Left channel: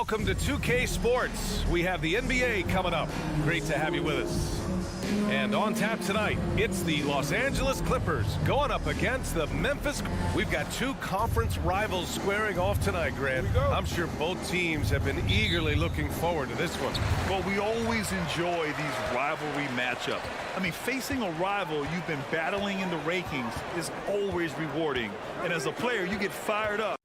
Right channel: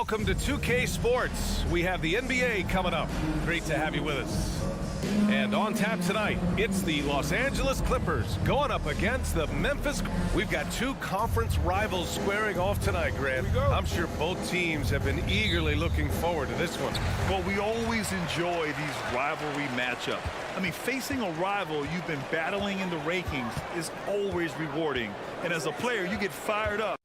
Welcome to 2K Sports. We have the NBA coming up. Great to have you with us. And on tap tonight, it's the Los Angeles Clippers going up against the Memphis. We've got two conference rivals squaring off tonight, Grant. I'm sure both teams have been eagerly looking forward to this one. Well, we always enjoy these rivalry matchups. I mean, facing a rival you've been battling in the rankings is always rewarding. And as a player, you get fired up.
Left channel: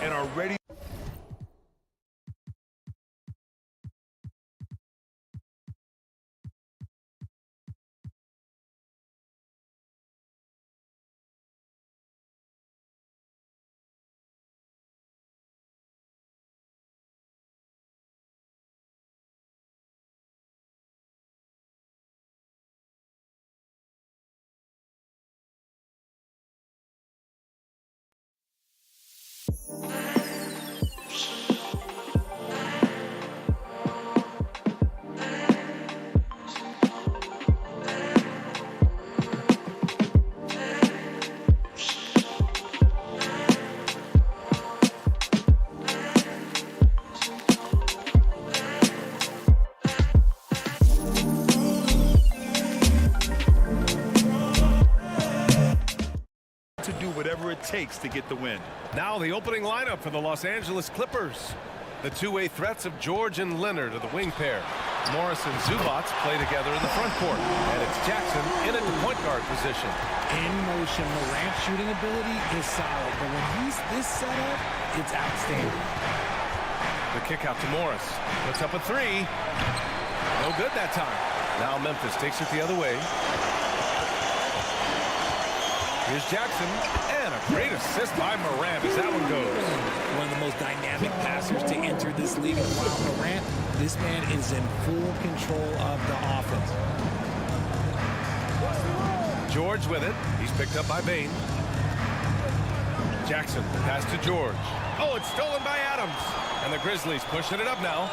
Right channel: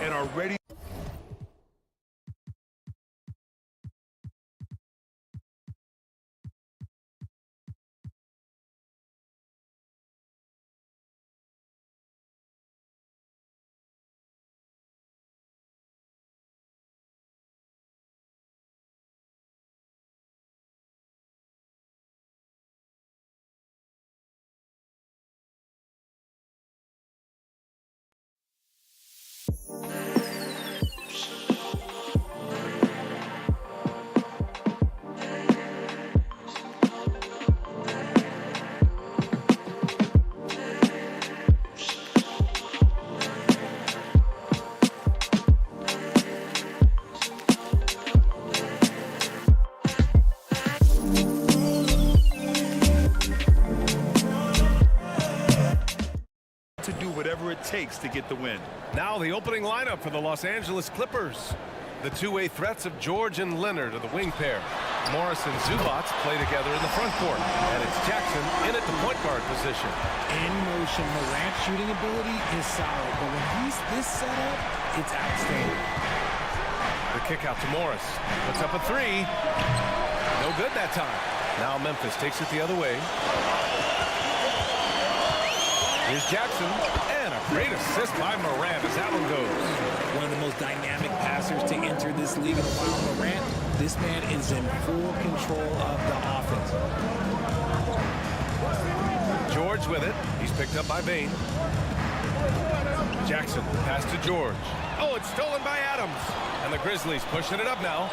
And are ready. To do whatever it takes to get the win. Now the opening lineup for the Los Angeles Clippers. The two-way threats of George and Leonard are the wing pair. Morris and Zubac play together in the front court. And it's Jackson in at the point guard position. In motion, Morant's shooting ability is solid, but when he's this set up, it's outstanding. The kick out to Morris. Puts up a three. No good that time. Now Memphis takes it the other way. Here's Jackson, and a great assist by Morant as that one goes. One of the most dynamic passers to enter this league in a while. Morant, this man is in full control of the offense. George with it. He's picked up by Bain. Jackson, pass to George. Oh, it's stolen by Adams. And the Grizzlies pushing it up now.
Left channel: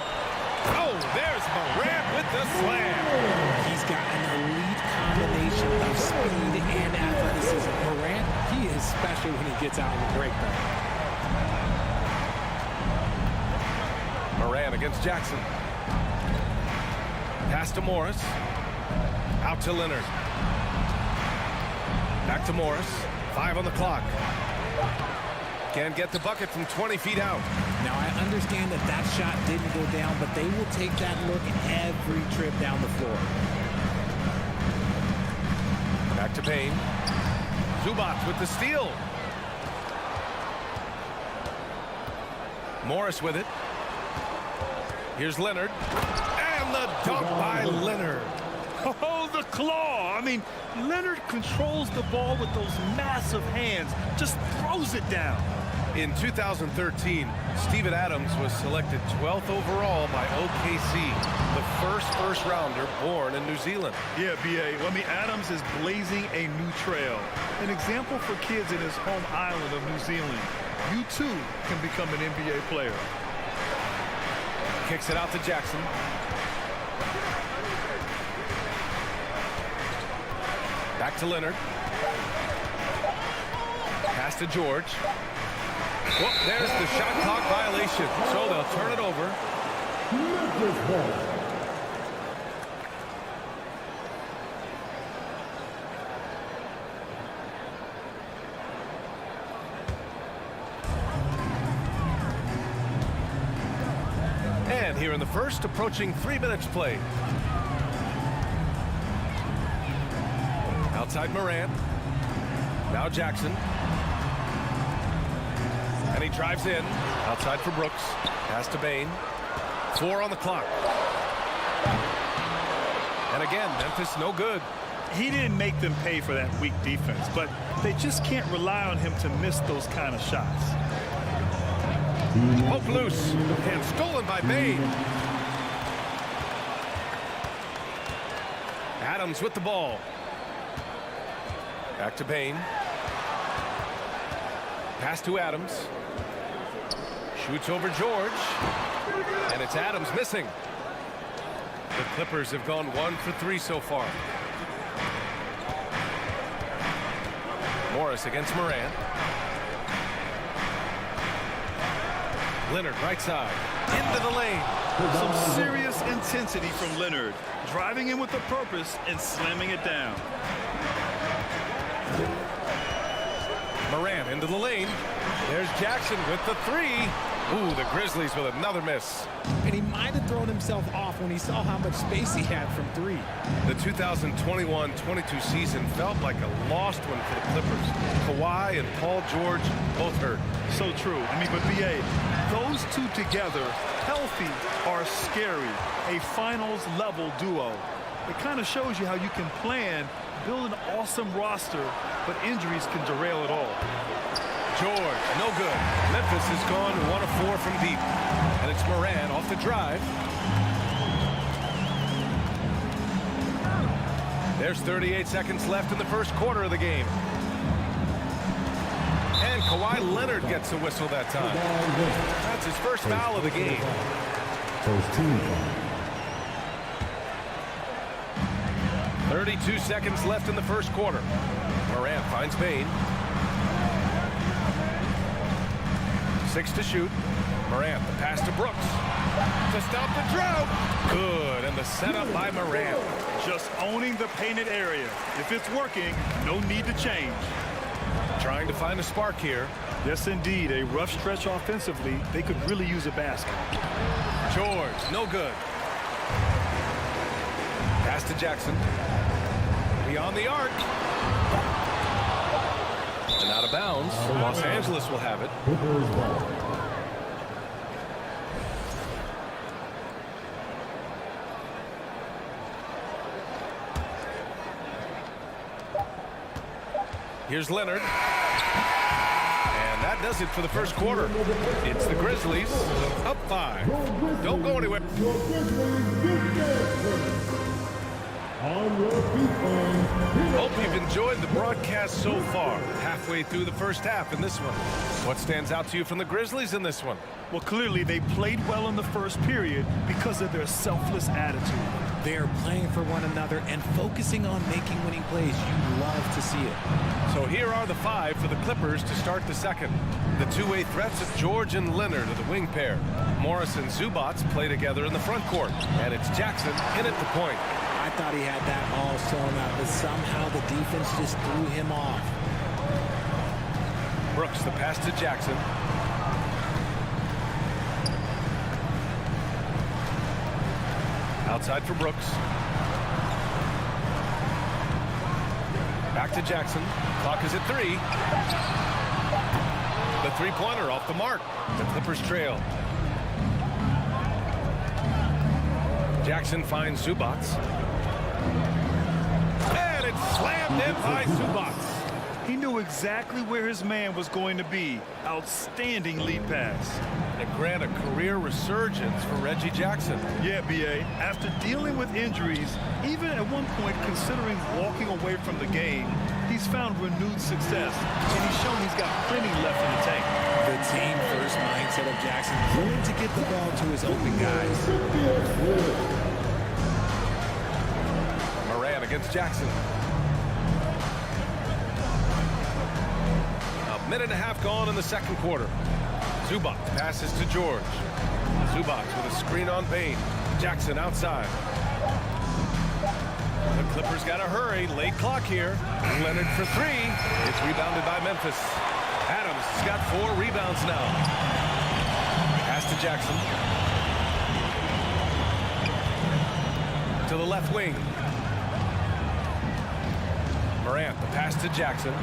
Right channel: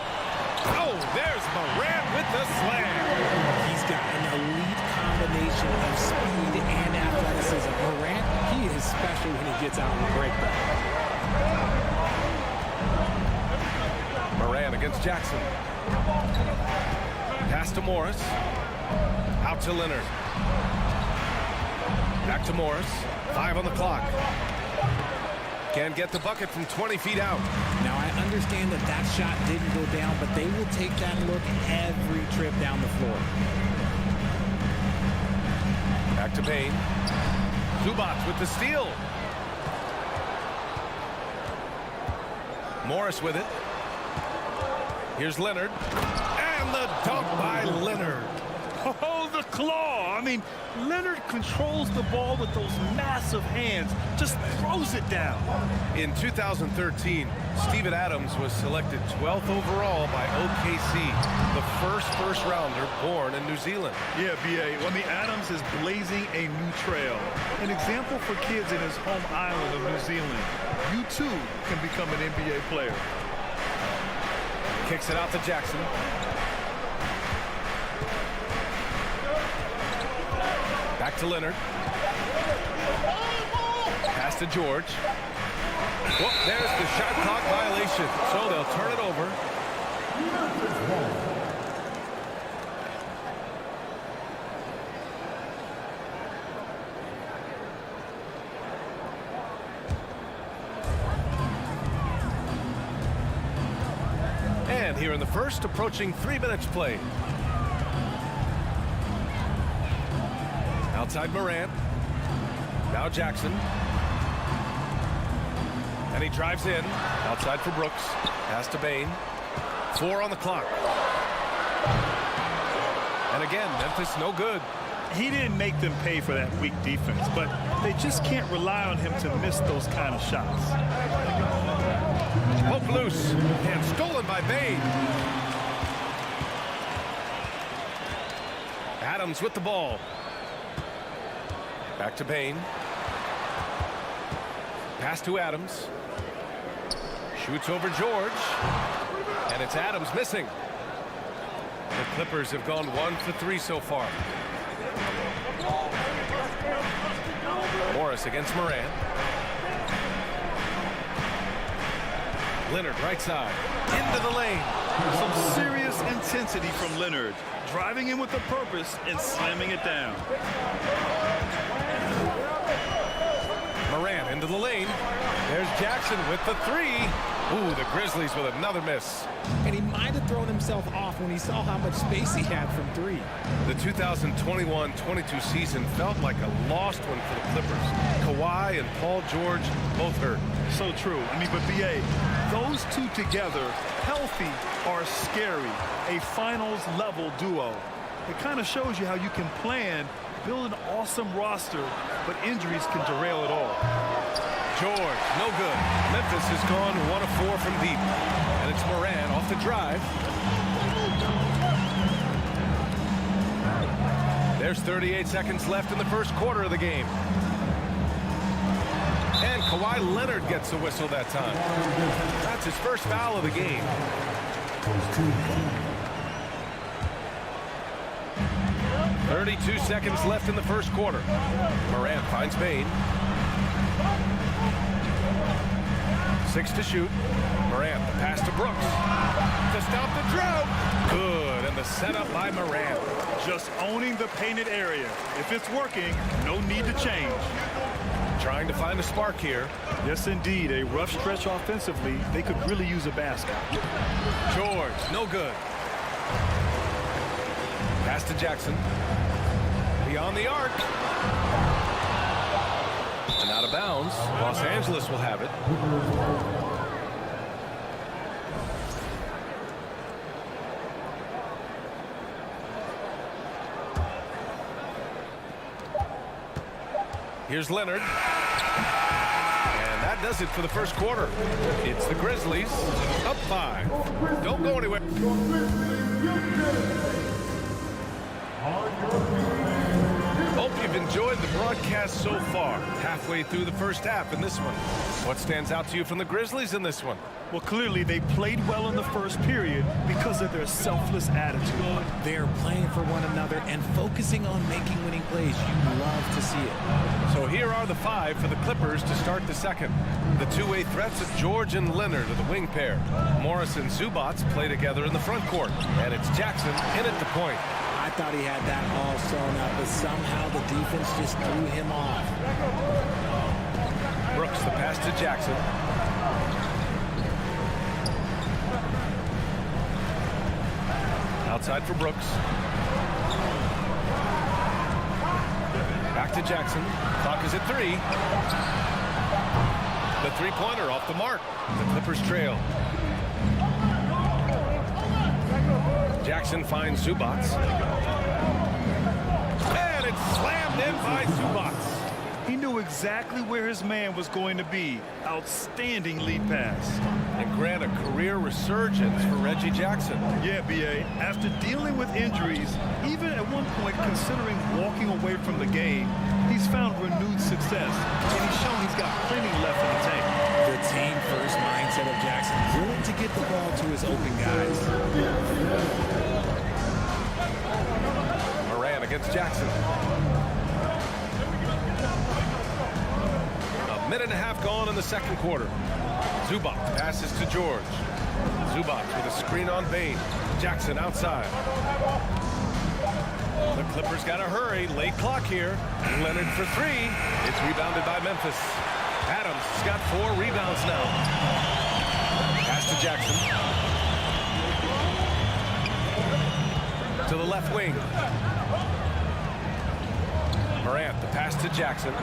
Oh, there's Morant with the slam. He's got an elite combination of speed and athleticism. Morant, he is special when he gets out in the break back. Morant against Jackson. Pass to Morris. Out to Leonard. Back to Morris. 5 on the clock. Can't get the bucket from 20 feet out. Now, I understand that that shot didn't go down, but they will take that look every trip down the floor. Back to Bain. Zubac with the steal. Morris with it. Here's Leonard. And the dunk by Leonard. Oh, the claw. I mean, Leonard controls the ball with those massive hands, just throws it down. In 2013, Steven Adams was selected 12th overall by OKC, the first rounder born in New Zealand. Yeah, B.A. Well, I mean, Adams is blazing a new trail. An example for kids in his home island of New Zealand. You, too, can become an NBA player. Kicks it out to Jackson. Back to Leonard. Pass to George. Well, there's the shot clock violation, so they'll turn it over. And here in the first, approaching 3 minutes played. Outside Morant. Now Jackson. And he drives in. Outside for Brooks. Pass to Bain. 4 on the clock. And again, Memphis no good. He didn't make them pay for that weak defense, but they just can't rely on him to miss those kind of shots. Poke loose. And stolen by Bain. Adams with the ball. Back to Bain. Pass to Adams. Shoots over George. And it's Adams missing. The Clippers have gone 1 for 3 so far. Morris against Moran. Leonard right side. Into the lane. Some serious intensity from Leonard. Driving in with a purpose and slamming it down. Moran into the lane. There's Jackson with the three. Ooh, the Grizzlies with another miss. And he might have thrown himself off when he saw how much space he had from three. The 2021-22 season felt like a lost one for the Clippers. Kawhi and Paul George both hurt. So true. I mean, but BA, those two together, healthy, are scary. A finals-level duo. It kind of shows you how you can plan, build an awesome roster, but injuries can derail it all. George, no good. Memphis has gone 1 of 4 from deep. And it's Moran off the drive. There's 38 seconds left in the first quarter of the game. And Kawhi Leonard gets the whistle that time. That's his first foul of the game. 32 seconds left in the first quarter. Moran finds Bain. 6 to shoot. Morant, the pass to Brooks. To stop the drought. Good, and the setup by Morant. Just owning the painted area. If it's working, no need to change. Trying to find a spark here. Yes, indeed. A rough stretch offensively. They could really use a basket. George, no good. Pass to Jackson. Beyond the arc. And out of bounds. Los Angeles will have it. Here's Leonard. And that does it for the first quarter. It's the Grizzlies up 5. Don't go anywhere. Hope you've enjoyed the broadcast so far. Halfway through the first half in this one. What stands out to you from the Grizzlies in this one? Well, clearly they played well in the first period because of their selfless attitude. They're playing for one another and focusing on making winning plays. You love to see it. So here are the 5 for the Clippers to start the second. The two-way threats of George and Leonard are the wing pair. Morris and Zubats play together in the front court. And it's Jackson in at the point. I thought he had that all sewn up, but somehow the defense just threw him off. Brooks, the pass to Jackson. Outside for Brooks. Back to Jackson. Clock is at 3. The three-pointer off the mark. The Clippers trail. Jackson finds Zubats. And it's slammed in by Zubats. He knew exactly where his man was going to be. Outstanding lead pass. And grant a career resurgence for Reggie Jackson. Yeah, B.A. After dealing with injuries, even at one point considering walking away from the game, he's found renewed success, and he's shown he's got plenty left in the tank. The team-first mindset of Jackson, willing to get the ball to his open guys. Moran against Jackson. A minute and a half gone in the second quarter. Zubats passes to George. Zubats with a screen on Bain. Jackson outside. The Clippers got to hurry. Late clock here. Leonard for 3. It's rebounded by Memphis. Adams has got 4 rebounds now. Pass to Jackson. To the left wing. Morant, the pass to Jackson.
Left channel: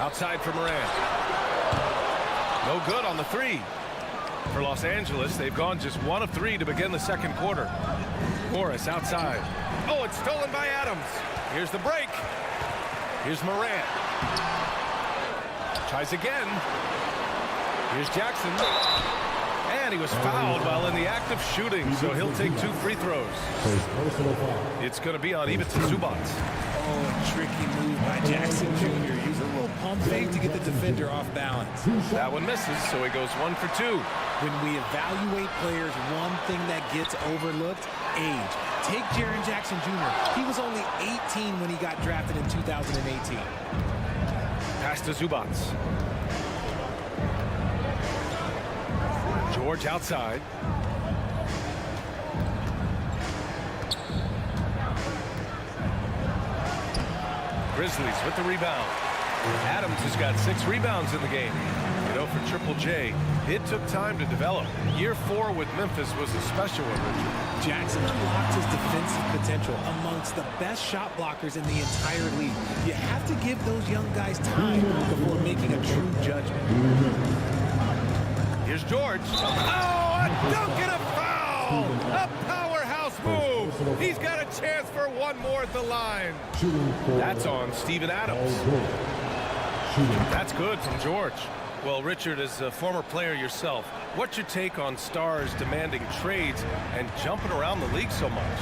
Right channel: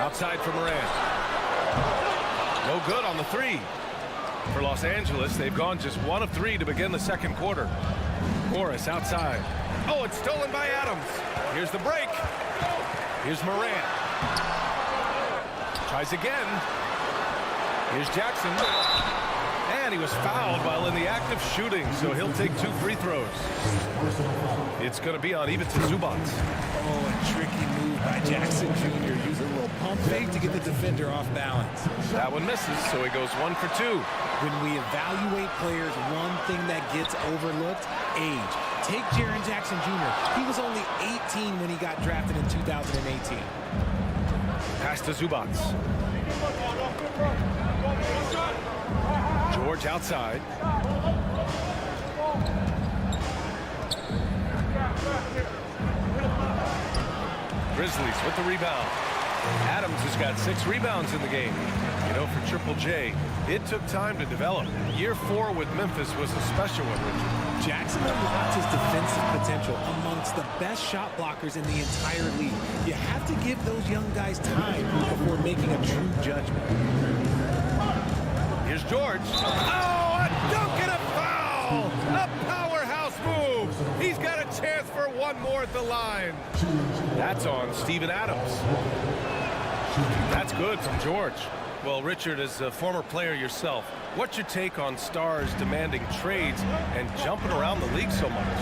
Outside for Moran. No good on the 3. For Los Angeles, they've gone just 1 of 3 to begin the second quarter. Morris outside. Oh, it's stolen by Adams. Here's the break. Here's Moran. Tries again. Here's Jackson. And he was fouled while in the act of shooting, so he'll take 2 free throws. It's going to be on Ivica Zubats. Oh, a tricky move by Jackson Jr. Use a little pump fake to get the defender off balance. That one misses, so he goes 1 for 2. When we evaluate players, one thing that gets overlooked, age. Take Jaren Jackson Jr. He was only 18 when he got drafted in 2018. Pass to Zubats. George outside. Grizzlies with the rebound. Adams has got 6 rebounds in the game. You know, for Triple J, it took time to develop. Year 4 with Memphis was a special one, Richard. Jackson unlocked his defensive potential amongst the best shot blockers in the entire league. You have to give those young guys time before making a true judgment. Here's George. Oh, a dunk and a foul! A powerhouse move! He's got a chance for one more at the line. That's on Steven Adams. That's good from George. Well, Richard, as a former player yourself, what's your take on stars demanding trades and jumping around the league so much?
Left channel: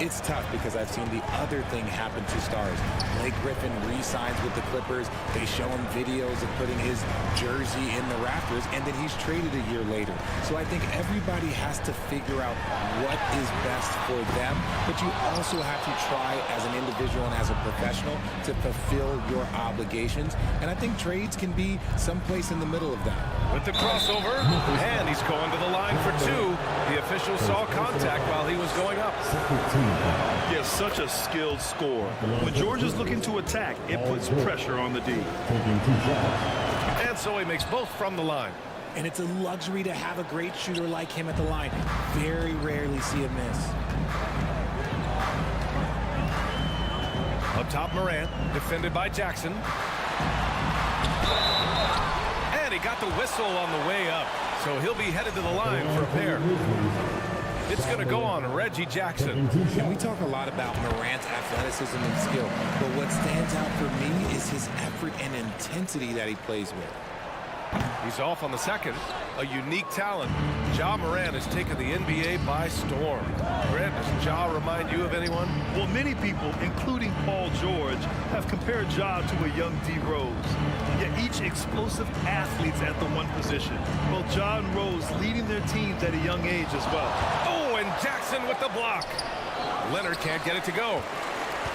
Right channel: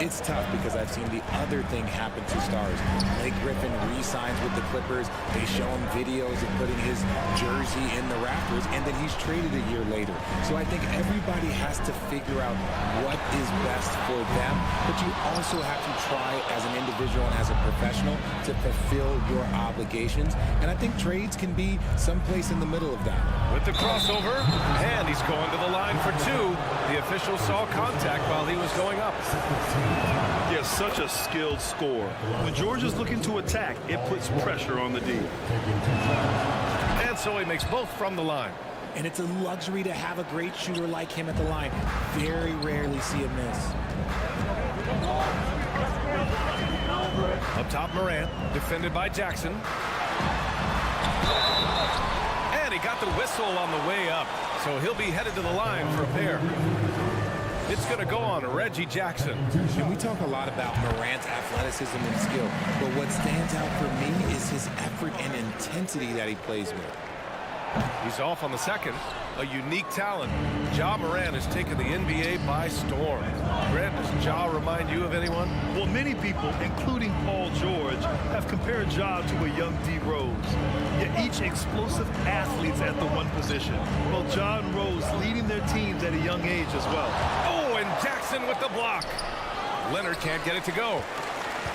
It's tough because I've seen the other thing happen to stars. Blake Griffin re-signs with the Clippers. They show him videos of putting his jersey in the rafters, and then he's traded a year later. So I think everybody has to figure out what is best for them, but you also have to try as an individual and as a professional to fulfill your obligations. And I think trades can be someplace in the middle of that. With the crossover, and he's going to the line for 2. The official saw contact while he was going up. Yeah, such a skilled scorer. When George is looking to attack, it puts pressure on the D. And so he makes both from the line. And it's a luxury to have a great shooter like him at the line. Very rarely see a miss. Up top, Morant, defended by Jackson. And he got the whistle on the way up, so he'll be headed to the line for a pair. It's going to go on Reggie Jackson. And we talk a lot about Morant's athleticism and skill, but what stands out for me is his effort and intensity that he plays with. He's off on the second. A unique talent. Ja Morant has taken the NBA by storm. Grant, does Ja remind you of anyone? Well, many people, including Paul George, have compared Ja to a young D. Rose. Yet each explosive athletes at the one position. Well, Ja and Rose leading their teams at a young age as well. Oh, and Jackson with the block. Leonard can't get it to go.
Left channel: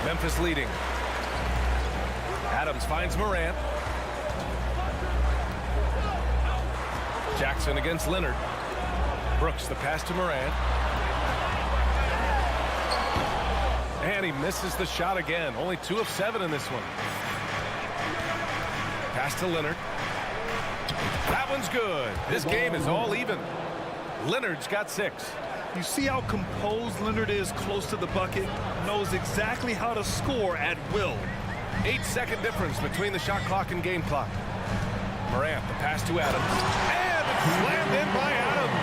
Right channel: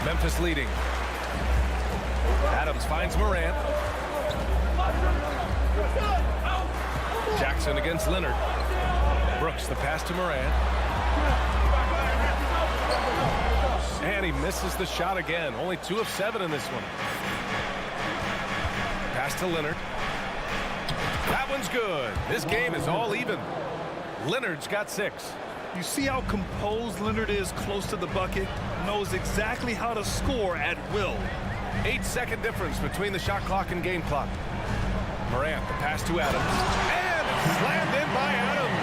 Memphis leading. Adams finds Morant. Jackson against Leonard. Brooks, the pass to Morant. And he misses the shot again. Only 2 of 7 in this one. Pass to Leonard. That one's good. This game is all even. Leonard's got 6. You see how composed Leonard is close to the bucket? Knows exactly how to score at will. 8-second difference between the shot clock and game clock. Morant, the pass to Adams. And it's slammed in by Adams.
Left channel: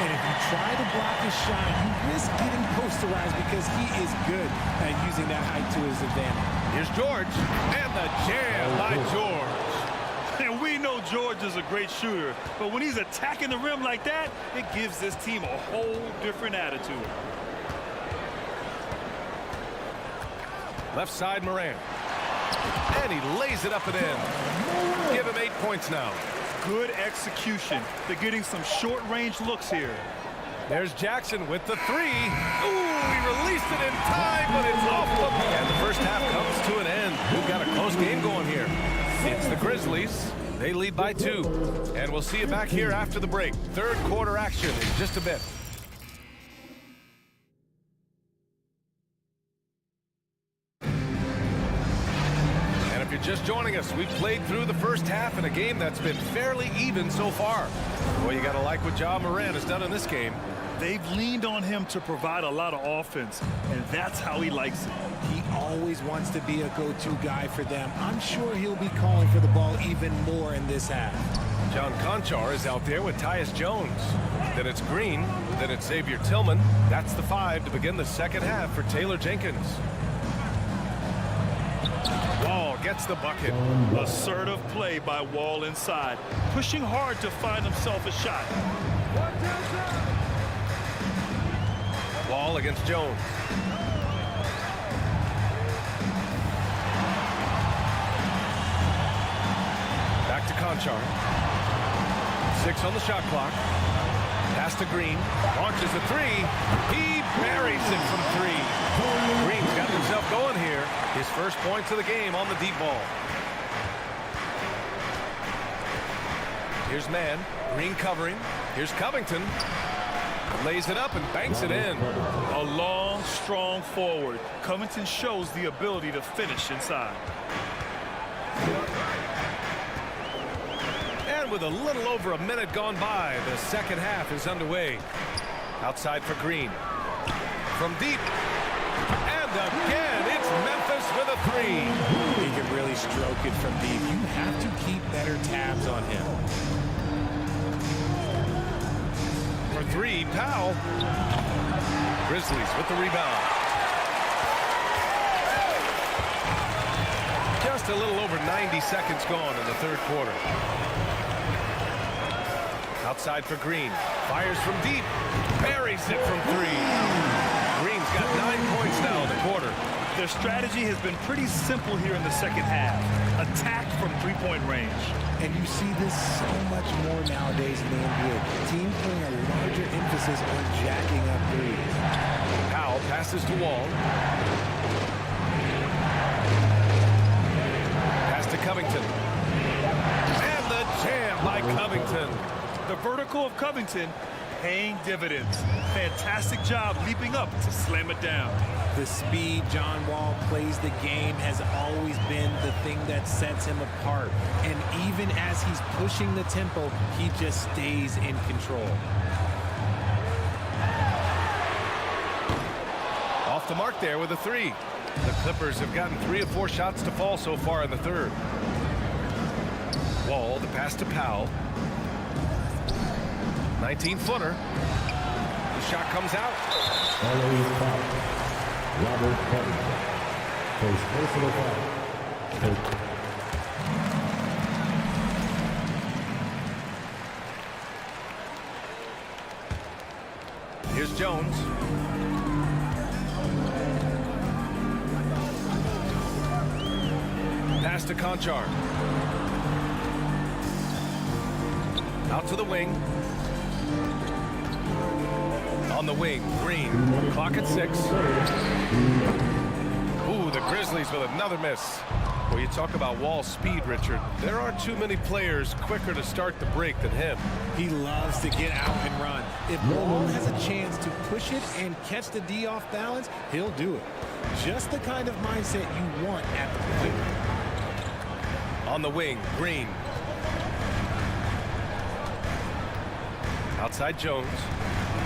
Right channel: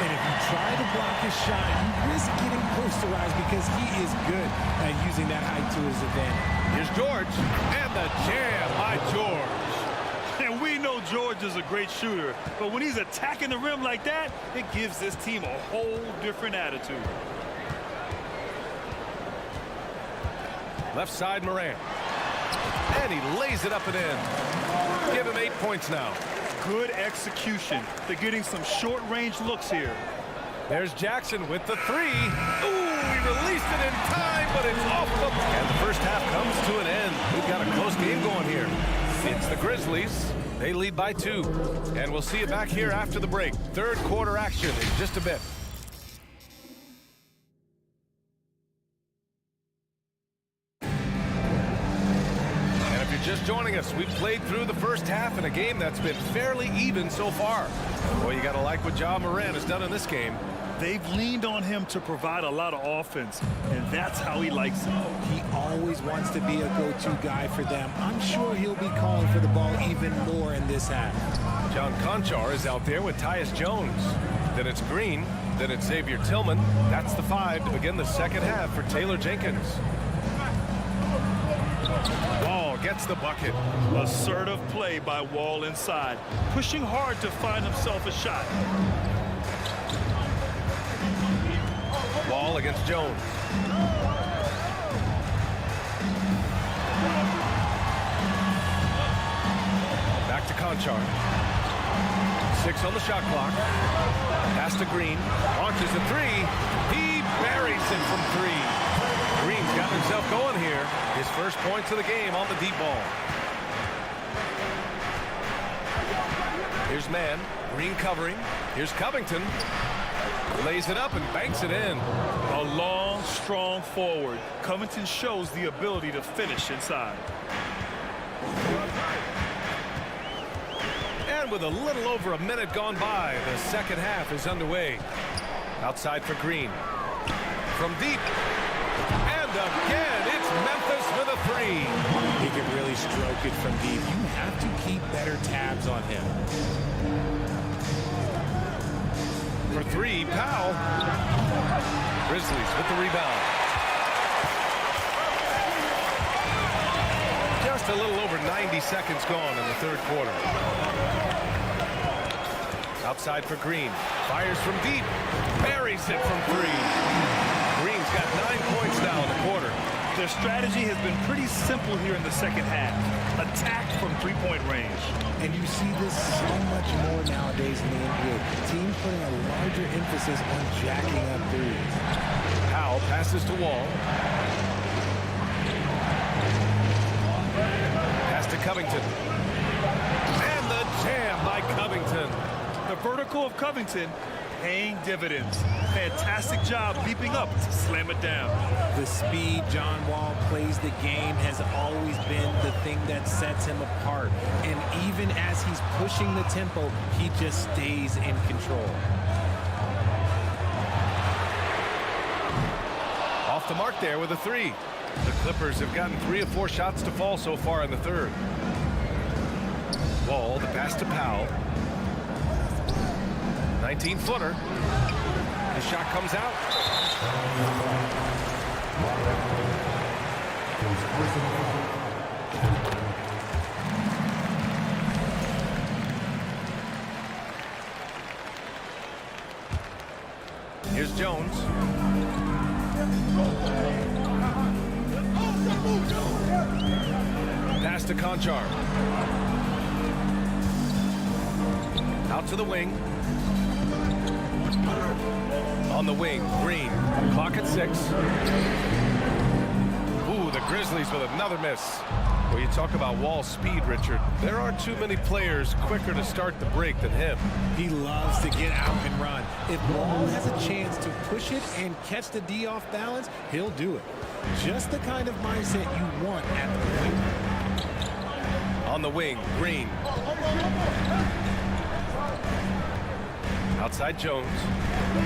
And if you try to block his shot, you risk getting posterized because he is good at using that height to his advantage. Here's George. And the jam by George. And we know George is a great shooter, but when he's attacking the rim like that, it gives this team a whole different attitude. Left side, Morant. And he lays it up and in. Give him 8 points now. Good execution. They're getting some short-range looks here. There's Jackson with the 3. Ooh, he released it in time, but it's off the... And the first half comes to an end. We've got a close game going here. It's the Grizzlies. They lead by 2. And we'll see you back here after the break. Third quarter action in just a bit. If you're just joining us, we've played through the first half in a game that's been fairly even so far. Well, you got to like what Ja Morant has done in this game. They've leaned on him to provide a lot of offense, and that's how he likes it. He always wants to be a go-to guy for them. I'm sure he'll be calling for the ball even more in this half. John Conchar is out there with Tyus Jones. Then it's Green. Then it's Xavier Tillman. That's the 5 to begin the second half for Taylor Jenkins. Wall gets the bucket. Assertive play by Wall inside, pushing hard to find himself a shot. Wall against Jones. Back to Conchar. 6 on the shot clock. Pass to Green. Launches a three. He buries it from three. Green's got himself going here. His first points of the game on the deep ball. Here's Mann. Green covering. Here's Covington. Lays it up and banks it in. A long, strong forward. Covington shows the ability to finish inside. And with a little over a minute gone by, the second half is underway. Outside for Green. From deep. And again, it's Memphis with a three. He can really stroke it from deep. You have to keep better tabs on him. For three, Powell. Grizzlies with the rebound. Just a little over 90 seconds gone in the third quarter. Outside for Green. Fires from deep. Buries it from three. Green's got 9 points now in the quarter. Their strategy has been pretty simple here in the second half. Attack from three-point range. And you see this so much more nowadays in the NBA. Teams putting a larger emphasis on jacking up threes. Powell passes to Wall. Pass to Covington. And the jam by Covington. The vertical of Covington paying dividends. Fantastic job leaping up to slam it down. The speed John Wall plays the game has always been the thing that sets him apart. And even as he's pushing the tempo, he just stays in control. Off the mark there with a three. The Clippers have gotten 3 of 4 shots to fall so far in the third. Wall, the pass to Powell. 19-footer. The shot comes out. Here's Jones. Pass to Conchar. Out to the wing. On the wing, Green. Clock at 6. Ooh, the Grizzlies with another miss. Well, you talk about Wall's speed, Richard. There aren't too many players quicker to start the break than him. He loves to get out and run. If Wall has a chance to push it and catch the D off balance, he'll do it. Just the kind of mindset you want at the point. On the wing, Green. Outside Jones.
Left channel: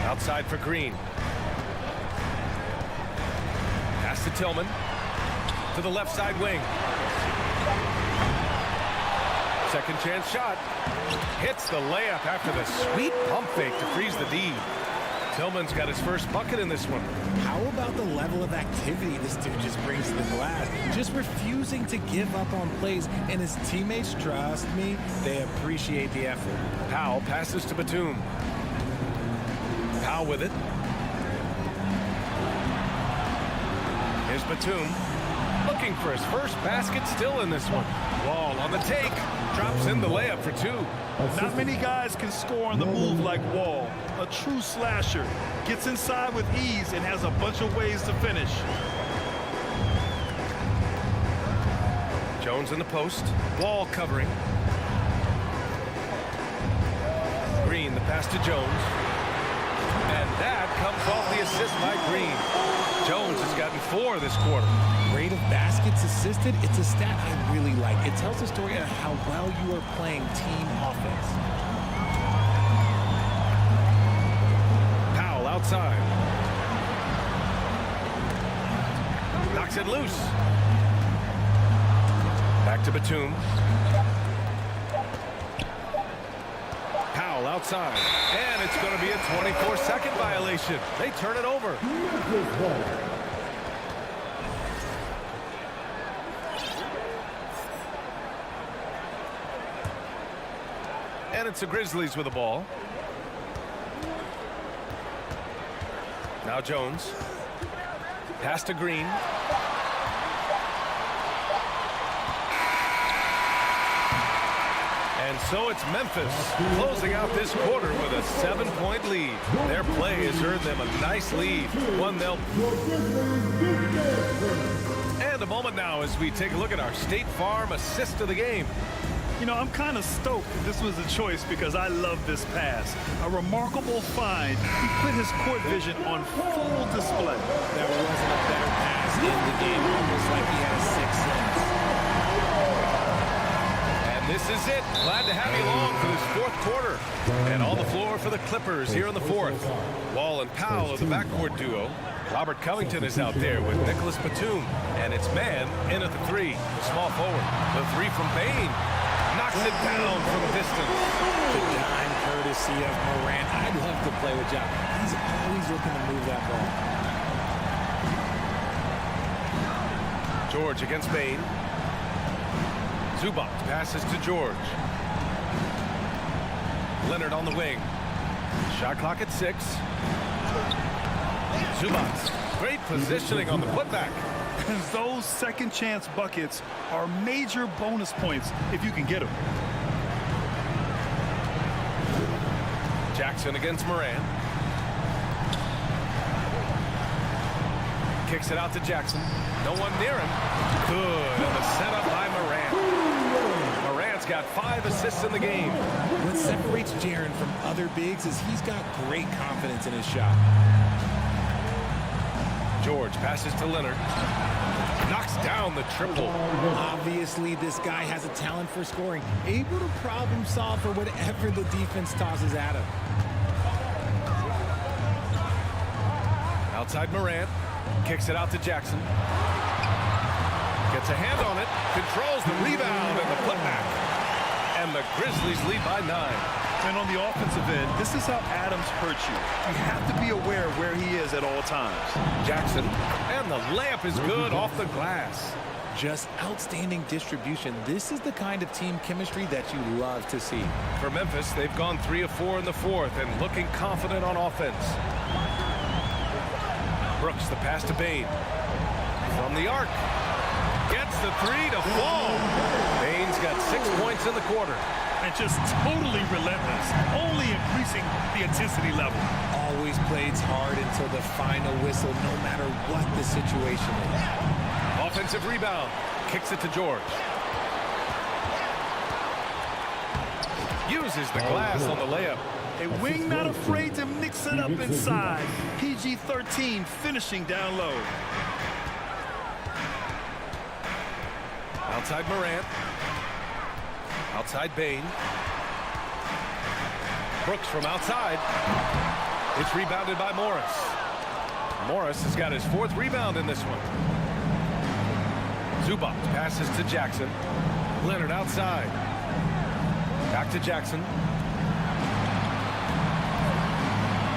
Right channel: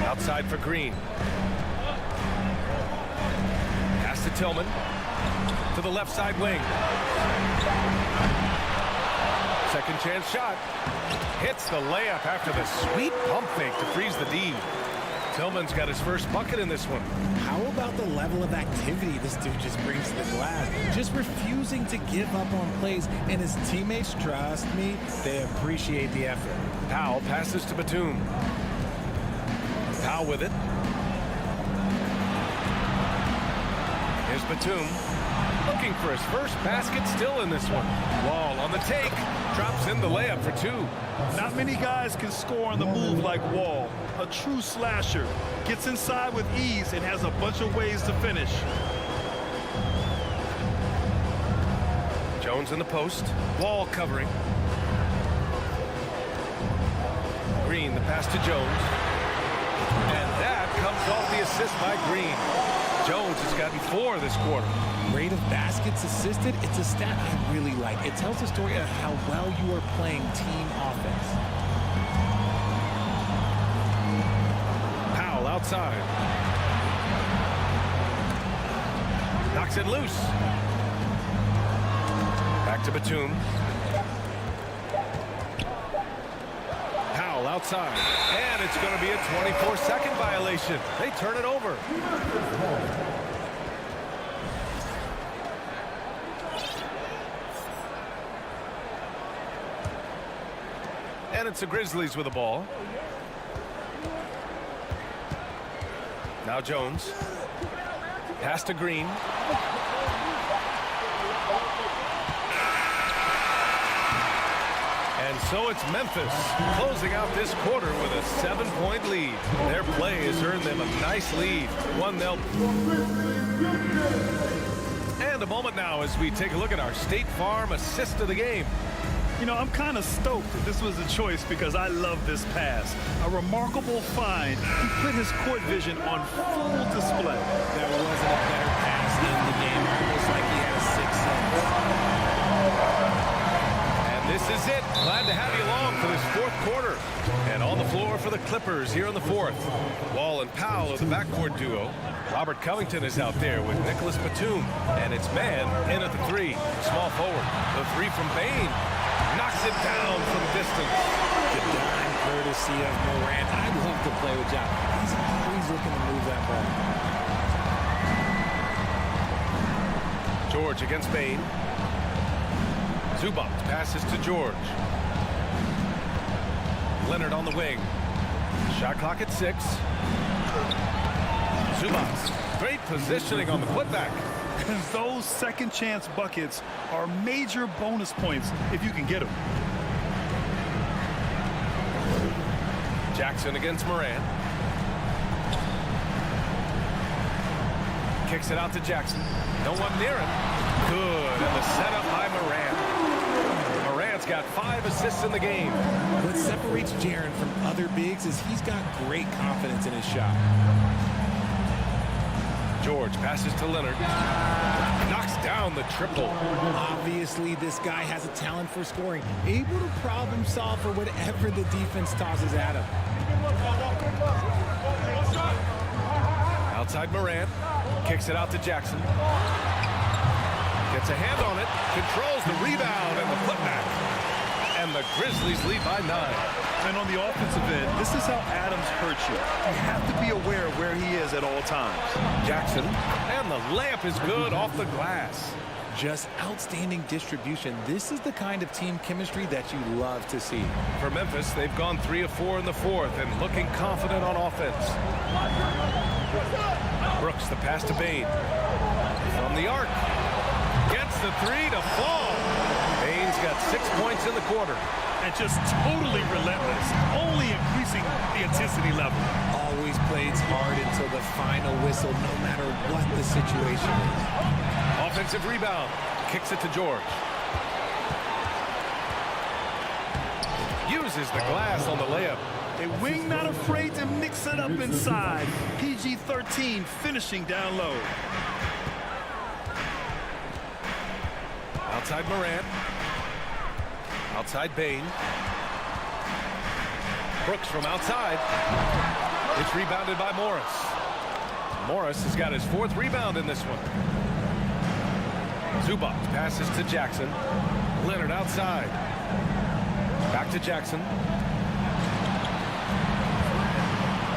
Outside for Green. Pass to Tillman. To the left side wing. Second chance shot. Hits the layup after the sweet pump fake to freeze the D. Tillman's got his first bucket in this one. How about the level of activity this dude just brings to the glass? Just refusing to give up on plays, and his teammates, trust me, they appreciate the effort. Powell passes to Batum. Powell with it. Here's Batum. Looking for his first basket still in this one. Wall on the take. Drops in the layup for 2. Not many guys can score on the move like Wall. A true slasher. Gets inside with ease and has a bunch of ways to finish. Jones in the post. Wall covering. Green, the pass to Jones. And that comes off the assist by Green. Jones has gotten 4 this quarter. Rate of baskets assisted, it's a stat I really like. It tells the story of how well you are playing team offense. Powell outside. Knocks it loose. Back to Batum. Powell outside. And it's going to be a 24-second violation. They turn it over. And it's the Grizzlies with the ball. Now Jones. Pass to Green. And so it's Memphis closing out this quarter with a 7-point lead. Their play has earned them a nice lead. 1-0. And a moment now as we take a look at our State Farm assist of the game. You know, I'm kind of stoked that this was a choice because I love this pass. A remarkable find. He put his court vision on full display. There wasn't a better pass in the game, almost like he had a sixth sense. And this is it. Glad to have you along for this fourth quarter. And on the floor for the Clippers here in the fourth. Wall and Powell are the backcourt duo. Robert Covington is out there with Nicholas Batum. And it's man in at the three. The small forward. The three from Bain. Knocks it down from distance. The dime courtesy of Morant. I'd love to play with Ja. He's always looking to move that ball. George against Bain. Zubac passes to George. Leonard on the wing. Shot clock at 6. Zubac. Great positioning on the putback. And those second chance buckets are major bonus points if you can get them. Jackson against Morant. Kicks it out to Jackson. No one near him. Good. And the setup by Morant. Morant's got 5 assists in the game. What separates Jaren from other bigs is he's got great confidence in his shot. George passes to Leonard. Knocks down the triple. Obviously, this guy has a talent for scoring. Able to problem solve for whatever the defense tosses at him. Outside Morant. Kicks it out to Jackson. Gets a hand on it. Controls the rebound and the putback. And the Grizzlies lead by 9. And on the offensive end, this is how Adams hurts you. You have to be aware of where he is at all times. Jackson, and the layup is good off the glass. Just outstanding distribution. This is the kind of team chemistry that you love to see. For Memphis, they've gone 3 of 4 in the fourth and looking confident on offense. Brooks, the pass to Bain. From the arc. Gets the 3 to fall. Bain's got 6 points in the quarter. And just totally relentless, only increasing the intensity level. Always plays hard until the final whistle, no matter what the situation is. Offensive rebound. Kicks it to George. Uses the glass on the layup. A wing not afraid to mix it up inside. PG-13 finishing down low. Outside Morant. Outside Bain. Brooks from outside. It's rebounded by Morris. Morris has got his 4th rebound in this one. Zubac passes to Jackson. Leonard outside. Back to Jackson.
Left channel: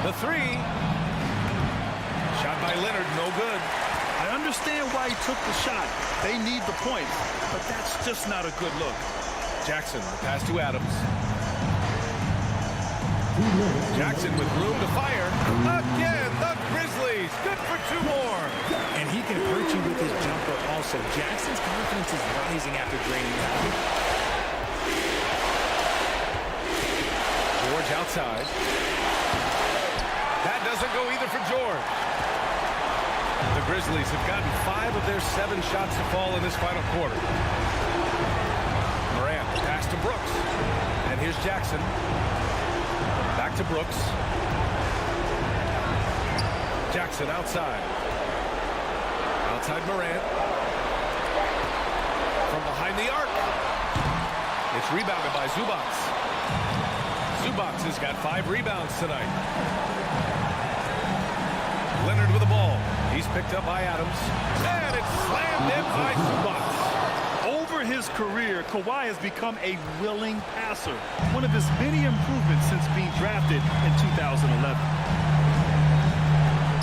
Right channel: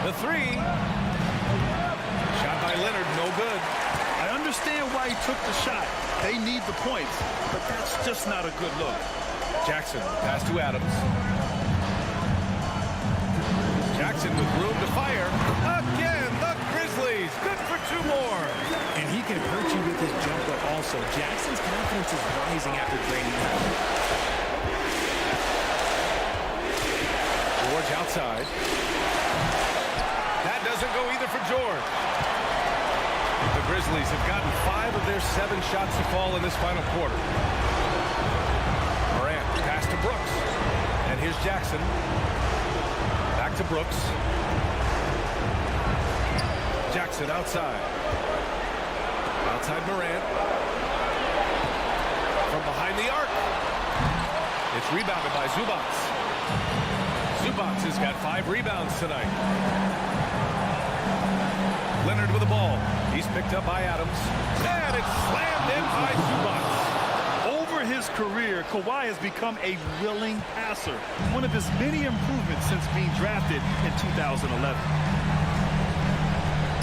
The 3. Shot by Leonard, no good. I understand why he took the shot. They need the points, but that's just not a good look. Jackson, the pass to Adams. Jackson with room to fire. Again, the Grizzlies. Good for 2 more. And he can hurt you with his jumper also. Jackson's confidence is rising after draining that. George outside. That doesn't go either for George. The Grizzlies have gotten 5 of their 7 shots to fall in this final quarter. Morant, pass to Brooks. And here's Jackson. Back to Brooks. Jackson outside. Outside Morant. From behind the arc. It's rebounded by Zubac. Zubac has got 5 rebounds tonight. Leonard with the ball. He's picked up by Adams. And it's slammed in by Zubac. Over his career, Kawhi has become a willing passer. One of his many improvements since being drafted in 2011.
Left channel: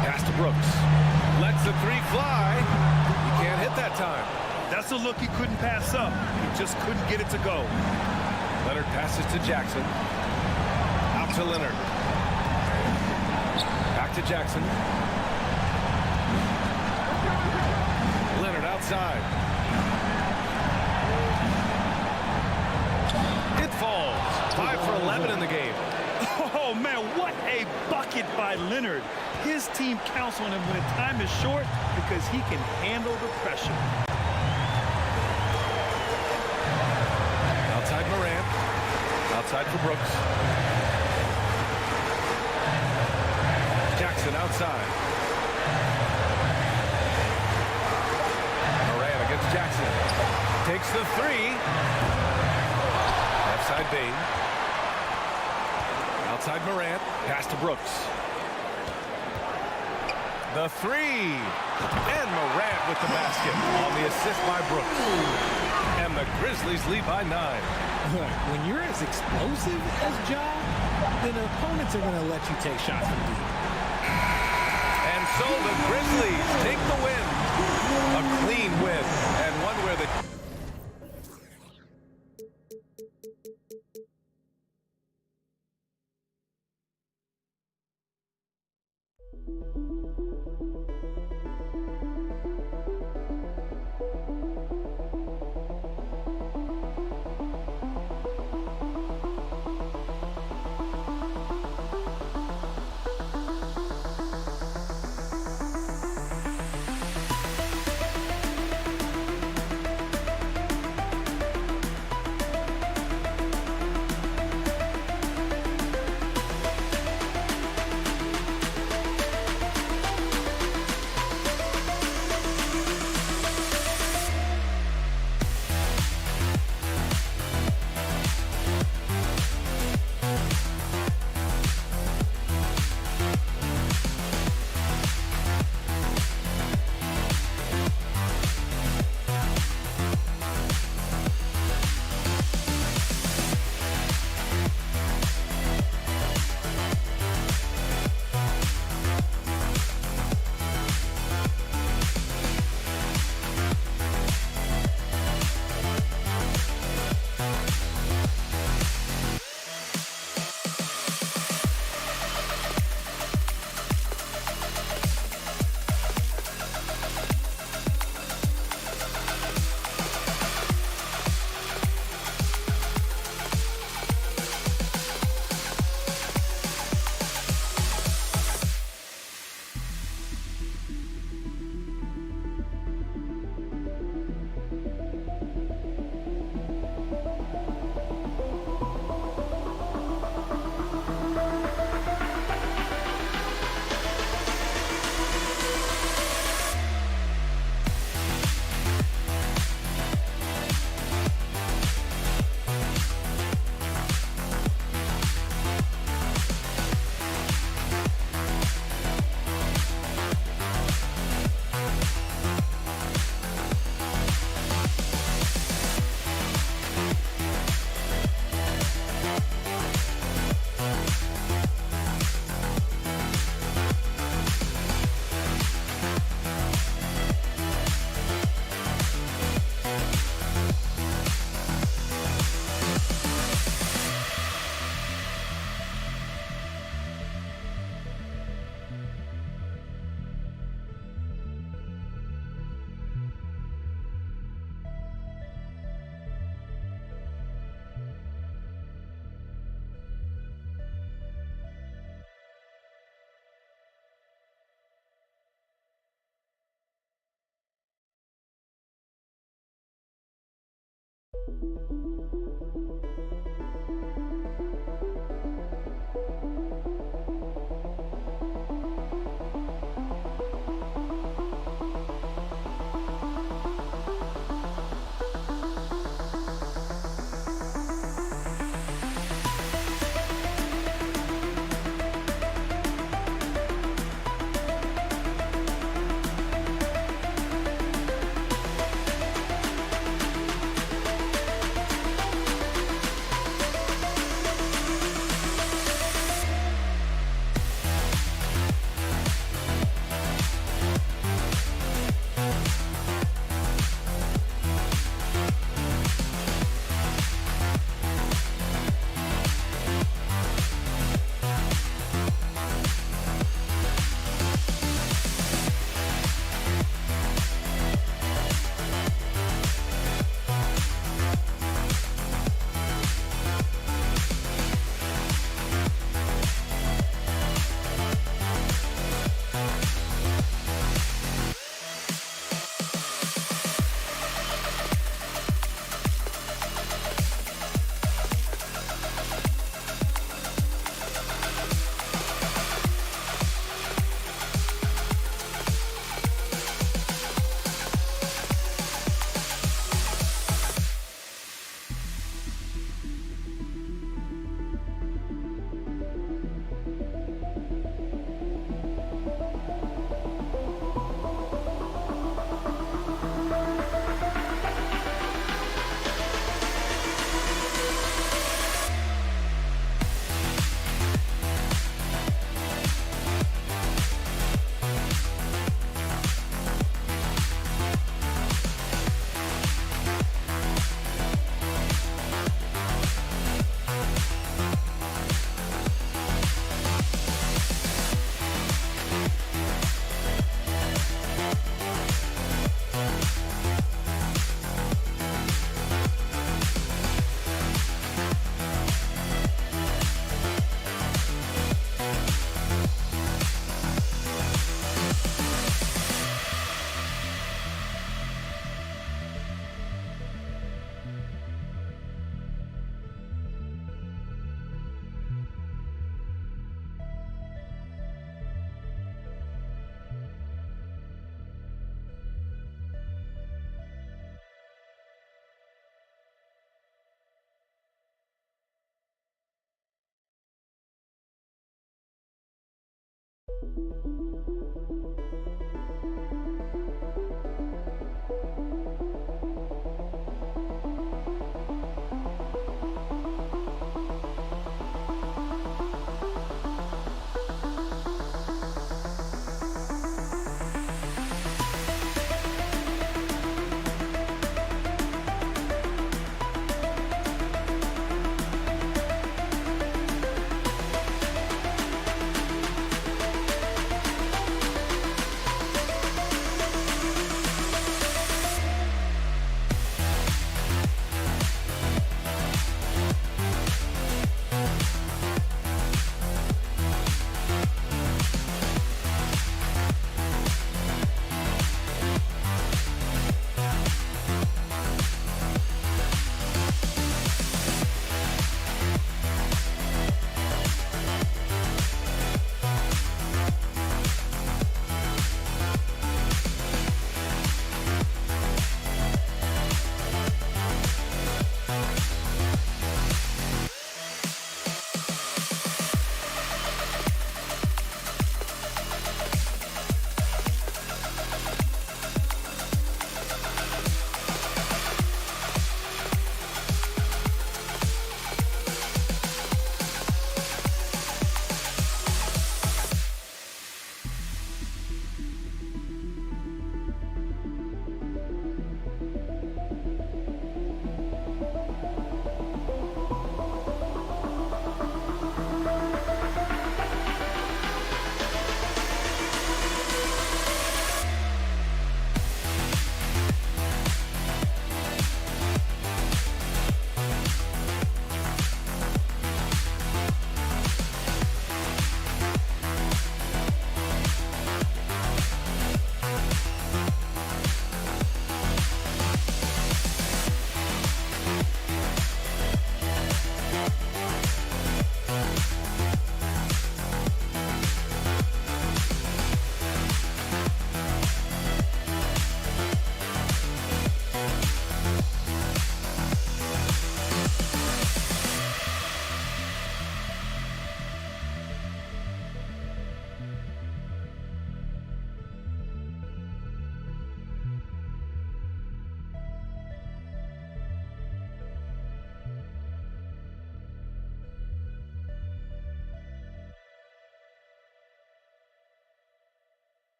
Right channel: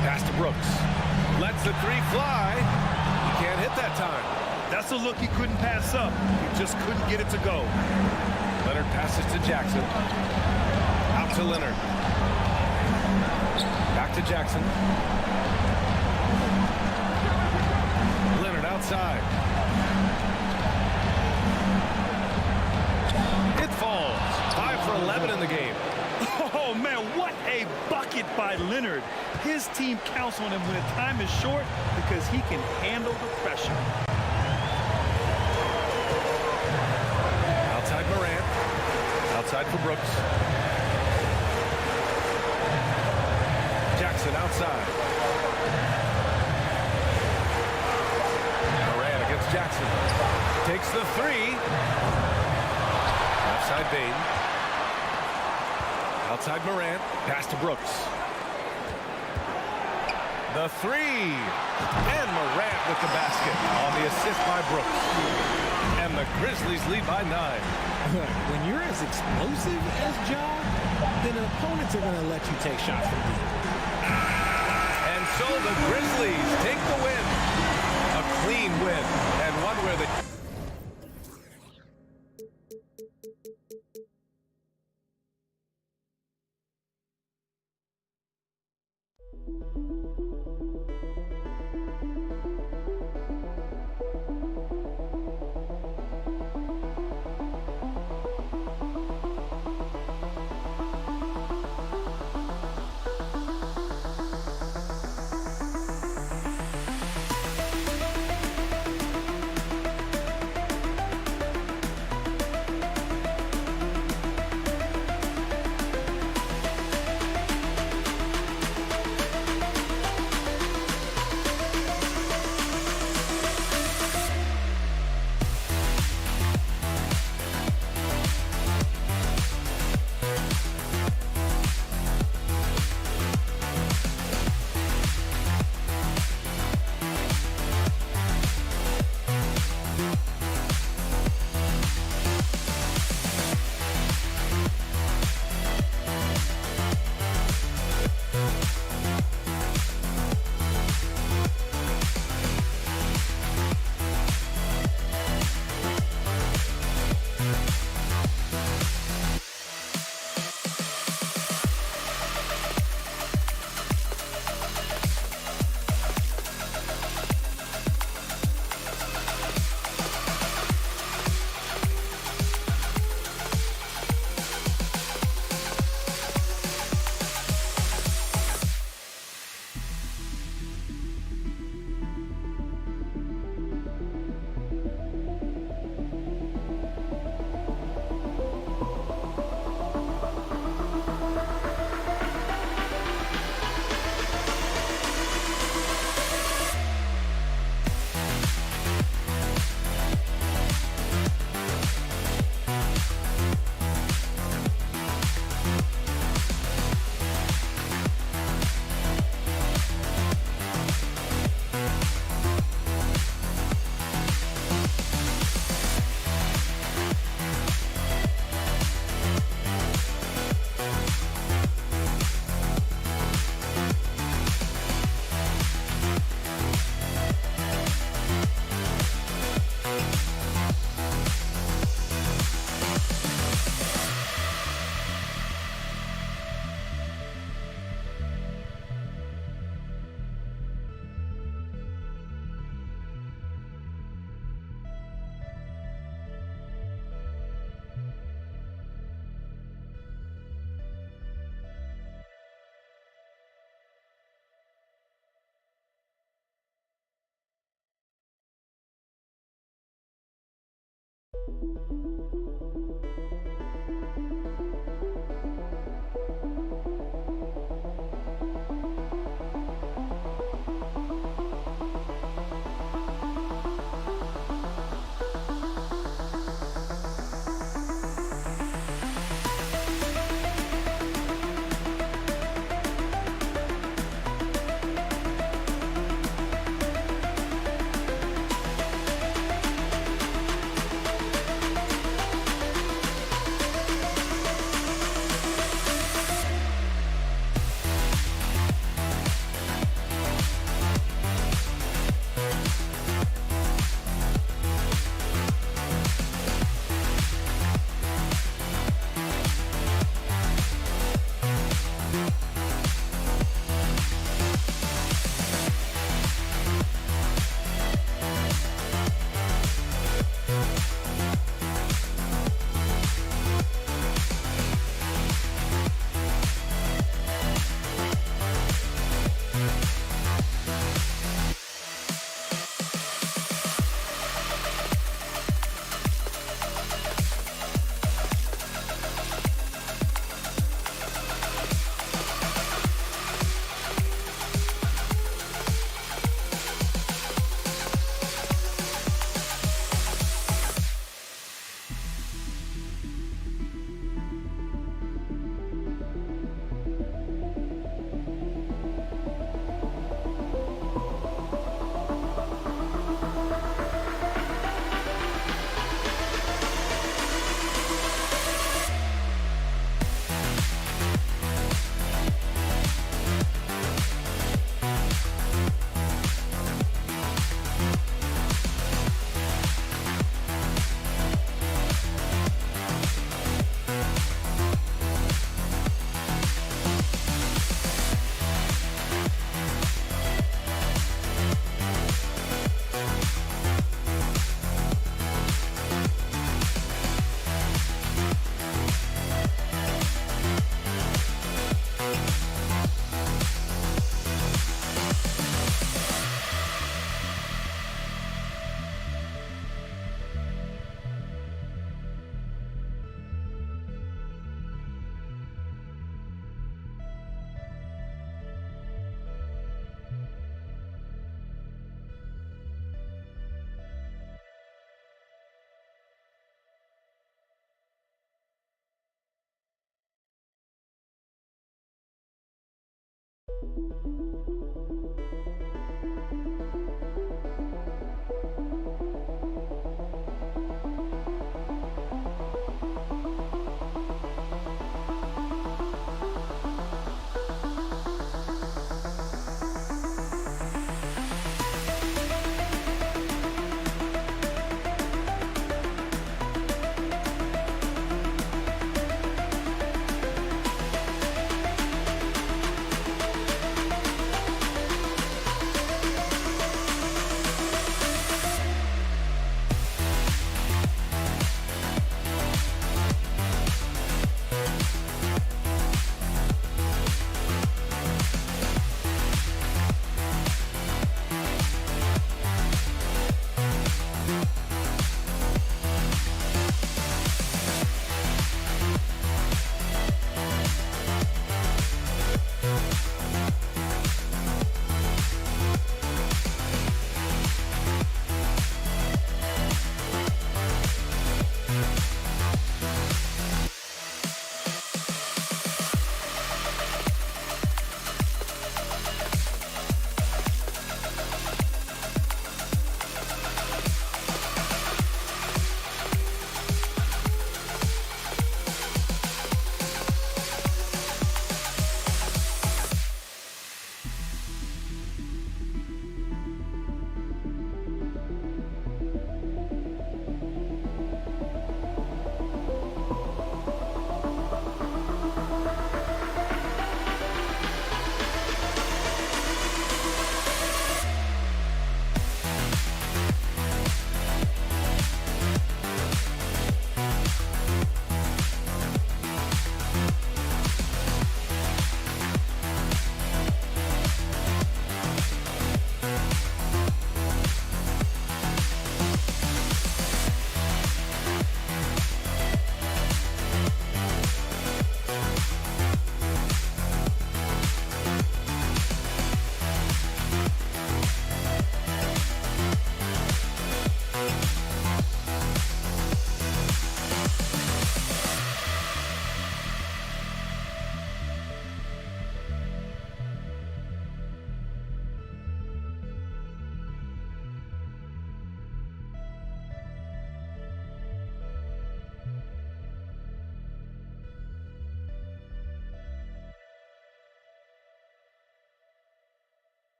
Pass to Brooks. Lets the 3 fly. He can't hit that time. That's a look he couldn't pass up. He just couldn't get it to go. Leonard passes to Jackson. Out to Leonard. Back to Jackson. Leonard outside. It falls. for 11 in the game. Oh, man, what a bucket by Leonard. His team counts on him when the time is short because he can handle the pressure. Outside Morant. Outside for Brooks. Jackson outside. Morant against Jackson. Takes the three. Left side Bain. Outside Morant. Pass to Brooks. The three. And Morant with the basket on the assist by Brooks. And the Grizzlies lead by 9. When you're as explosive as Ja, then opponents are going to let you take shots from deep. And so the Grizzlies take the win. A clean win, and one where the...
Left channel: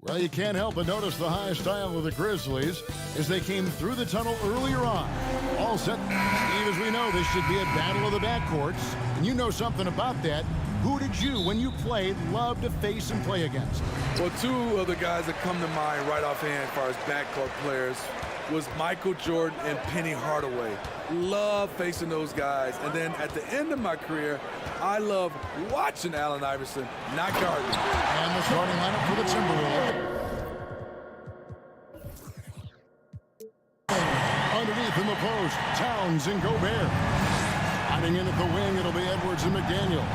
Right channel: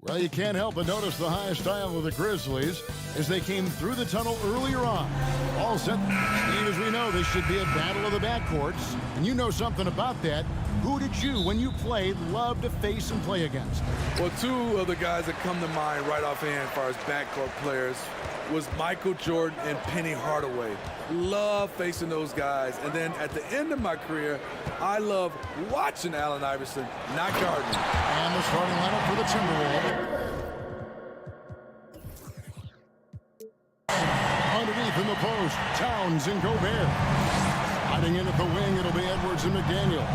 Well, you can't help but notice the high style of the Grizzlies as they came through the tunnel earlier on. All set. Steve, as we know, this should be a battle of the backcourts. And you know something about that. Who did you, when you played, love to face and play against? Well, two of the guys that come to mind right offhand as far as backcourt players was Michael Jordan and Penny Hardaway. Love facing those guys. And then at the end of my career, I love watching Allen Iverson, not guarding. And the starting lineup for the Timberwolves. Underneath in the post, Towns and Gobert. Hiding in at the wing, it'll be Edwards and McDaniel.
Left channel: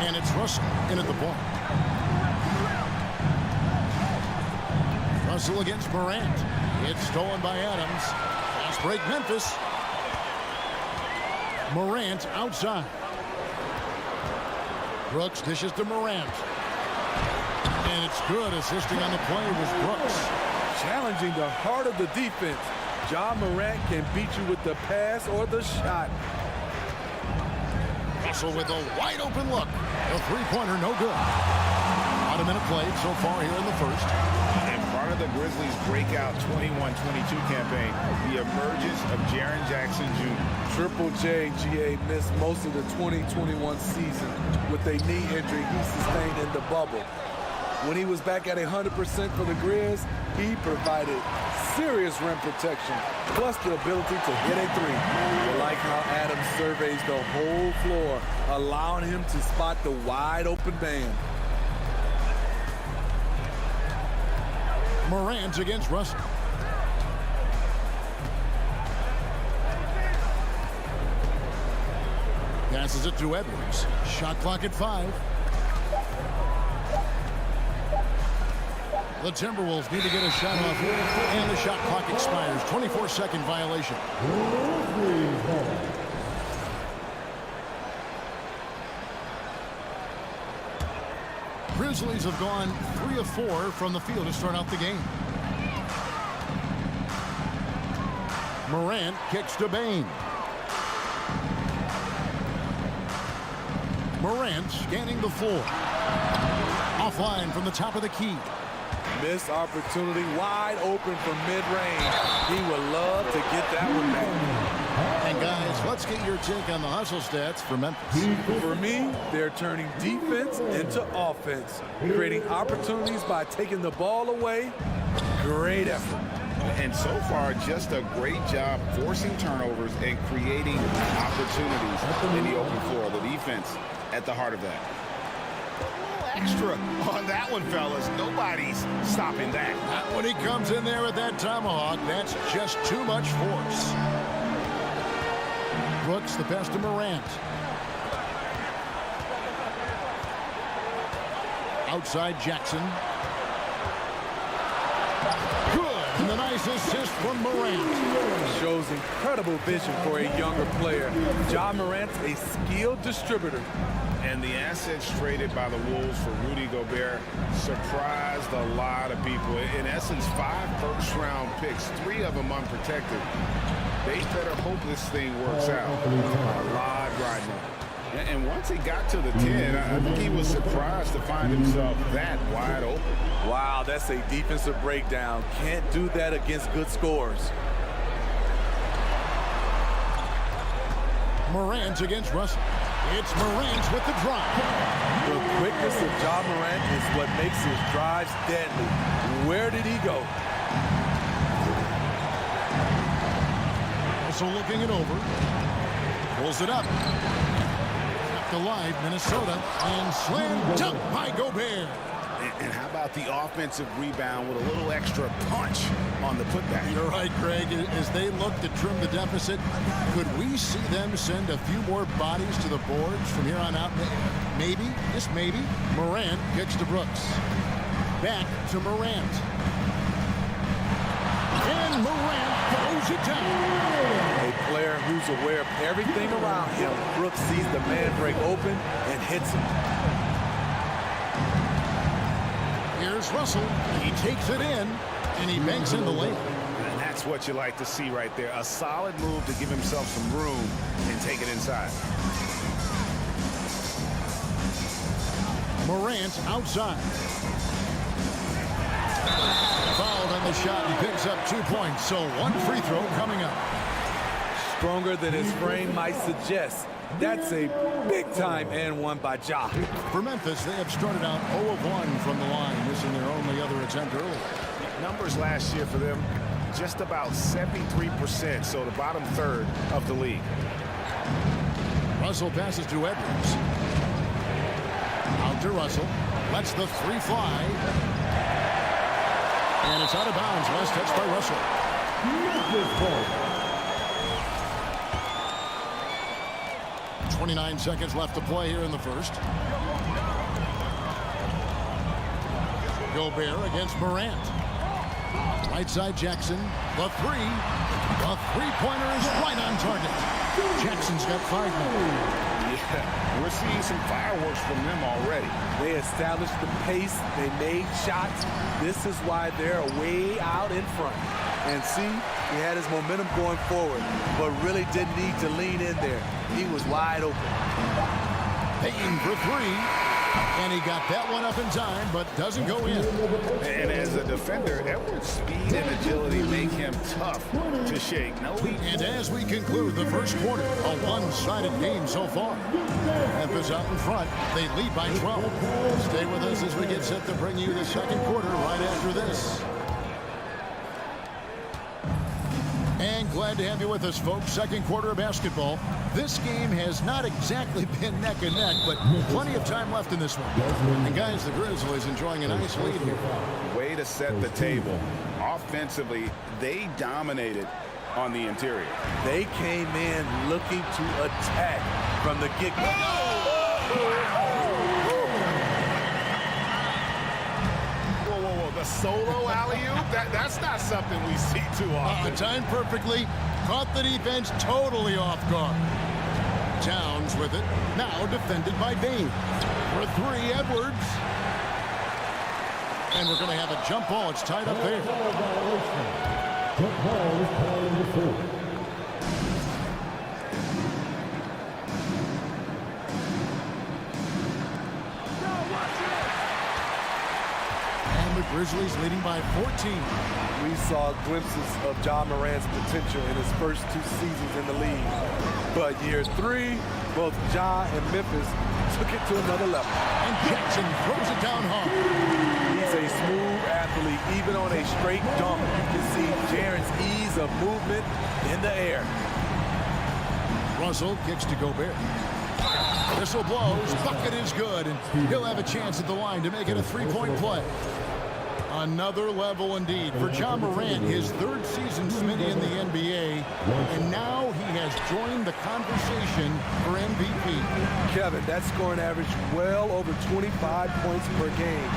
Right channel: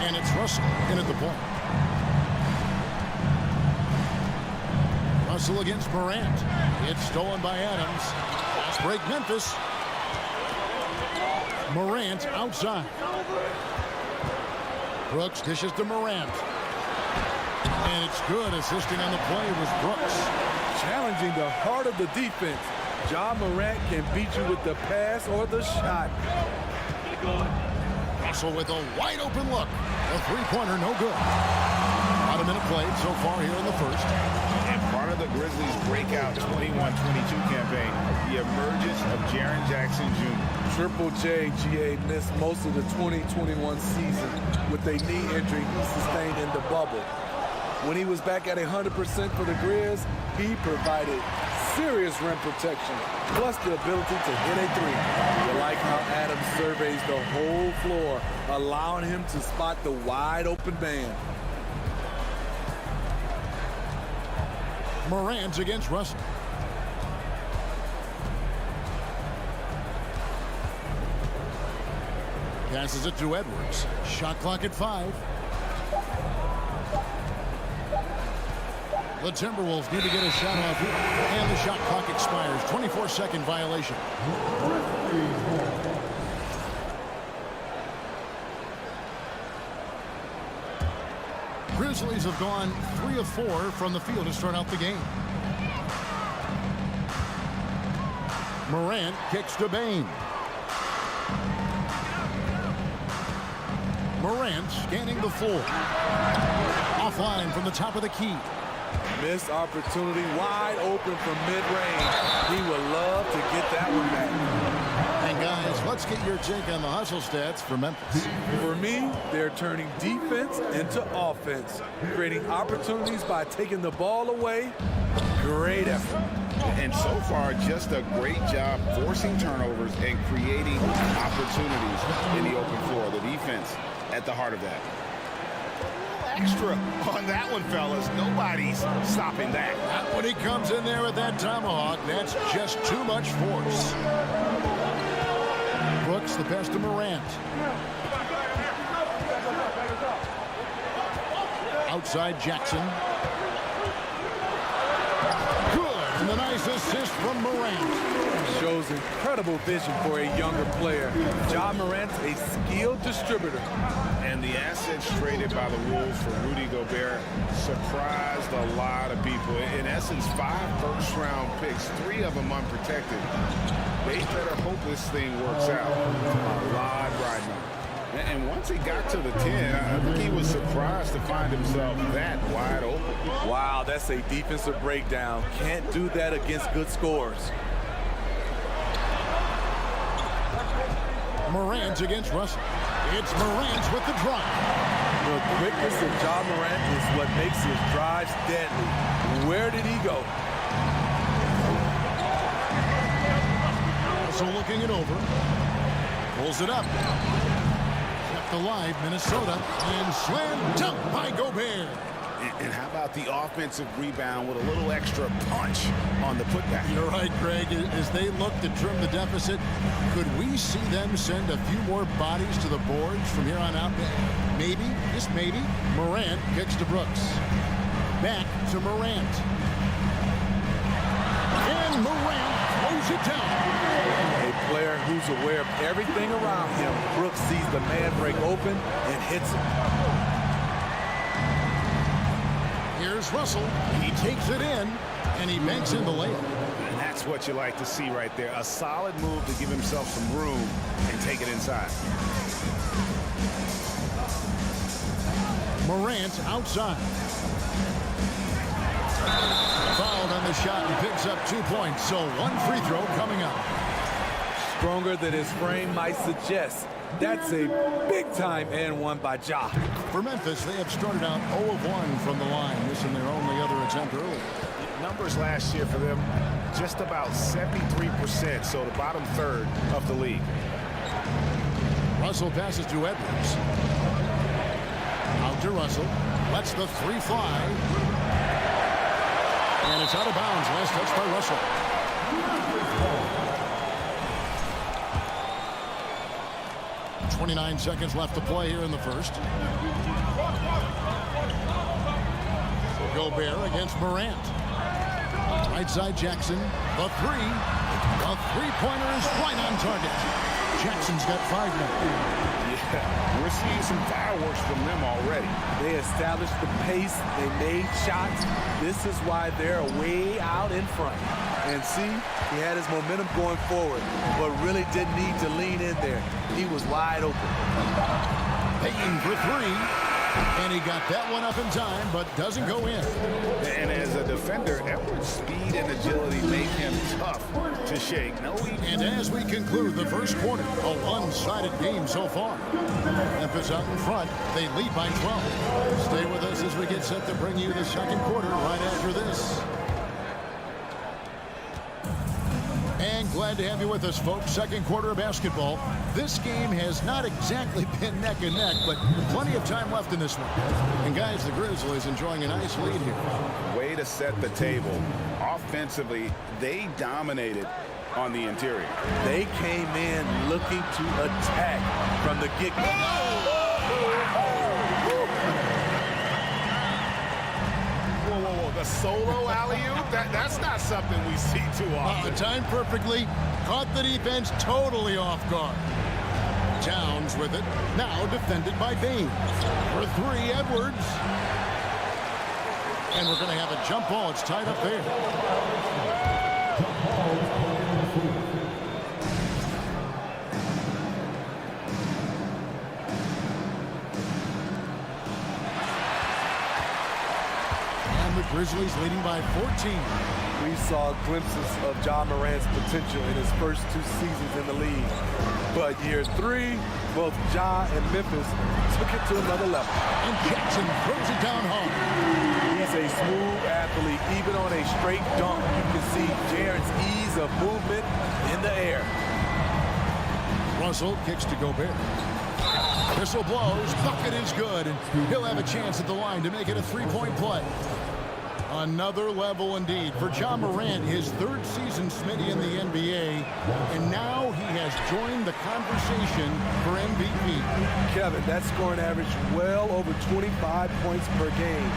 And it's Russell in at the point. Russell against Morant. It's stolen by Adams. Fast break Memphis. Morant outside. Brooks dishes to Morant. And it's good. Assisting on the play was Brooks. Challenging the heart of the defense. Ja Morant can beat you with the pass or the shot. Russell with a wide open look. A three-pointer, no good. About a minute played so far here in the first. And part of the Grizzlies' breakout 21-22 campaign, the emergence of Jaren Jackson Jr. Triple J, GA, missed most of the 2021 season with a knee injury he sustained in the bubble. When he was back at 100% for the Grizz, he provided serious rim protection, plus the ability to hit a three. You like how Adams surveys the whole floor, allowing him to spot the wide open man. Morant against Russell. Passes it to Edwards. Shot clock at 5. The Timberwolves need to get a shot off here, and the shot clock expires. 24-second violation. Grizzlies have gone 3 of 4 from the field to start out the game. Morant kicks to Bain. Morant scanning the floor. Offline from the top of the key. Missed opportunity, wide open from mid-range. He would love to get that one back. And guys, let's get your take on the hustle stats for Memphis. For me, they're turning defense into offense, creating opportunities by taking the ball away. Great effort. And so far, just a great job forcing turnovers and creating opportunities in the open floor. The defense at the heart of that. Extra on that one, fellas. Nobody's stopping that. Not when he comes in there with that tomahawk. That's just too much force. Brooks the pass to Morant. Outside Jackson. Good. And the nice assist from Morant. Shows incredible vision for a younger player. Ja Morant's a skilled distributor. And the assets traded by the Wolves for Rudy Gobert surprised a lot of people. In essence, 5 first-round picks, 3 of them unprotected. They better hope this thing works out. A lot riding on it. And once he got to the 10, I think he was surprised to find himself that wide open. Wow, that's a defensive breakdown. Can't do that against good scores. Morant against Russell. It's Morant with the drive. The quickness of Ja Morant is what makes his drives deadly. Where did he go? Russell looking it over. Pulls it up. Kept alive, Minnesota. And slam dunk by Gobert. And how about the offensive rebound with a little extra punch on the putback? You're right, Greg. As they look to trim the deficit, could we see them send a few more bodies to the boards from here on out? Maybe, just maybe. Morant kicks to Brooks. Back to Morant. And Morant throws it down. A player who's aware of everything around him. Brooks sees the man break open and hits him. Here's Russell. He takes it in, and he banks in the layup. And that's what you like to see right there. A solid move to give himself some room and take it inside. Morant outside. Fouled on the shot and picks up 2 points. So 1 free throw coming up. Stronger than his frame might suggest. That's a big-time and one by Ja. For Memphis, they have started out 0 of 1 from the line. This in their only other attempt early. Numbers last year for them, just about 73%, so the bottom third of the league. Russell passes to Edwards. Out to Russell. Lets the 3 fly. And it's out of bounds. Last touch by Russell. 29 seconds left to play here in the first. Gobert against Morant. Right side Jackson. The 3. The 3-pointer is right on target. Jackson's got 5 now. Yeah, we're seeing some fireworks from them already. They established the pace. They made shots. This is why they're way out in front. And see, he had his momentum going forward, but really didn't need to lean in there. He was wide open. Payton for 3. And he got that one up in time, but doesn't go in. And as a defender, Edwards' speed and agility make him tough to shake. And as we conclude the first quarter, a one-sided game so far. Memphis out in front. They lead by 12. Stay with us as we get set to bring you the second quarter right after this. And glad to have you with us, folks. Second quarter of basketball. This game has not exactly been neck and neck, but plenty of time left in this one. And guys, the Grizzlies enjoying a nice lead here. Way to set the table. Offensively, they dominated on the interior. They came in looking to attack from the get-go. The solo alley-oop? That's not something we see too often. Timed perfectly. Caught the defense totally off guard. Towns with it. Now defended by Bain. For 3, Edwards. And we're going to have a jump ball. It's tied up there. The Grizzlies leading by 14. We saw glimpses of Ja Morant's potential in his first 2 seasons in the league. But year 3, both Ja and Memphis took it to another level. And Jackson throws it down hard. He's a smooth athlete. Even on a straight dunk, you can see Jaren's ease of movement in the air. Russell kicks to Gobert. Whistle blows. Bucket is good. And he'll have a chance at the line to make it a 3-point play. Another level indeed for Ja Morant, his 3rd season, Smitty, in the NBA, and now he has joined the conversation for MVP. Kevin, that scoring average well over 25 points per game.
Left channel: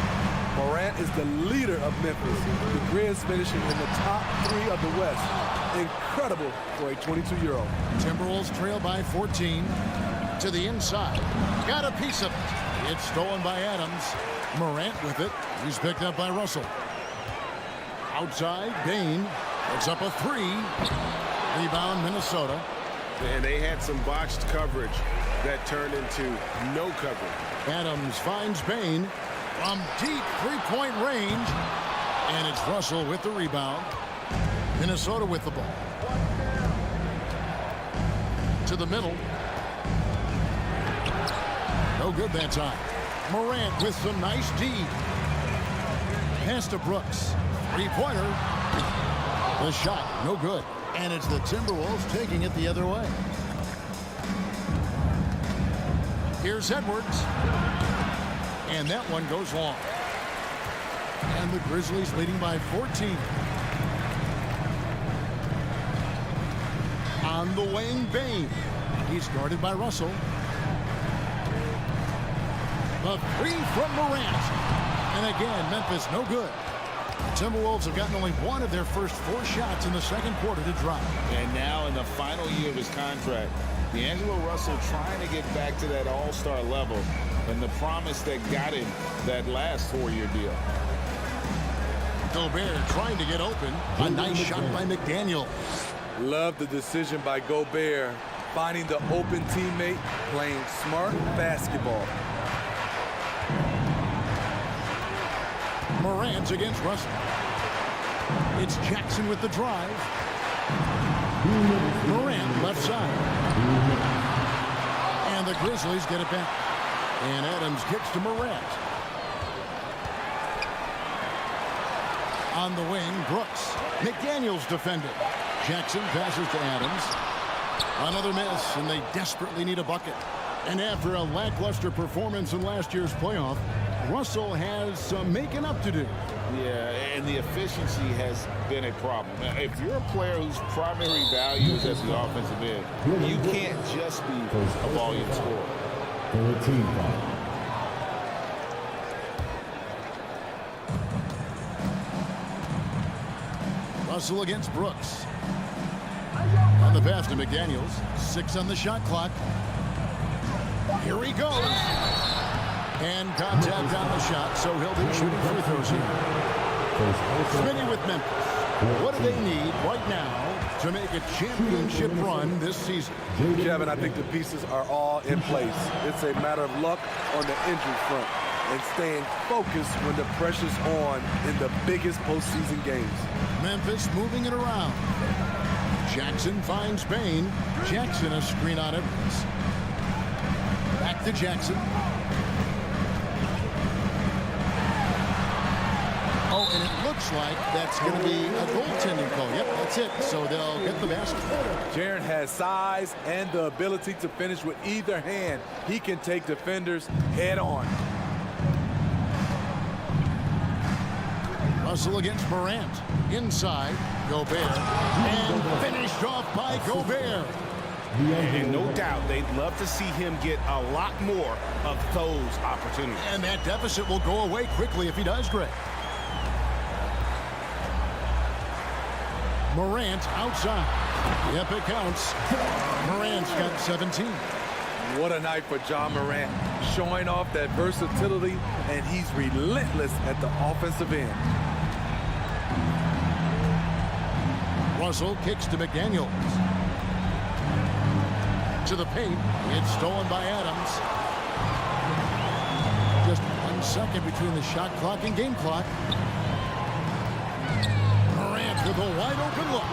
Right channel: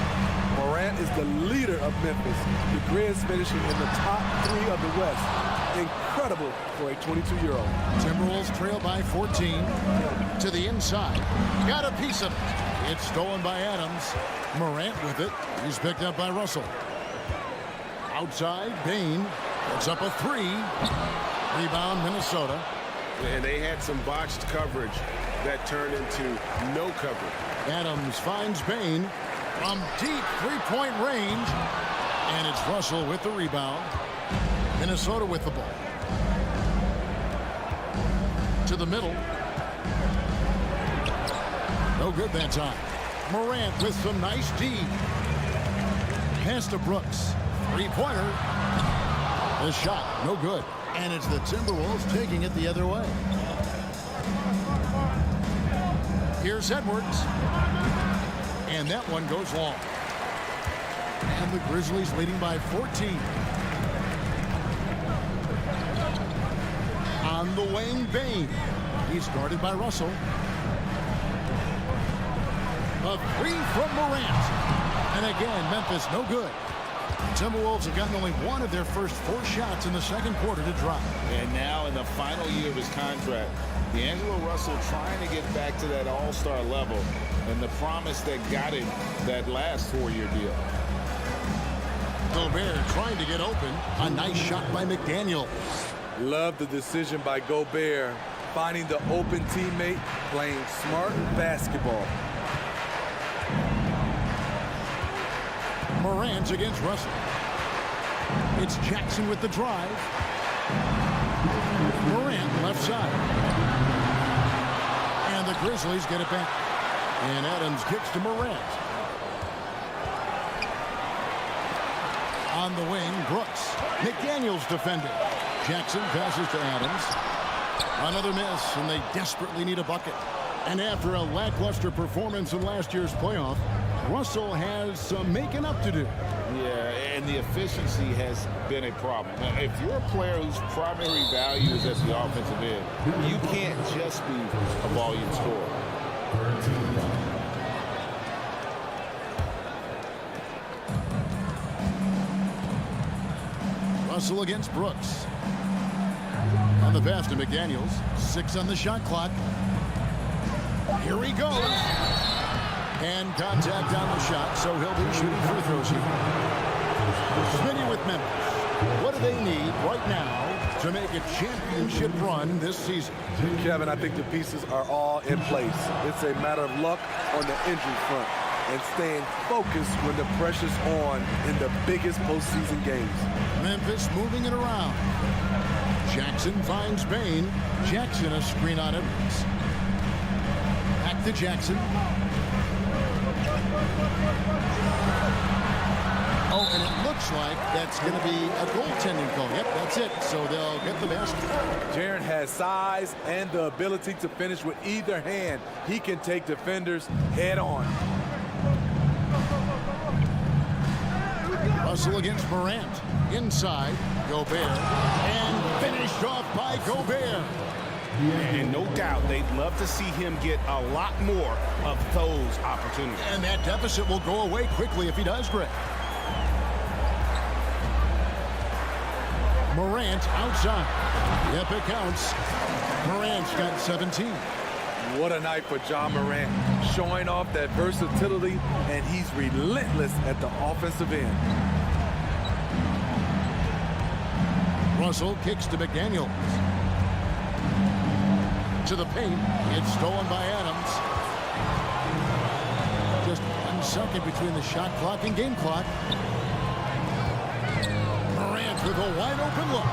Morant is the leader of Memphis. The Grizz finishing in the top 3 of the West. Incredible for a 22-year-old. Timberwolves trail by 14. To the inside. Got a piece of it. It's stolen by Adams. Morant with it. He's picked up by Russell. Outside, Bain puts up a 3. Rebound, Minnesota. And they had some botched coverage that turned into no coverage. Adams finds Bain from deep three-point range. And it's Russell with the rebound. Minnesota with the ball. To the middle. No good that time. Morant with some nice D. Pass to Brooks. Three-pointer. The shot, no good. And it's the Timberwolves taking it the other way. Here's Edwards. And that one goes long. And the Grizzlies leading by 14. On the wing, Bain. He's guarded by Russell. The 3 from Morant. And again, Memphis no good. The Timberwolves have gotten only one of their first 4 shots in the second quarter to drop. And now in the final year of his contract, D'Angelo Russell trying to get back to that all-star level and the promise that got him that last 4-year deal. Gobert trying to get open. A nice shot by McDaniel. Love the decision by Gobert, finding the open teammate, playing smart basketball. Morant against Russell. It's Jackson with the drive. Morant left side. And the Grizzlies get it back. And Adams kicks to Morant. On the wing, Brooks. McDaniels defending. Jackson passes to Adams. Another miss, and they desperately need a bucket. And after a lackluster performance in last year's playoff, Russell has some making up to do. Yeah, and the efficiency has been a problem. Now, if you're a player whose primary value is at the offensive end, you can't just be a volume scorer. 13 foul. Russell against Brooks. On the pass to McDaniels. 6 on the shot clock. Here he goes. And contact on the shot, so he'll be shooting free throws here. Spydi with Memphis. What do they need right now to make a championship run this season? Kevin, I think the pieces are all in place. It's a matter of luck on the injury front and staying focused when the pressure's on in the biggest postseason games. Memphis moving it around. Jackson finds Bain. Jackson a screen on Edwards. Back to Jackson. Oh, and it looks like that's going to be a goaltending call. Yep, that's it. So they'll get the basket. Jaren has size and the ability to finish with either hand. He can take defenders head on. Russell against Morant. Inside, Gobert. And finished off by Gobert. And no doubt they'd love to see him get a lot more of those opportunities. And that deficit will go away quickly if he does, Greg. Morant outside. Yep, it counts. Morant's got 17. What a night for John Morant, showing off that versatility, and he's relentless at the offensive end. Russell kicks to McDaniels. To the paint. It's stolen by Adams. Just 1 second between the shot clock and game clock. Morant with a wide open look.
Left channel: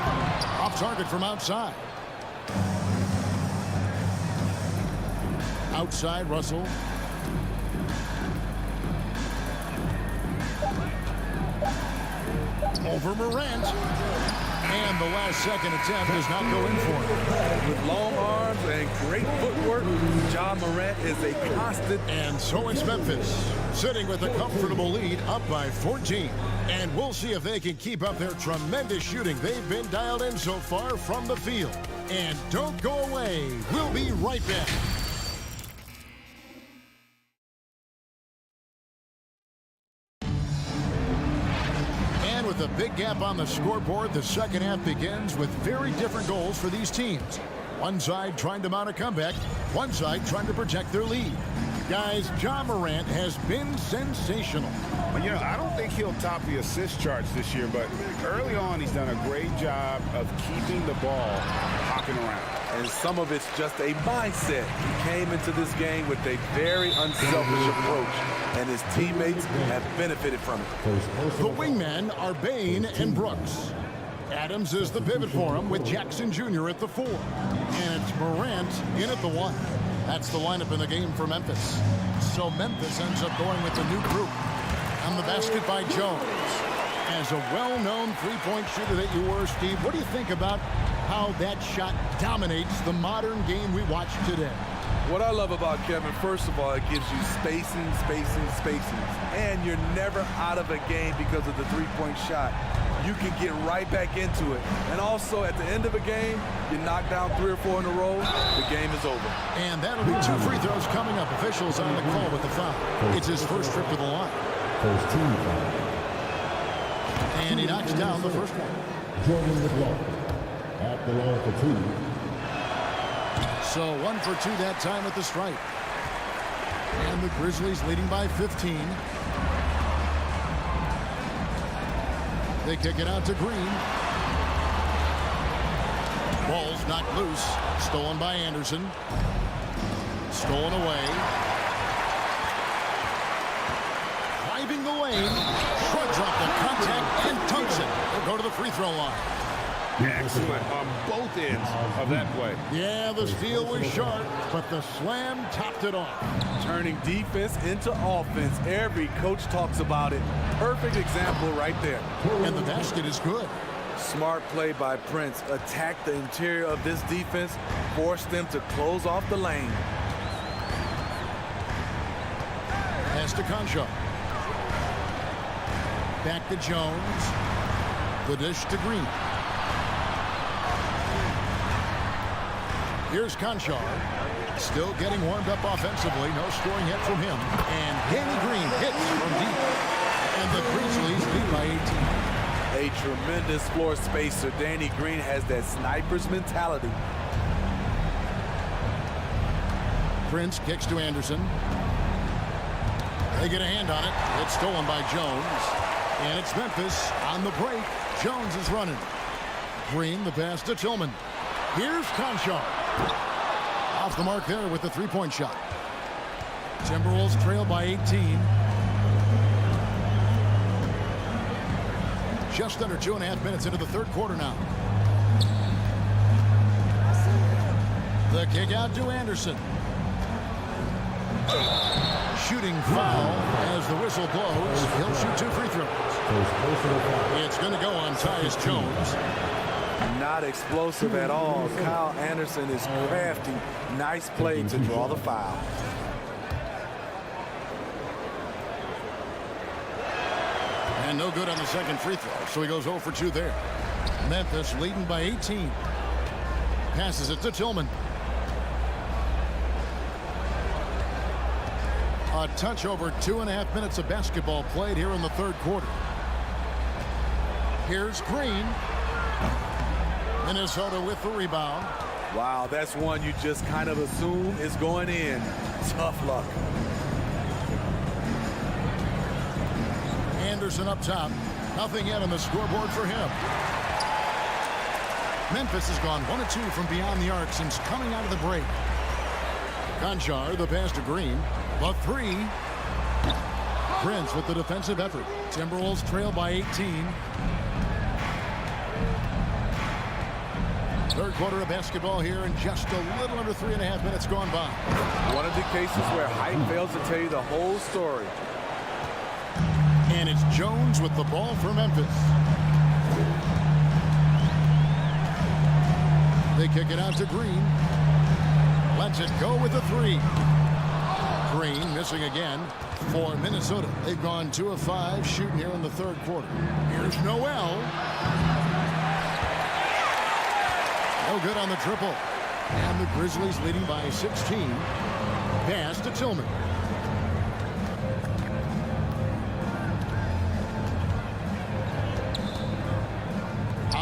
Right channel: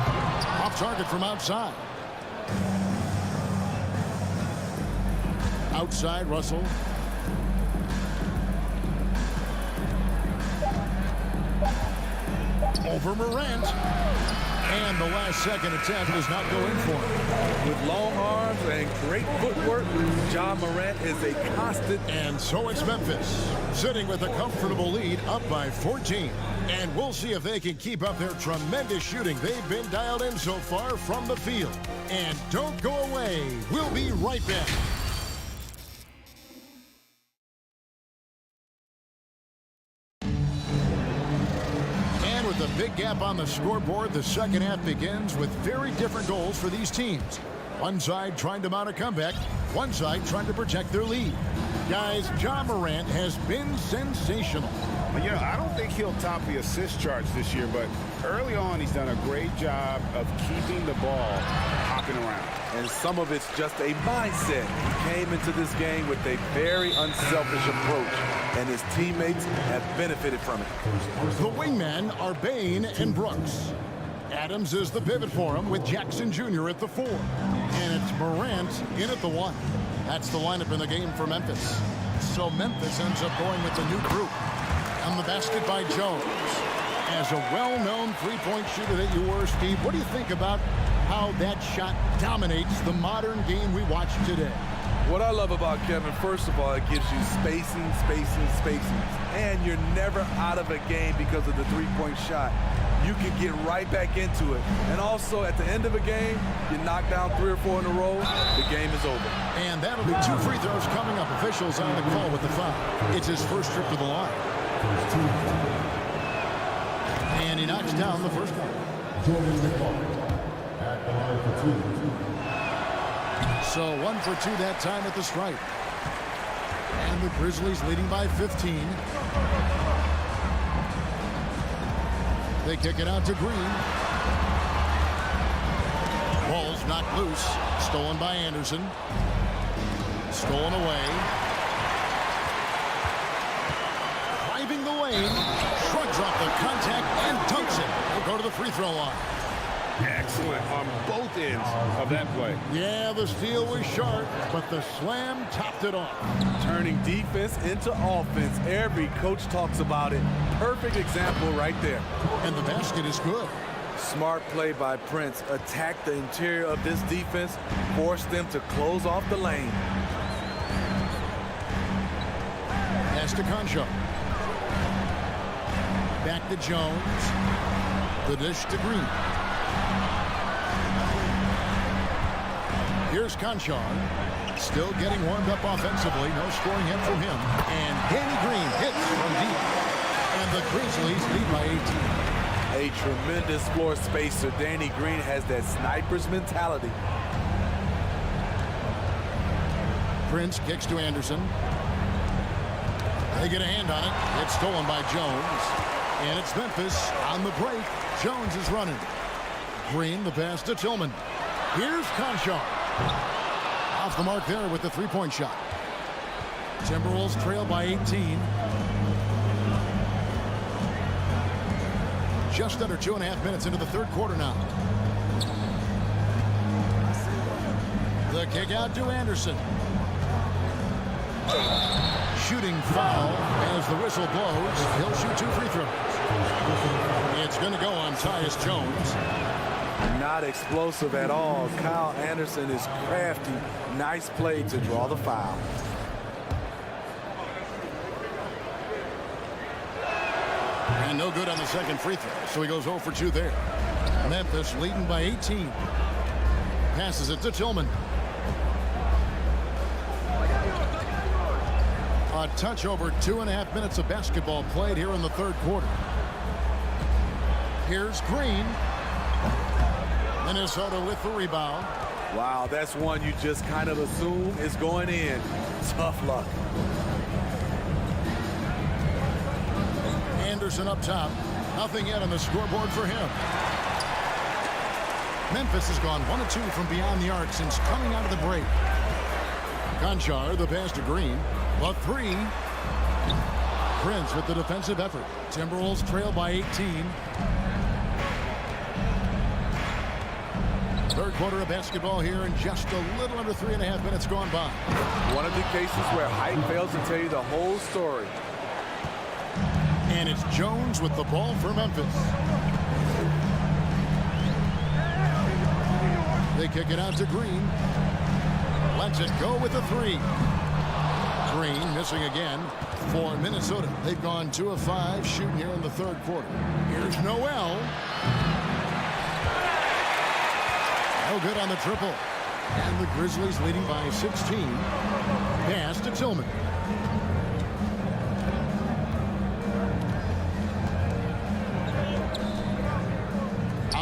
Off target from outside. Outside, Russell. Over Morant. And the last second attempt does not go in for him. With long arms and great footwork, John Morant is a constant. And so it's Memphis, sitting with a comfortable lead up by 14. And we'll see if they can keep up their tremendous shooting they've been dialed in so far from the field. And don't go away. We'll be right back. With a big gap on the scoreboard, the second half begins with very different goals for these teams. One side trying to mount a comeback, one side trying to protect their lead. Guys, Ja Morant has been sensational. Well, you know, I don't think he'll top the assist charts this year, but early on he's done a great job of keeping the ball hopping around. And some of it's just a mindset. He came into this game with a very unselfish approach, and his teammates have benefited from it. The wingmen are Bain and Brooks. Adams is the pivot for him with Jackson Jr. at the 4. And it's Morant in at the 1. That's the lineup in the game for Memphis. So Memphis ends up going with the new group. On the basket by Jones. As a well-known three-point shooter that you were, Steve, what do you think about how that shot dominates the modern game we watch today? What I love about Kevin, first of all, it gives you spacing. And you're never out of a game because of the three-point shot. You can get right back into it. And also, at the end of a game, you knock down 3 or 4 in a row, the game is over. And that'll be 2 free throws coming up. Officials on the call with the foul. It's his first trip to the line. First team foul. And he knocks down the first one. Joining the ball at the line for 2. So 1 for 2 that time at the stripe. And the Grizzlies leading by 15. They kick it out to Green. Ball's knocked loose. Stolen by Anderson. Stolen away. Driving the lane. Shrugs off the contact and dunks it. He'll go to the free throw line. Excellent on both ends of that play. Yeah, the steal was sharp, but the slam topped it off. Turning defense into offense. Every coach talks about it. Perfect example right there. And the basket is good. Smart play by Prince. Attack the interior of this defense. Force them to close off the lane. Pass to Concho. Back to Jones. The dish to Green. Here's Conchar. Still getting warmed up offensively. No scoring yet from him. And Danny Green hits from deep. And the Grizzlies lead by 18. A tremendous floor spacer. Danny Green has that sniper's mentality. Prince kicks to Anderson. They get a hand on it. It's stolen by Jones. And it's Memphis on the break. Jones is running. Green, the pass to Tillman. Here's Conchar. Off the mark there with the three-point shot. Timberwolves trail by 18. Just under 2.5 minutes into the third quarter now. The kick out to Anderson. Shooting foul as the whistle blows. He'll shoot 2 free throws. It's going to go on Tyus Jones. Not explosive at all. Kyle Anderson is crafty. Nice play to draw the foul. And no good on the second free throw, so he goes 0 for 2 there. Memphis leading by 18. Passes it to Tillman. A touch over 2.5 minutes of basketball played here in the third quarter. Here's Green. Minnesota with the rebound. Wow, that's one you just kind of assume is going in. Tough luck. Anderson up top. Nothing yet on the scoreboard for him. Memphis has gone 1 of 2 from beyond the arc since coming out of the break. Conchar, the pass to Green. The 3. Prince with the defensive effort. Timberwolves trail by 18. Third quarter of basketball here and just a little under 3.5 minutes gone by. One of the cases where height fails to tell you the whole story. And it's Jones with the ball for Memphis. They kick it out to Green. Lets it go with the 3. Green missing again for Minnesota. They've gone 2 of 5 shooting here in the third quarter. Here's Noel. No good on the triple. And the Grizzlies leading by 16. Pass to Tillman.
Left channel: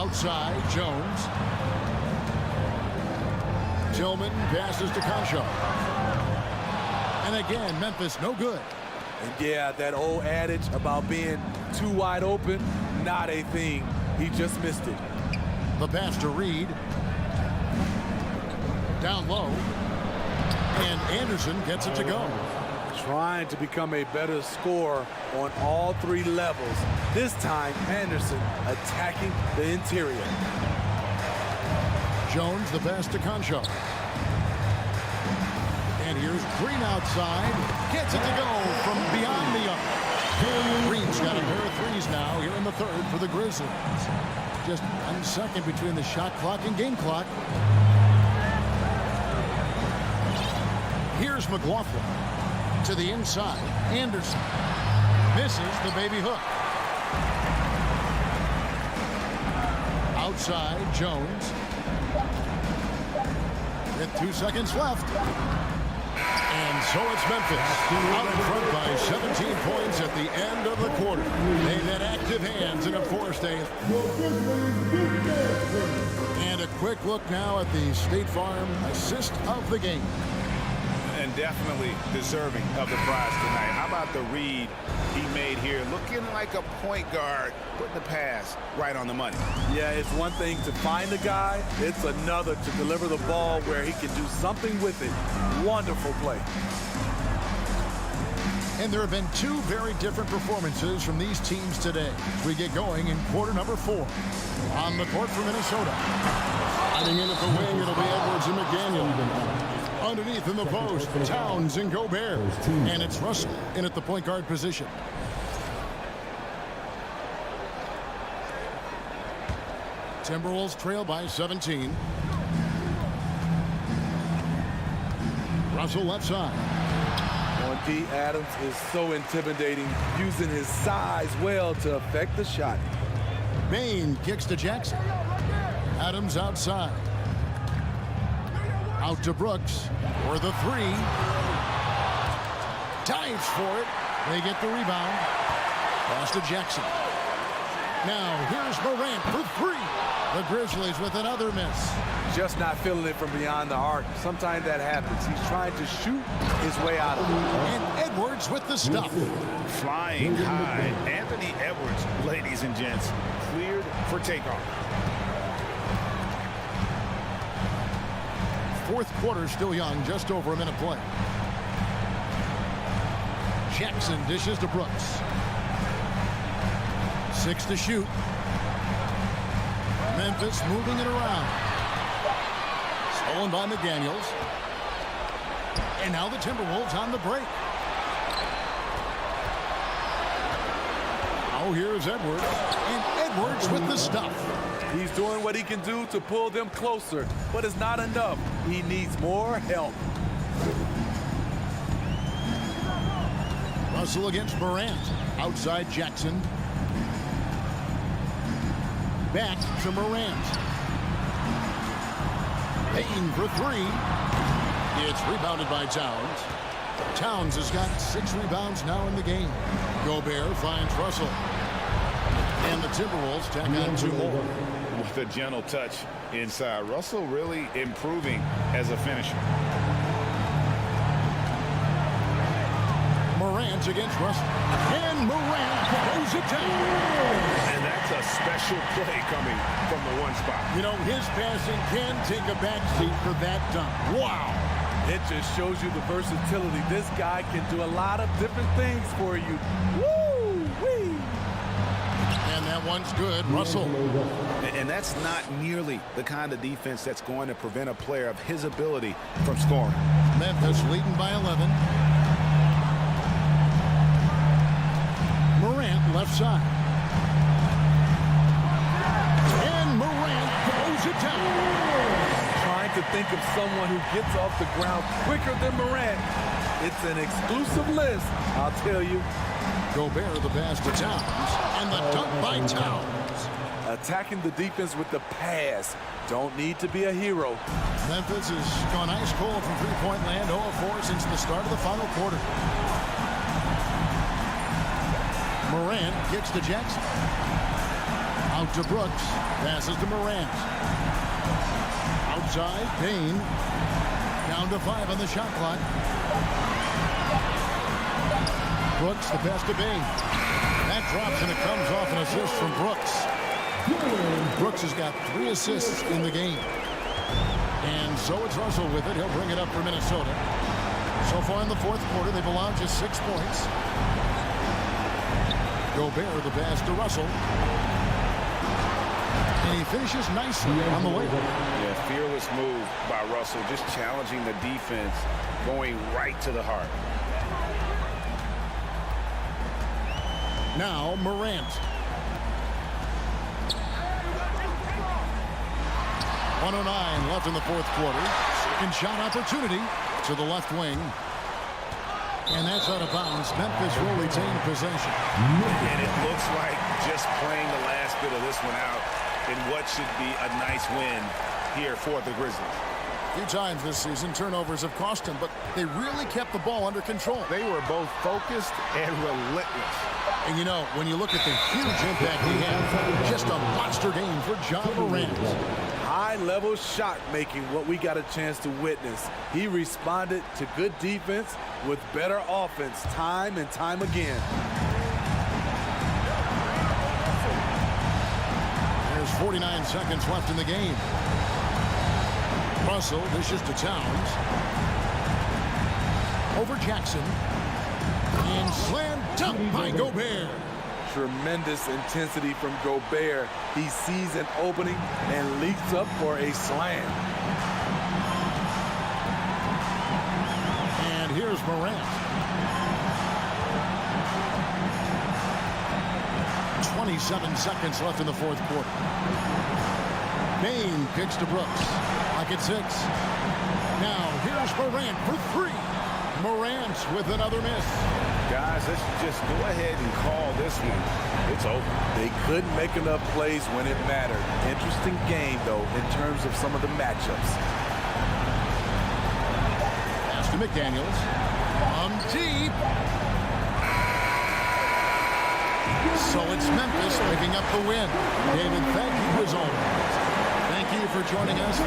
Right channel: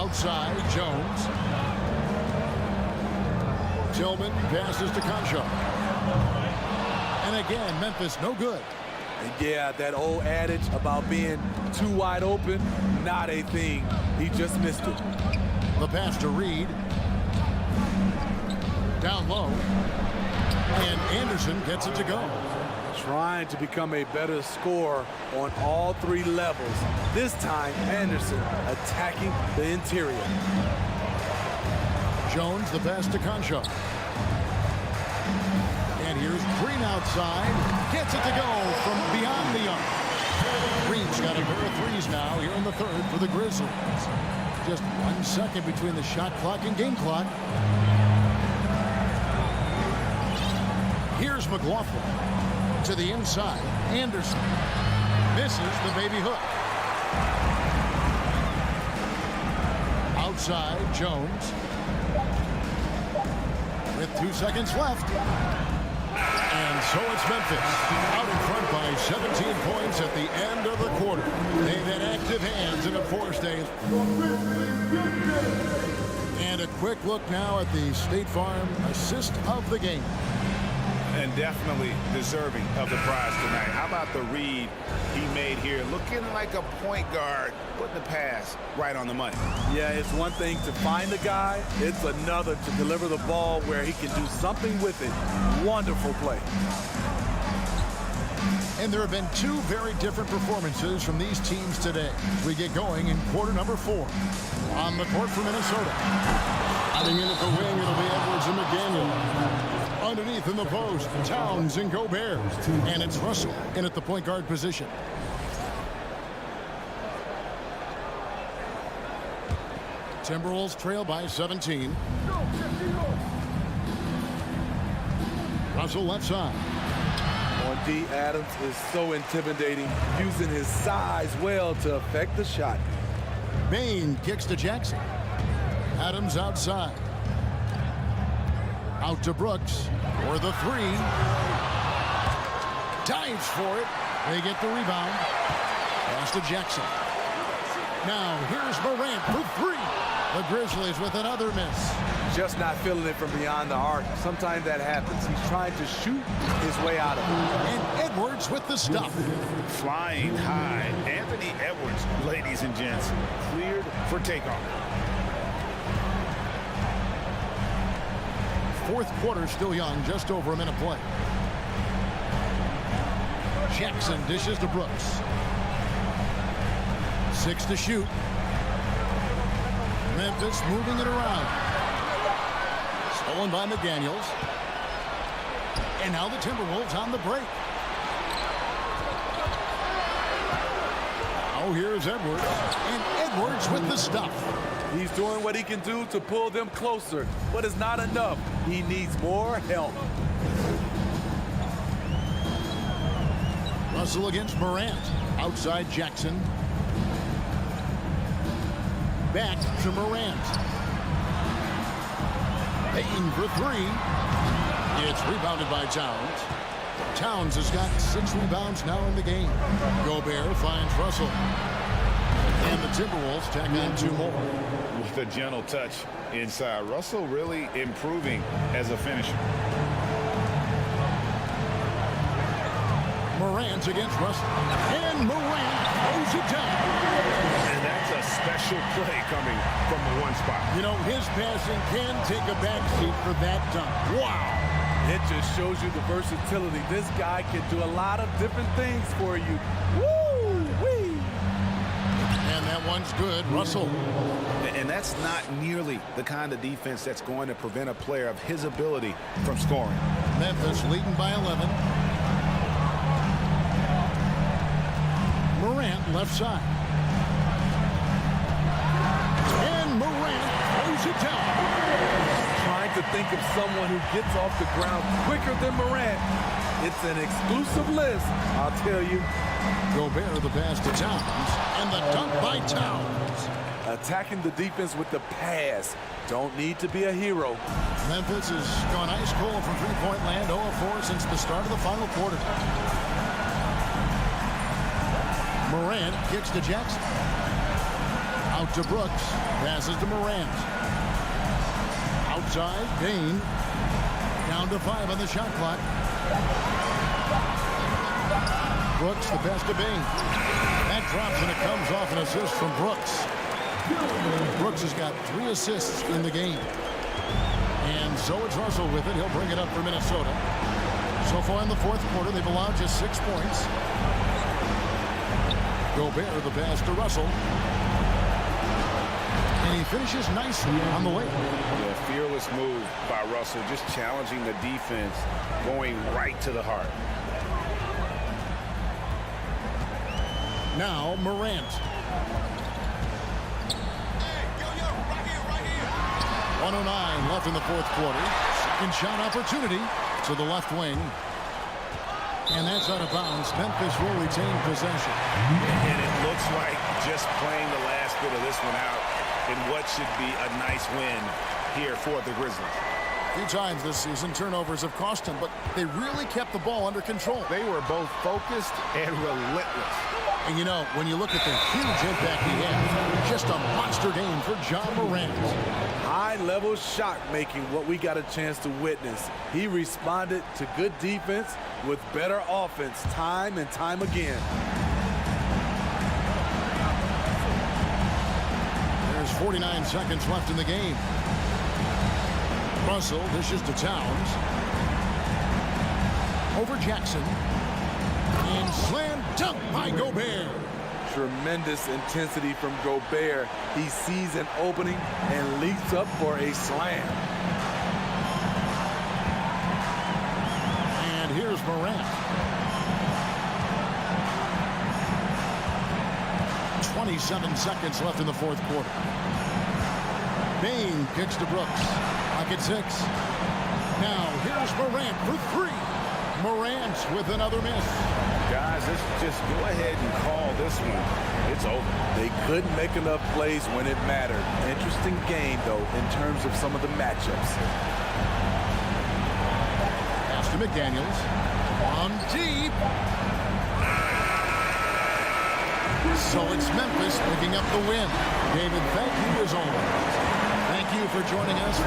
Outside, Jones. Tillman passes to Concho. And again, Memphis no good. And yeah, that old adage about being too wide open, not a thing. He just missed it. The pass to Reed. Down low. And Anderson gets it to go. Trying to become a better scorer on all three levels. This time, Anderson attacking the interior. Jones, the pass to Concho. And here's Green outside. Gets it to go from beyond the arc. Green's got a pair of threes now here in the third for the Grizzlies. Just 1 second between the shot clock and game clock. Here's McLaughlin. To the inside. Anderson. Misses the baby hook. Outside, Jones. With 2 seconds left. And so it's Memphis out in front by 17 points at the end of the quarter. They've had active hands and have forced a... And a quick look now at the State Farm assist of the game. And definitely deserving of the prize tonight. How about the read he made here? Looking like a point guard, putting the pass right on the money. Yeah, it's one thing to find the guy. It's another to deliver the ball where he can do something with it. Wonderful play. And there have been two very different performances from these teams today as we get going in quarter number 4. On the court for Minnesota. Hiding in at the wing, it'll be Edwards and McDaniel. Underneath in the post, Towns and Gobert. And it's Russell in at the point guard position. Timberwolves trail by 17. Russell left side. On D, Adams is so intimidating, using his size well to affect the shot. Bain kicks to Jackson. Adams outside. Out to Brooks for the 3. Dives for it. They get the rebound. Pass to Jackson. Now here's Morant for 3. The Grizzlies with another miss. Just not feeling it from beyond the arc. Sometimes that happens. He's trying to shoot his way out of it. And Edwards with the stuff. Flying high. Anthony Edwards, ladies and gents, cleared for takeoff. Fourth quarter still young, just over a minute play. Jackson dishes to Brooks. 6 to shoot. Memphis moving it around. Stolen by McDaniels. And now the Timberwolves on the break. Now here's Edwards. And Edwards with the stuff. He's doing what he can do to pull them closer, but it's not enough. He needs more help. Russell against Morant. Outside Jackson. Back to Morant. Payton for 3. It's rebounded by Towns. Towns has got 6 rebounds now in the game. Gobert finds Russell. And the Timberwolves tack on 2 more. With a gentle touch inside. Russell really improving as a finisher. Morant against Russell. And Morant throws it down. And that's a special play coming from the one spot. You know, his passing can take a backseat for that dunk. Wow. It just shows you the versatility. This guy can do a lot of different things for you. Woo-wee! And that one's good. Russell. And that's not nearly the kind of defense that's going to prevent a player of his ability from scoring. Memphis leading by 11. Morant left side. And Morant throws it down. Trying to think of someone who gets off the ground quicker than Morant. It's an exclusive list, I'll tell you. Gobert the pass to Towns. And the dunk by Towns. Attacking the defense with the pass. Don't need to be a hero. Memphis has gone ice cold from three-point land, 0 of 4 since the start of the final quarter. Morant kicks to Jackson. Out to Brooks. Passes to Morant. Outside, Bain. Down to 5 on the shot clock. Brooks, the pass to Bain. That drops, and it comes off an assist from Brooks. Brooks has got 3 assists in the game. And so it's Russell with it. He'll bring it up for Minnesota. So far in the fourth quarter, they've allowed just 6 points. Gobert, the pass to Russell. And he finishes nicely on the way. Yeah, fearless move by Russell, just challenging the defense, going right to the heart. Now Morant. 1:09 left in the fourth quarter. Second shot opportunity to the left wing. And that's out of bounds. Memphis will retain possession. And it looks like just playing the last bit of this one out in what should be a nice win here for the Grizzlies. A few times this season, turnovers have cost them, but they really kept the ball under control. They were both focused and relentless. And you know, when you look at the huge impact he had, just a monster game for Ja Morant. High-level shot making, what we got a chance to witness. He responded to good defense with better offense time and time again. There's 49 seconds left in the game. Russell dishes to Towns. Over Jackson. And slam dunk by Gobert. Tremendous intensity from Gobert. He sees an opening and leaps up for a slam. And here's Morant. 27 seconds left in the fourth quarter. Bain kicks to Brooks. Clock at 6. Now here's Morant for 3. Morant with another miss. Guys, let's just go ahead and call this one. It's over. They couldn't make enough plays when it mattered. Interesting game, though, in terms of some of the matchups. Pass to McDaniels. On deep. So it's Memphis picking up the win. David, thank you as always. Thank you for joining us.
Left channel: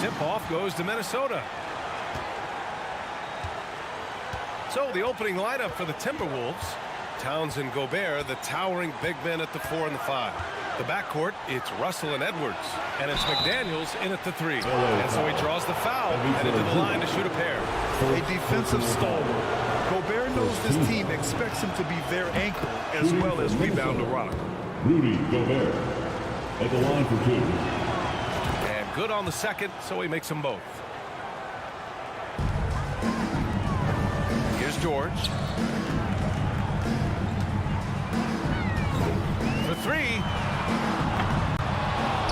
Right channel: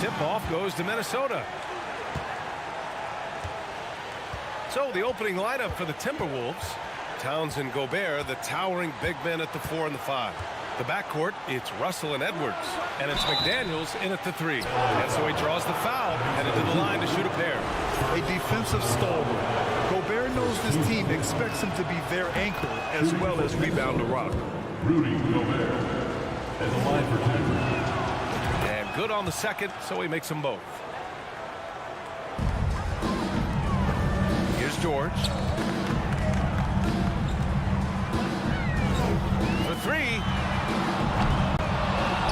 Tip-off goes to Minnesota. So the opening lineup for the Timberwolves. Towns and Gobert, the towering big men at the 4 and the 5. The backcourt, it's Russell and Edwards. And it's McDaniels in at the 3. And so he draws the foul, headed to the line to shoot a pair. A defensive stalwart. Gobert knows this team expects him to be their anchor as well as rebound the rock. Rudy Gobert at the line for 2. And good on the second, so he makes them both. Here's George. For 3.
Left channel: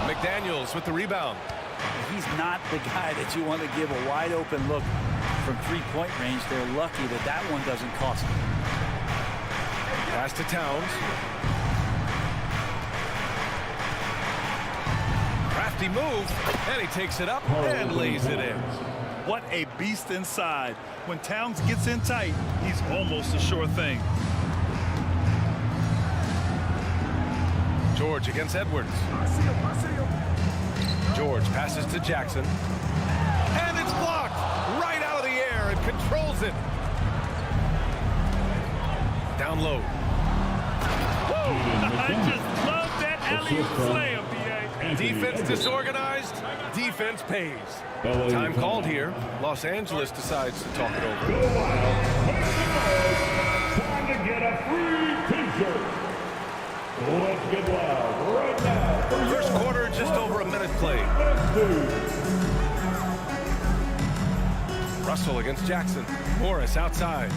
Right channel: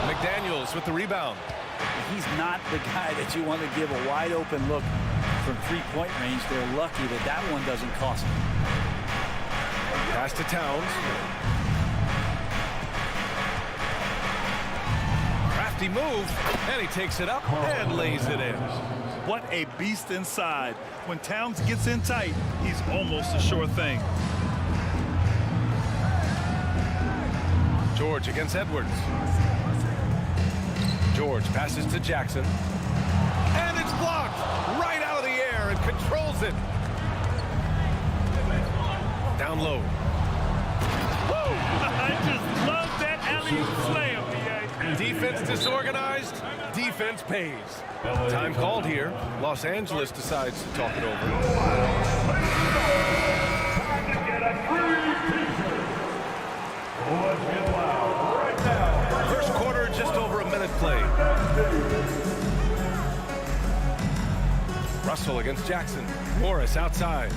McDaniels with the rebound. He's not the guy that you want to give a wide open look from three-point range. They're lucky that that one doesn't cost them. Pass to Towns. Crafty move, and he takes it up and lays it in. What a beast inside. When Towns gets in tight, he's almost a sure thing. George against Edwards. George passes to Jackson. And it's blocked right out of the air and controls it. Down low. Woo! I just love that alley-oop slam, B.A. Defense disorganized, defense pays. Time called here. Los Angeles decides to talk it over. Time to get a free t-shirt. Let's get loud right now. First quarter, just over a minute played. Russell against Jackson. Morris outside.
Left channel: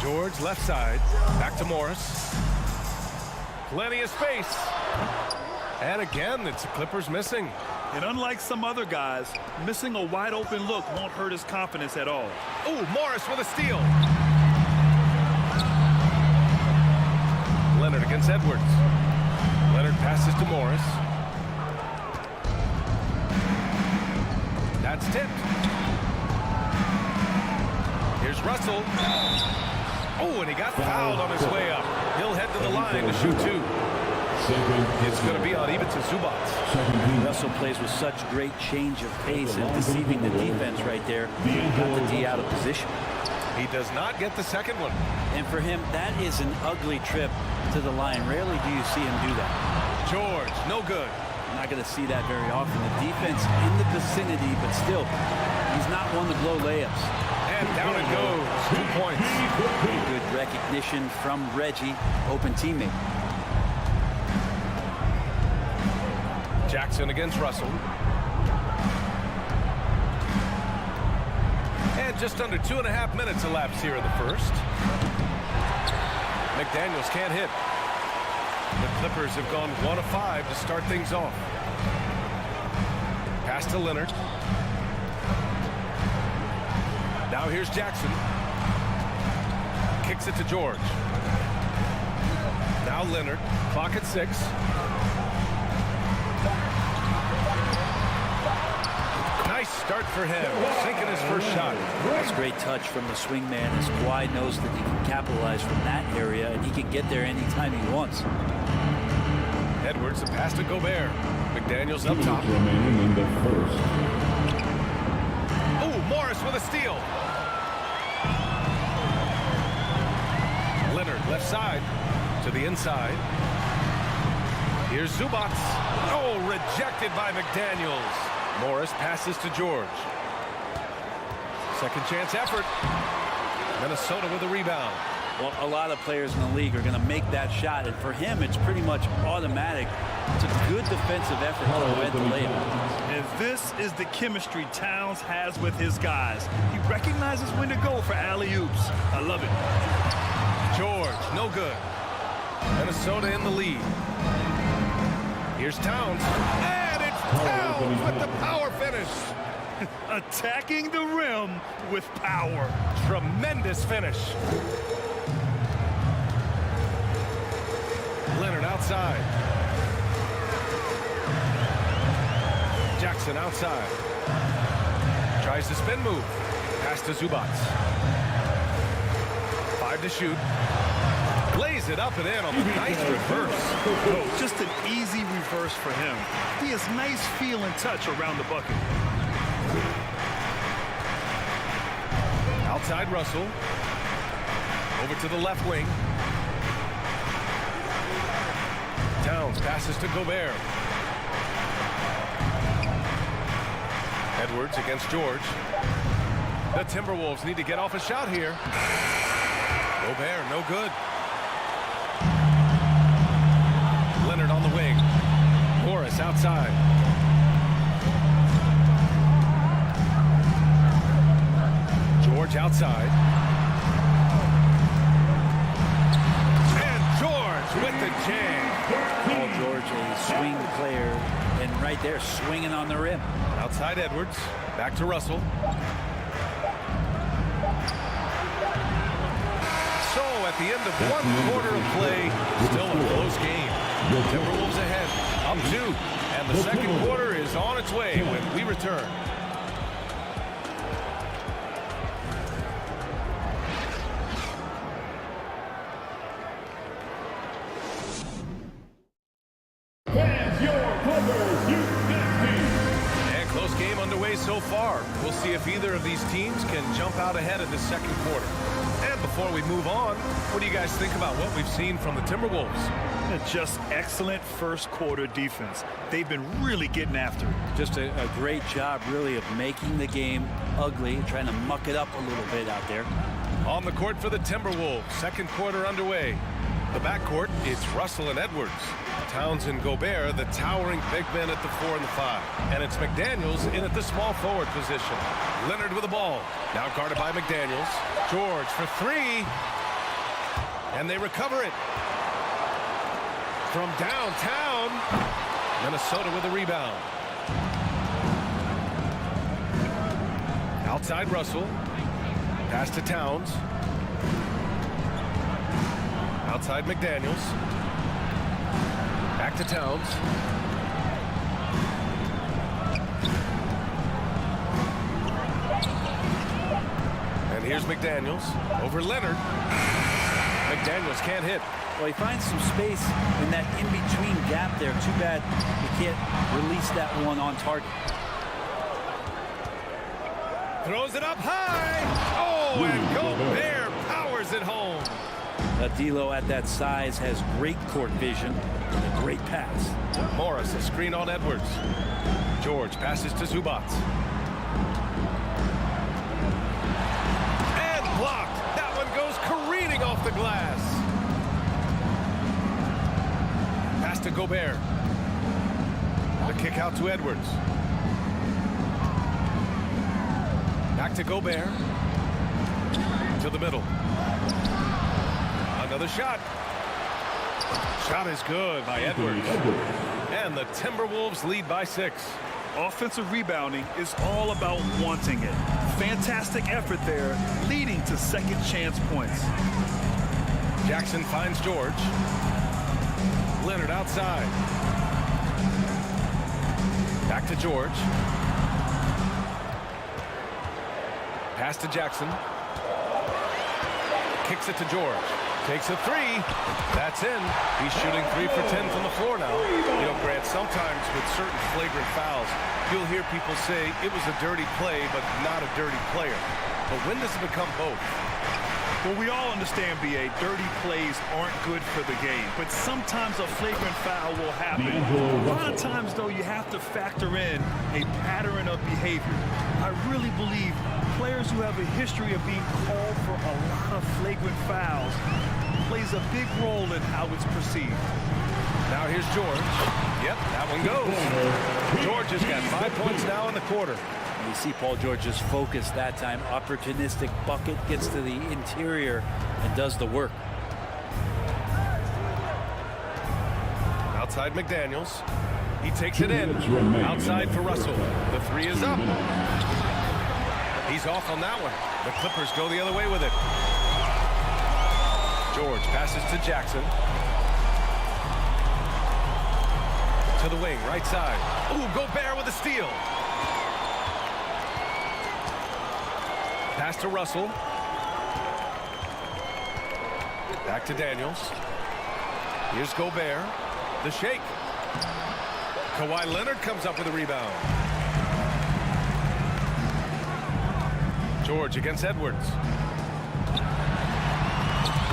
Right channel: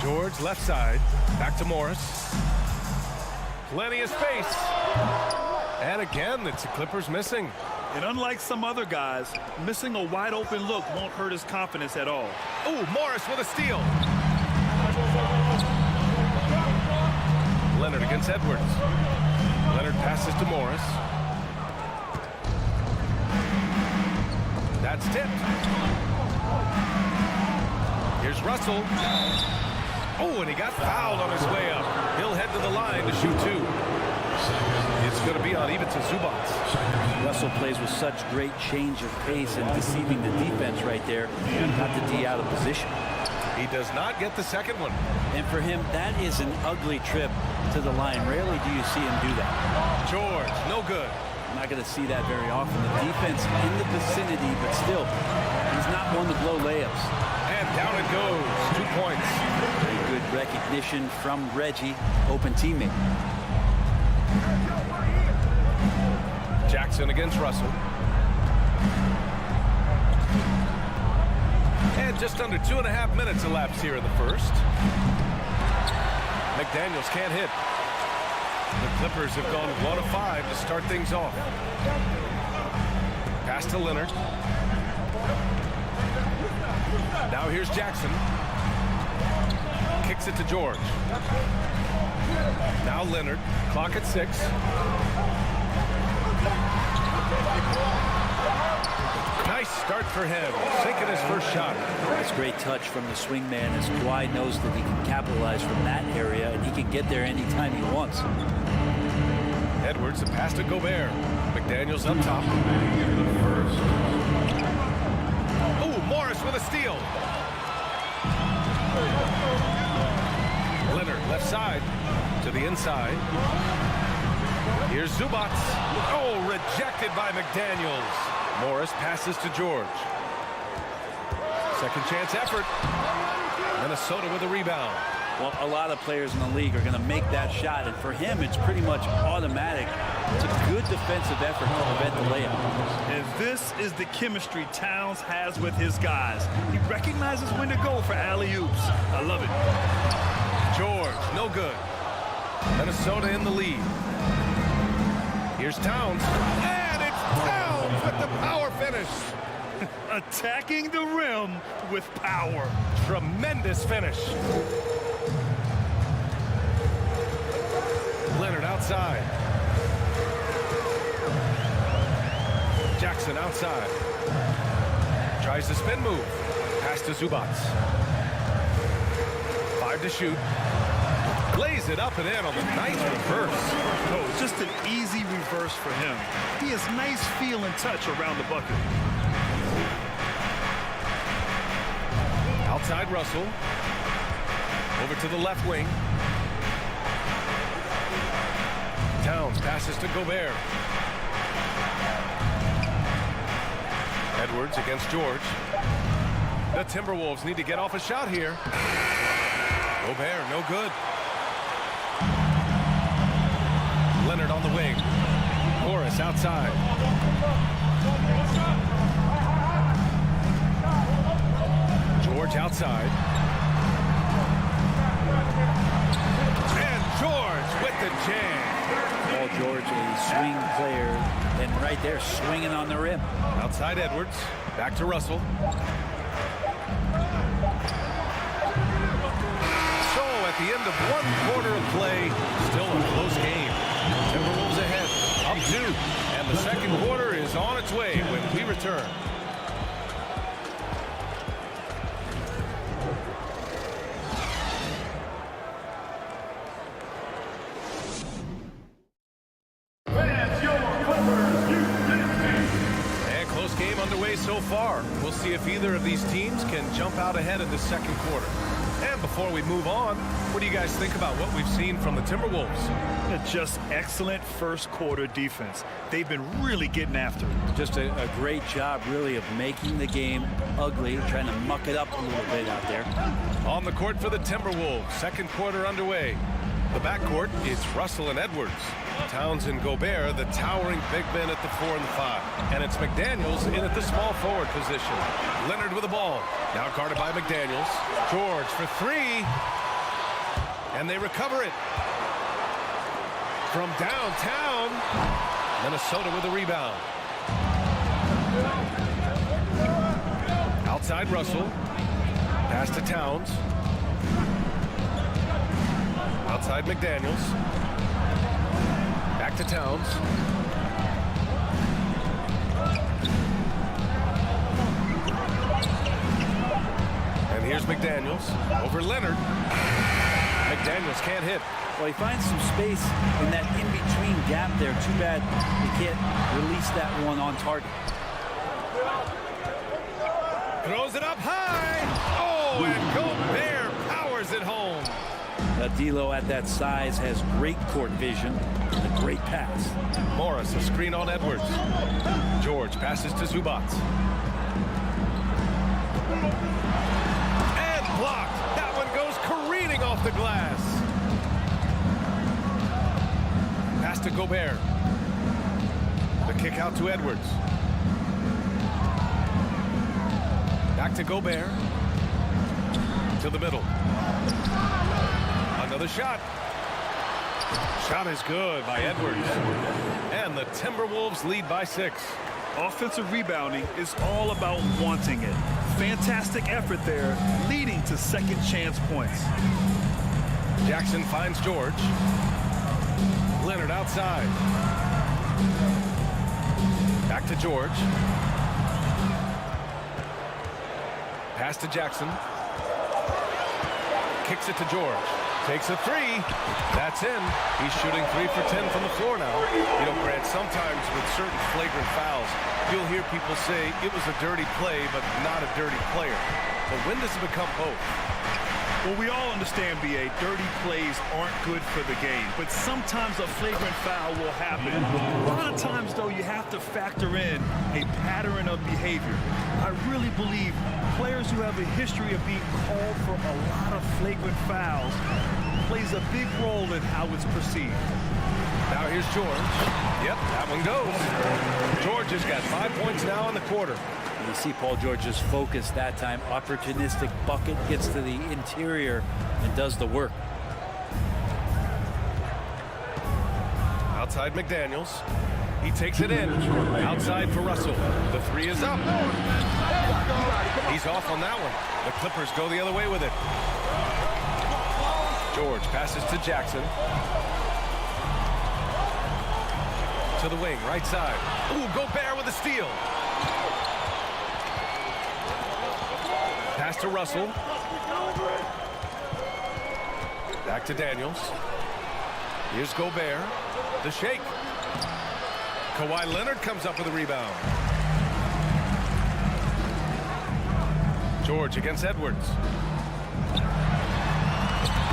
George left side. Back to Morris. Plenty of space. And again, it's the Clippers missing. And unlike some other guys, missing a wide open look won't hurt his confidence at all. Ooh, Morris with a steal. Leonard against Edwards. Leonard passes to Morris. That's tipped. Here's Russell. Oh, and he got fouled on his way up. He'll head to the line to shoot 2. It's going to be on Ivica Zubac. Russell plays with such great change of pace and deceiving the defense right there. Got the D out of position. He does not get the second one. And for him, that is an ugly trip to the line. Rarely do you see him do that. George, no good. I'm not going to see that very often. The defense in the vicinity, but still, he's not one to blow layups. And down it goes. 2 points. Very good recognition from Reggie, open teammate. Jackson against Russell. And just under 2.5 minutes elapsed here in the first. McDaniels can't hit. The Clippers have gone 1 of 5 to start things off. Pass to Leonard. Now here's Jackson. kicks it to George. Now Leonard, clock at 6. Nice start for him, sinking his first shot. That's great touch from the swingman as Kawhi knows that he can capitalize from that area and he can get there anytime he wants. Edwards, the pass to Gobert. McDaniels up top. Oh, Morris with a steal. Leonard, left side to the inside. Here's Zubac. Oh, rejected by McDaniels. Morris passes to George. Second chance effort. Minnesota with a rebound. Well, a lot of players in the league are going to make that shot, and for him, it's pretty much automatic. It's a good defensive effort to prevent the layup. And this is the chemistry Towns has with his guys. He recognizes when to go for alley-oops. I love it. George, no good. Minnesota in the lead. Here's Towns. And it's Towns with the power finish. Attacking the rim with power. Tremendous finish. Leonard outside. Jackson outside. Tries the spin move. Pass to Zubac. 5 to shoot. Lays it up and in on the nice reverse. Oh, just an easy reverse for him. He has nice feel and touch around the bucket. Outside Russell. Over to the left wing. Towns passes to Gobert. Edwards against George. The Timberwolves need to get off a shot here. Gobert, no good. Leonard on the wing. Morris outside. George outside. And George with the jam. Paul George, a swing player, and right there swinging on the rim. Outside Edwards. Back to Russell. So at the end of 1 quarter of play, still a close game. Timberwolves ahead, up 2. And the second quarter is on its way when we return. And close game underway so far. We'll see if either of these teams can jump out ahead in the second quarter. And before we move on, what do you guys think about what we've seen from the Timberwolves? Just excellent first quarter defense. They've been really getting after it. Just a great job, really, of making the game ugly, trying to muck it up a little bit out there. On the court for the Timberwolves, second quarter underway. The backcourt, it's Russell and Edwards. Towns and Gobert, the towering big men at the 4 and the 5. And it's McDaniels in at the small forward position. Leonard with the ball. Now guarded by McDaniels. George for 3. And they recover it. From downtown, Minnesota with a rebound. Outside Russell. Pass to Towns. Outside McDaniels. Back to Towns. And here's McDaniels over Leonard. McDaniels can't hit. Well, he finds some space in that in-between gap there. Too bad he can't release that one on target. Throws it up high. Oh, and Gobert powers it home. D'Lo at that size has great court vision and a great pass. Morris, a screen on Edwards. George passes to Zubac. And blocked. That one goes careening off the glass. Pass to Gobert. The kick out to Edwards. Back to Gobert. To the middle. Another shot. Shot is good by Edwards. And the Timberwolves lead by 6. Offensive rebounding is all about wanting it. Fantastic effort there, leading to second chance points. Jackson finds George. Leonard outside. Back to George. Pass to Jackson. Kicks it to George. Takes a three. That's in. He's shooting 3 for 10 from the floor now. You know, Grant, sometimes with certain flagrant fouls, you'll hear people say it was a dirty play, but not a dirty player. But when does it become both? Well, we all understand, B.A., dirty plays aren't good for the game, but sometimes a flagrant foul will happen. A lot of times, though, you have to factor in a pattern of behavior. I really believe players who have a history of being called for a lot of flagrant fouls plays a big role in how it's perceived. Now here's George. Yep, that one goes. George has got 5 points now in the quarter. And you see Paul George's focus that time. Opportunistic bucket, gets to the interior and does the work. Outside McDaniels. He takes it in. Outside for Russell. The three is up. He's off on that one. The Clippers go the other way with it. George passes to Jackson. To the wing, right side. Ooh, Gobert with a steal. Pass to Russell. Back to Daniels. Here's Gobert. The shake. Kawhi Leonard comes up with a rebound. George against Edwards.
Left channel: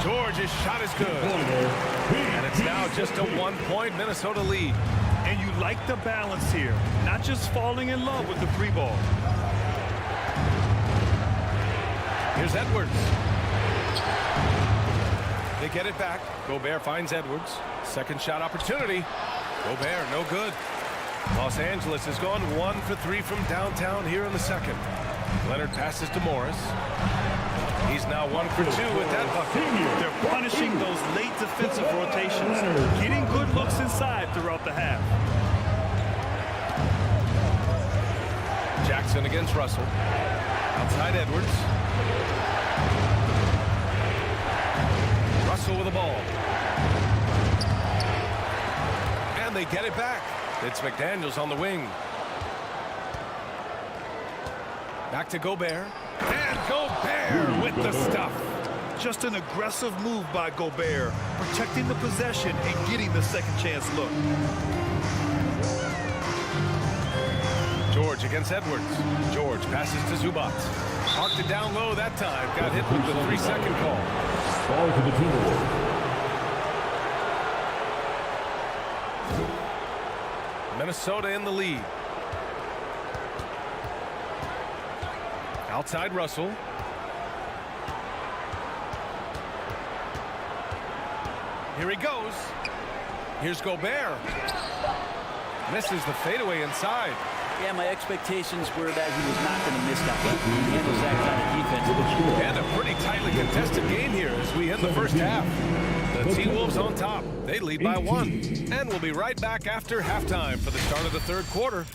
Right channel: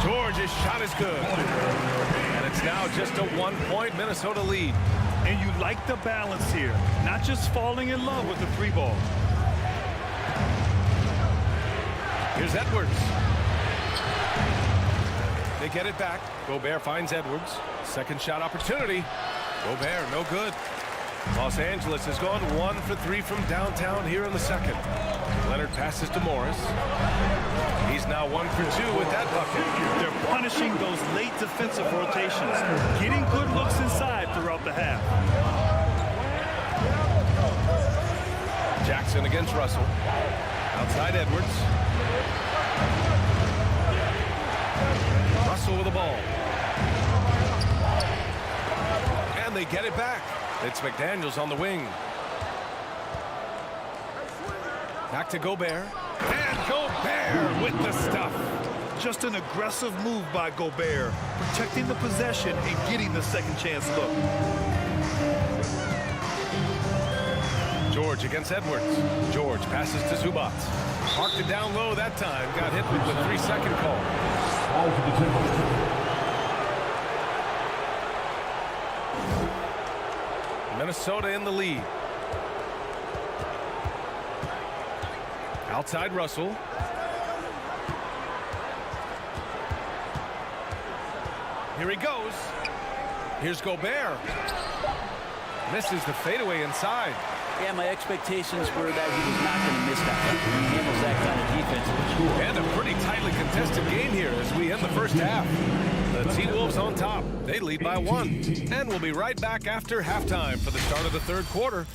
George's shot is good. And it's now just a 1-point Minnesota lead. And you like the balance here, not just falling in love with the three ball. Here's Edwards. They get it back. Gobert finds Edwards. Second shot opportunity. Gobert, no good. Los Angeles has gone 1 for 3 from downtown here in the second. Leonard passes to Morris. He's now 1 for 2 with that bucket. They're punishing those late defensive rotations, getting good looks inside throughout the half. Jackson against Russell. Outside Edwards. Russell with the ball. And they get it back. It's McDaniels on the wing. Back to Gobert. And Gobert with the stuff. Just an aggressive move by Gobert, protecting the possession and getting the second chance look. George against Edwards. George passes to Zubac. Parked it down low that time. Got hit with the 3-second call. Ball for the Timberwolves. Minnesota in the lead. Outside Russell. Here he goes. Here's Gobert. Misses the fadeaway inside. Yeah, my expectations were that he was not going to miss that one. He handles that kind of defense. And a pretty tightly contested game here as we end the first half. The T-Wolves on top. They lead by 1. And we'll be right back after halftime for the start of the third quarter.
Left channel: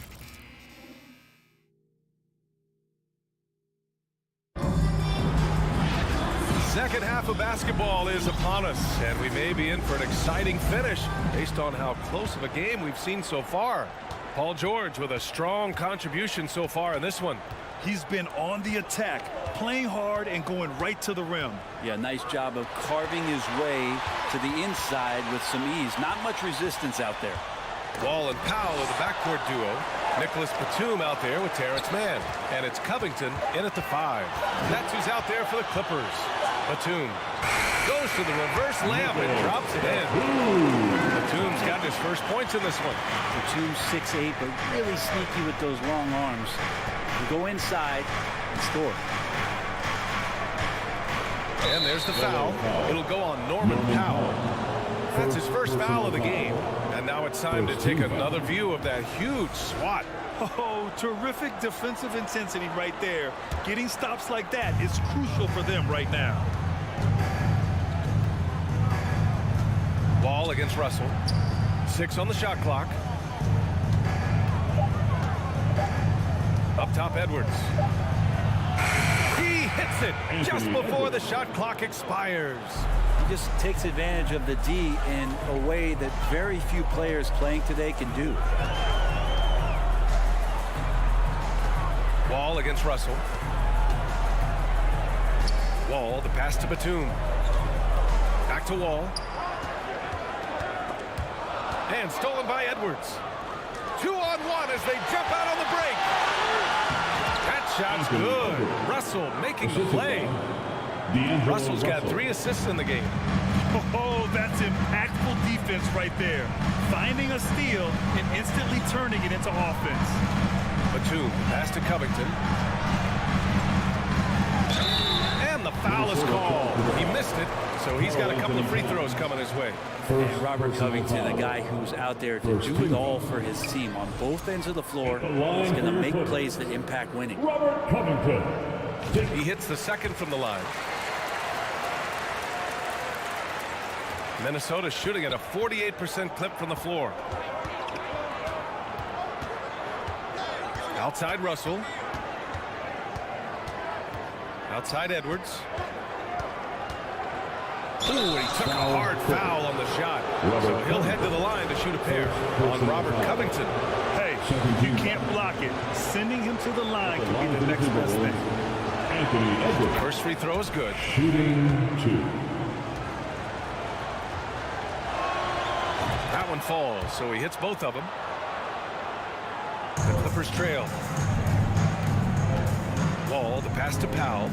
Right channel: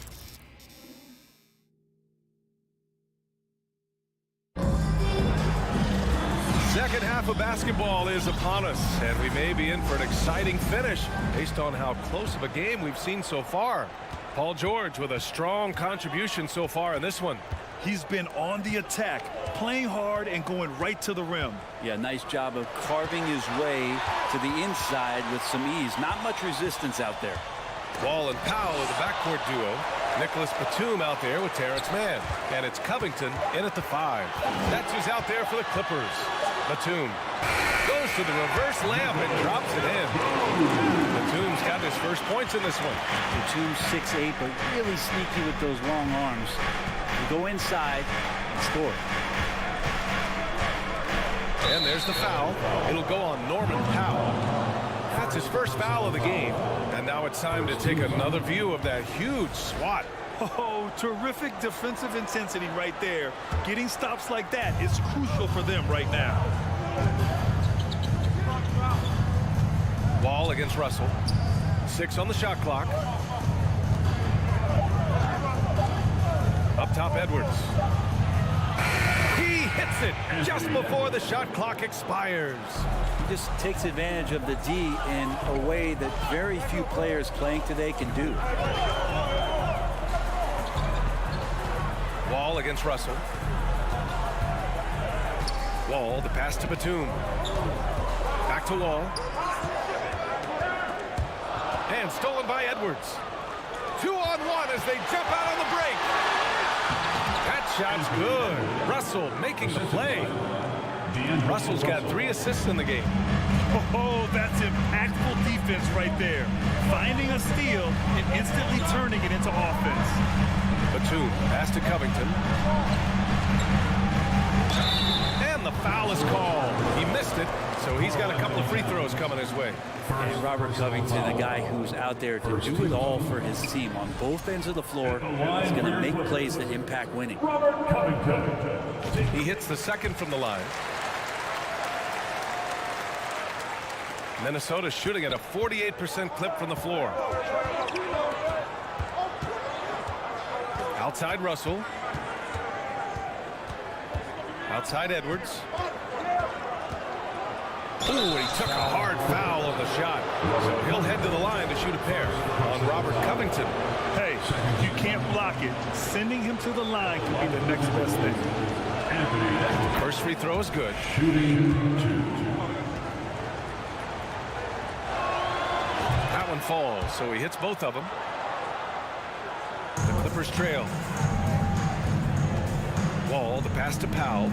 Second half of basketball is upon us, and we may be in for an exciting finish based on how close of a game we've seen so far. Paul George with a strong contribution so far in this one. He's been on the attack, playing hard and going right to the rim. Yeah, nice job of carving his way to the inside with some ease. Not much resistance out there. Wall and Powell are the backcourt duo. Nicholas Batum out there with Terrence Mann. And it's Covington in at the 5. That's who's out there for the Clippers. Batum goes to the reverse layup and drops it in. Batum's got his first points in this one. Batum 6'8", but really sneaky with those long arms. You go inside and score. And there's the foul. It'll go on Norman Powell. That's his first foul of the game. And now it's time to take another view of that huge swat. Oh, terrific defensive intensity right there. Getting stops like that is crucial for them right now. Wall against Russell. 6 on the shot clock. Up top, Edwards. He hits it just before the shot clock expires. He just takes advantage of the D in a way that very few players playing today can do. Wall against Russell. Wall, the pass to Batum. Back to Wall. And stolen by Edwards. 2-on-1 as they jump out on the break. That shot's good. Russell making the play. Russell's got 3 assists in the game. Oh, that's impactful defense right there. Finding a steal and instantly turning it into offense. Batum, pass to Covington. And the foul is called. He missed it, so he's got a couple of free throws coming his way. And Robert Covington, a guy who's out there to do it all for his team on both ends of the floor. He's going to make plays that impact winning. Robert Covington. He hits the second from the line. Minnesota shooting at a 48% clip from the floor. Outside Russell. Outside Edwards. Ooh, and he took a hard foul on the shot. So he'll head to the line to shoot a pair on Robert Covington. Hey, you can't block it. Sending him to the line could be the next best thing. Anthony Edwards. First free throw is good. Shooting 2. That one falls, so he hits both of them. The Clippers trail. Wall, the pass to Powell.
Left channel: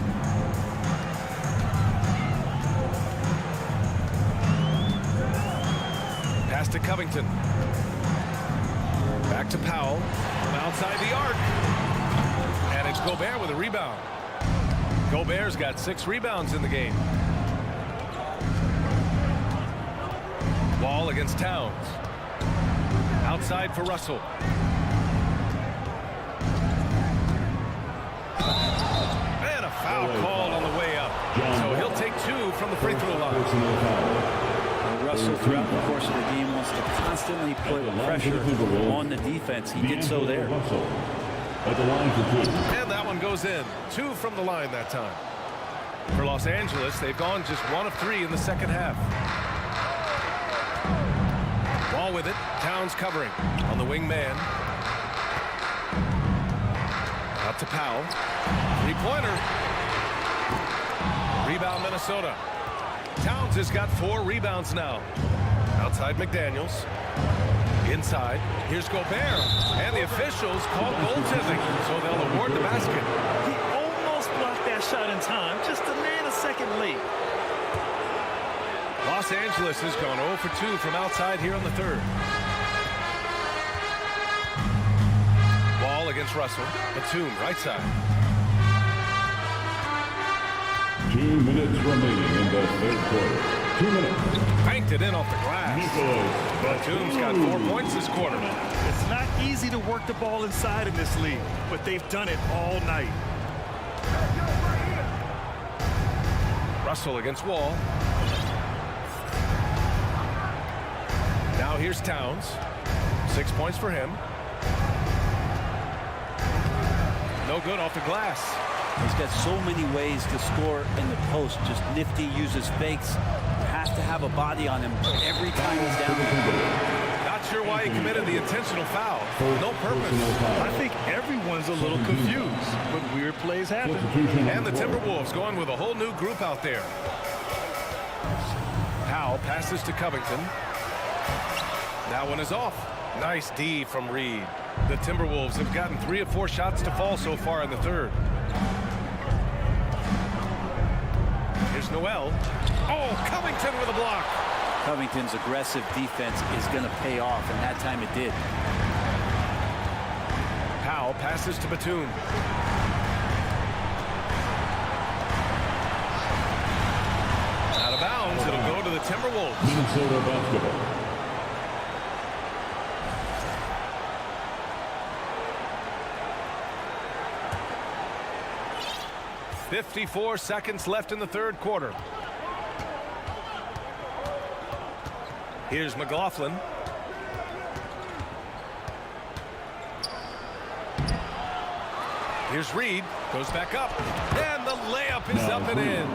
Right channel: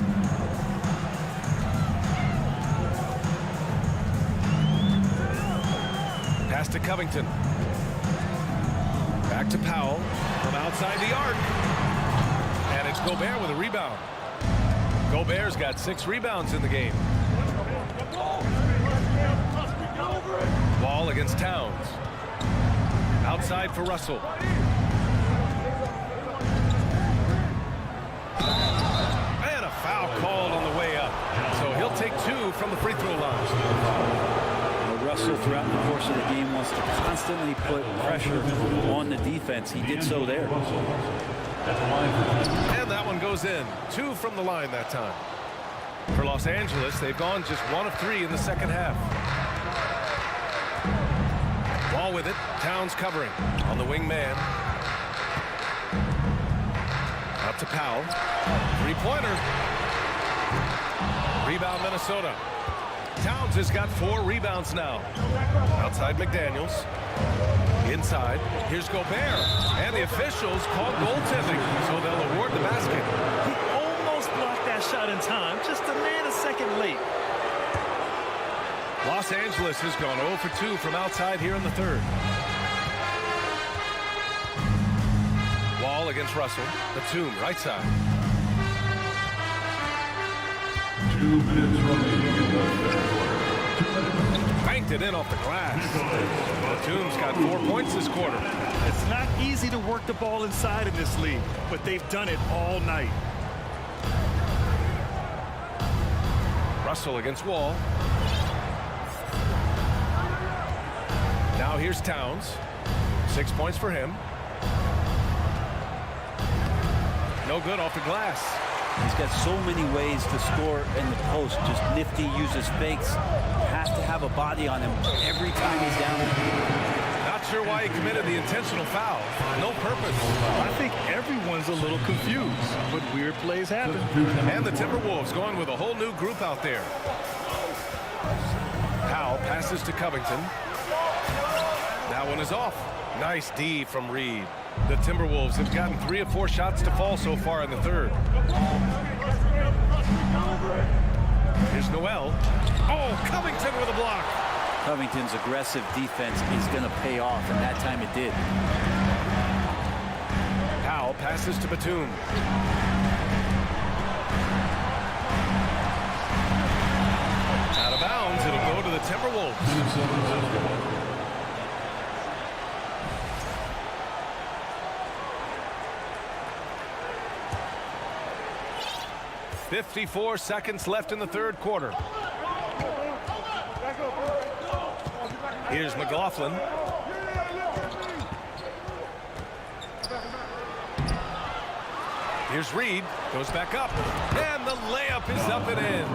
Pass to Covington. Back to Powell from outside the arc. And it's Gobert with a rebound. Gobert's got 6 rebounds in the game. Wall against Towns. Outside for Russell. And a foul called on the way up. So he'll take 2 from the free throw line. Well, Russell, throughout the course of the game, wants to constantly put pressure on the defense. He did so there. And that one goes in. 2 from the line that time. For Los Angeles, they've gone just 1 of 3 in the second half. Wall with it. Towns covering on the wing man. Out to Powell. 3-pointer. Rebound Minnesota. Towns has got 4 rebounds now. Outside McDaniels. Inside. Here's Gobert. And the officials call goaltending, so they'll award the basket. He almost blocked that shot in time, just a nanosecond late. Los Angeles has gone 0 for 2 from outside here in the third. Wall against Russell. Batum, right side. 2 minutes remaining in the third quarter. 2 minutes. Banked it in off the glass. Batum's got 4 points this quarter. It's not easy to work the ball inside in this league, but they've done it all night. Russell against Wall. Now here's Towns. 6 points for him. No good off the glass. He's got so many ways to score in the post. Just nifty, uses fakes. Has to have a body on him every time he's down there. Not sure why he committed the intentional foul. For no purpose. I think everyone's a little confused, but weird plays happen. And the Timberwolves going with a whole new group out there. Powell passes to Covington. That one is off. Nice D from Reed. The Timberwolves have gotten 3 of 4 shots to fall so far in the third. Here's Noel. Oh, Covington with a block. Covington's aggressive defense is going to pay off, and that time it did. Powell passes to Batum. Out of bounds, it'll go to the Timberwolves. Minnesota basketball. 54 seconds left in the third quarter. Here's McLaughlin. Here's Reed. Goes back up. And the layup is up and in.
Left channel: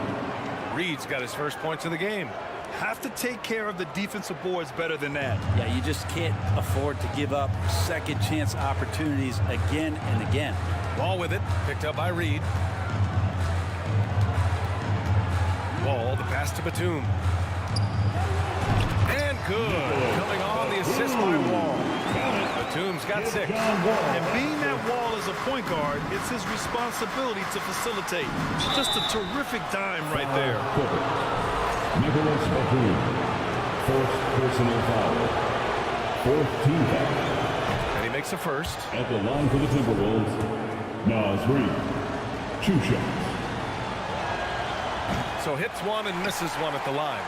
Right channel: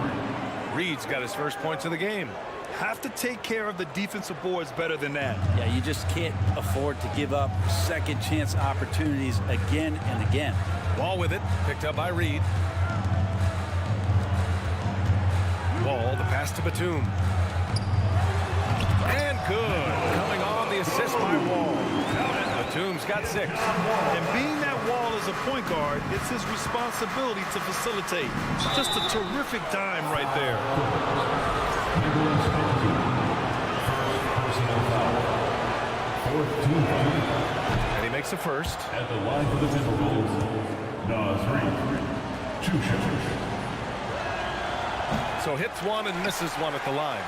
Reed's got his first points of the game. Have to take care of the defensive boards better than that. Yeah, you just can't afford to give up second chance opportunities again and again. Ball with it, picked up by Reed. Ball, the pass to Batum. And good. Coming on the assist by Wall. Batum's got 6. And being that Wall is a point guard, it's his responsibility to facilitate. Just a terrific dime right there. Nicholas Batum, first personal foul. 4th team foul. And he makes the first. At the line for the Timberwolves, Naz Reid. 2 shots. So hits 1 and misses 1 at the line.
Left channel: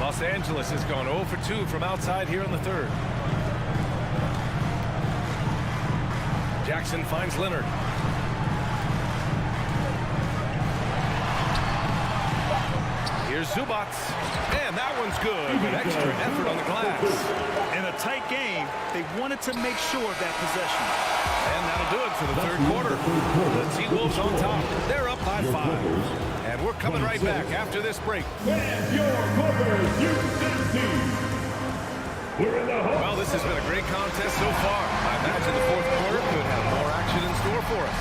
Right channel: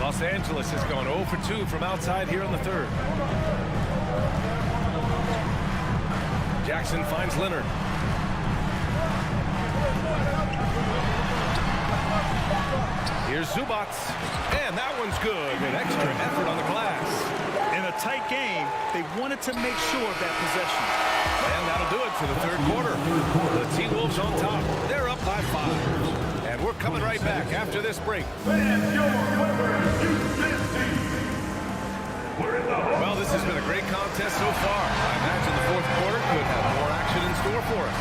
Los Angeles has gone 0 for 2 from outside here in the 3rd. Jackson finds Leonard. Here's Zubac. And that one's good with extra effort on the glass. In a tight game, they wanted to make sure of that possession. And that'll do it for the 3rd quarter. The T-Wolves on top. They're up by 5. And we're coming right back after this break. Well, this has been a great contest so far. I imagine the 4th quarter could have more action in store for us.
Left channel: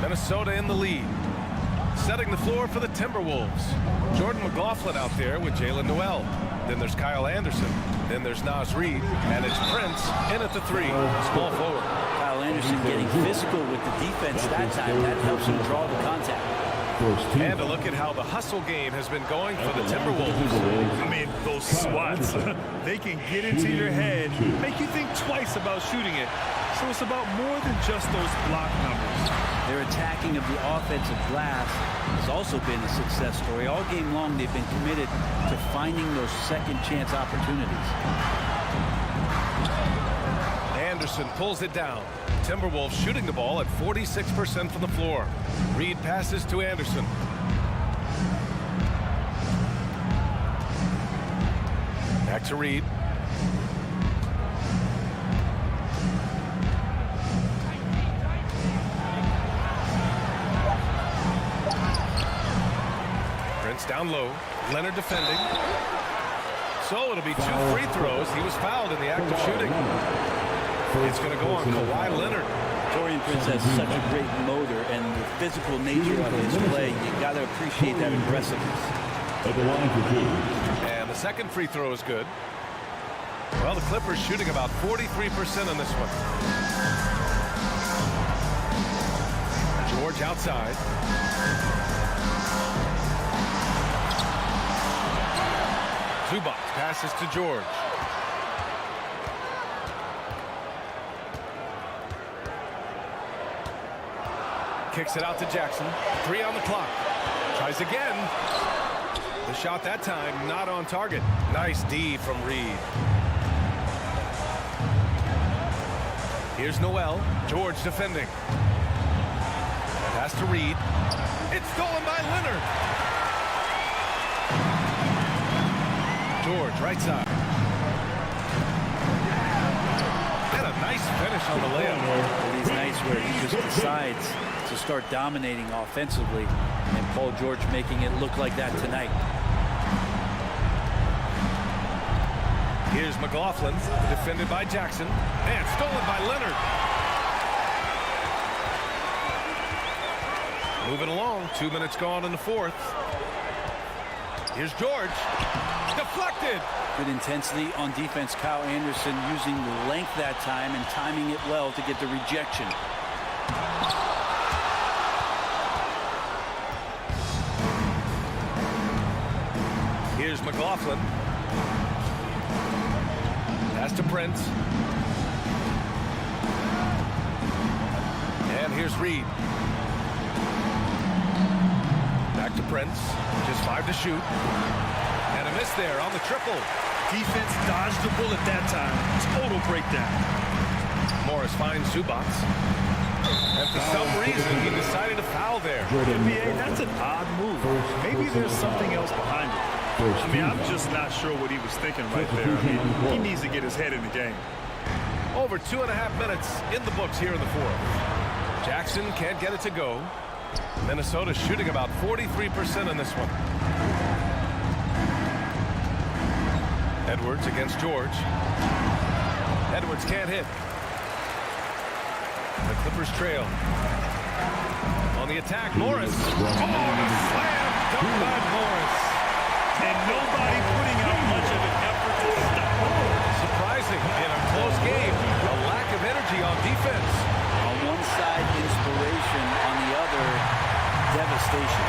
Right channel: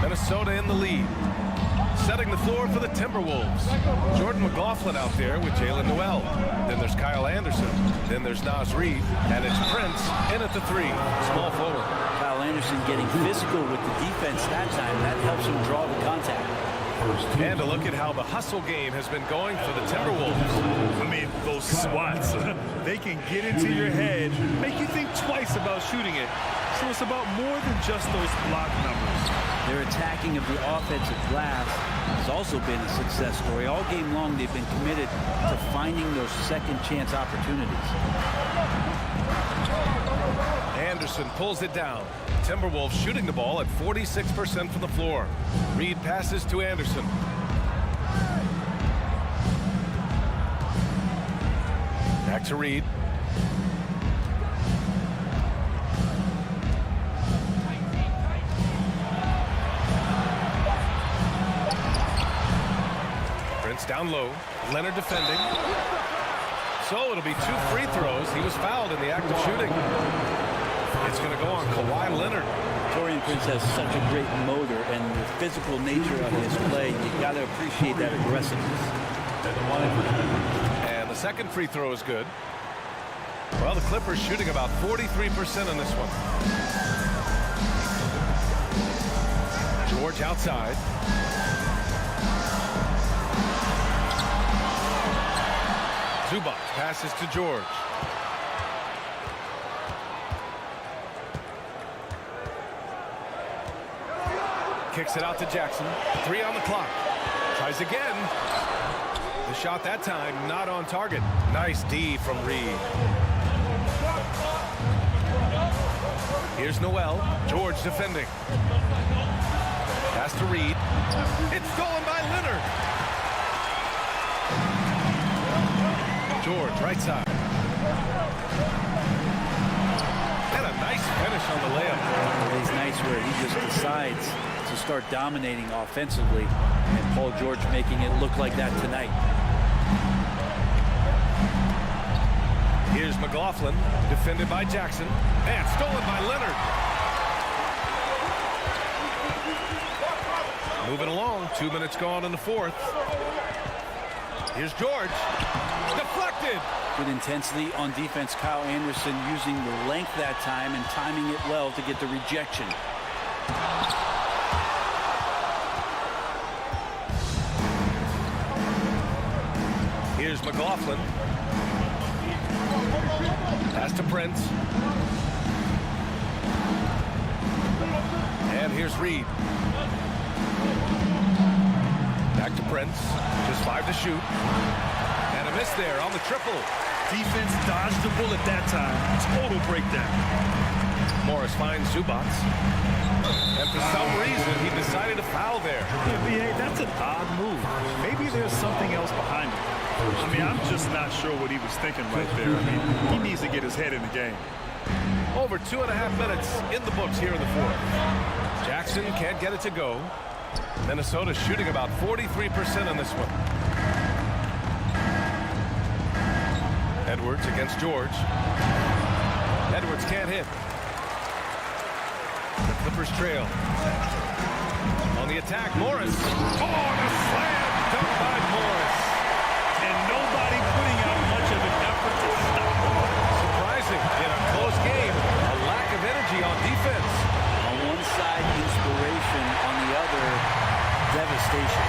Minnesota in the lead. Setting the floor for the Timberwolves. Jordan McLaughlin out there with Jalen Noel. Then there's Kyle Anderson. Then there's Naz Reid. And it's Prince in at the 3. Small forward. Kyle Anderson getting physical with the defense that time. That helps him draw the contact. And a look at how the hustle game has been going for the Timberwolves. I mean, those swats, they can get into your head, make you think twice about shooting it. So it's about more than just those block numbers. Their attacking of the offensive glass has also been a success story. All game long, they've been committed to finding those second chance opportunities. Anderson pulls it down. Timberwolves shooting the ball at 46% from the floor. Reed passes to Anderson. Back to Reed. Prince down low. Leonard defending. So it'll be 2 free throws. He was fouled in the act of shooting. It's going to go on Kawhi Leonard. Taurean Prince has such a great motor and the physical nature of his play. You got to appreciate that aggressiveness. At the line for 2. And the second free throw is good. Well, the Clippers shooting about 43% on this one. George outside. Zubac passes to George. Kicks it out to Jackson. 3 on the clock. Tries again. The shot that time not on target. Nice D from Reed. Here's Noel. George defending. Pass to Reed. It's stolen by Leonard. George, right side. And a nice finish on the layup. Well, these nights where he just decides to start dominating offensively, and Paul George making it look like that tonight. Here's McLaughlin, defended by Jackson, and stolen by Leonard. Moving along, 2 minutes gone in the 4th. Here's George, deflected. Good intensity on defense. Kyle Anderson using the length that time and timing it well to get the rejection. Here's McLaughlin. Pass to Prince. And here's Reed. Back to Prince. Just 5 to shoot. And a miss there on the triple. Defense dodged the bullet that time. Total breakdown. Morris finds Zubac. And for some reason, he decided to foul there. NBA, that's an odd move. Maybe there's something else behind it. I mean, I'm just not sure what he was thinking right there. I mean, he needs to get his head in the game. Over 2.5 minutes in the books here in the fourth. Jackson can't get it to go. Minnesota shooting about 43% on this one. Edwards against George. Edwards can't hit. The Clippers trail. On the attack, Morris. Oh, and a slam dunk by Morris. And nobody putting out much of an effort to stop him. Surprising in a close game, a lack of energy on defense. On one side, inspiration. On the other, devastation.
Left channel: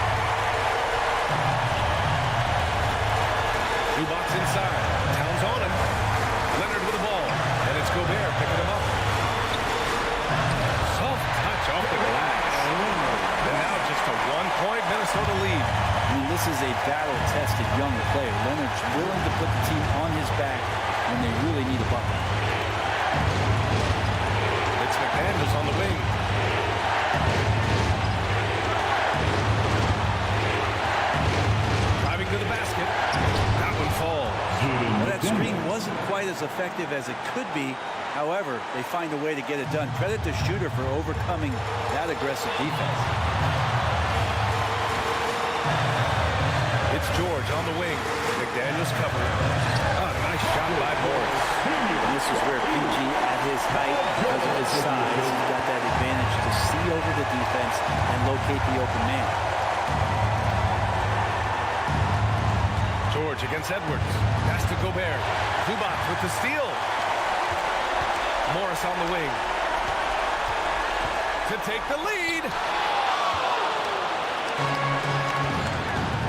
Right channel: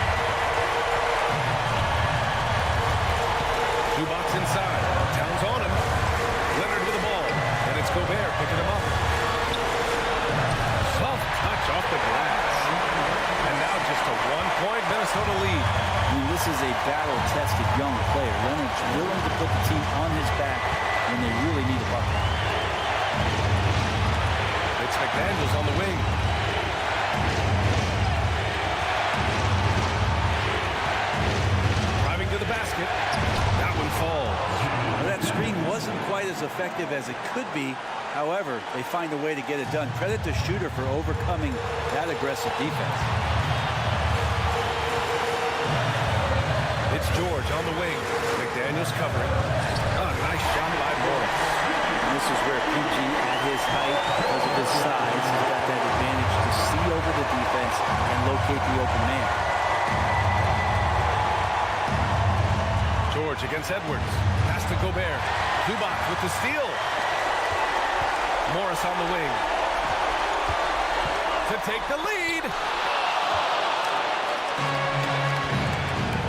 Zubac inside. Towns on him. Leonard with the ball. And it's Gobert picking him up. Soft touch off the glass. And now just a 1-point Minnesota lead. I mean, this is a battle-tested young player. Leonard's willing to put the team on his back when they really need a bucket. It's McDaniels on the wing. Driving to the basket. That one falls. Well, that screen wasn't quite as effective as it could be. However, they find a way to get it done. Credit the shooter for overcoming that aggressive defense. It's George on the wing. McDaniels covering. A nice shot by Morris. And this is where PG, at his height, because of his size, he's got that advantage to see over the defense and locate the open man. George against Edwards. Pass to Gobert. Zubac with the steal. Morris on the wing. To take the lead.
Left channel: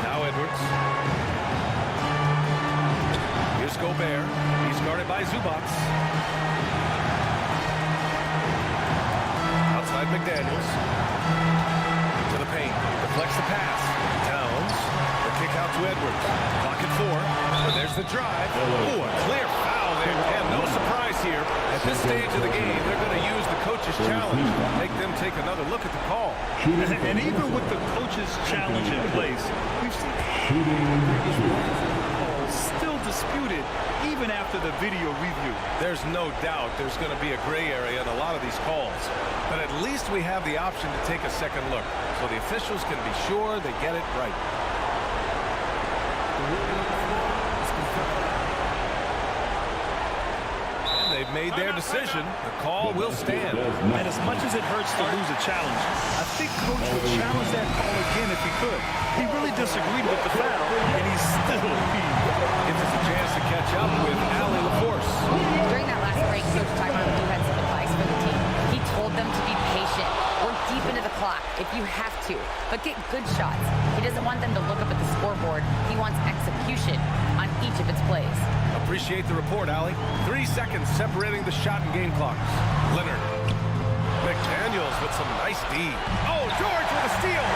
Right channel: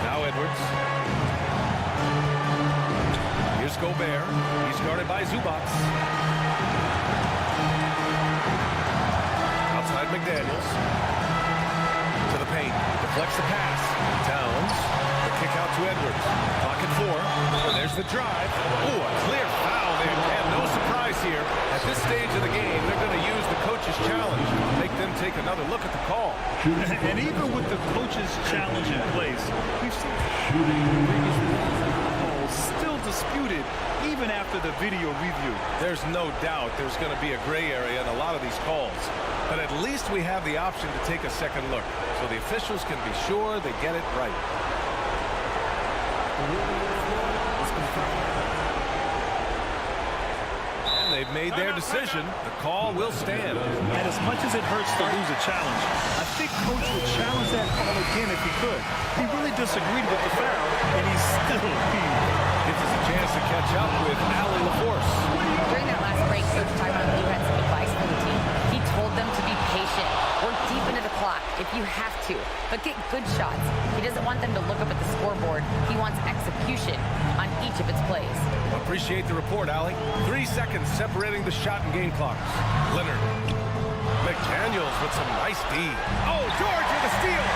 Now Edwards. Here's Gobert. He's guarded by Zubac. Outside McDaniels. To the paint. Deflects the pass. Towns. The kick out to Edwards. Clock at 4. And there's the drive. Oh, a clear foul there. And no surprise here. At this stage of the game, they're going to use the coach's challenge. Make them take another look at the call. And even with the coach's challenge in place, we've seen previous calls still disputed even after the video review. There's no doubt there's going to be a gray area in a lot of these calls. But at least we have the option to take a second look, so the officials can be sure they get it right. And they've made their decision. The call will stand. And as much as it hurts to lose a challenge, I think Coach would challenge that call again if he could. He really disagreed with the foul, and he's still peeved. Gives us a chance to catch up with Allie LaForce. During that last break, Coach Tyronn Lue had some advice for the team. He told them to be patient, work deep into the clock if you have to, but get good shots. He doesn't want them to look up at the scoreboard. He wants execution on each of its plays. Appreciate the report, Allie. 3 seconds separating the shot and game clocks. Leonard. McDaniels with some nice D. Oh, George with a steal.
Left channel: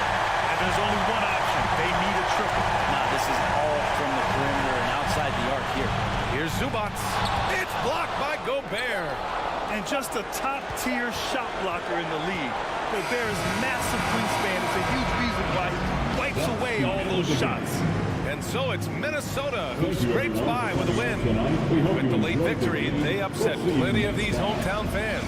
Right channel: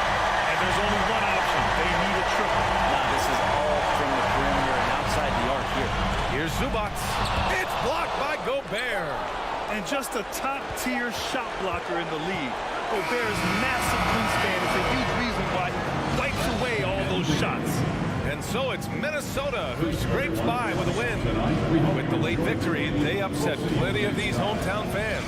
And there's only one option. They need a triple. Nah, this is all from the perimeter and outside the arc here. Here's Zubac. It's blocked by Gobert. And just a top-tier shot blocker in the league. Gobert's massive wingspan is a huge reason why he wipes away all those shots. And so it's Minnesota who scrapes by with a win. With the late victory, they upset plenty of these hometown fans.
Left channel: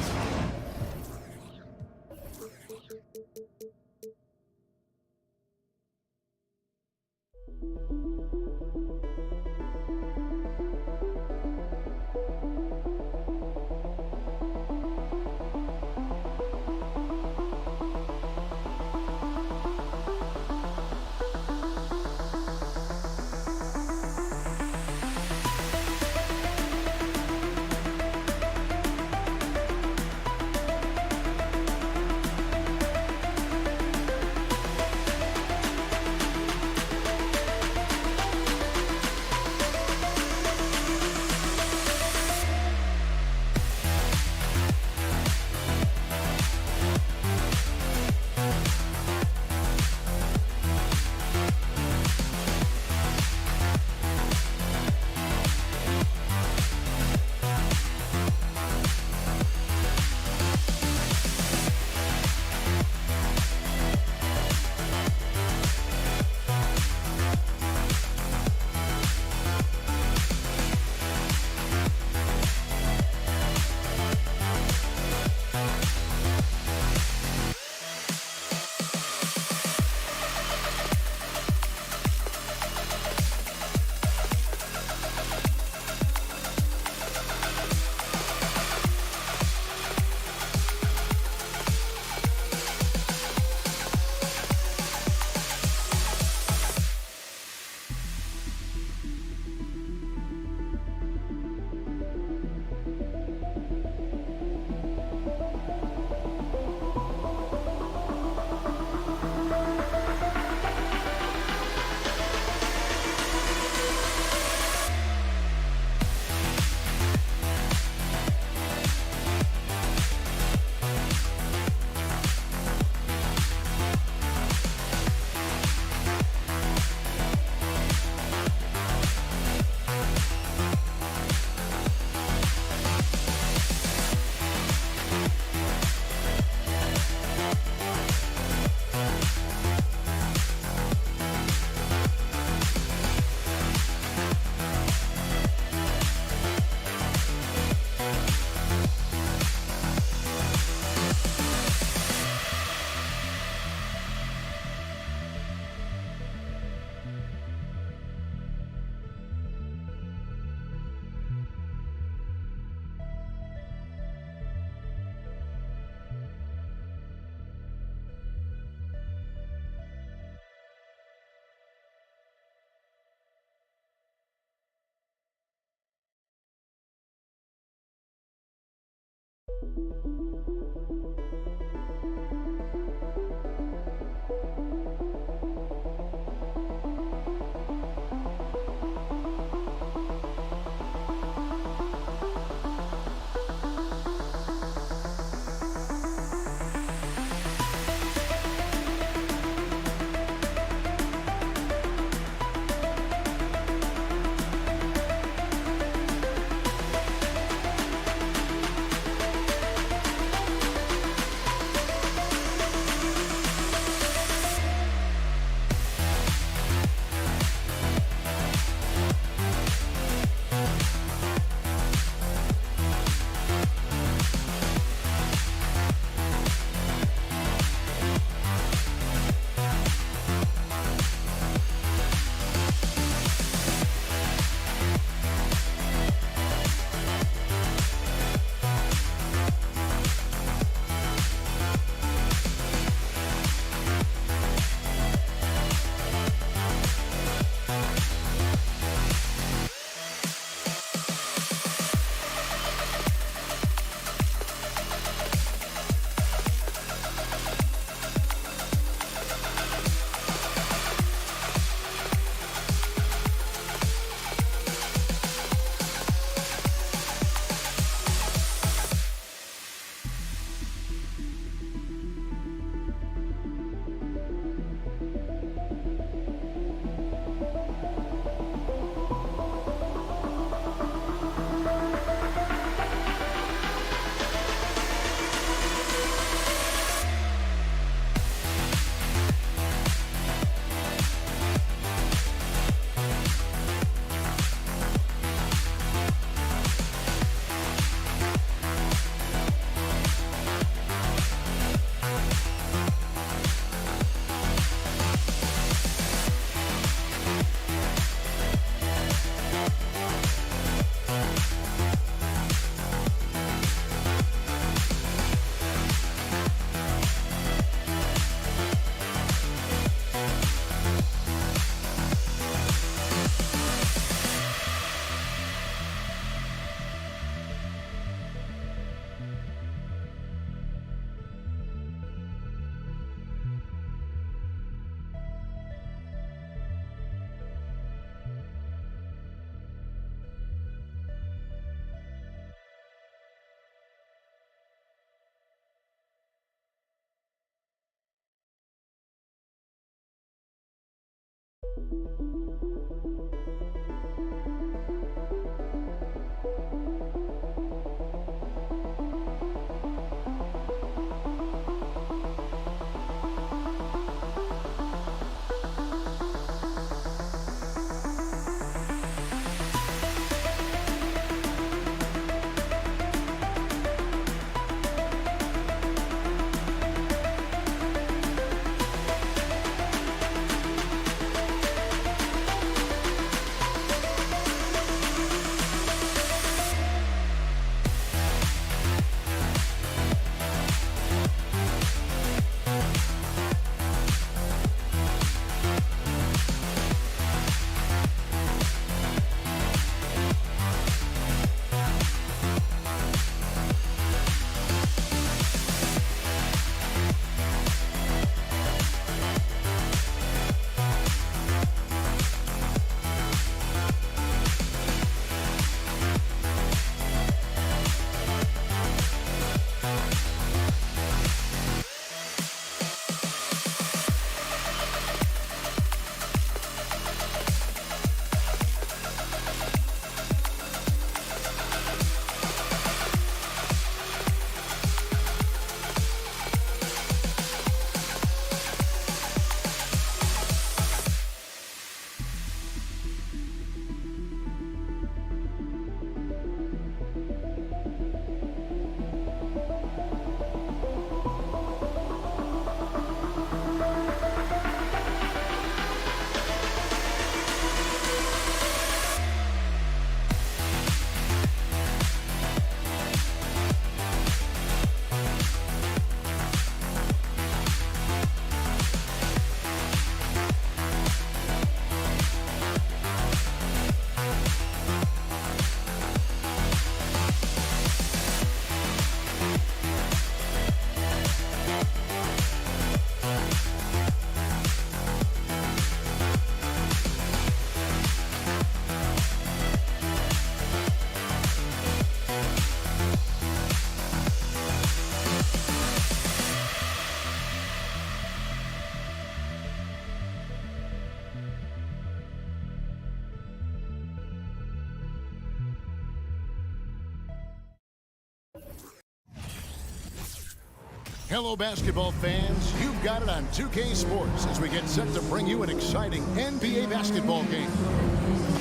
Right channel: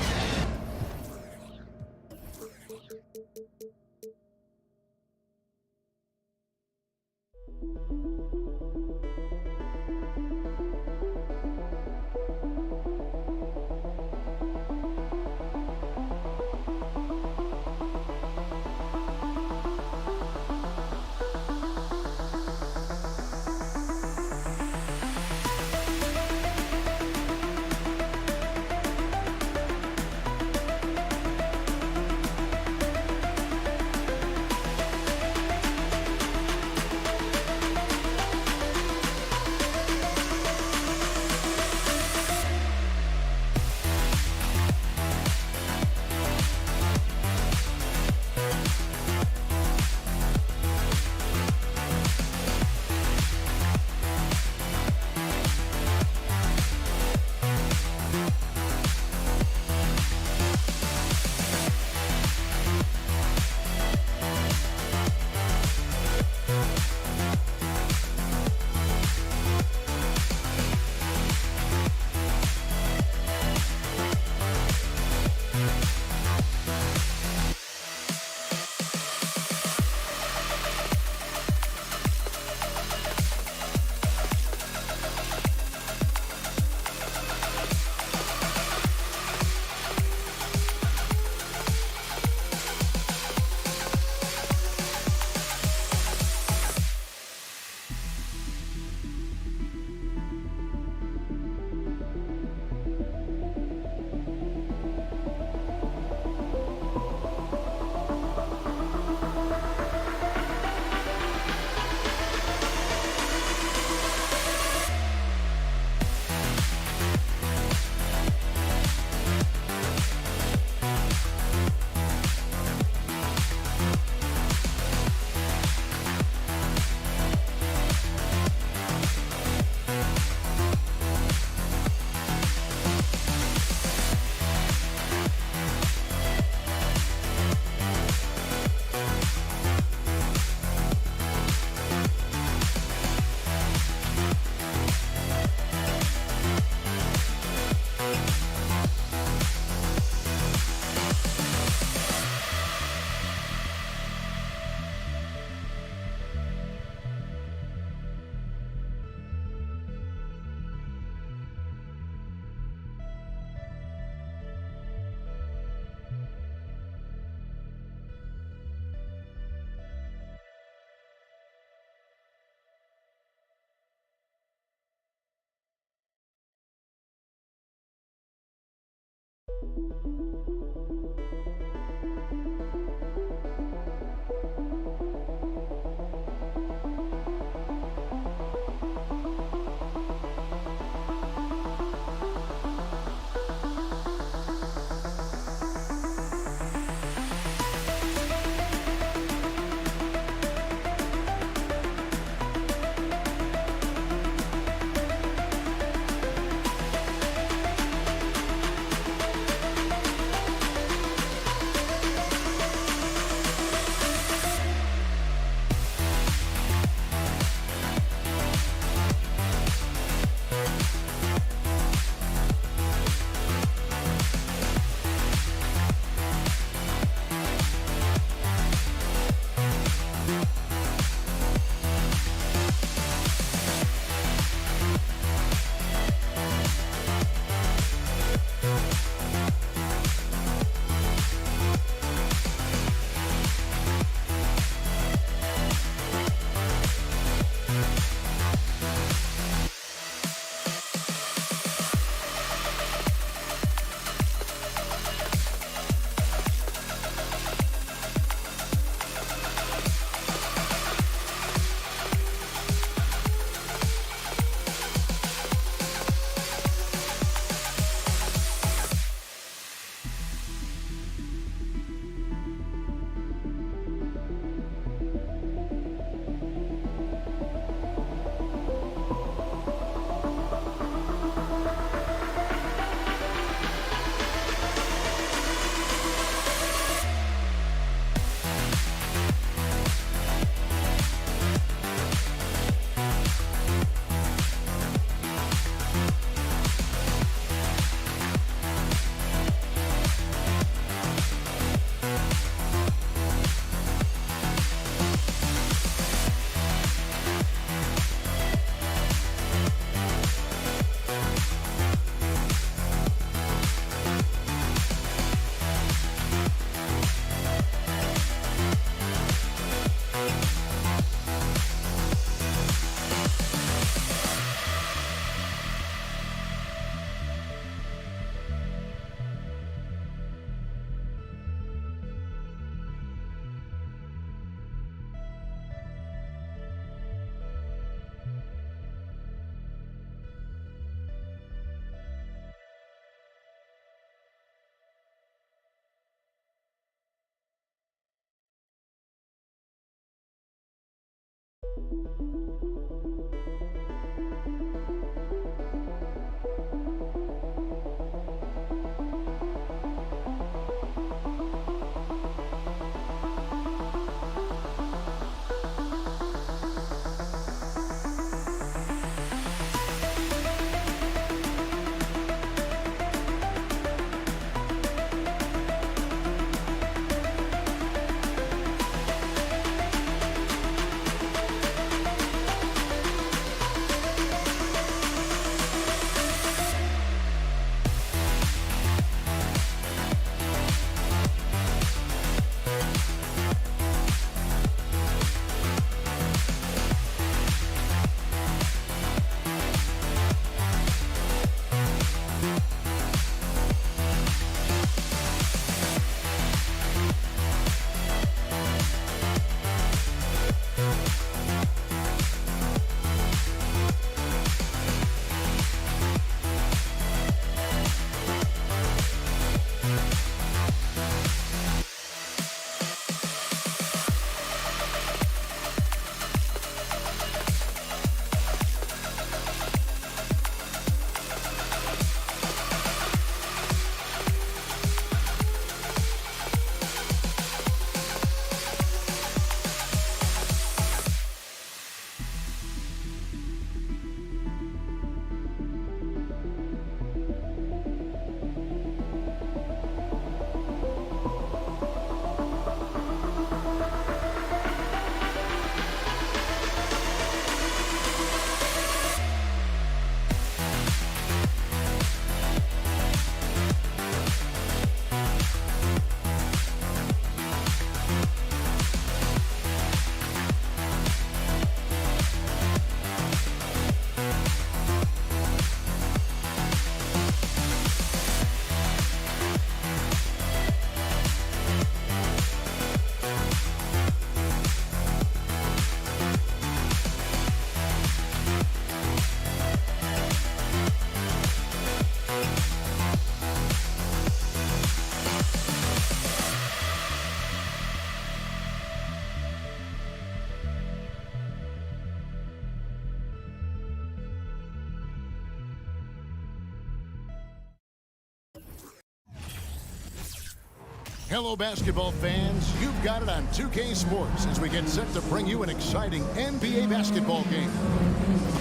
Hello, basketball fans. You've got it on 2K Sports as we get set to bring you an exciting NBA basketball game.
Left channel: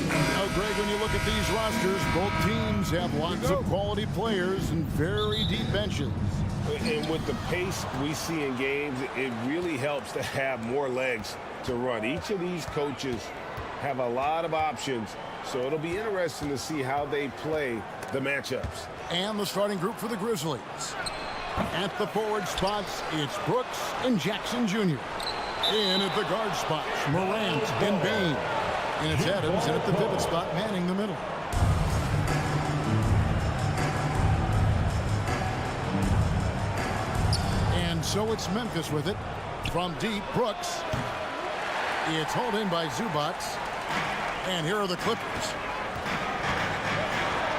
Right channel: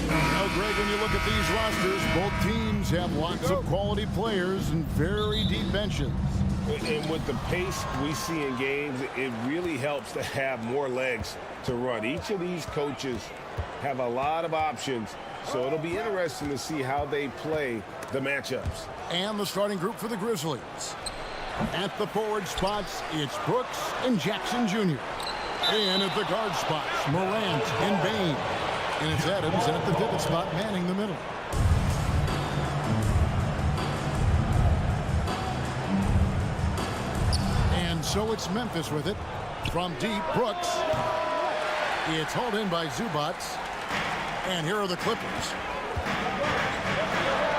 Now, Greg, when you look at these rosters, both teams have lots of quality players and very deep benches. And with the pace we see in games, it really helps to have more legs to run. Each of these coaches have a lot of options, so it'll be interesting to see how they play the matchups. And the starting group for the Grizzlies. At the forward spots, it's Brooks and Jackson Jr. In at the guard spots, Morant and Bane. And it's Adams, and at the pivot spot, manning the middle. And so it's Memphis with it. From deep, Brooks. It's hauled in by Zubats. And here are the Clippers.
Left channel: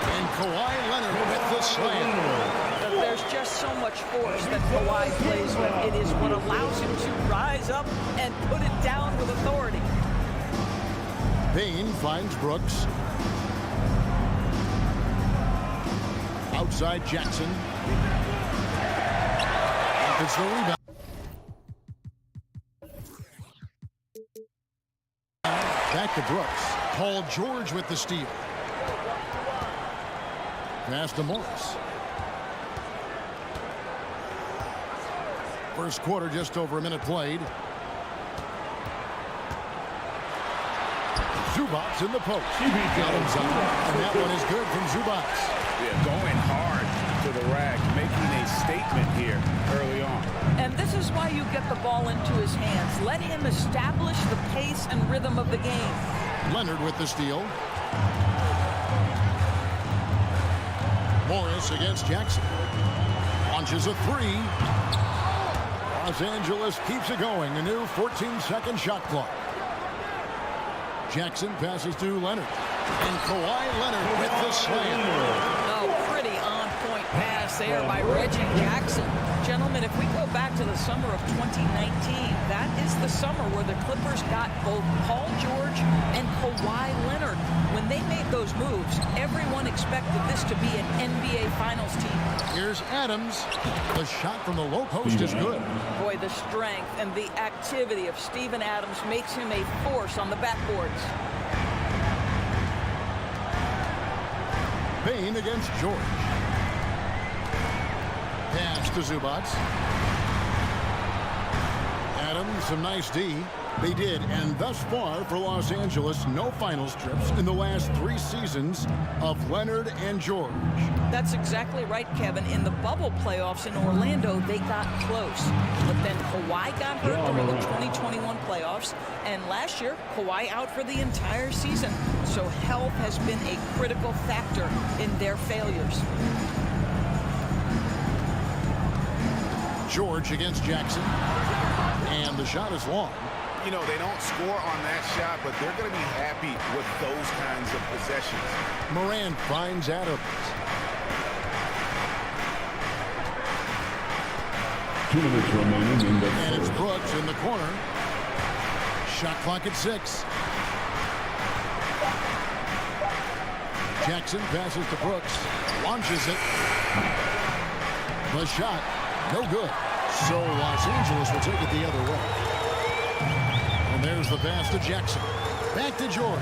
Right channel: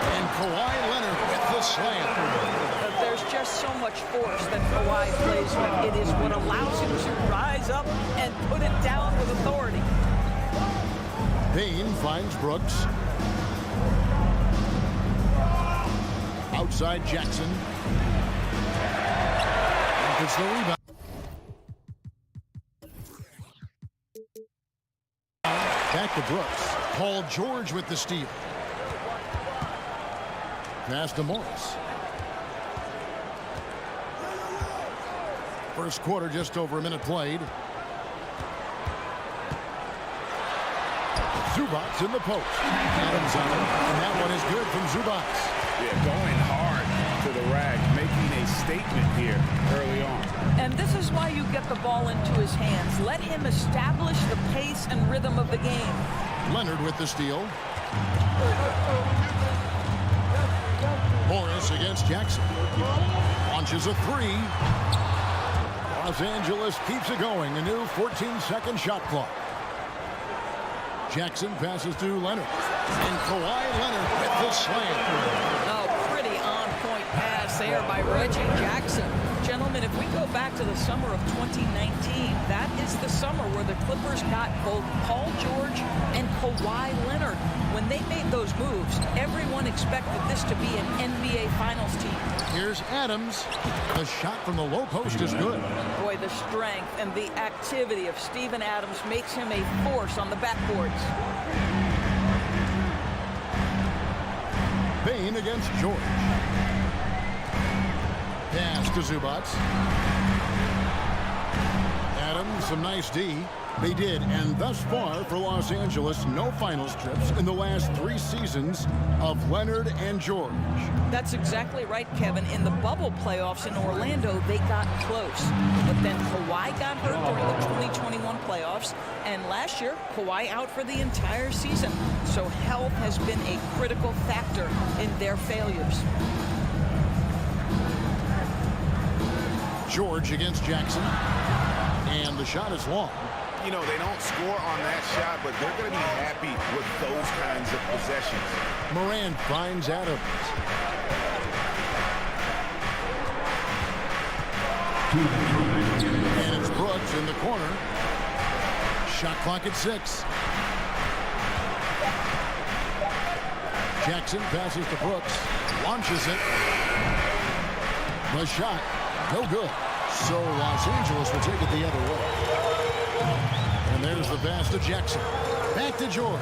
And Kawhi Leonard with the slam. There's just so much force that Kawhi plays with. It is what allows him to rise up and put it down with authority. Bane finds Brooks. Outside Jackson. It's the rebound. Back to Brooks. Paul George with the steal. Pass to Morris. First quarter, just over a minute played. Zubats in the post. Adams on him, and that one is good from Zubats. Yeah, going hard to the rack, making a statement here early on. And this is why you get the ball into his hands. Let him establish the pace and rhythm of the game. Leonard with the steal. Morris against Jackson. Launches a three. Los Angeles keeps it going. A new 14-second shot clock. Jackson passes to Leonard. And Kawhi Leonard with the slam. Oh, pretty on-point pass there by Reggie Jackson. Gentlemen, if we go back to the summer of 2019, that is the summer where the Clippers got both Paul George and Kawhi Leonard. When they made those moves, everyone expected this to be an NBA Finals team. Here's Adams. The shot from the low post is good. Boy, the strength and the activity of Steven Adams makes him a force on the backboards. Bane against George. Pass to Zubats. Adams, some nice D. They did, and thus far for Los Angeles, no finals trips in the last 3 seasons of Leonard and George. That's exactly right, Kevin. In the bubble playoffs in Orlando, they got close. But then Kawhi got hurt during the 2021 playoffs, and last year, Kawhi out for the entire season. So health has been a critical factor in their failures. George against Jackson, and the shot is long. You know, they don't score on that shot, but they're going to be happy with those kinds of possessions. Morant finds Adams. And it's Brooks in the corner. Shot clock at 6. Jackson passes to Brooks. Launches it. The shot, no good. So Los Angeles will take it the other way. And there's the pass to Jackson. Back to George.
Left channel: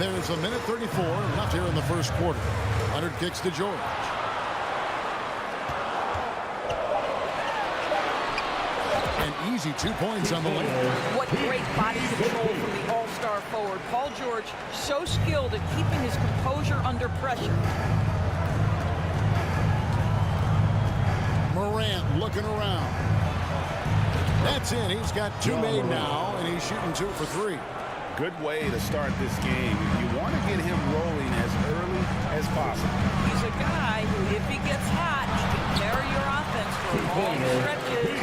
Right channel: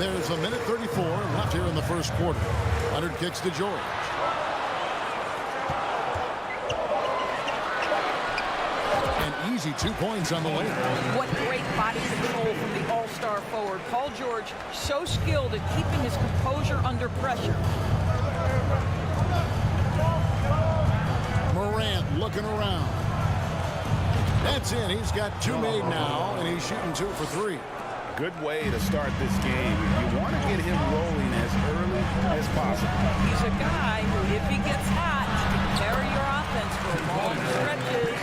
There's a minute 34 left here in the first quarter. Leonard kicks to George. An easy 2 points on the layup. What great body control from the all-star forward. Paul George, so skilled at keeping his composure under pressure. Morant looking around. That's in. He's got 2 made now, and he's shooting 2 for 3. Good way to start this game. You want to get him rolling as early as possible. He's a guy who, if he gets hot, he can carry your offense for long stretches.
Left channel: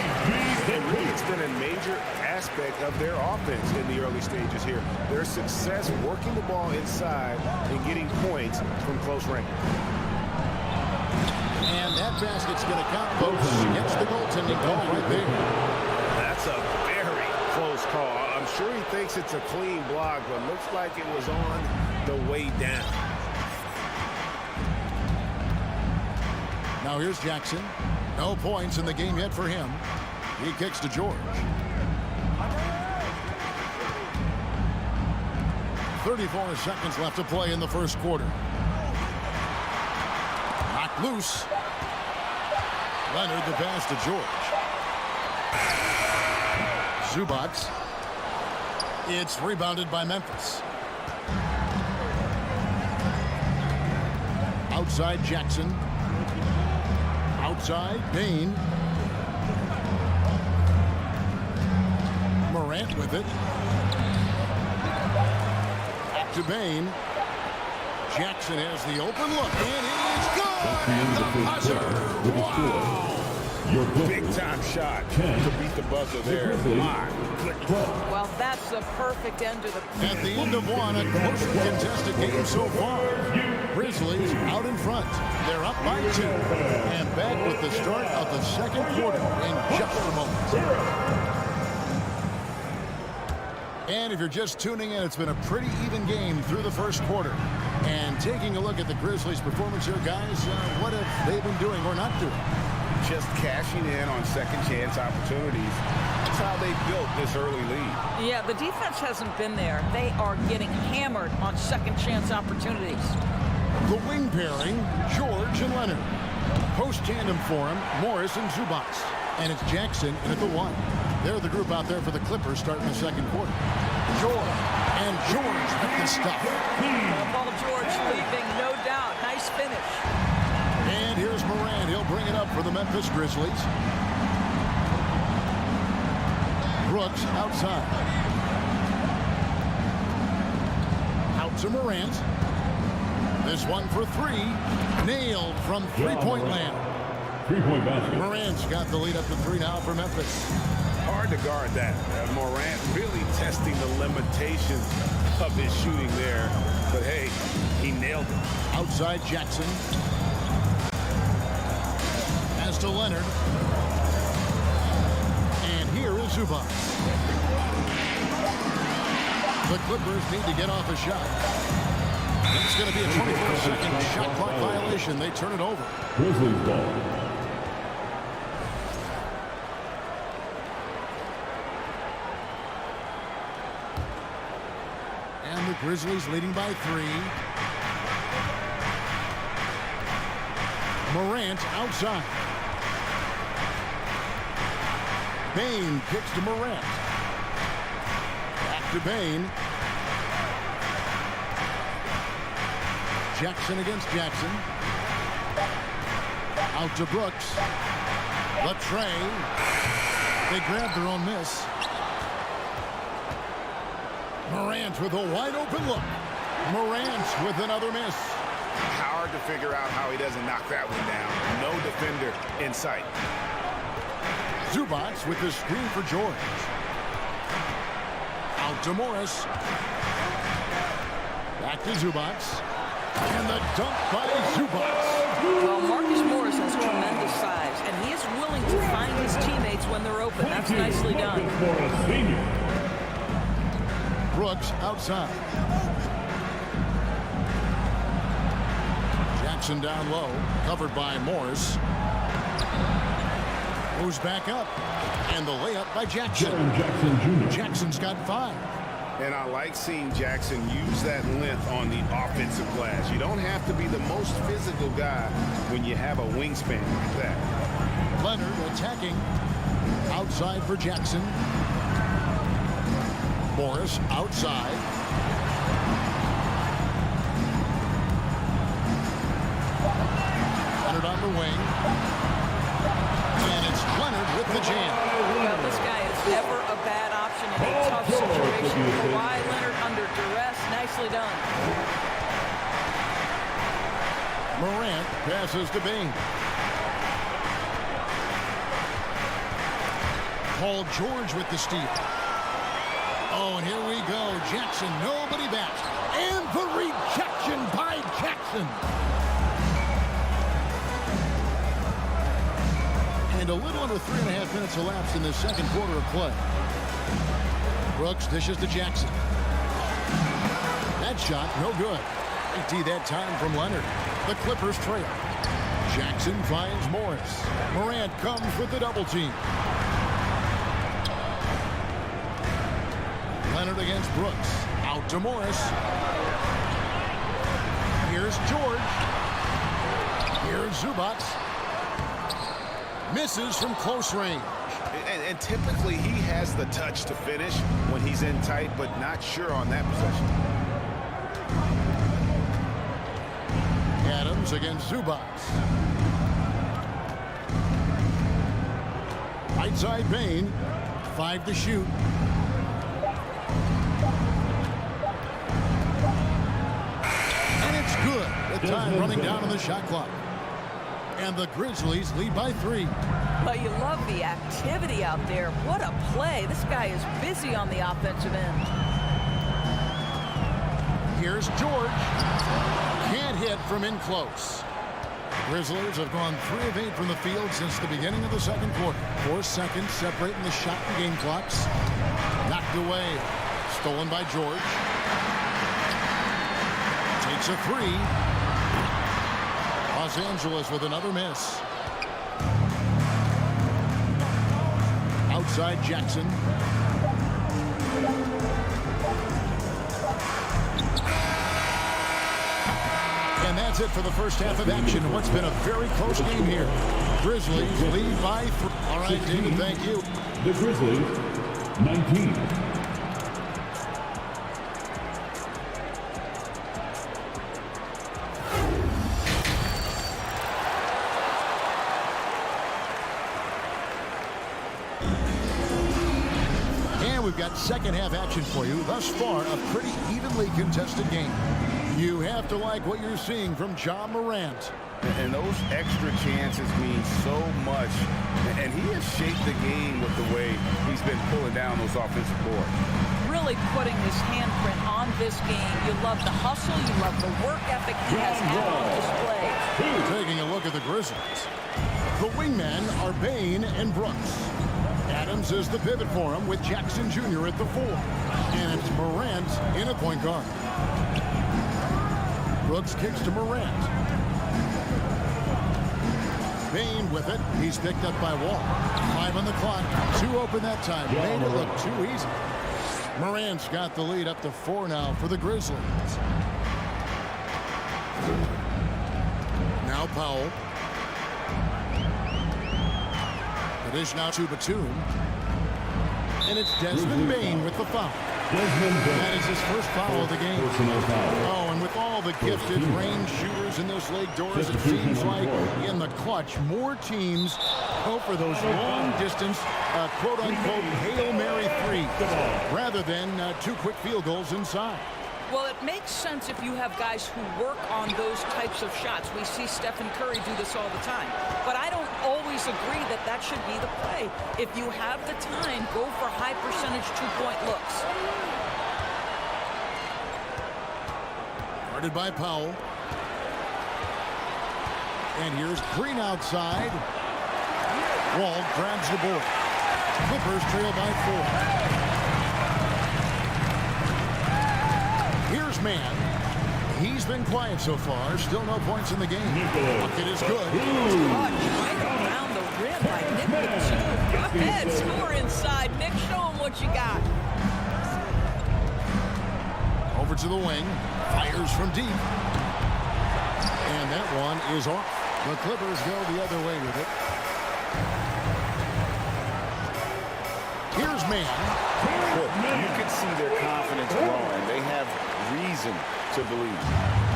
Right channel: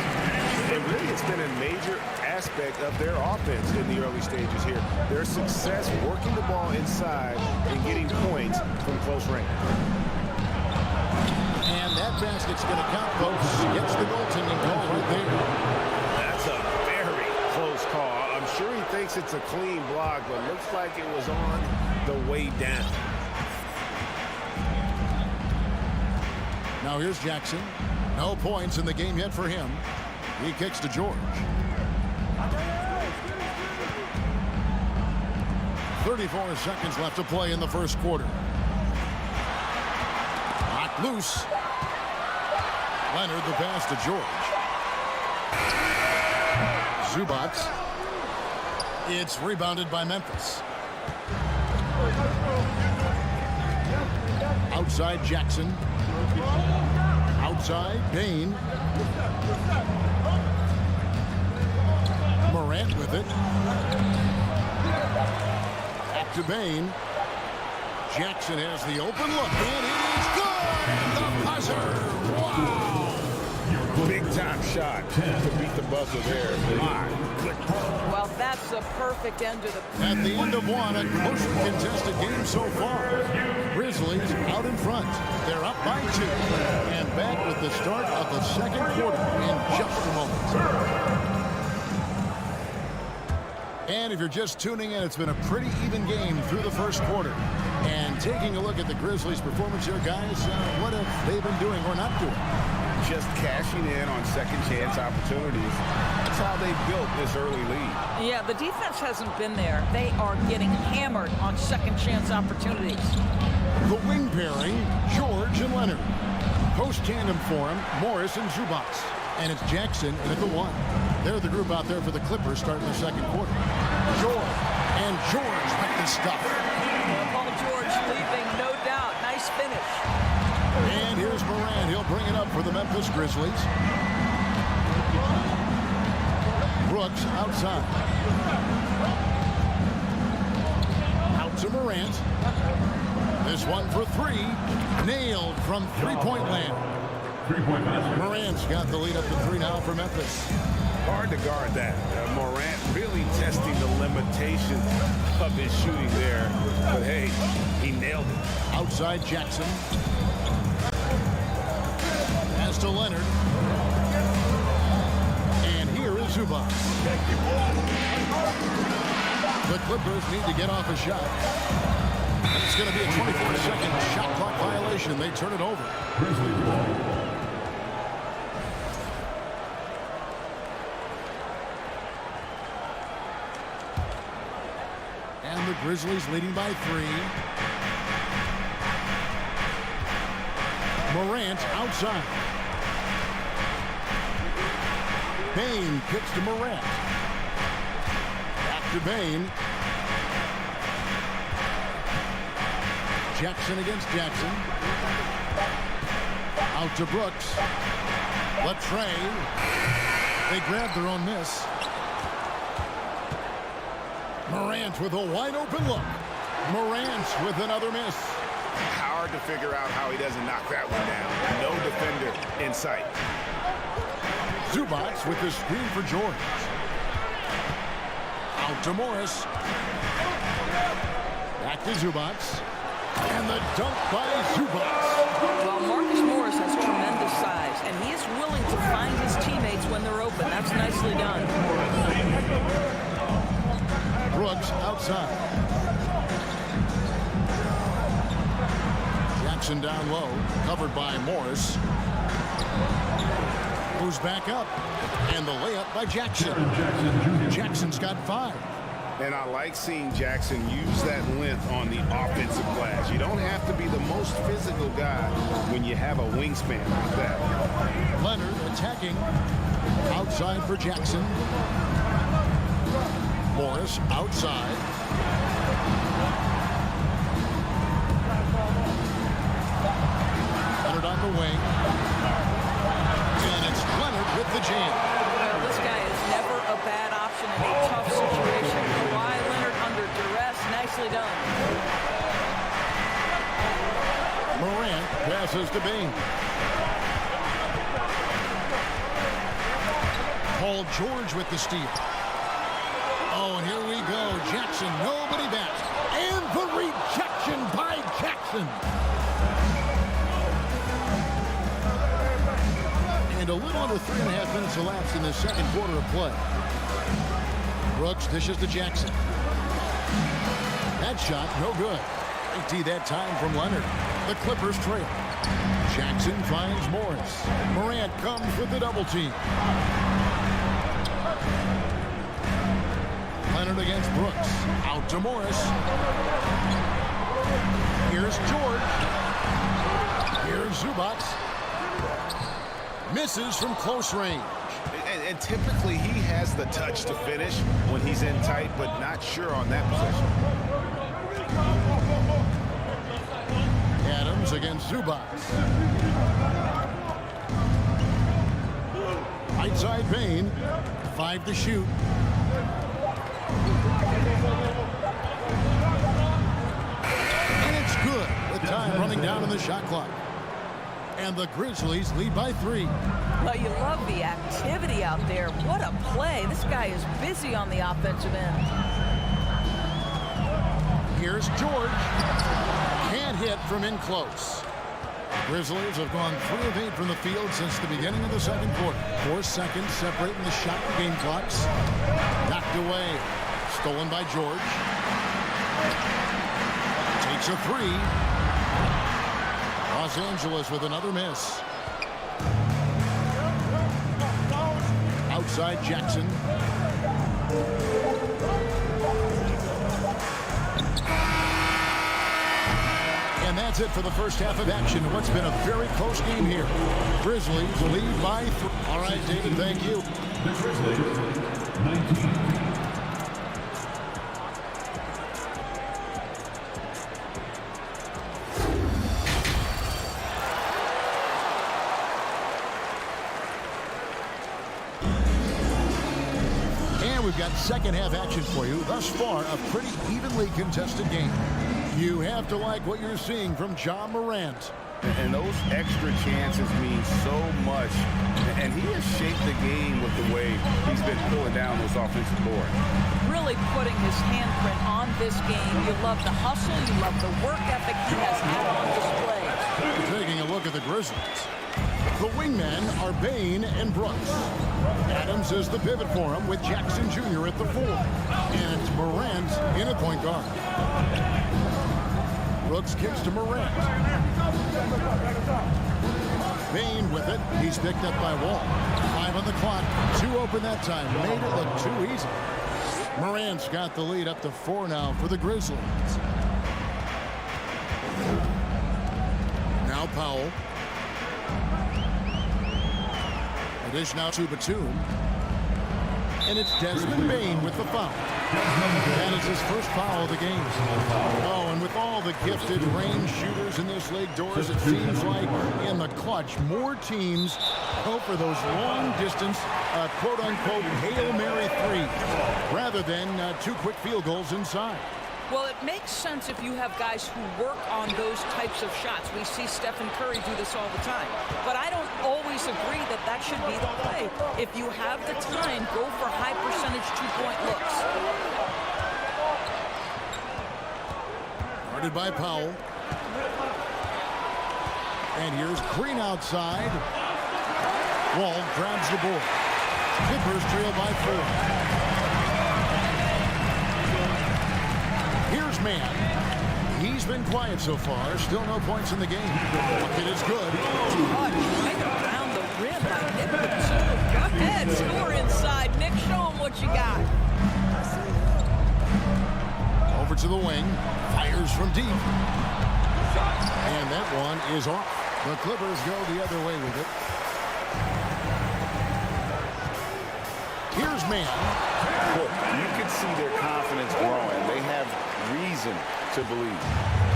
And really, it's been a major aspect of their offense in the early stages here. Their success working the ball inside and getting points from close range. And that basket's going to count, folks. Gets the goaltending call right there. That's a very close call. I'm sure he thinks it's a clean block, but looks like it was on the way down. Now here's Jackson. No points in the game yet for him. He kicks to George. 34 seconds left to play in the first quarter. Knocked loose. Leonard the pass to George. Zubats. It's rebounded by Memphis. Outside Jackson. Outside Bain. Morant with it. Back to Bain. Jackson has the open look, and it is good! The buzzer! Wow! Big time shot to beat the buzzer there. My goodness. Well, that's the perfect end to the... At the end of one, a closely contested game so far. Grizzlies out in front. They're up by 2. And back with the start of the second quarter in just a moment. And if you're just tuning in, it's been a pretty even game through the first quarter. And taking a look at the Grizzlies' performance here, guys, what have they been doing or not doing? Just cashing in on second chance opportunities. That's how they built this early lead. Yeah, the defense hasn't been there. They are getting hammered on second chance opportunities. The wing pairing, George and Leonard. Post tandem for him, Morris and Zubats. And it's Jackson in at the 1. They're the group out there for the Clippers starting the second quarter. George. And George with the stuff. Paul George leaving, no doubt. Nice finish. And here's Morant. He'll bring it up for the Memphis Grizzlies. Brooks outside. Out to Morant. This one for 3. Nailed from three-point land. Three-point basket. Morant's got the lead up to 3 now for Memphis. Hard to guard that. Morant really testing the limitations of his shooting there. But hey, he nailed it. Outside Jackson. Pass to Leonard. And here is Zubac. The Clippers need to get off a shot. And it's going to be a 24-second shot clock violation. They turn it over. Grizzlies ball. And the Grizzlies leading by 3. Morant outside. Bain kicks to Morant. Back to Bain. Jackson against Jackson. Out to Brooks. Latrey. They grab their own miss. Morant with a wide open look. Morant with another miss. Hard to figure out how he doesn't knock that one down. No defender in sight. Zubats with the screen for George. Out to Morris. Back to Zubats. And the dunk by Zubats. Well, Marcus Morris has tremendous size, and he is willing to find his teammates when they're open. That's nicely done. Brooks outside. Jackson down low, covered by Morris. Moves back up, and the layup by Jackson. Jackson Jr. Jackson's got 5. And I like seeing Jackson use that length on the offensive glass. You don't have to be the most physical guy when you have a wingspan like that. Leonard attacking. Outside for Jackson. Morris outside. Leonard on the wing. And it's Leonard with the jam. Well, this guy is never a bad option in a tough situation. Kawhi Leonard under duress. Nicely done. Morant passes to Bain. Paul George with the steal. Oh, and here we go. Jackson, nobody back. And the rejection by Jackson. And a little under 3.5 minutes elapsed in the second quarter of play. Brooks dishes to Jackson. That shot, no good. Great D that time from Leonard. The Clippers trail. Jackson finds Morris. Morant comes with the double team. Leonard against Brooks. Out to Morris. Here's George. Here's Zubac. Misses from close range. And typically he has the touch to finish when he's in tight, but not sure on that possession. Adams against Zubac. Right side Bain. 5 to shoot. And it's good. The time running down on the shot clock. And the Grizzlies lead by 3. Well, you love the activity out there. What a play. This guy is busy on the offensive end. Here's George. Can't hit from in close. Grizzlies have gone 3 of 8 from the field since the beginning of the second quarter. 4 seconds separating the shot and game clocks. Knocked away. Stolen by George. Takes a 3. Los Angeles with another miss. Outside Jackson. And that's it for the first half of action. What's been a very close game here. Grizzlies lead by 3. All right, David, thank you. The Grizzlies, 19. And we've got second half action for you. Thus far, a pretty evenly contested game. You have to like what you're seeing from Ja Morant. And those extra chances mean so much. And he has shaped the game with the way he's been pulling down those offensive boards. Really putting his handprint on this game. You love the hustle. You love the work ethic he has had on display. Taking a look at the Grizzlies. The wingmen are Bain and Brooks. Adams is the pivot for him with Jackson Jr. at the 4. And it's Morant in at point guard. Brooks kicks to Morant. Bain with it. He's picked up by Wall. 5 on the clock. 2 open that time. Made it look too easy. Morant's got the lead up to 4 now for the Grizzlies. Now Powell. The dish now to Batum. And it's Desmond Bain with the foul. That is his first foul of the game. Oh, and with all the gifted range shooters in this league, Doris, it seems like in the clutch, more teams go for those long-distance, quote-unquote, Hail Mary threes rather than 2 quick field goals inside. Well, it makes sense if you have guys who work on those types of shots. We see Stephen Curry do this all the time. But I don't always agree that that should be the play. If you have the time, go for high-percentage 2-point looks. Guarded by Powell. And here's Green outside. Wall grabs the board. Clippers trail by 4. Here's Mann. He's been quiet so far. Still no points in the game. Bucket is good. Touch right around the rim by Nick Batum. Go ahead, score inside. Nick, show him what you got. Over to the wing. Fires from deep. And that one is off. The Clippers go the other way with it. Here's Mann. Boy, you can see their confidence growing. They have reason to believe.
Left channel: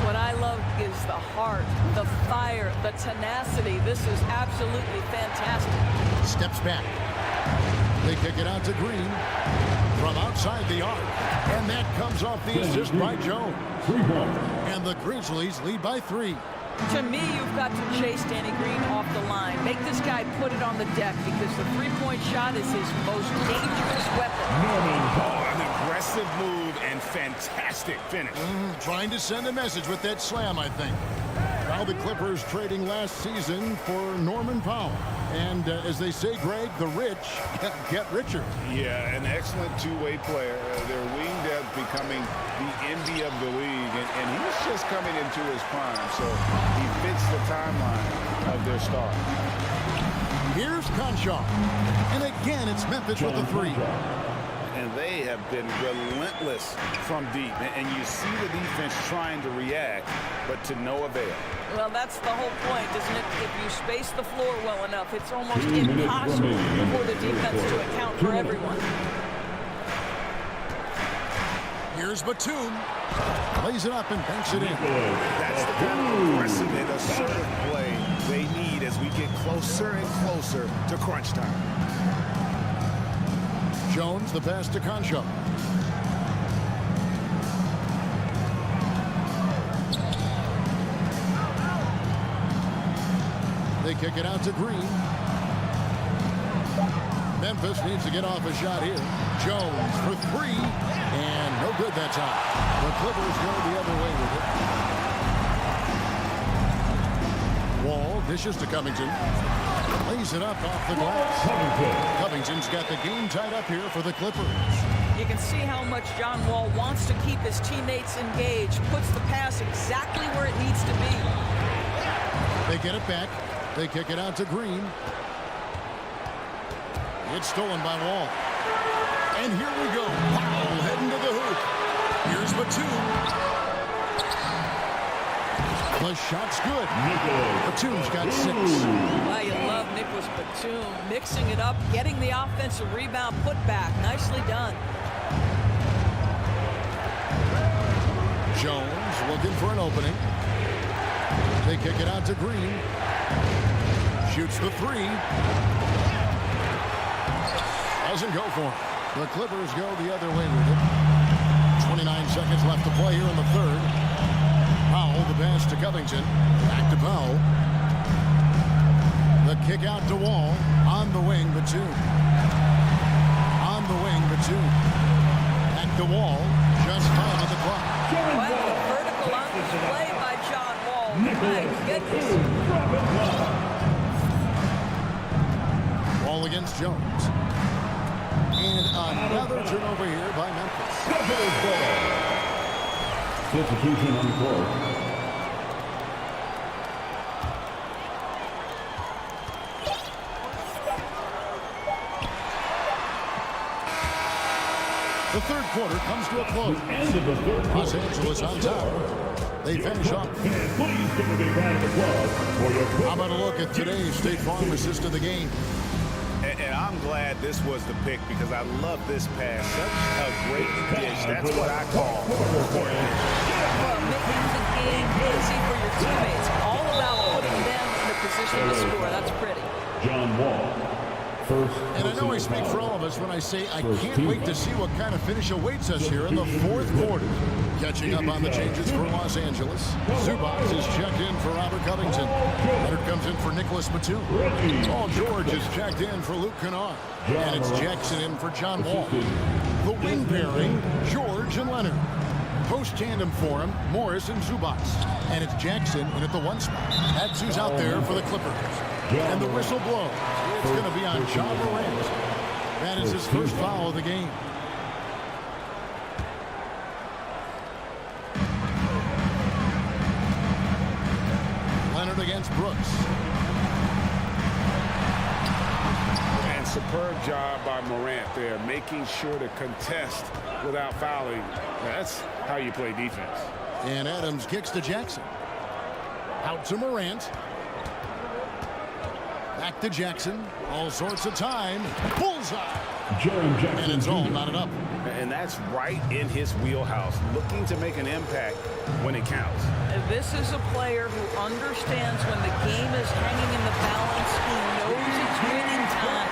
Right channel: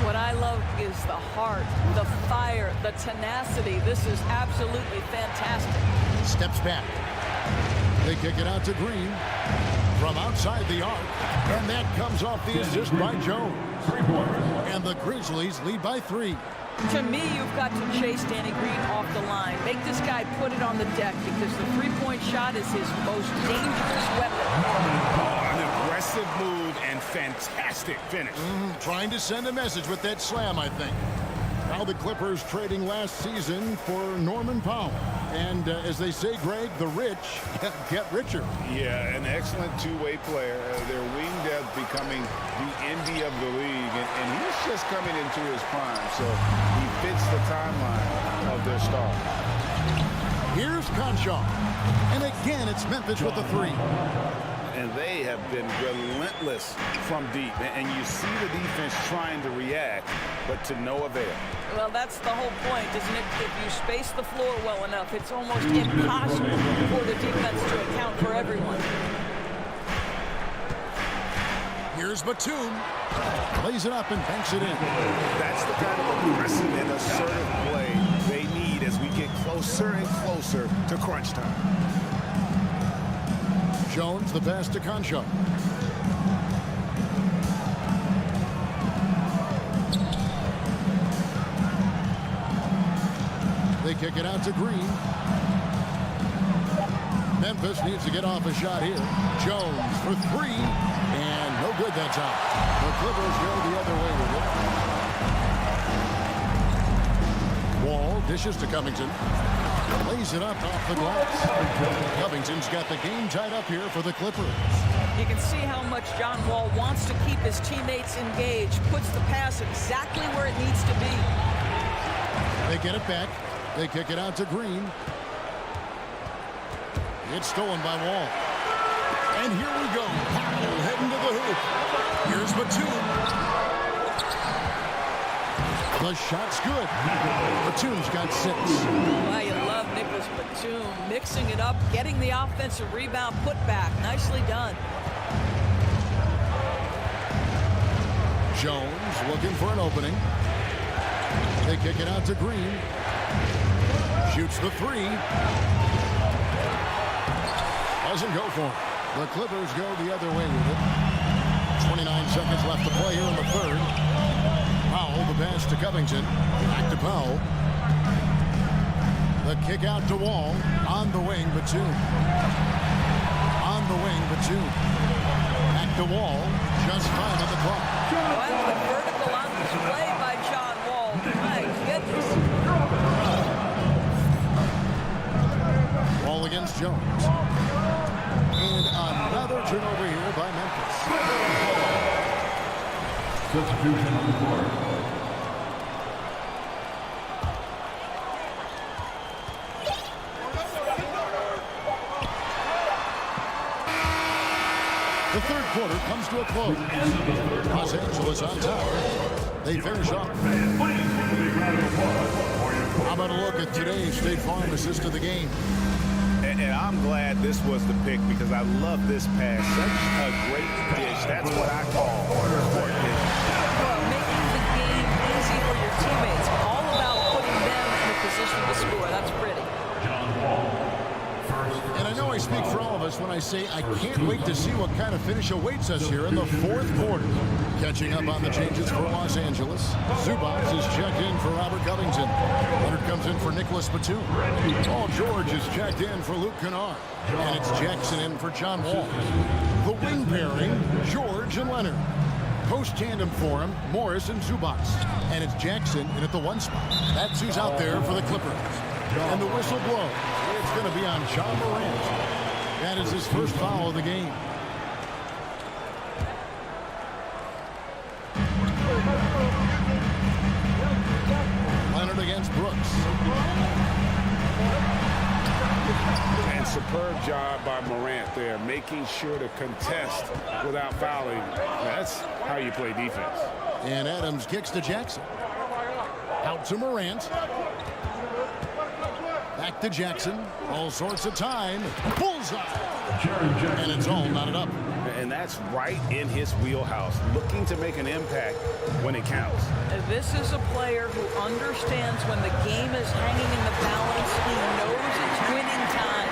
What I love is the heart, the fire, the tenacity. This is absolutely fantastic. Steps back. They kick it out to Green from outside the arc. And that comes off the assist by Jones. 3 points. And the Grizzlies lead by 3. To me, you've got to chase Danny Green off the line. Make this guy put it on the deck because the 3-point shot is his most dangerous weapon. Oh, an aggressive move and fantastic finish. Trying to send a message with that slam, I think. Now the Clippers trading last season for Norman Powell. And as they say, Greg, the rich get richer. Yeah, an excellent two-way player. Their wing depth becoming the envy of the league, and he's just coming into his prime, so he fits the timeline of their stars. Here's Conshaw, and again it's Memphis with the three. And they have been relentless from deep, and you see the defense trying to react, but to no avail. Well, that's the whole point, isn't it? If you space the floor well enough, it's almost impossible for the defense to account for everyone. Here's Batum. Plays it up and banks it in. That's the kind of aggressive and assertive play they need as we get closer and closer to crunch time. Jones, the pass to Conshaw. They kick it out to Green. Memphis needs to get off a shot here. Jones for three, and no good that time. The Clippers go the other way with it. Wall dishes to Covington. Lays it up off the glass. Covington's got the game tied up here for the Clippers. You can see how much John Wall wants to keep his teammates engaged. Puts the pass exactly where it needs to be. They get it back. They kick it out to Green. It's stolen by Wall. And here we go. Powell heading to the hoop. Here's Batum. The shot's good. Batum's got 6. Well, you love Nicholas Batum mixing it up, getting the offensive rebound put back. Nicely done. Jones looking for an opening. They kick it out to Green. Shoots the three. Doesn't go for him. The Clippers go the other way with it. 29 seconds left to play here in the third. Powell, the pass to Covington. Back to Powell. The kick out to Wall. On the wing, Batum. On the wing, Batum. Back to Wall. Just time on the clock. Well, the vertical on display by John Wall. My goodness. Wall against Jones. And another turnover here by Memphis. Substitution on the court. The third quarter comes to a close. Los Angeles on top. They finish off. How about a look at today's State Farm assist of the game? And I'm glad this was the pick because I love this pass. Such a great dish. That's what I call court dish. Well, making the game easy for your teammates. All about putting them in a position to score. That's pretty. John Wall. And I know I speak for all of us when I say I can't wait to see what kind of finish awaits us here in the fourth quarter. Catching up on the changes for Los Angeles. Zubac is checked in for Robert Covington. Leonard comes in for Nicholas Batum. Paul George is checked in for Luke Kennard. And it's Jackson in for John Wall. The wing pairing, George and Leonard. Post tandem for him, Morris and Zubac. And it's Jackson in at the 1 spot. That's who's out there for the Clippers. And the whistle blows. It's going to be on John Morant. That is his first foul of the game. Leonard against Brooks. And superb job by Morant there, making sure to contest without fouling. That's how you play defense. And Adams kicks to Jackson. Out to Morant. Back to Jackson. All sorts of time. Bullseye. And it's all knotted up. And that's right in his wheelhouse, looking to make an impact when it counts. This is a player who understands when the game is hanging in the balance. He knows it's winning time.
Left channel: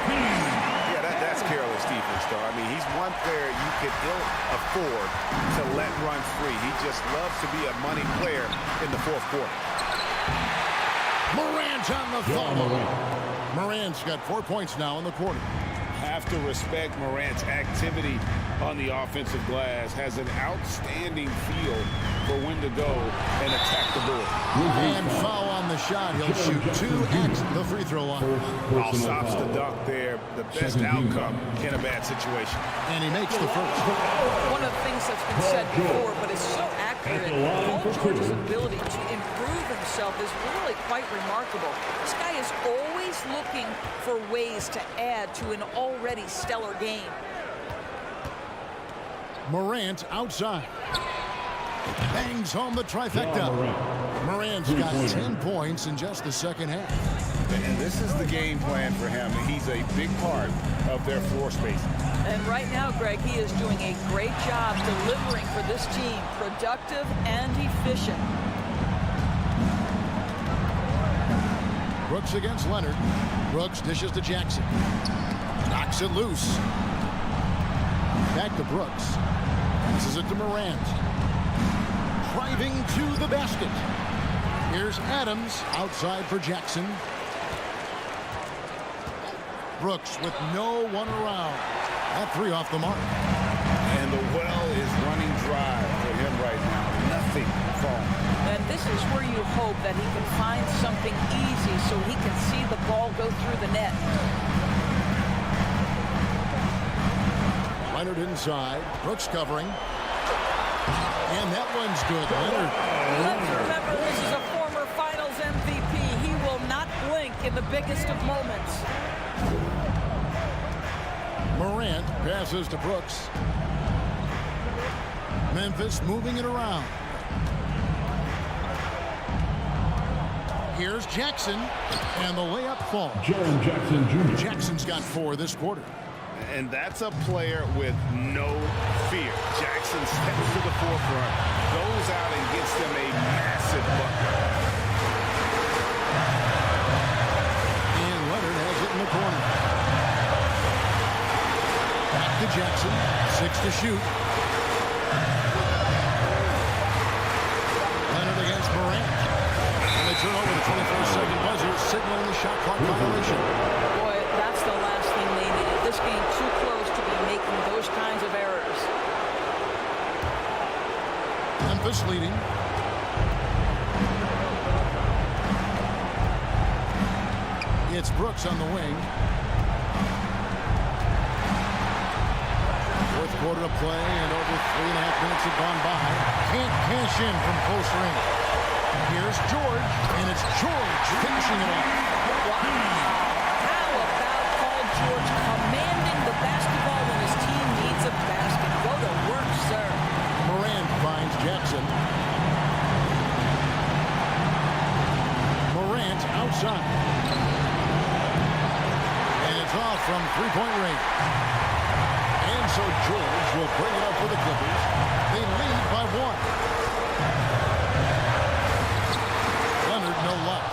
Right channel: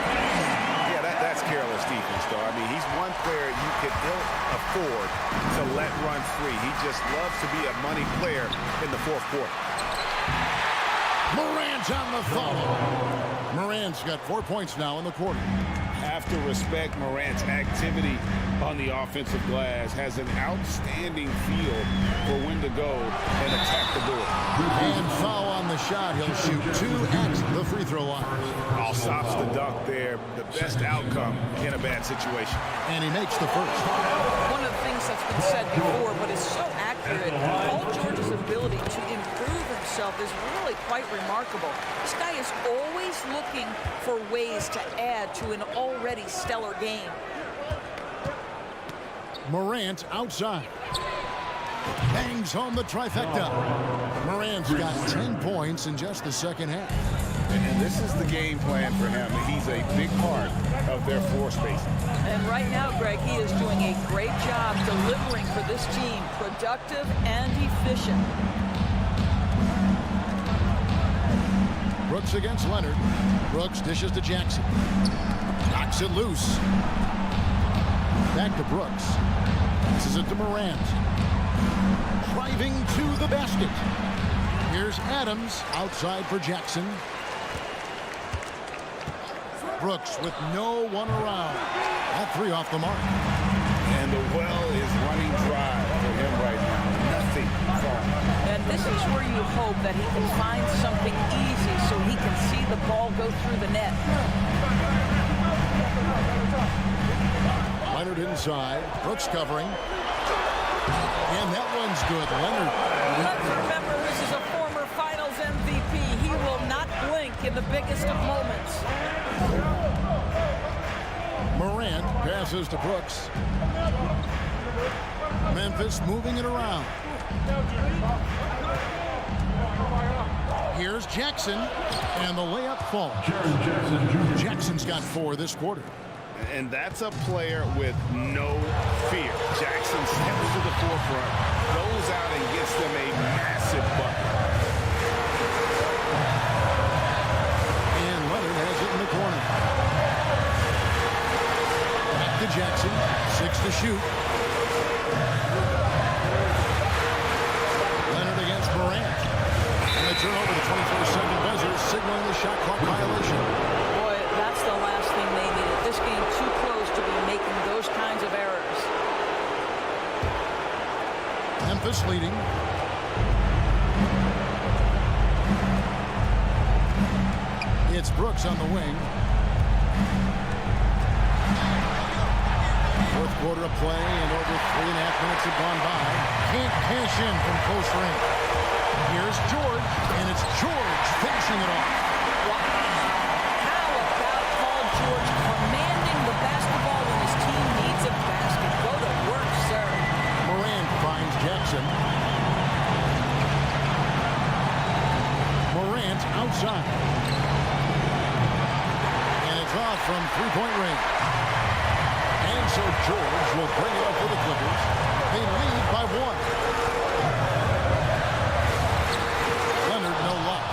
Yeah, that's careless defense, though. I mean, he's one player you could ill afford to let run free. He just loves to be a money player in the fourth quarter. Morant on the follow. Morant's got 4 points now in the quarter. Have to respect Morant's activity on the offensive glass. Has an outstanding feel for when to go and attack the board. And foul on the shot. He'll shoot 2 at the free throw line. All stops the dunk there. The best outcome in a bad situation. And he makes the first. One of the things that's been said before, but is so accurate, Paul George's ability to improve himself is really quite remarkable. This guy is always looking for ways to add to an already stellar game. Morant outside. Bangs home the trifecta. Morant's got 10 points in just the second half. And this is the game plan for him. He's a big part of their floor spacing. And right now, Greg, he is doing a great job delivering for this team, productive and efficient. Brooks against Leonard. Brooks dishes to Jackson. Knocks it loose. Back to Brooks. Passes it to Morant. Driving to the basket. Here's Adams outside for Jackson. Brooks with no one around. That 3 off the mark. And the well is running dry for him right now. Nothing falling. And this is where you hope that he can find something easy so he can see the ball go through the net. Leonard inside. Brooks covering. And that one's good. Leonard. Let's remember, this is a former Finals MVP. He will not blink in the biggest of moments. Morant passes to Brooks. Memphis moving it around. Here's Jackson, and the layup falls. Jackson's got 4 this quarter. And that's a player with no fear. Jackson steps to the forefront, goes out and gets them a massive bucket. And Leonard has it in the corner. Back to Jackson, 6 to shoot. Leonard against Morant. And they turn over the 24-second buzzer, signaling the shot clock violation. Boy, that's the last thing they needed. This game too close to be making those kinds of errors. Memphis leading. It's Brooks on the wing. 4th quarter of play, and over 3.5 minutes have gone by. Can't cash in from close range. Here's George, and it's George finishing it off. Wow. How about Paul George commanding the basketball when his team needs a basket? Go to work, sir. Morant finds Jackson. Morant outside. And it's off from 3-point range. And so George will bring it up for the Clippers. They lead by 1. Leonard, no luck.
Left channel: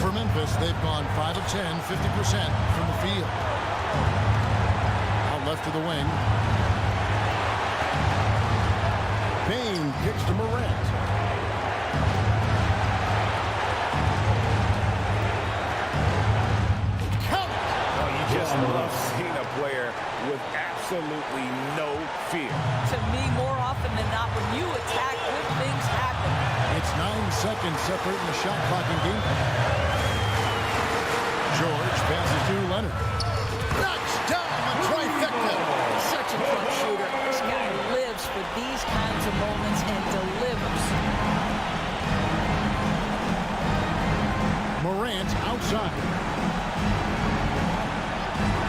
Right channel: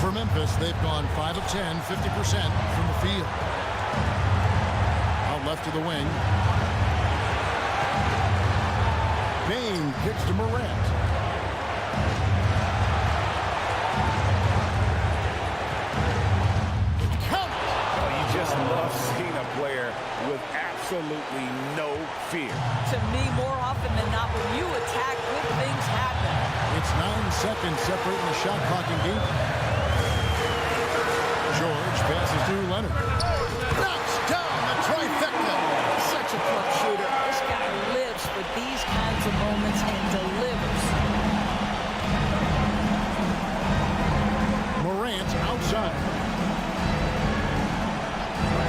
For Memphis, they've gone 5 of 10, 50% from the field. Out left to the wing. Bain kicks to Morant. Count it! Oh, you just love seeing a player with absolutely no fear. To me, more often than not, when you attack, good things happen. It's 9 seconds separating the shot clock and game. George passes to Leonard. Knocks down the trifecta. Such a clutch shooter. This guy lives for these kinds of moments and delivers. Morant outside.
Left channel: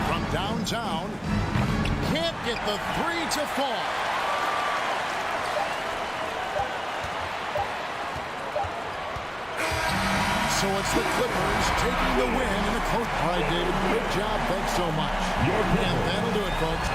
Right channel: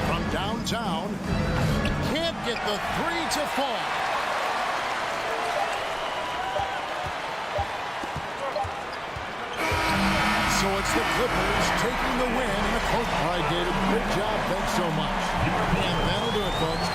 From downtown. Can't get the 3 to fall. So it's the Clippers taking the win in a close. All right, David, great job. Thanks so much. And that'll do it, folks.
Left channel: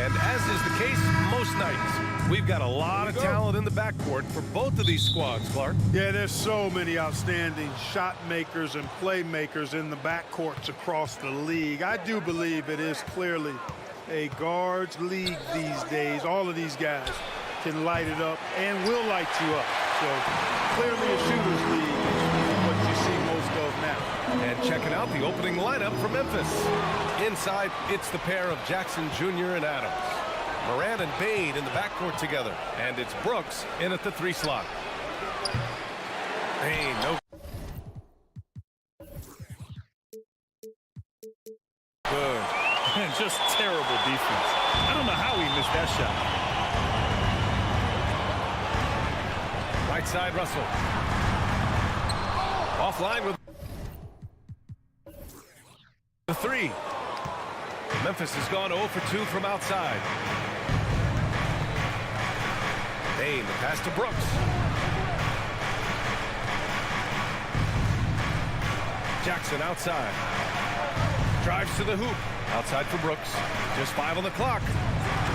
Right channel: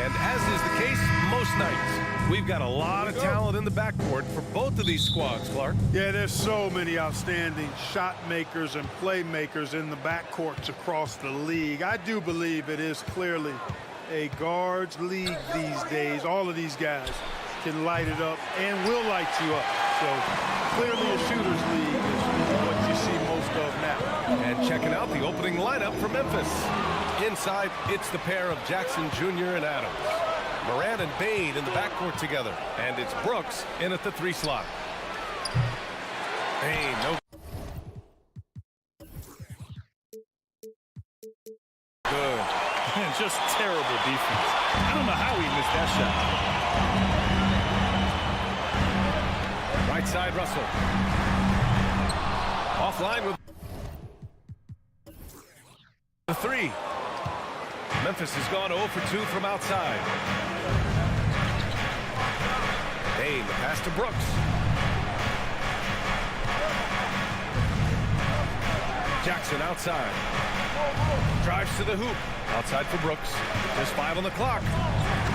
And as is the case most nights, we've got a lot of talent in the backcourt for both of these squads, Clark. Yeah, there's so many outstanding shot makers and playmakers in the backcourts across the league. I do believe it is clearly a guards league these days. All of these guys can light it up and will light you up. So clearly a shooter's league is what you see most of now. And checking out the opening lineup for Memphis. Inside, it's the pair of Jackson Jr. and Adams. Moran and Bain in the backcourt together. And it's Brooks in at the 3 slot. Bain, no good. And just terrible defense. I don't know how he missed that shot. Right side, Russell. Offline with the 3. Memphis has gone 0 for 2 from outside. Bain, the pass to Brooks. Jackson outside. Drives to the hoop. Outside for Brooks. Just 5 on the clock.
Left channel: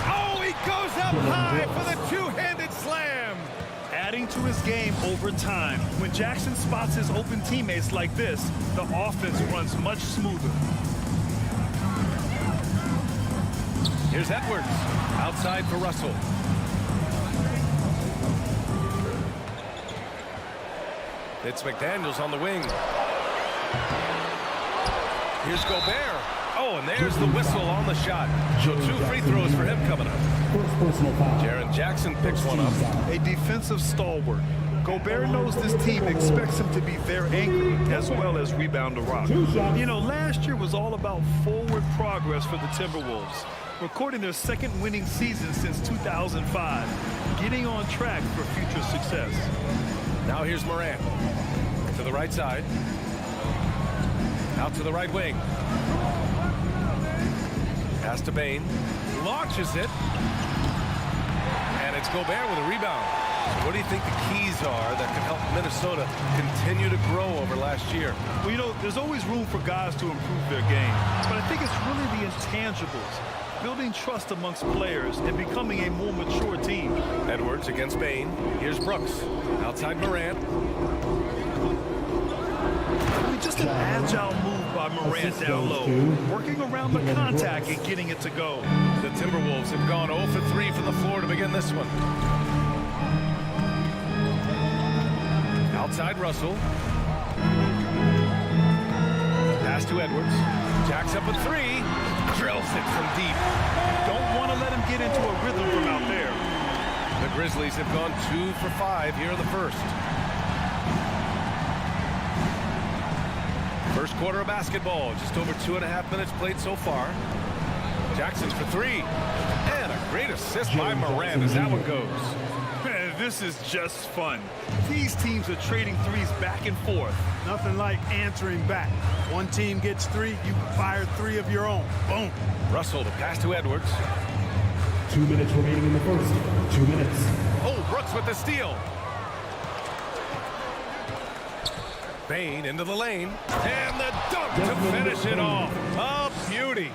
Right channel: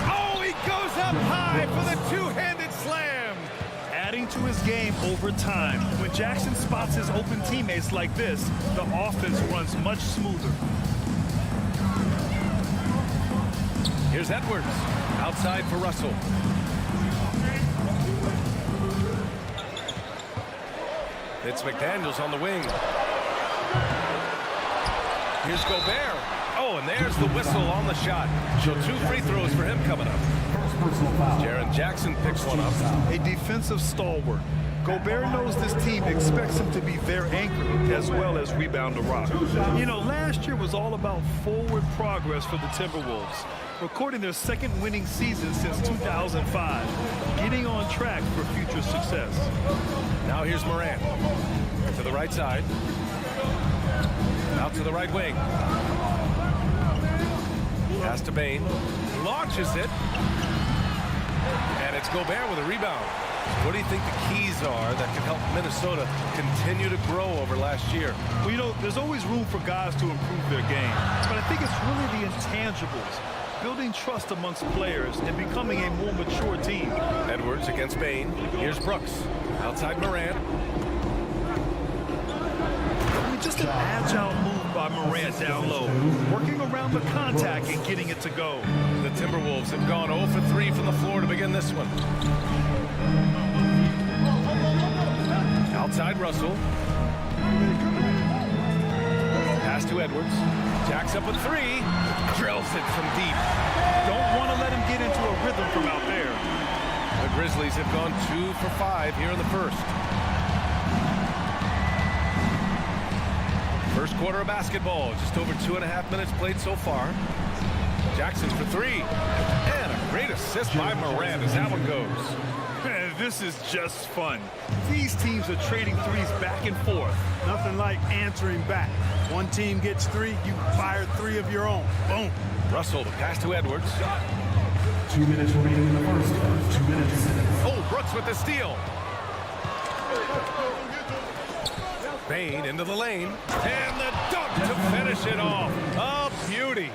Oh, he goes up high for the two-handed slam. Adding to his game over time. When Jackson spots his open teammates like this, the offense runs much smoother. Here's Edwards. Outside for Russell. It's McDaniels on the wing. Here's Gobert. Oh, and there's the whistle on the shot. So 2 free throws for him coming up. Jaren Jackson picks one up. A defensive stalwart. Gobert knows this team expects him to be their anchor as well as rebound the rock. You know, last year was all about forward progress for the Timberwolves, recording their second winning season since 2005, getting on track for future success. Now here's Morant to the right side. Out to the right wing. Pass to Bane. Launches it. And it's Gobert with a rebound. So what do you think the keys are that can help Minnesota continue to grow over last year? Well, you know, there's always room for guys to improve their game. But I think it's really the intangibles. Building trust amongst players and becoming a more mature team. Edwards against Bane. Here's Brooks. Outside Morant. I mean, just an agile move by Morant down low. Working around the contact and getting it to go. The Timberwolves have gone 0 for 3 from the floor to begin this one. Outside Russell. Pass to Edwards. Jacks up a 3. Drills it from deep. Don't want to let him get into a rhythm from out there. The Grizzlies have gone 2 for 5 here in the first. First quarter of basketball. Just over 2.5 minutes played so far. Jackson's for 3. And a great assist by Morant as that one goes. Man, this is just fun. These teams are trading threes back and forth. Nothing like answering back. One team gets 3, you fire 3 of your own. Boom. Russell, the pass to Edwards. 2 minutes remaining in the first. 2 minutes. Oh, Brooks with the steal. Bane into the lane. And the dunk to finish it off. A beauty.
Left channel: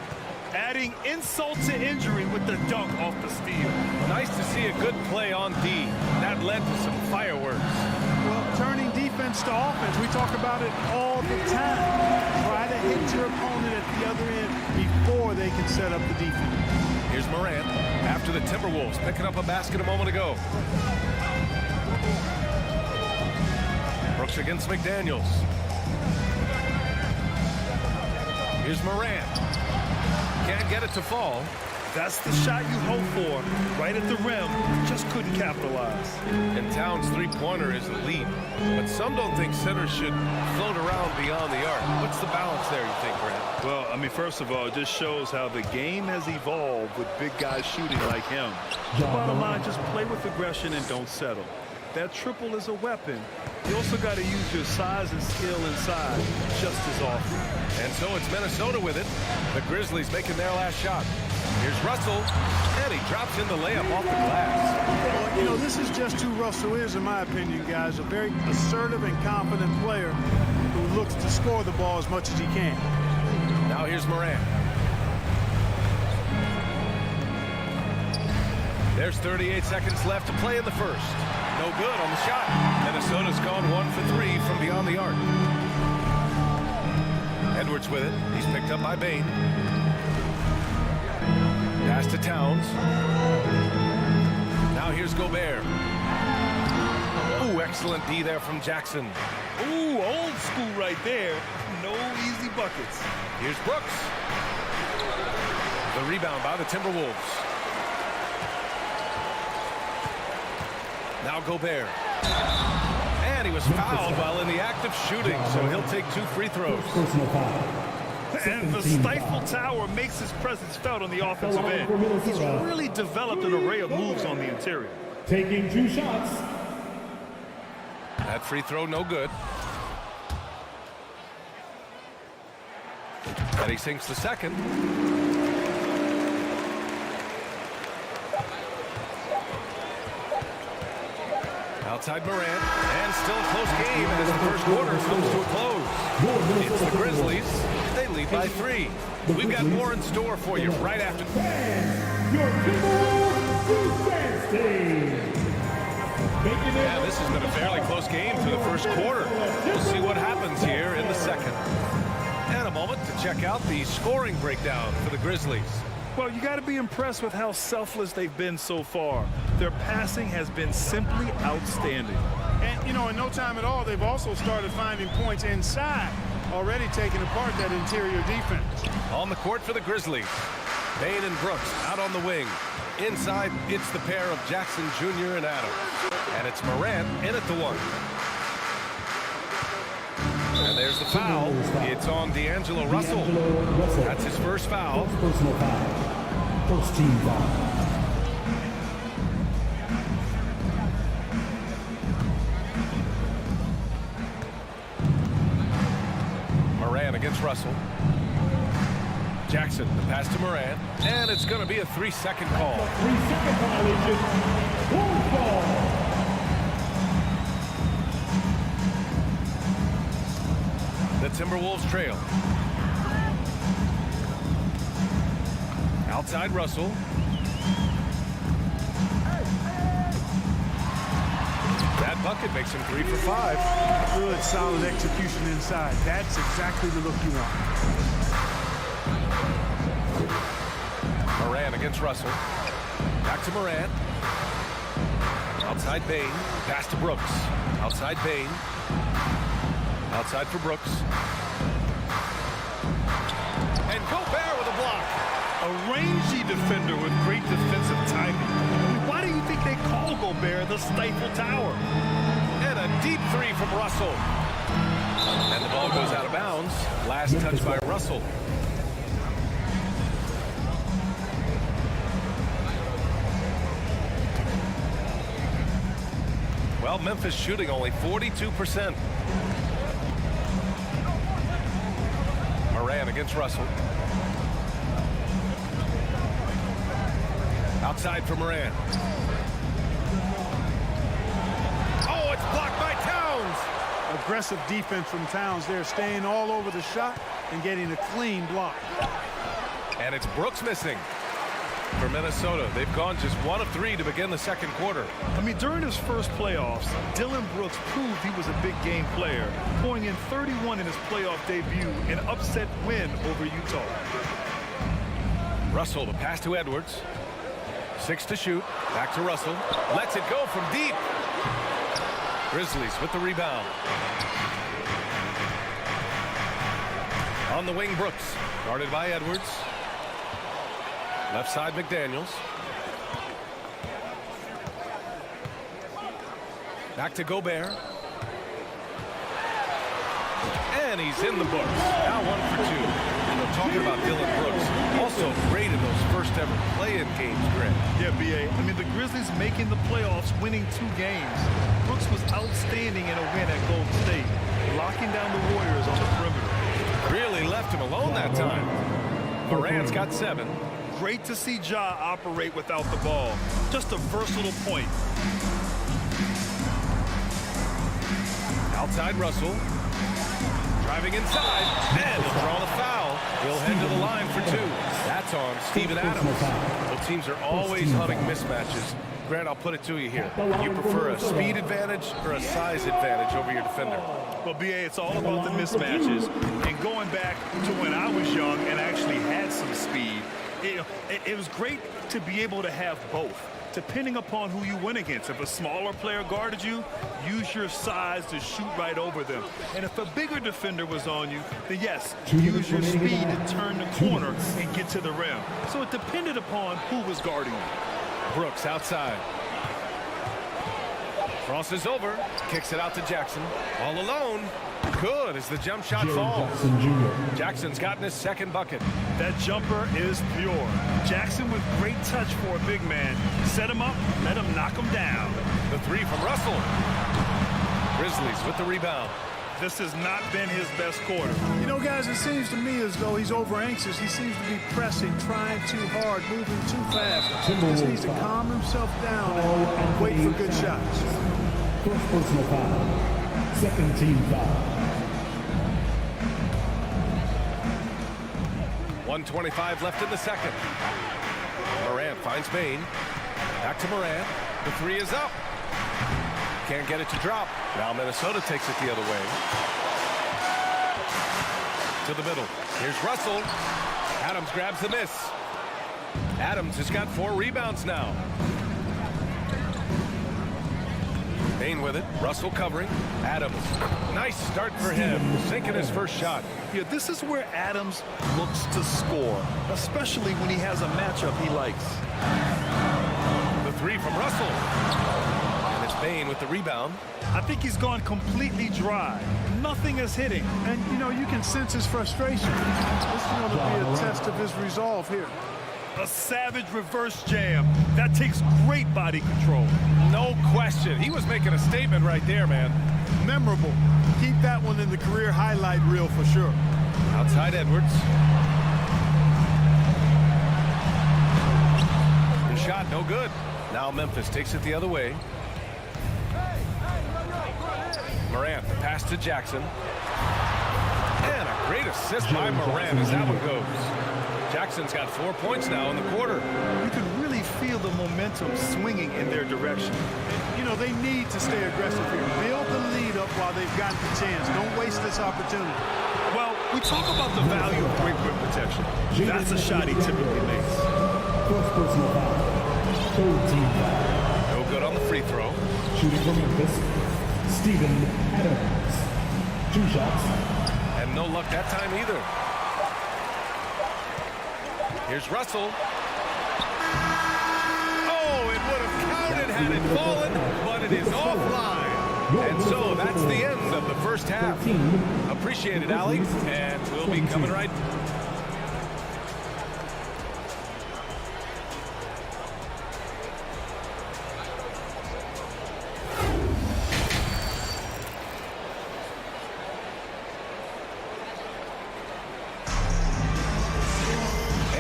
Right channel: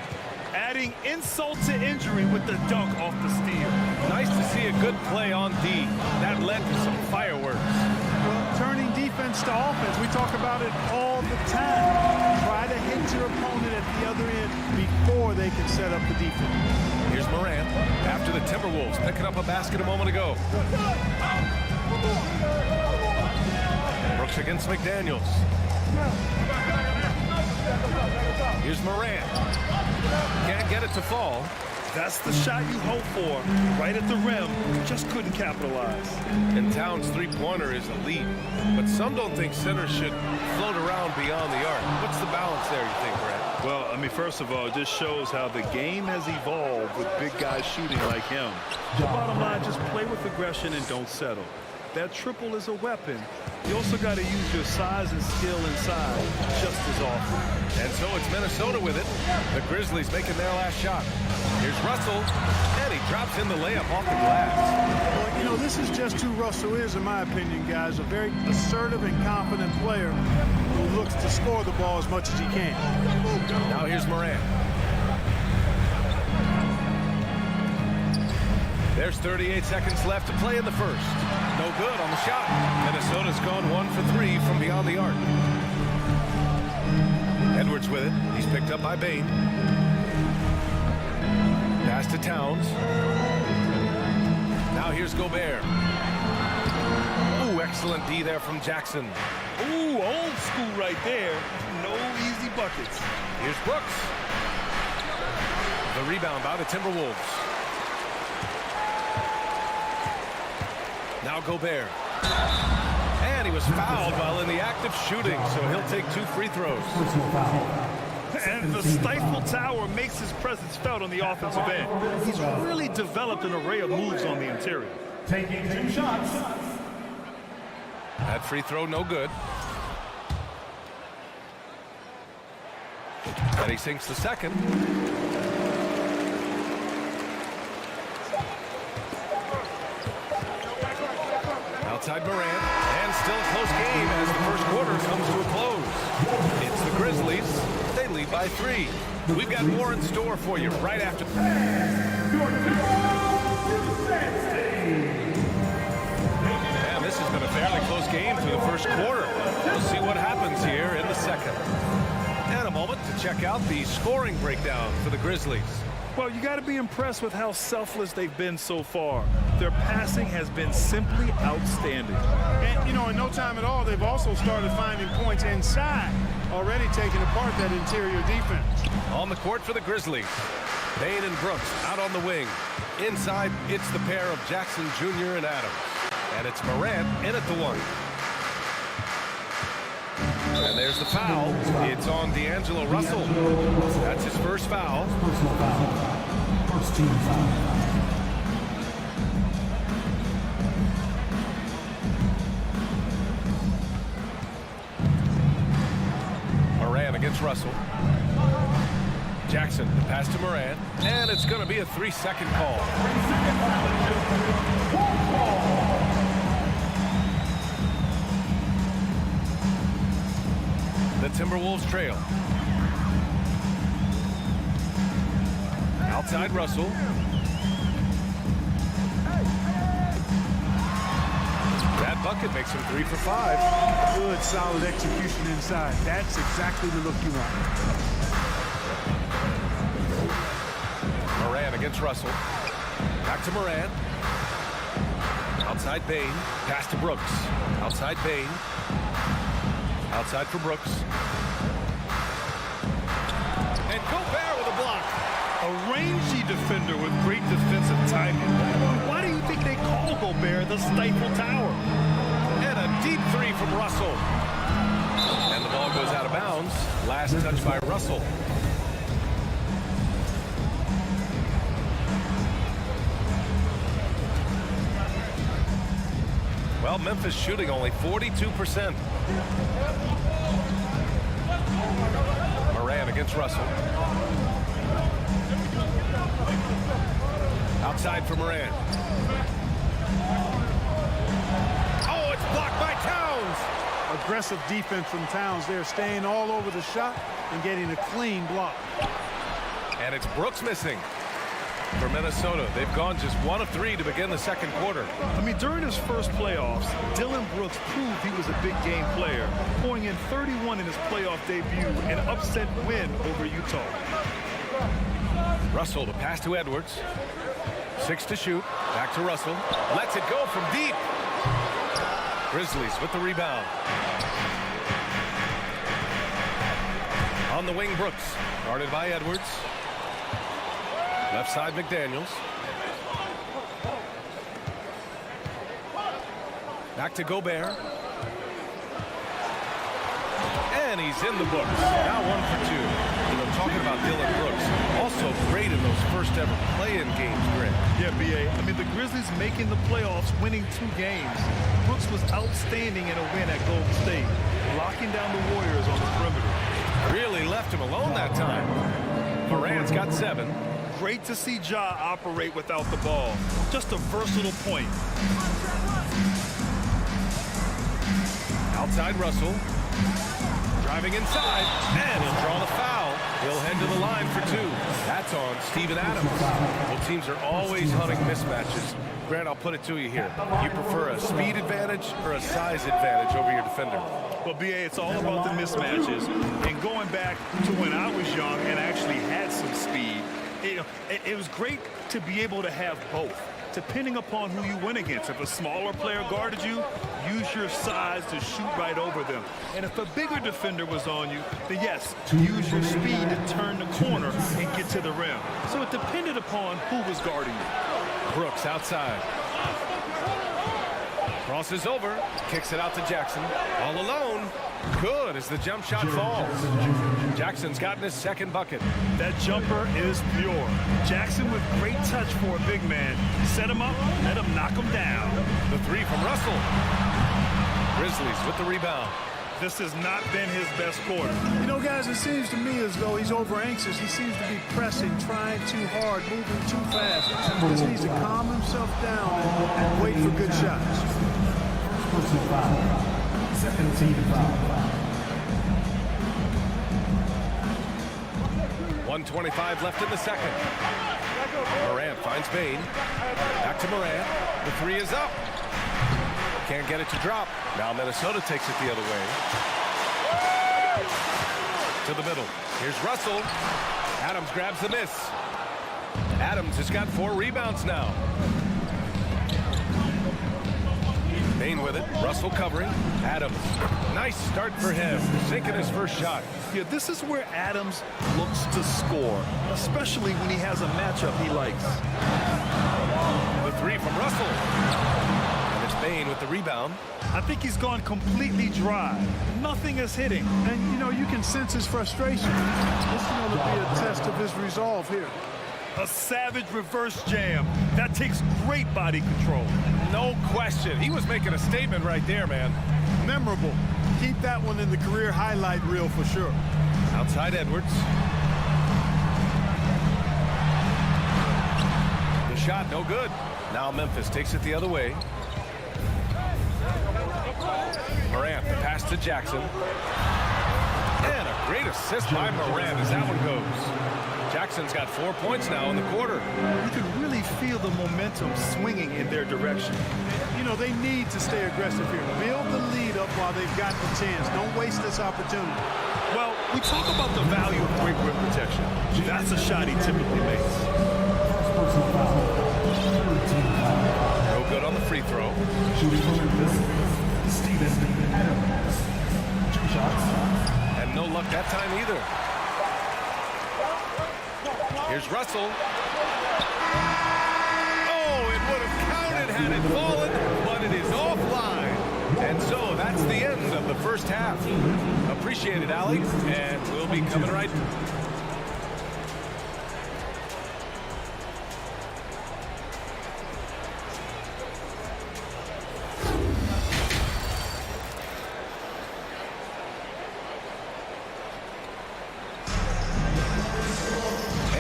Adding insult to injury with the dunk off the steal. Nice to see a good play on D. That led to some fireworks. Well, turning defense to offense, we talk about it all the time. Try to hit your opponent at the other end before they can set up the defense. Here's Morant after the Timberwolves picking up a basket a moment ago. Brooks against McDaniels. Here's Morant. Can't get it to fall. That's the shot you hope for. Right at the rim. Just couldn't capitalize. And Towns' three-pointer is elite. But some don't think centers should float around beyond the arc. What's the balance there, you think, Brent? Well, I mean, first of all, it just shows how the game has evolved with big guys shooting like him. The bottom line, just play with aggression and don't settle. That triple is a weapon. You also got to use your size and skill inside just as often. And so it's Minnesota with it. The Grizzlies making their last shot. Here's Russell, and he drops in the layup off the glass. Well, you know, this is just who Russell is, in my opinion, guys. A very assertive and confident player who looks to score the ball as much as he can. Now here's Morant. There's 38 seconds left to play in the first. No good on the shot. Minnesota's gone 1 for 3 from beyond the arc. Edwards with it. He's picked up by Bane. Pass to Towns. Now here's Gobert. Ooh, excellent D there from Jackson. Ooh, old school right there. No easy buckets. Here's Brooks. The rebound by the Timberwolves. Now Gobert. And he was fouled while in the act of shooting, so he'll take 2 free throws. And the Stifle Tower makes his presence felt on the offensive end. He's really developed an array of moves on the interior. Taking 2 shots. That free throw no good. And he sinks the second. Outside Morant, and still a close game as the first quarter comes to a close. It's the Grizzlies. They lead by 3. We've got more in store for you right after. And this has been a fairly close game through the first quarter. We'll see what happens here in the second. And a moment to check out the scoring breakdown for the Grizzlies. Well, you got to be impressed with how selfless they've been so far. Their passing has been simply outstanding. And, you know, in no time at all, they've also started finding points inside, already taking apart that interior defense. On the court for the Grizzlies. Bain and Brooks out on the wing. Inside, it's the pair of Jackson Jr. and Adams. And it's Morant in at the one. And there's the foul. It's on D'Angelo Russell. That's his first foul. Personal foul. First team foul. Morant against Russell. Jackson, the pass to Morant. And it's going to be a 3-second call. 3-second violation. One ball. The Timberwolves trail. Outside Russell. That bucket makes him 3 for 5. Good, solid execution inside. That's exactly the look you want. Morant against Russell. Back to Morant. Outside Bain. Pass to Brooks. Outside Bain. Outside for Brooks. And Gobert with a block. A rangy defender with great defensive timing. I mean, why do you think they call Gobert the Stifle Tower? And a deep 3 from Russell. And the ball goes out of bounds. Last touch by Russell. Well, Memphis shooting only 42%. Morant against Russell. Outside for Morant. Oh, it's blocked by Towns. Aggressive defense from Towns there, staying all over the shot and getting a clean block. And it's Brooks missing for Minnesota. They've gone just 1 of 3 to begin the second quarter. I mean, during his first playoffs, Dillon Brooks proved he was a big game player, pouring in 31 in his playoff debut, an upset win over Utah. Russell, the pass to Edwards. 6 to shoot. Back to Russell. Lets it go from deep. Grizzlies with the rebound. On the wing, Brooks. Guarded by Edwards. Left side, McDaniels. Back to Gobert. And he's in the books. Now 1 for 2. You know, talking about Dillon Brooks, also great in those first ever play-in games, Grant. Yeah, B.A. I mean, the Grizzlies making the playoffs, winning 2 games. Brooks was outstanding in a win at Golden State, locking down the Warriors on the perimeter. Really left him alone that time. Morant's got 7. Great to see Ja operate without the ball. Just a versatile point. Outside Russell. Driving inside, and he'll draw the foul. He'll head to the line for 2. That's on Steven Adams. Both teams are always hunting mismatches. Grant, I'll put it to you here. You prefer a speed advantage or a size advantage over your defender? Well, B.A., it's all about the mismatches. And going back to when I was young and actually had some speed, it was great to be able to have both, depending upon who you went against. If a smaller player guarded you, use your size to shoot right over them. And if a bigger defender was on you, then yes, use your speed to turn the corner and get to the rim. So it depended upon who was guarding you. Brooks outside. Crosses over, kicks it out to Jackson. All alone. Good as the jump shot falls. Jackson's gotten his second bucket. That jumper is pure. Jackson with great touch for a big man. Set him up, let him knock him down. The 3 from Russell. Grizzlies with the rebound. This has not been his best quarter. You know, guys, it seems to me as though he's over anxious. He seems to be pressing, trying too hard, moving too fast. He just needs to calm himself down and wait for good shots. First personal foul. Second team foul. 1:25 left in the second. Morant finds Bain. Back to Morant. The 3 is up. Can't get it to drop. Now Minnesota takes it the other way. To the middle. Here's Russell. Adams grabs the miss. Adams has got 4 rebounds now. Bain with it. Russell covering. Adams. Nice start for him. Sinking his first shot. Yeah, this is where Adams looks to score, especially when he has a matchup he likes. The three from Russell. And it's Bain with the rebound. I think he's gone completely dry. Nothing is hitting. And, you know, you can sense his frustration. This is going to be a test of his resolve here. A savage reverse jam. That takes great body control. No question. He was making a statement right there, man. Memorable. Keep that one in the career highlight reel for sure. Outside Edwards. The shot, no good. Now Memphis takes it the other way. Morant, the pass to Jackson. And a great assist by Morant as that one goes. Jackson's got 4 points now in the quarter. You can really feel the momentum swinging in their direction. You know, they need to stay aggressive here. Build the lead up while they've got the chance. Don't waste this opportunity. Well, we talk about the value of quick rim protection. That's a shot he typically makes. First personal foul. Third team foul. No good on the free throw. Shooting from Memphis, Steven Adams. 2 shots. And no luck that time either. Here's Russell. Oh, it would have counted had it fallen, but it is offline. And so that's the end of the first half. Appreciate it, Allie, and we'll be coming right.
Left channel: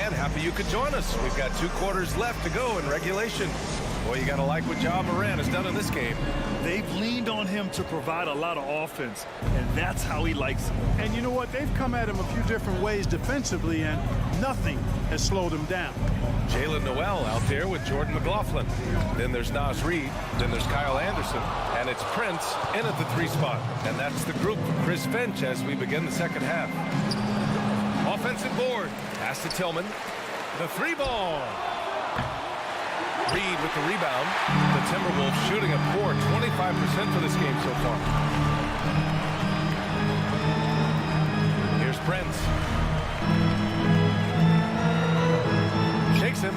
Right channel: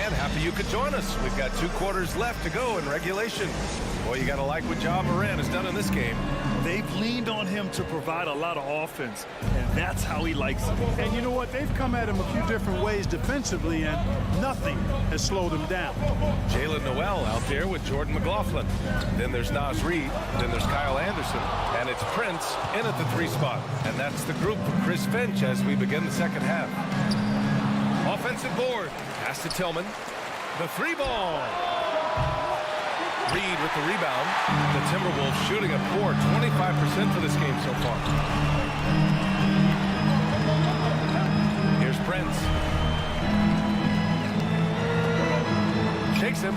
Happy you could join us. We've got 2 quarters left to go in regulation. Boy, you got to like what Ja Morant has done in this game. They've leaned on him to provide a lot of offense, and that's how he likes it. And you know what? They've come at him a few different ways defensively, and nothing has slowed him down. Jalen Noel out there with Jordan McLaughlin. Then there's Naz Reid. Then there's Kyle Anderson. And it's Prince in at the 3 spot. And that's the group for Chris Finch as we begin the second half. Offensive board. Pass to Tillman. The 3 ball. Reed with the rebound. The Timberwolves shooting a poor 25% for this game so far. Here's Prince. Shakes him.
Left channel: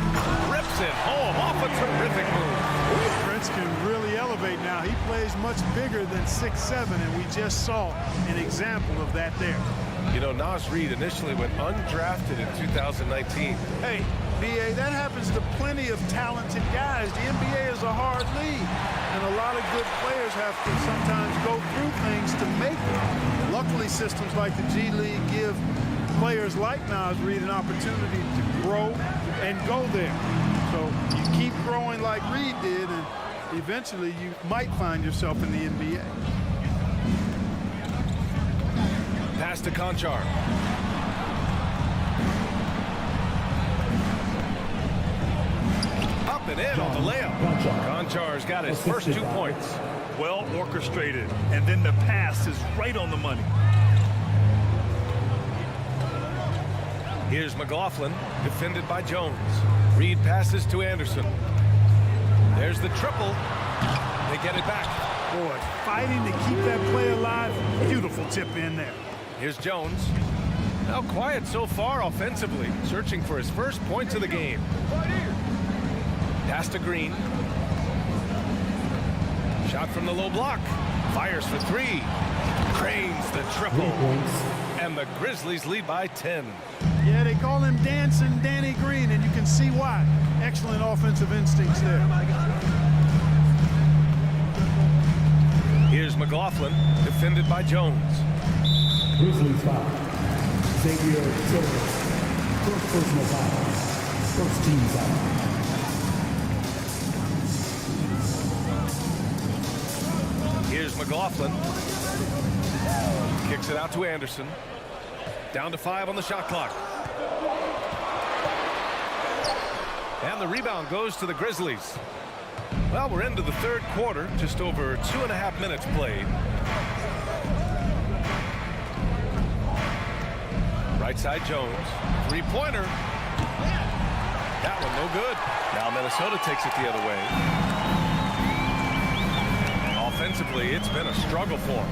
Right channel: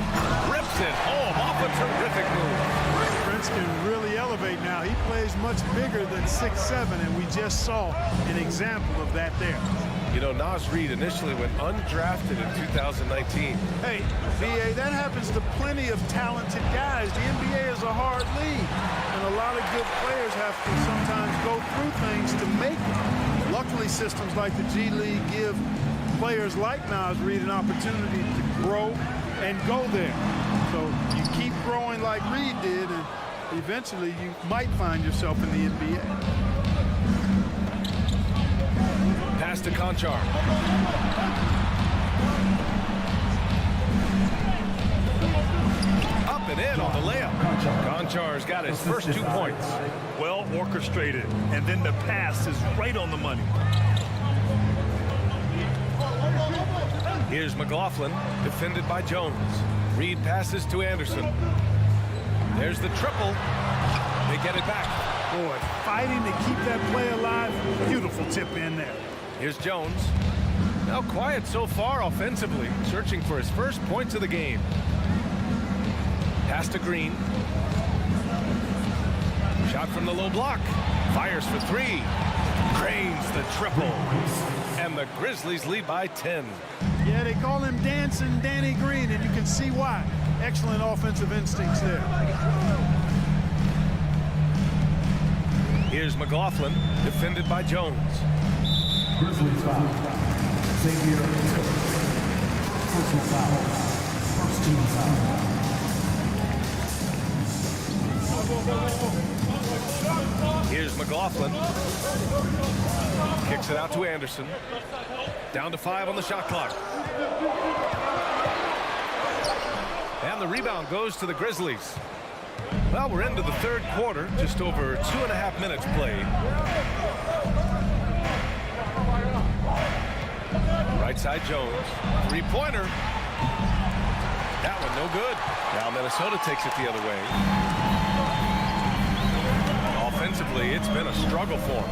Rips it home off a terrific move. Prince can really elevate now. He plays much bigger than 6'7", and we just saw an example of that there. You know, Naz Reid initially went undrafted in 2019. Hey, B.A., that happens to plenty of talented guys. The NBA is a hard league, and a lot of good players have to sometimes go through things to make it. Luckily, systems like the G League give players like Naz Reid an opportunity to grow and go there. So you keep growing like Reid did, and eventually you might find yourself in the NBA. Pass to Conchar. Up and in on the layup. Conchar's got his first 2 points. Well orchestrated, and then the pass is right on the money. Here's McLaughlin, defended by Jones. Reed passes to Anderson. There's the triple. They get it back. Boy, fighting to keep that play alive. Beautiful tip in there. Here's Jones. Now quiet so far offensively, searching for his first points of the game. Pass to Green. Shot from the low block. Fires for 3. Cranes the triple. And the Grizzlies lead by 10. Yeah, they call him Dancing Danny Green, and you can see why. Excellent offensive instincts there. Here's McLaughlin, defended by Jones. Grizzlies foul. Xavier Tillman. First personal foul. First team foul. Here's McLaughlin. Kicks it out to Anderson. Down to 5 on the shot clock. And the rebound goes to the Grizzlies. Well, we're into the third quarter, just over 2.5 minutes played. Right side Jones. 3-pointer. That one no good. Now Minnesota takes it the other way. Defensively, it's been a struggle for them.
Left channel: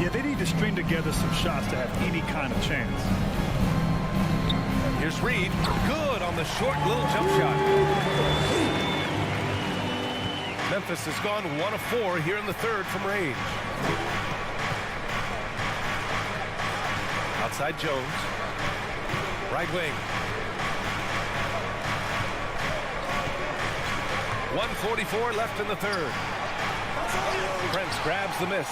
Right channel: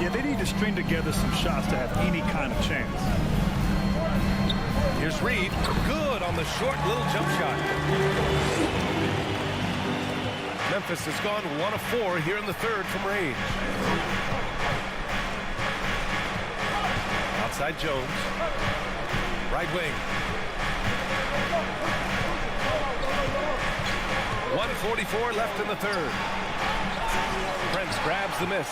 Yeah, they need to string together some shots to have any kind of chance. Here's Reed. Good on the short little jump shot. Memphis has gone 1 of 4 here in the third from range. Outside Jones. Right wing. 1:44 left in the third. Prince grabs the miss.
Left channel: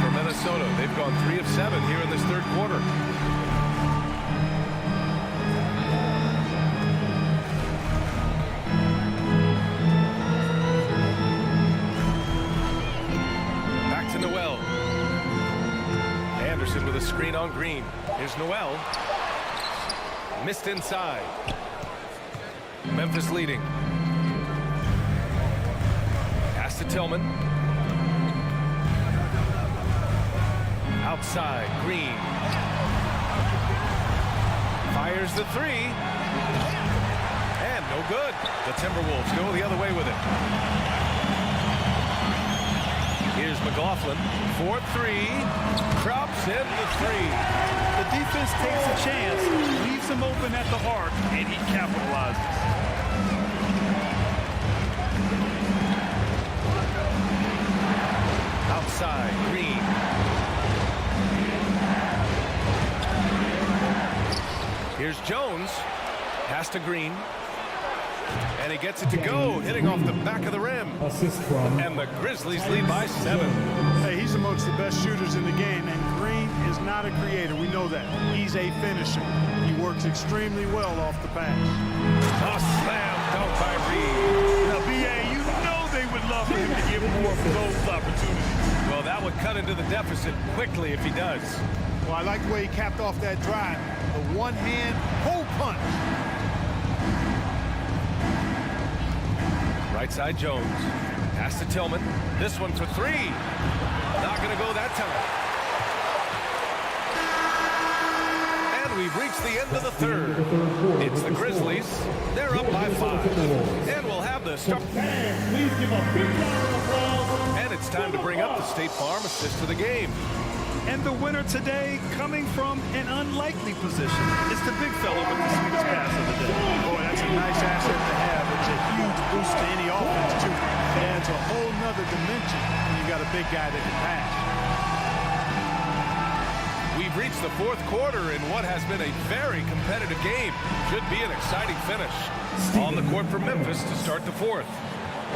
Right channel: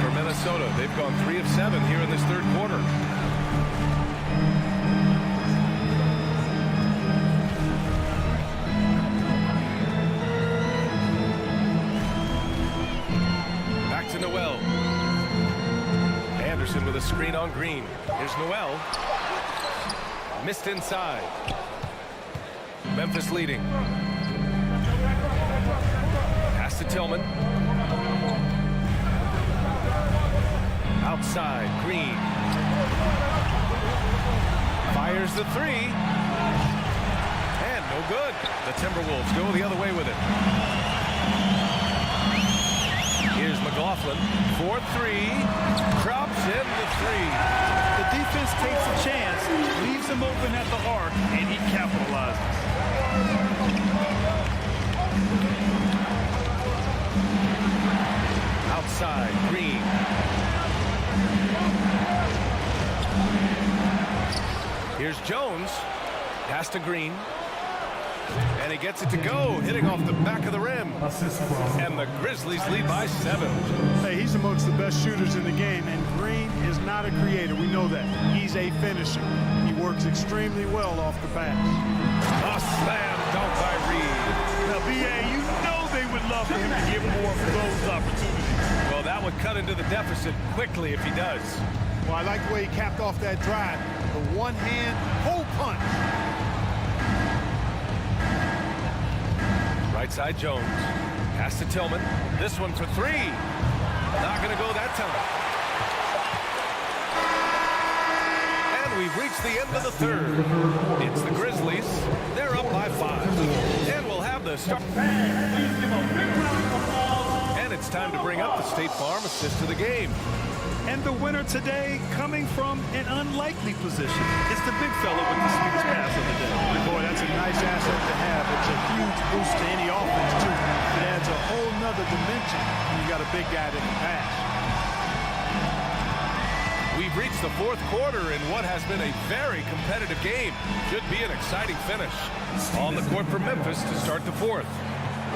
For Minnesota, they've gone 3 of 7 here in this third quarter. Back to Noel. Anderson with a screen on Green. Here's Noel. Missed inside. Memphis leading. Pass to Tillman. Outside, Green. Fires the 3. And no good. The Timberwolves go the other way with it. Here's McLaughlin. 4-3. Drops in the 3. The defense takes a chance, leaves him open at the arc, and he capitalizes. Outside, Green. Here's Jones. Pass to Green. And he gets it to go, hitting off the back of the rim. And the Grizzlies lead by 7. Hey, he's amongst the best shooters in the game, and Green is not a creator. We know that. He's a finisher. He works extremely well off the pass. A slam dunk by Reed. Now, B.A., you know they would love for him to get more of those opportunities. Well, that would cut into the deficit quickly if he does. Well, I like the way he capped off that drive. The one-hand hole punch. Right side, Jones. Pass to Tillman. This one for 3. Not going to go that time. And we've reached the end of the third. It's the Grizzlies. They're up by 5. And we'll have the start. And it's time to bring up the State Farm assist of the game. And the winner today coming from an unlikely position. It's the big fella with the sweetest pass of the day. Boy, that's a nice asset to have. It's a huge boost to any offense, too. It adds a whole nother dimension when you got a big guy that can pass. We've reached the fourth quarter in what has been a very competitive game. Should be an exciting finish. On the court for Memphis to start the fourth.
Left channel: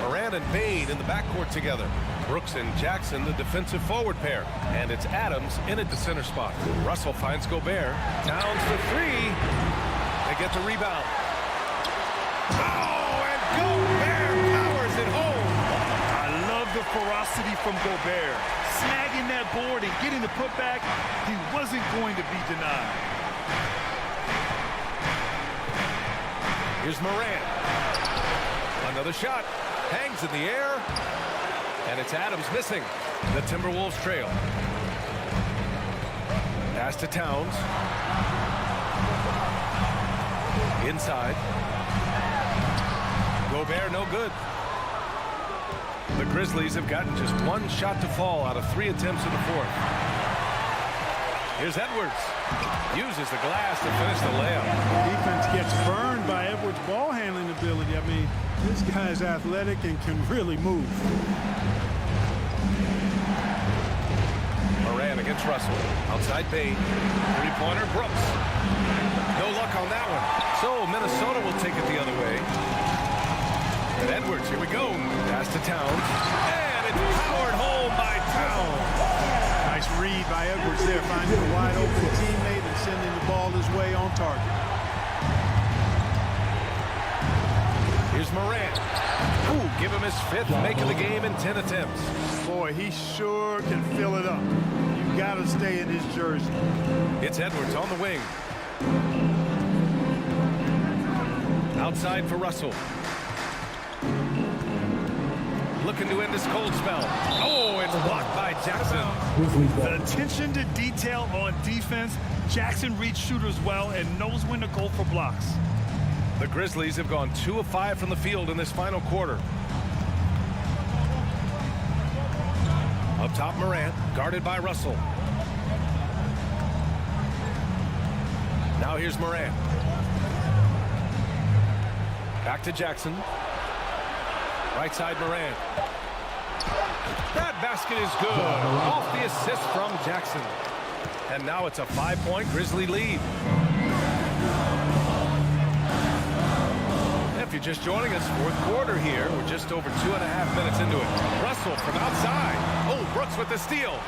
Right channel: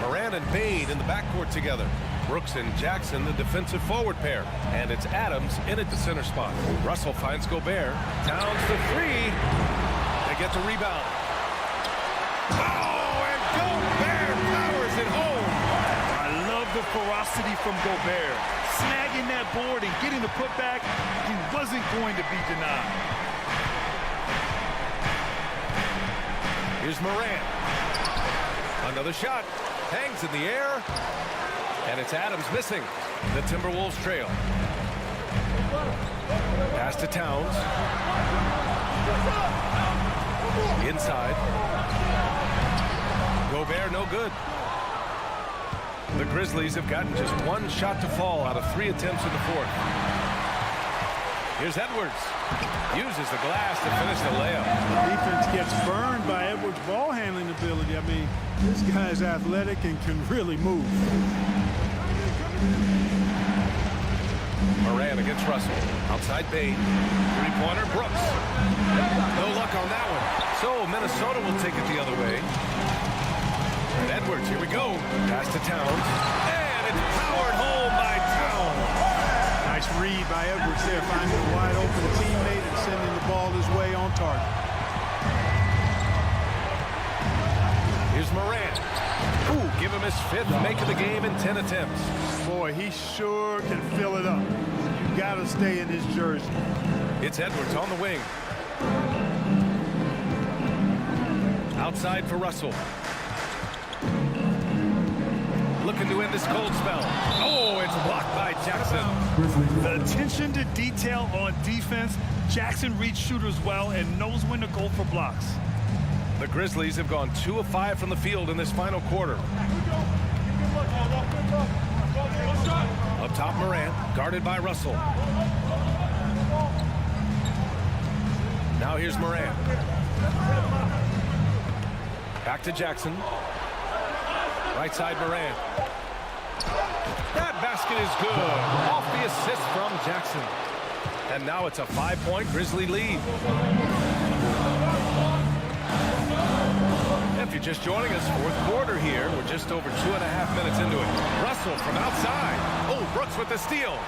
Moran and Bain in the backcourt together. Brooks and Jackson, the defensive forward pair. And it's Adams in at the center spot. Russell finds Gobert. Towns for 3. They get the rebound. Oh, and Gobert powers it home. I love the ferocity from Gobert. Snagging that board and getting the putback. He wasn't going to be denied. Here's Moran. Another shot. Hangs in the air. And it's Adams missing. The Timberwolves trail. Pass to Towns. Inside. Gobert no good. The Grizzlies have gotten just 1 shot to fall out of 3 attempts in the fourth. Here's Edwards. Uses the glass to finish the layup. The defense gets burned by Edwards' ball handling ability. I mean, this guy's athletic and can really move. Moran against Russell. Outside Bain. 3-pointer Brooks. No luck on that one. So Minnesota will take it the other way. And Edwards, here we go. Pass to Towns. And it's powered home by Towns. Nice read by Edwards there, finding a wide open teammate and sending the ball his way on target. Here's Moran. Ooh, give him his 5th make of the game in 10 attempts. Boy, he sure can fill it up. You got to stay in his jersey. It's Edwards on the wing. Outside for Russell. Looking to end this cold spell. Oh, it's blocked by Jackson. The attention to detail on defense. Jackson reads shooters well and knows when to go for blocks. The Grizzlies have gone 2 of 5 from the field in this final quarter. Up top, Morant, guarded by Russell. Now here's Morant. Back to Jackson. Right side, Morant. That basket is good. Off the assist from Jackson. And now it's a 5-point Grizzly lead. If you're just joining us, fourth quarter here. We're just over 2.5 minutes into it. Russell from outside. Oh, Brooks with the steal.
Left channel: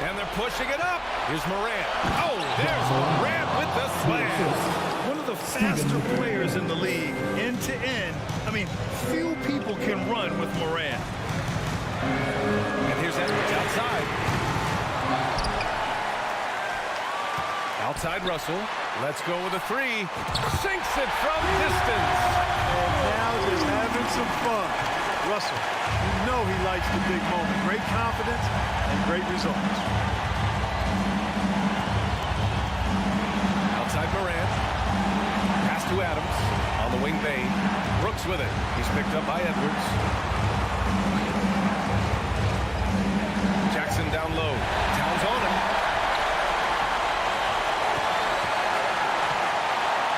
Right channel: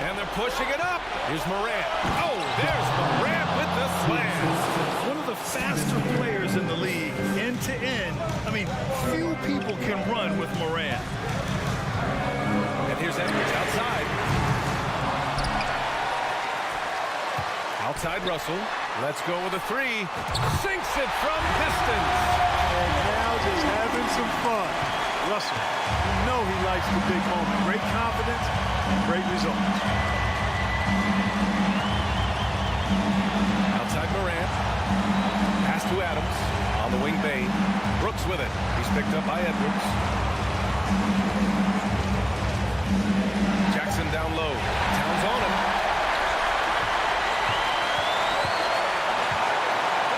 And they're pushing it up. Here's Morant. Oh, there's Morant with the slam. One of the faster players in the league, end to end. I mean, few people can run with Morant. And here's Edwards outside. Outside Russell. Let's go with a three. Sinks it from distance. And now just having some fun. Russell, you know he likes the big moment. Great confidence and great results. Outside Morant. Pass to Adams. On the wing, Bain. Brooks with it. He's picked up by Edwards. Jackson down low. Towns on him.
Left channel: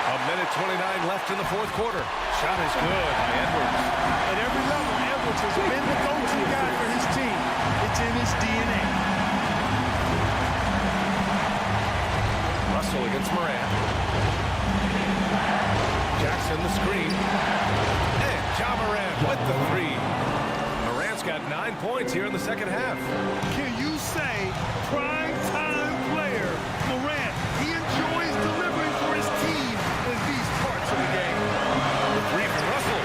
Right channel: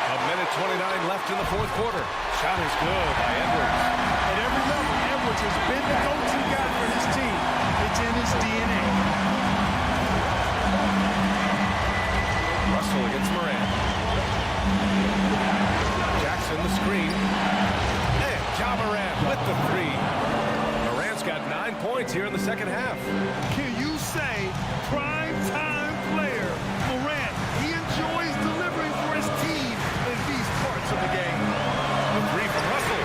A minute 29 left in the fourth quarter. Shot is good by Edwards. At every level, Edwards has been the go-to guy for his team. It's in his DNA. Russell against Morant. Jackson the screen. And Ja Morant with the three. Morant's got 9 points here in the second half. Can you say prime time player Morant? He enjoys delivering for his team in these parts of the game. The three from Russell.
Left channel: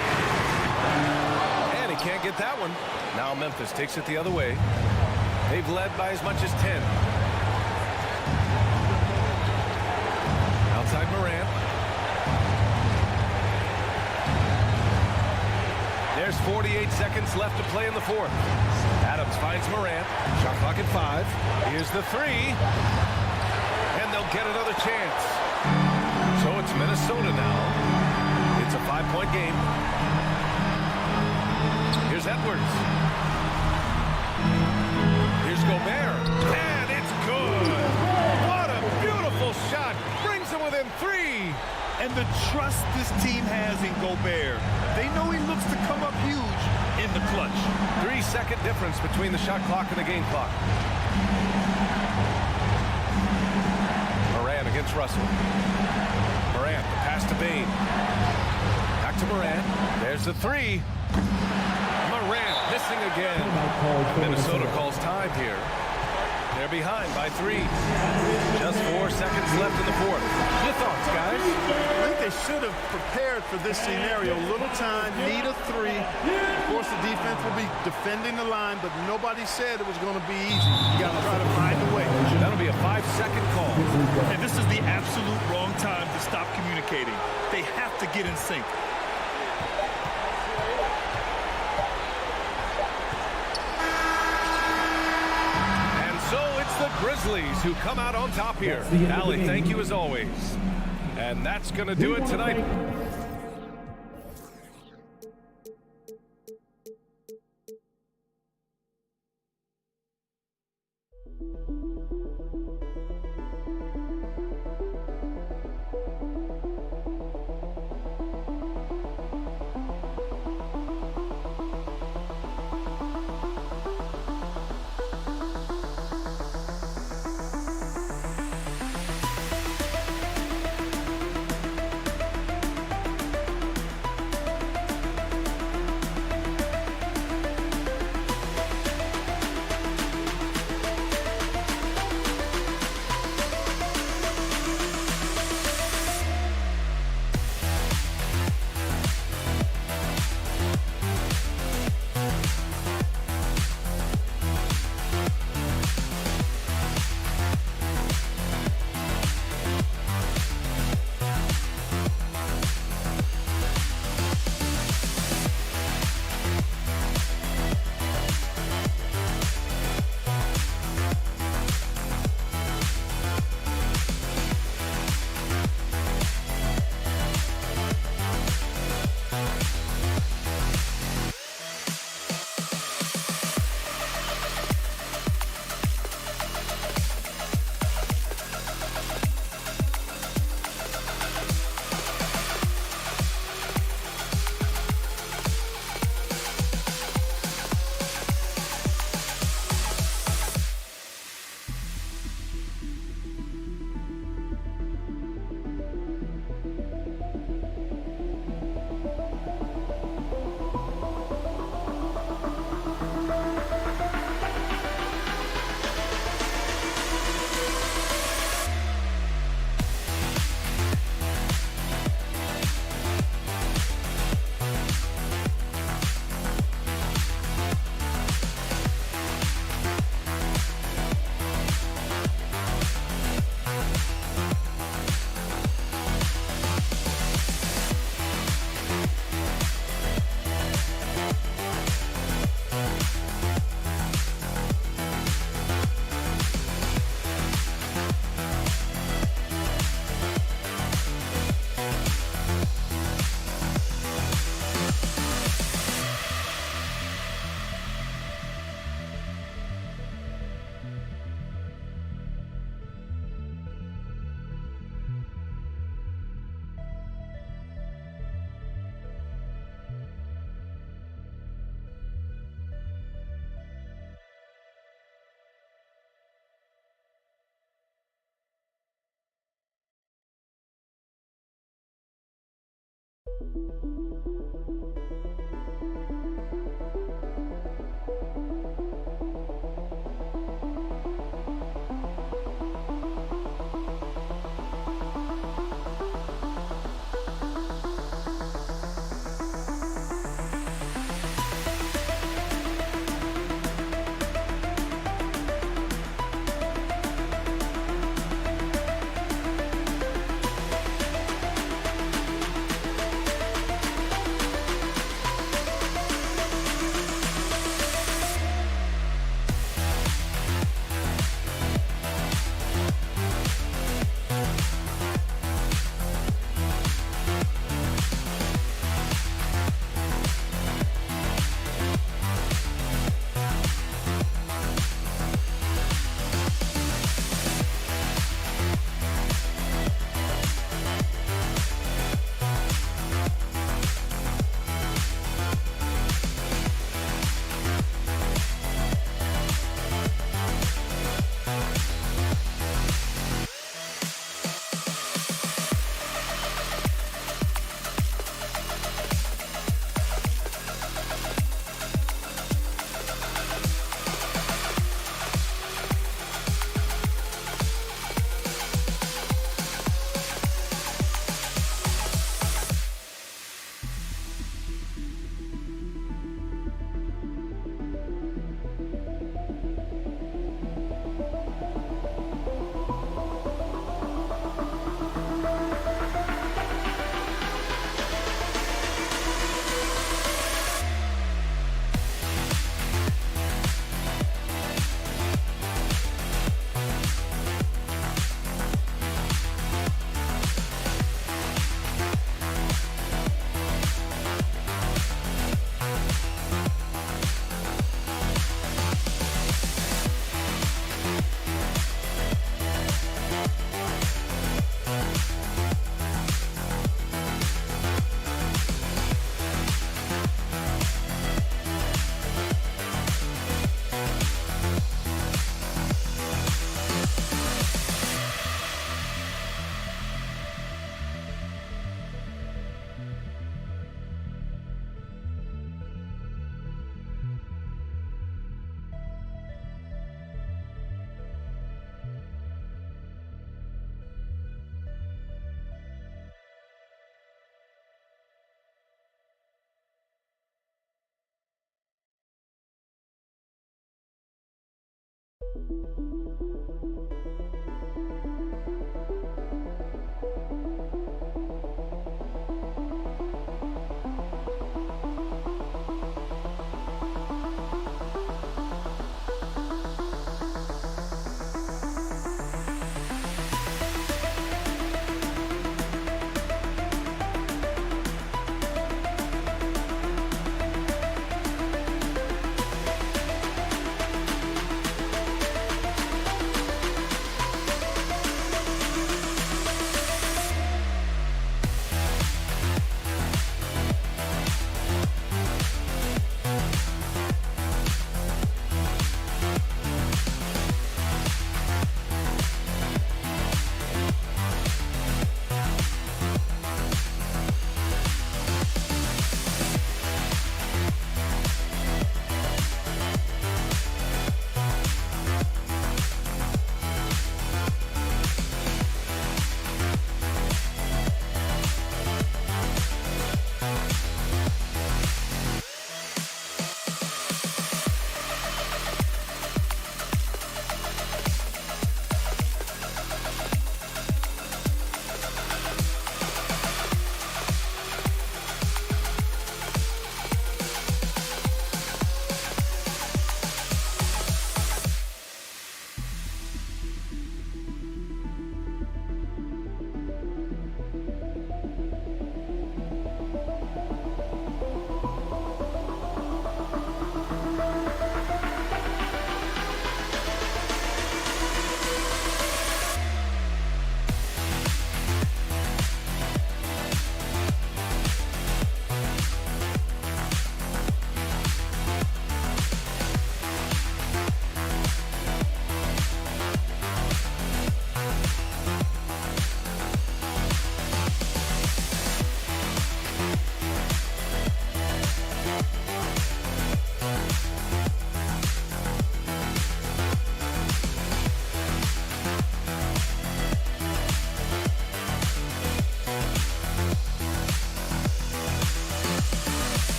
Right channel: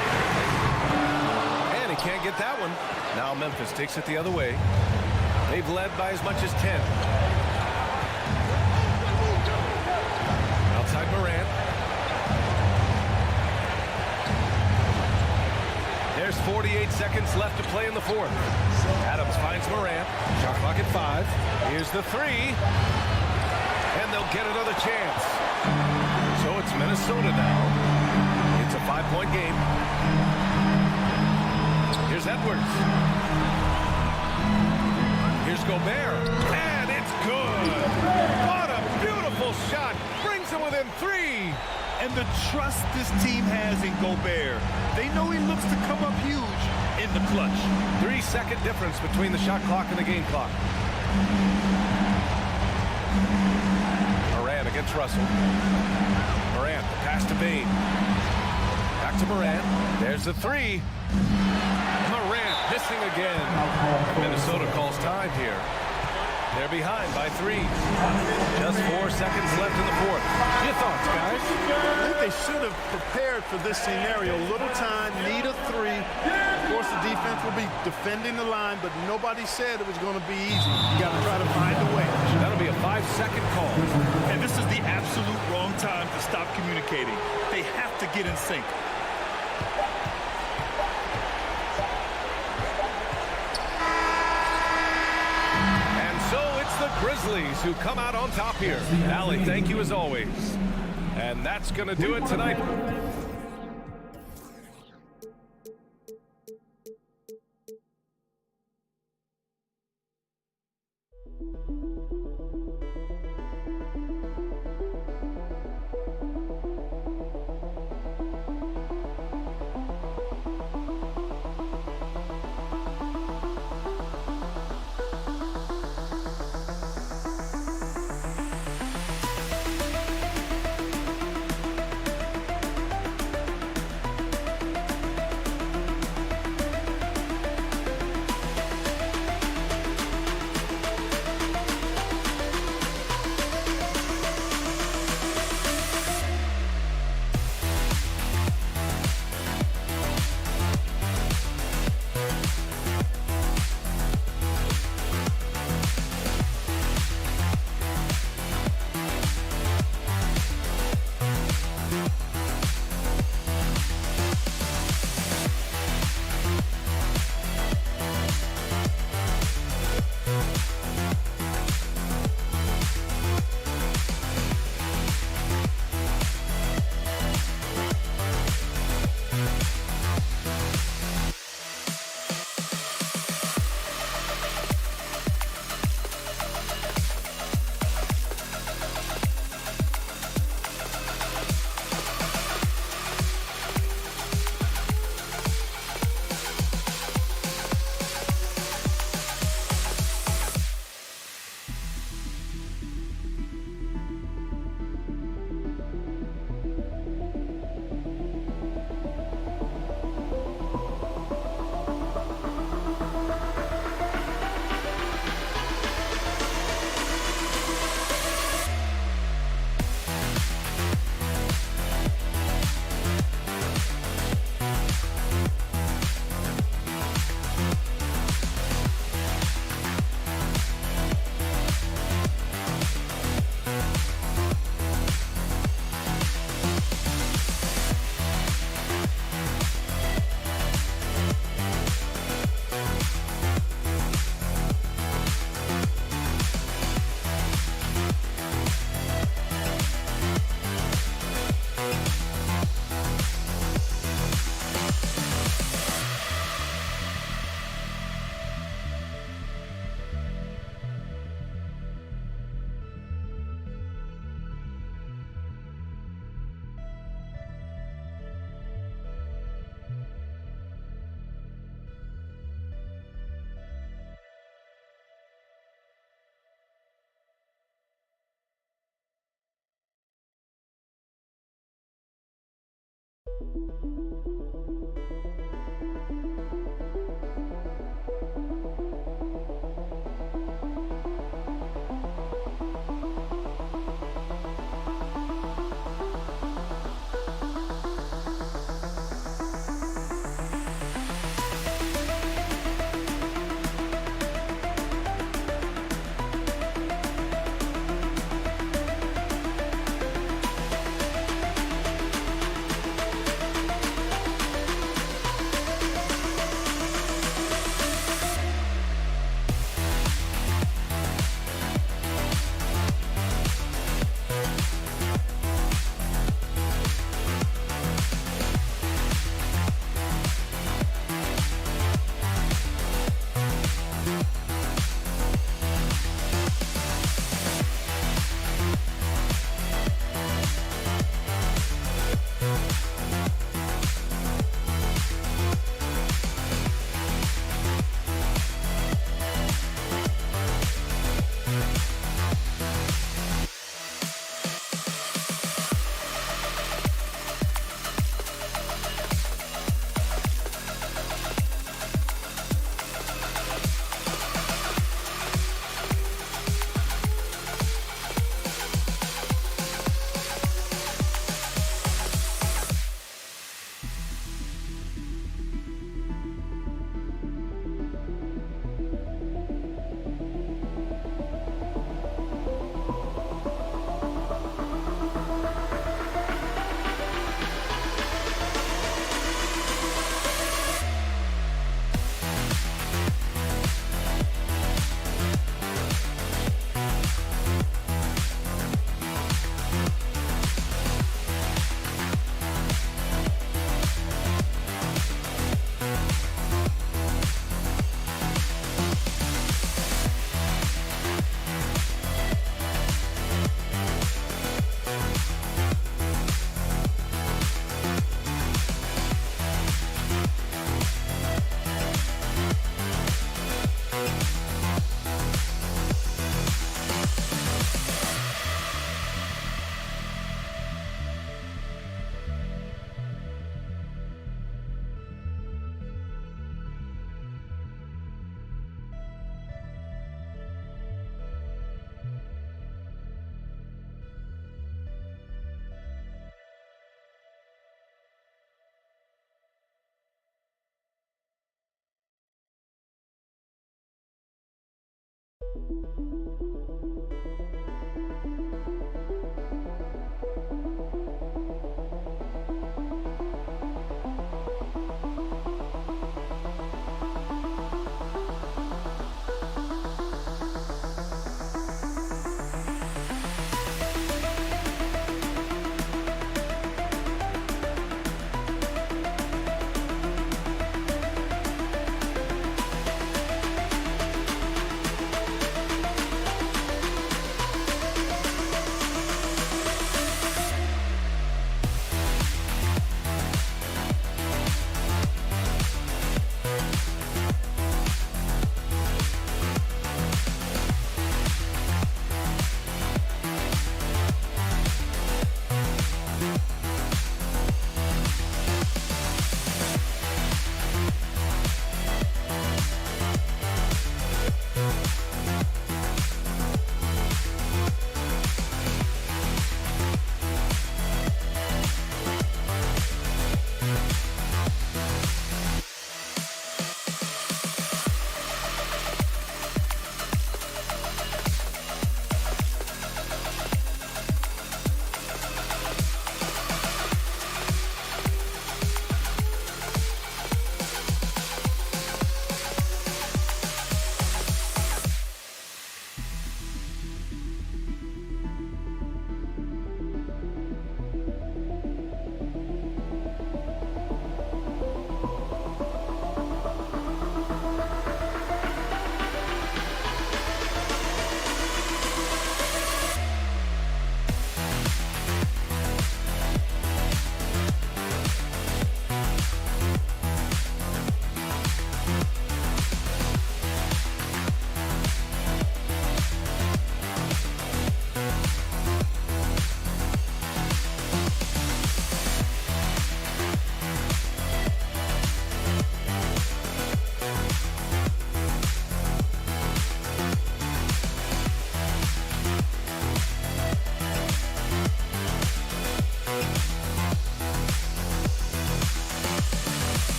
And he can't get that one. Now Memphis takes it the other way. They've led by as much as 10. Outside Morant. There's 48 seconds left to play in the fourth. Adams finds Morant. Shot clock at 5. Here's the three. And they'll get another chance. So it's Minnesota now. It's a 5-point game. Here's Edwards. Here's Gobert. And it's good. What a beautiful shot. Brings them within 3. And the trust this team has in Gobert. They know he looks to come up huge in the clutch. 3-second difference between the shot clock and the game clock. Morant against Russell. Morant, the pass to Bain. Back to Morant. There's the three. Morant missing again. And Minnesota calls time here. They're behind by 3. Just 4 seconds left in the fourth. Your thoughts, guys? I think they should have prepared for this scenario. Little time, need a 3. Of course, the defense will be defending the line, but nobody said it was going to be easy. You got to try to find a way. That'll be a 5-second call. And this is the absolute wrong time to stop communicating. They have to get in sync. So it's the Grizzlies who come out on top here. Allie, thank you as always. And that's going to do it tonight.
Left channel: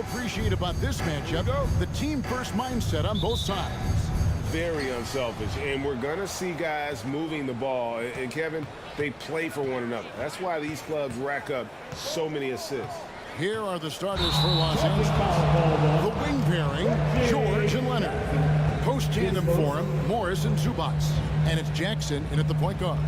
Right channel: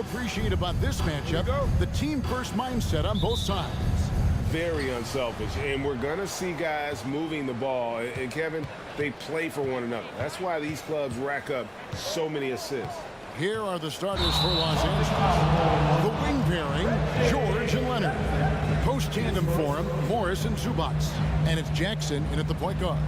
Appreciate about this matchup, the team first mindset on both sides. Very unselfish, and we're going to see guys moving the ball. And Kevin, they play for one another. That's why these clubs rack up so many assists. Here are the starters for Los Angeles. The wing pairing, George and Leonard. Post tandem for him, Morris and Zubats. And it's Jackson in at the point guard.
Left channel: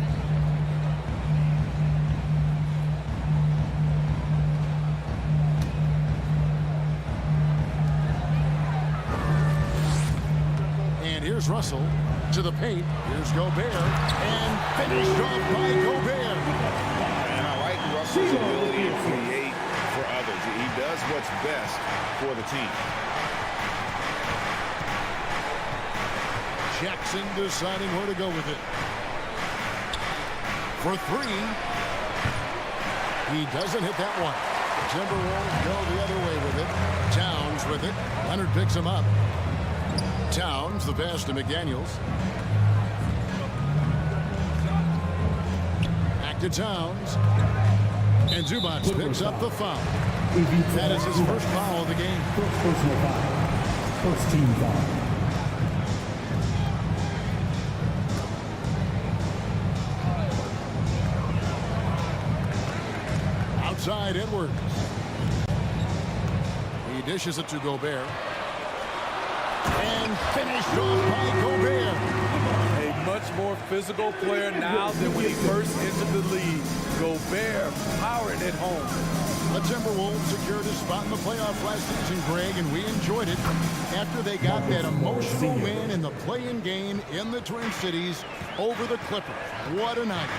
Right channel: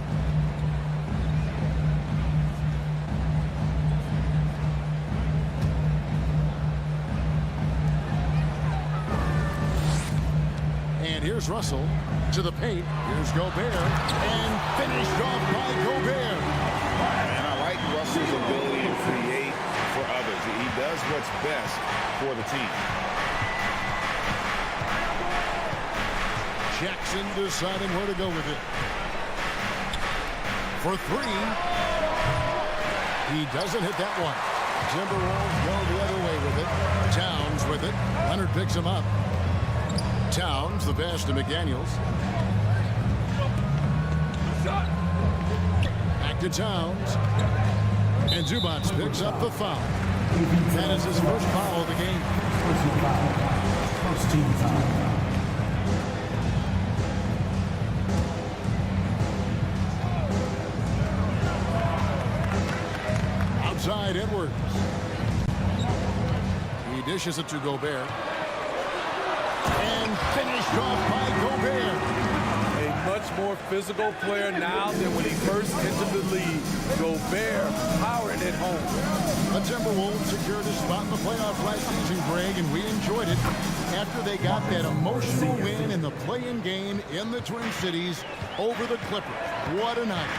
And here's Russell to the paint. Here's Gobert. And finished off by Gobert. And I like Russell's ability to create for others. He does what's best for the team. Jackson deciding where to go with it. For three. He doesn't hit that one. The Timberwolves go the other way with it. Towns with it. Leonard picks him up. Towns, the pass to McDaniels. Back to Towns. And Zubats picks up the foul. That is his first foul of the game. First personal foul. First team foul. Outside Edwards. He dishes it to Gobert. And finished off by Gobert. A much more physical player now than when he first entered the league. Gobert powering it home. The Timberwolves secured a spot in the playoff last season, Greg, and we enjoyed it after they got that emotional win in the play-in game in the Twin Cities over the Clippers. What a night.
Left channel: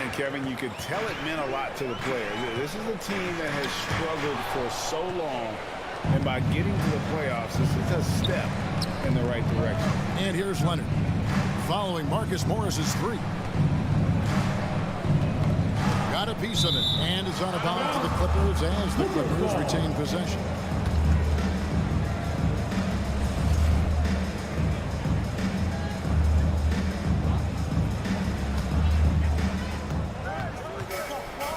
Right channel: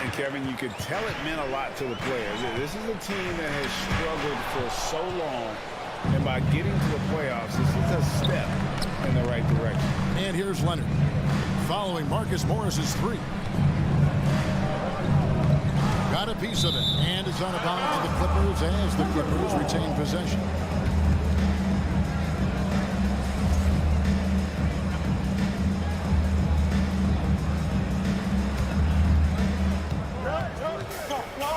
And Kevin, you could tell it meant a lot to the players. This is a team that has struggled for so long. And by getting to the playoffs, this is a step in the right direction. And here's Leonard following Marcus Morris's three. Got a piece of it, and it's on a bounce to the Clippers as the Clippers retain possession.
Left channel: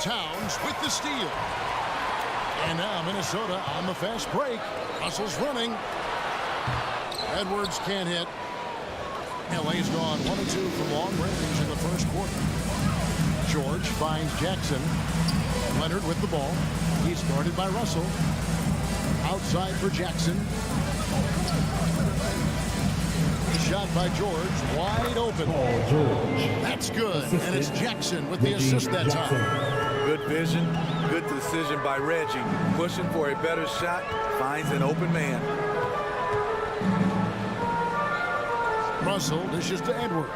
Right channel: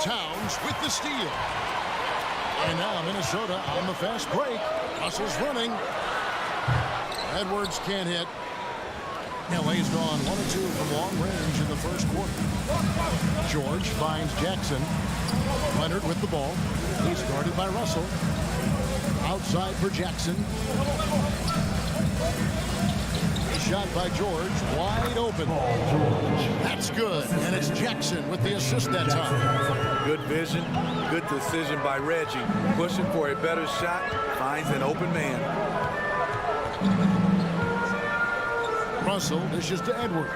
Towns with the steal. And now Minnesota on the fast break. Russell's running. Edwards can't hit. LA's gone 1 of 2 from long range in the first quarter. George finds Jackson. Leonard with the ball. He's guarded by Russell. Outside for Jackson. Shot by George. Wide open. That's good. And it's Jackson with the assist that time. Good vision. Good decision by Reggie. Pushing for a better shot. Finds an open man. Russell dishes to Edwards.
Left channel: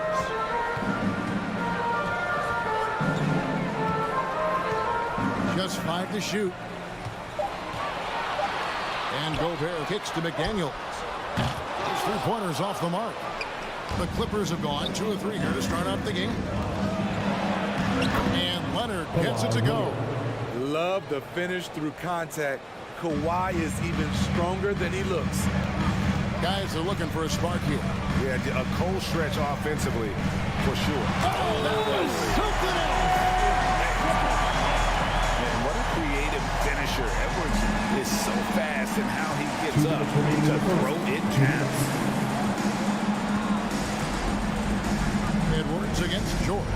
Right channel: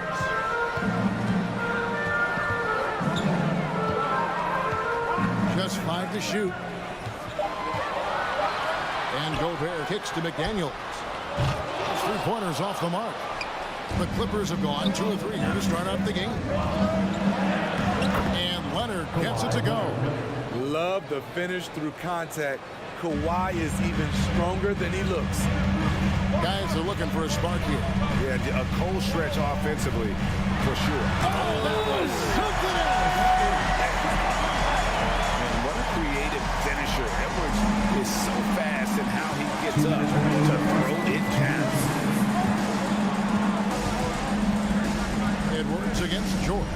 Just 5 to shoot. And Gobert kicks to McDaniels. Those 3-pointers off the mark. The Clippers have gone 2 of 3 here to start out the game. And Leonard gets it to go. Love the finish through contact. Kawhi is even stronger than he looks. Guys are looking for a spark here. Yeah, a cold stretch offensively, for sure. Oh, that was something else. Man, what a creative finisher. Edwards is so fast in how he gets up to throw it down. Edwards against George.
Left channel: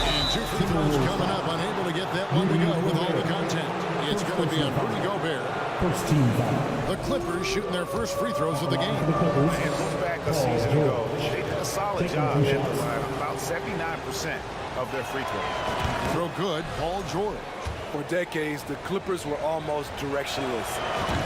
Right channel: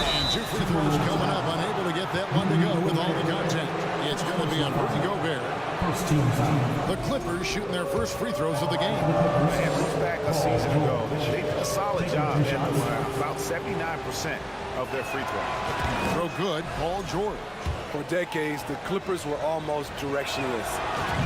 And 2 free throws coming up. Unable to get that one to go with all the contact. It's going to be on Rudy Gobert. First team foul. The Clippers shooting their first free throws of the game. And look back a season ago. They did a solid job at the line. About 79% of their free throws. Throw good, Paul George. For decades, the Clippers were almost directionless.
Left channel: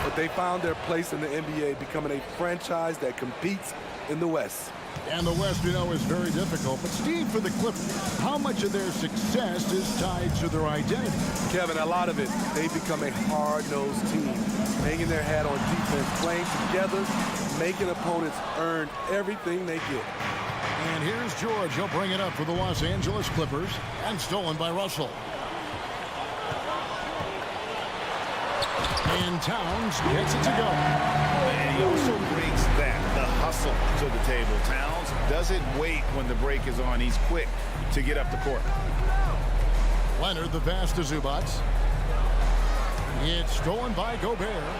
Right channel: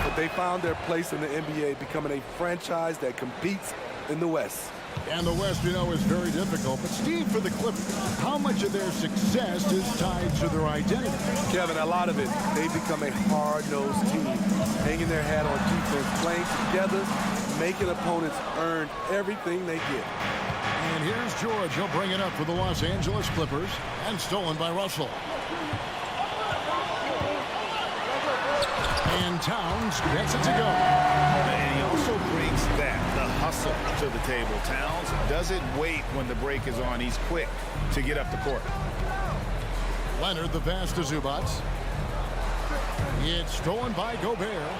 But they found their place in the NBA, becoming a franchise that competes in the West. And the West, we know, is very difficult. But, Steve, for the Clippers, how much of their success is tied to their identity? Kevin, a lot of it. They become a hard-nosed team, hanging their hat on defense, playing together, making opponents earn everything they get. And here's George. He'll bring it up for the Los Angeles Clippers, and stolen by Russell. And Towns gets it to go. And he also brings the hustle to the table. Towns doesn't wait when the break is on. He's quick to get up the court. Leonard, the pass to Zubac. It's stolen by Gobert.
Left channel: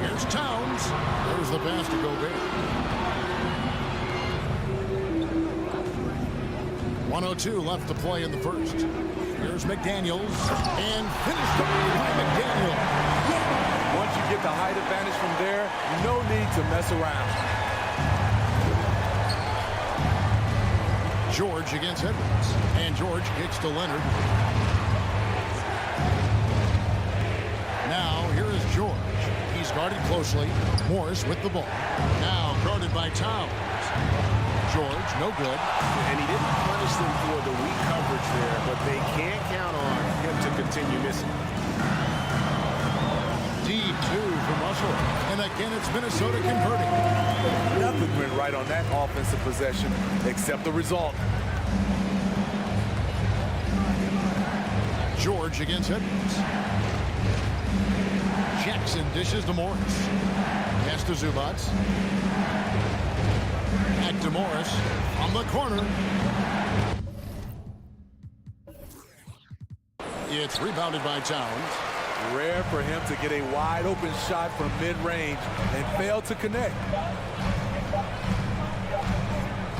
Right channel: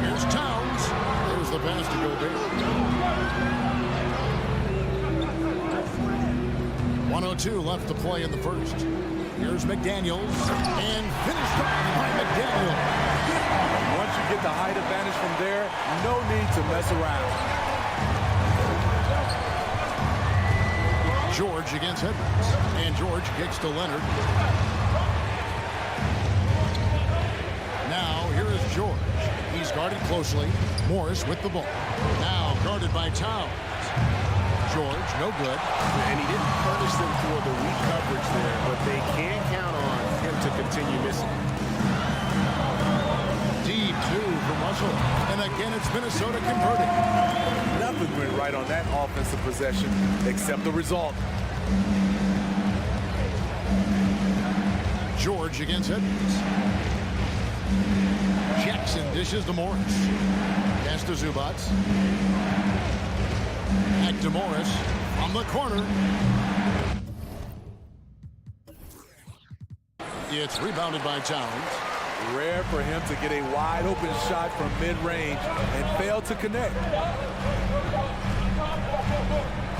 Here's Towns. There's the pass to Gobert. 1:02 left to play in the first. Here's McDaniels, and finished by McDaniels. And once you get the height advantage from there, no need to mess around. George against Edwards, and George kicks to Leonard. Now, here is George. He's guarded closely. Morris with the ball. Now guarded by Towns. George, no good. And he didn't punish them for the weak coverage there, but they can count on him to continue missing. Deep 2 from Russell. And again, it's Minnesota converting. Nothing went right on that offensive possession except the result. George against Edwards. Jackson dishes to Morris. Pass to Zubac. Back to Morris from the corner. It's rebounded by Towns. Rare for him to get a wide open shot from mid-range and fail to connect.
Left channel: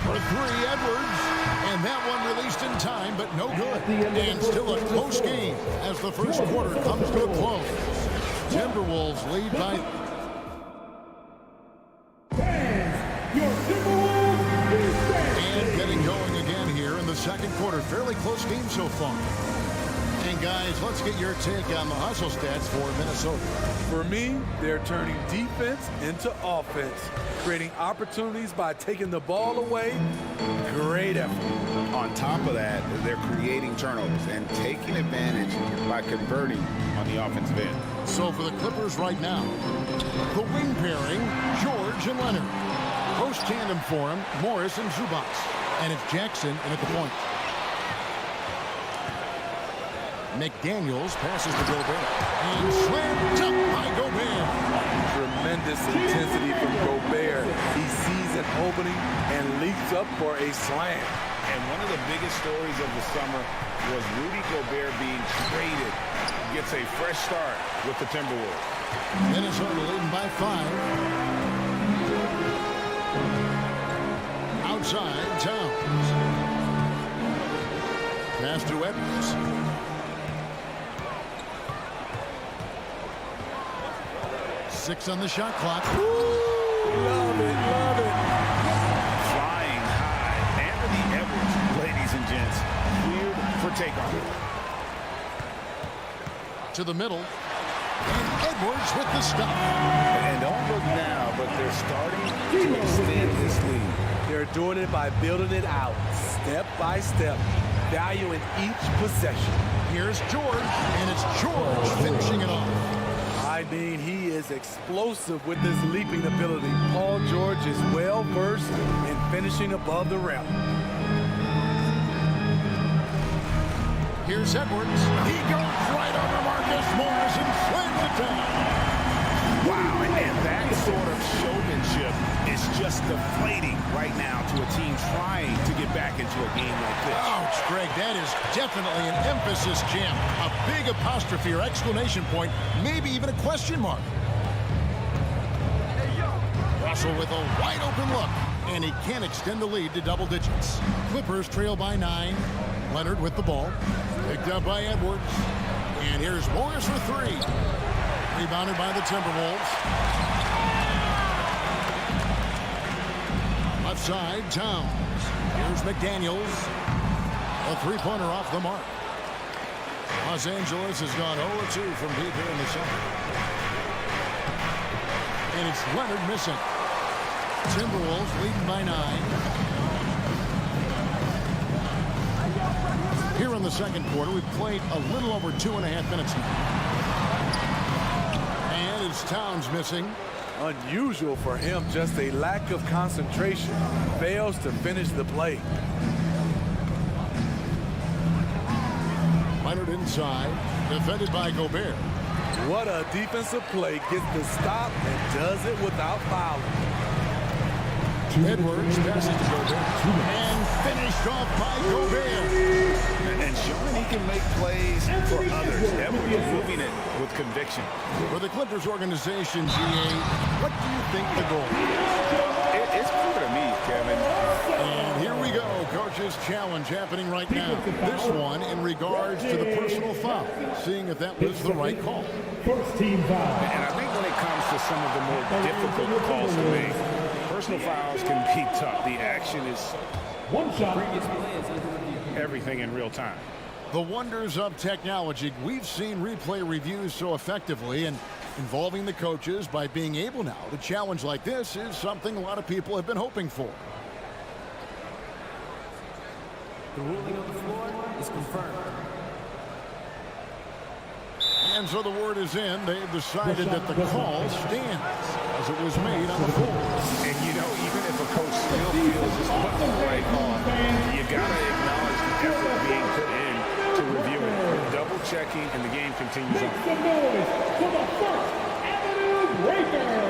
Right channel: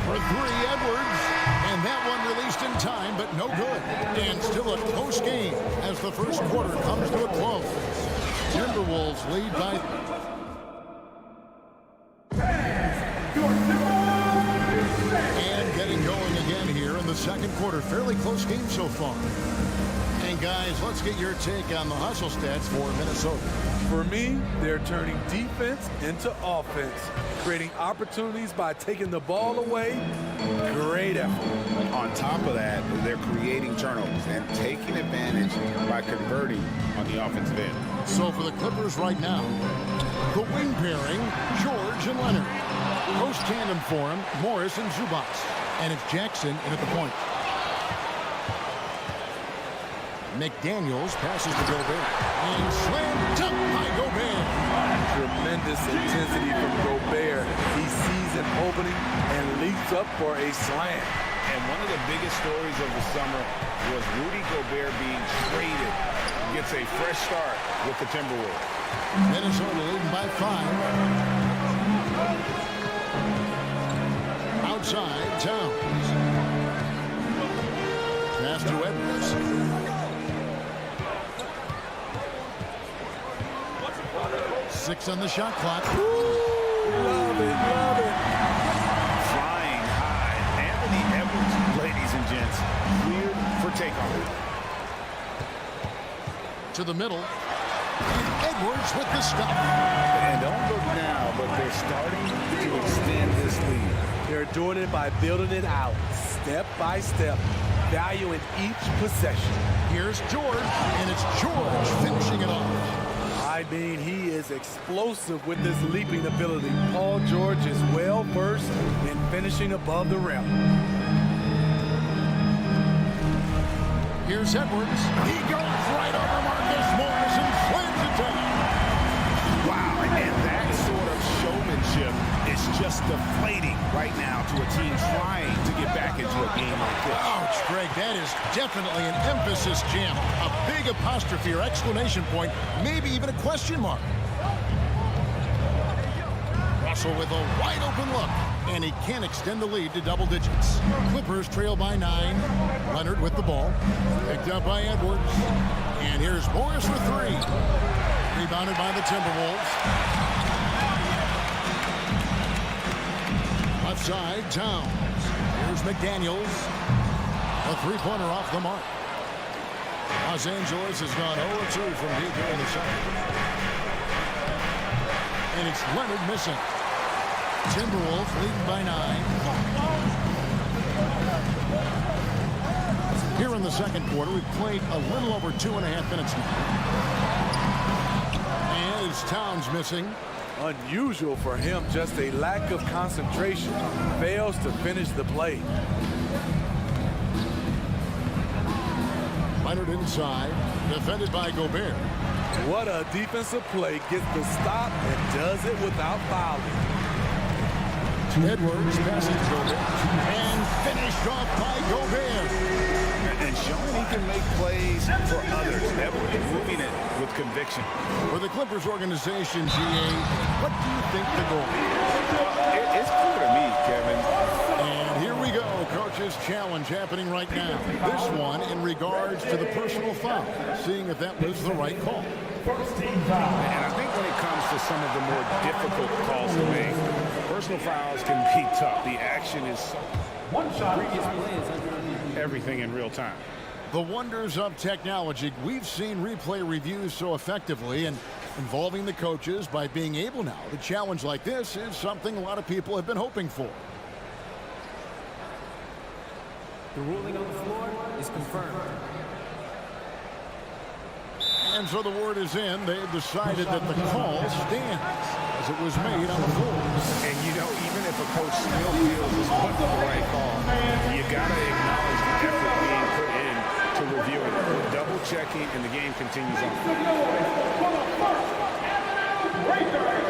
For 3, Edwards. And that one released in time, but no good. And still a close game as the first quarter comes to a close. Timberwolves lead by... And getting going again here in the second quarter. Fairly close game so far. And guys, let's get your take on the hustle stats for Minnesota. For me, they're turning defense into offense, creating opportunities by taking the ball away. Great effort. On top of that, they're creating turnovers and taking advantage by converting on the offensive end. So for the Clippers right now, the wing pairing, George and Leonard. Post tandem for him, Morris and Zubac. And it's Jackson in at the point. McDaniels passes to Gobert. And slammed up by Gobert. Tremendous intensity from Gobert. He sees an opening and leaps up for a slam. And one of the biggest stories of the summer was Rudy Gobert being traded. Gets a fresh start with the Timberwolves. Minnesota leading by 5. Outside, Towns. Pass to Edwards. Six on the shot clock. Love it, love it. Flying high. Anthony Edwards, ladies and gents, cleared for takeoff. To the middle. And Edwards with the stop. And don't look now, but they're starting to extend this lead. They're doing it by building it out, step by step. value in each possession. Here's George, and it's George finishing it off. I mean, he is explosive with his leaping ability. Paul George is well versed in finishing above the rim. Here's Edwards. He goes right over Marcus Morris and slams it down. Wow, and that sort of showmanship is just deflating right now to a team trying to get back into a game like this. Ouch, Greg, that is definitely an emphasis jam. A big apostrophe or exclamation point, maybe even a question mark. Russell with a wide open look, and he can extend the lead to double digits. Clippers trail by 9. Leonard with the ball. Picked up by Edwards. And here's Morris for 3. Rebounded by the Timberwolves. Left side, Towns. Here's McDaniels. A three-pointer off the mark. Los Angeles has gone 0-2 from deep here in the second. And it's Leonard missing. Timberwolves leading by 9. Here in the second quarter, we've played a little over 2.5 minutes now. And it's Towns missing. Unusual for him, just a lack of concentration. Fails to finish the play. Leonard inside, defended by Gobert. What a defensive play. Gets the stop and does it without fouling. Edwards passes to Gobert. And finished off by Gobert. And showing he can make plays for others. Edwards moving it with conviction. For the Clippers organization, GA, what do you think the goal is? Well, it's clear to me, Kevin. And here we go. Coach's challenge happening right now. This one in regards to the personal foul. Seeing if that was the right call. First team foul. And I think when it comes to some of the more difficult calls to make, personal fouls can be tough. The action is so... One shot. Previous play is under review. Everything in real time. The wonders of technology. We've seen replay reviews so effectively, and involving the coaches by being able now to challenge like this is something a lot of people have been hoping for. The ruling on the floor is confirmed. And so the word is in. They've decided that the call stands as it was made on the floor. And you know, even if a coach still feels this wasn't the right call, you got to acknowledge the effort being put in to reviewing it. Double checking, and the game continues on. Make some noise for the First Avenue Breakers.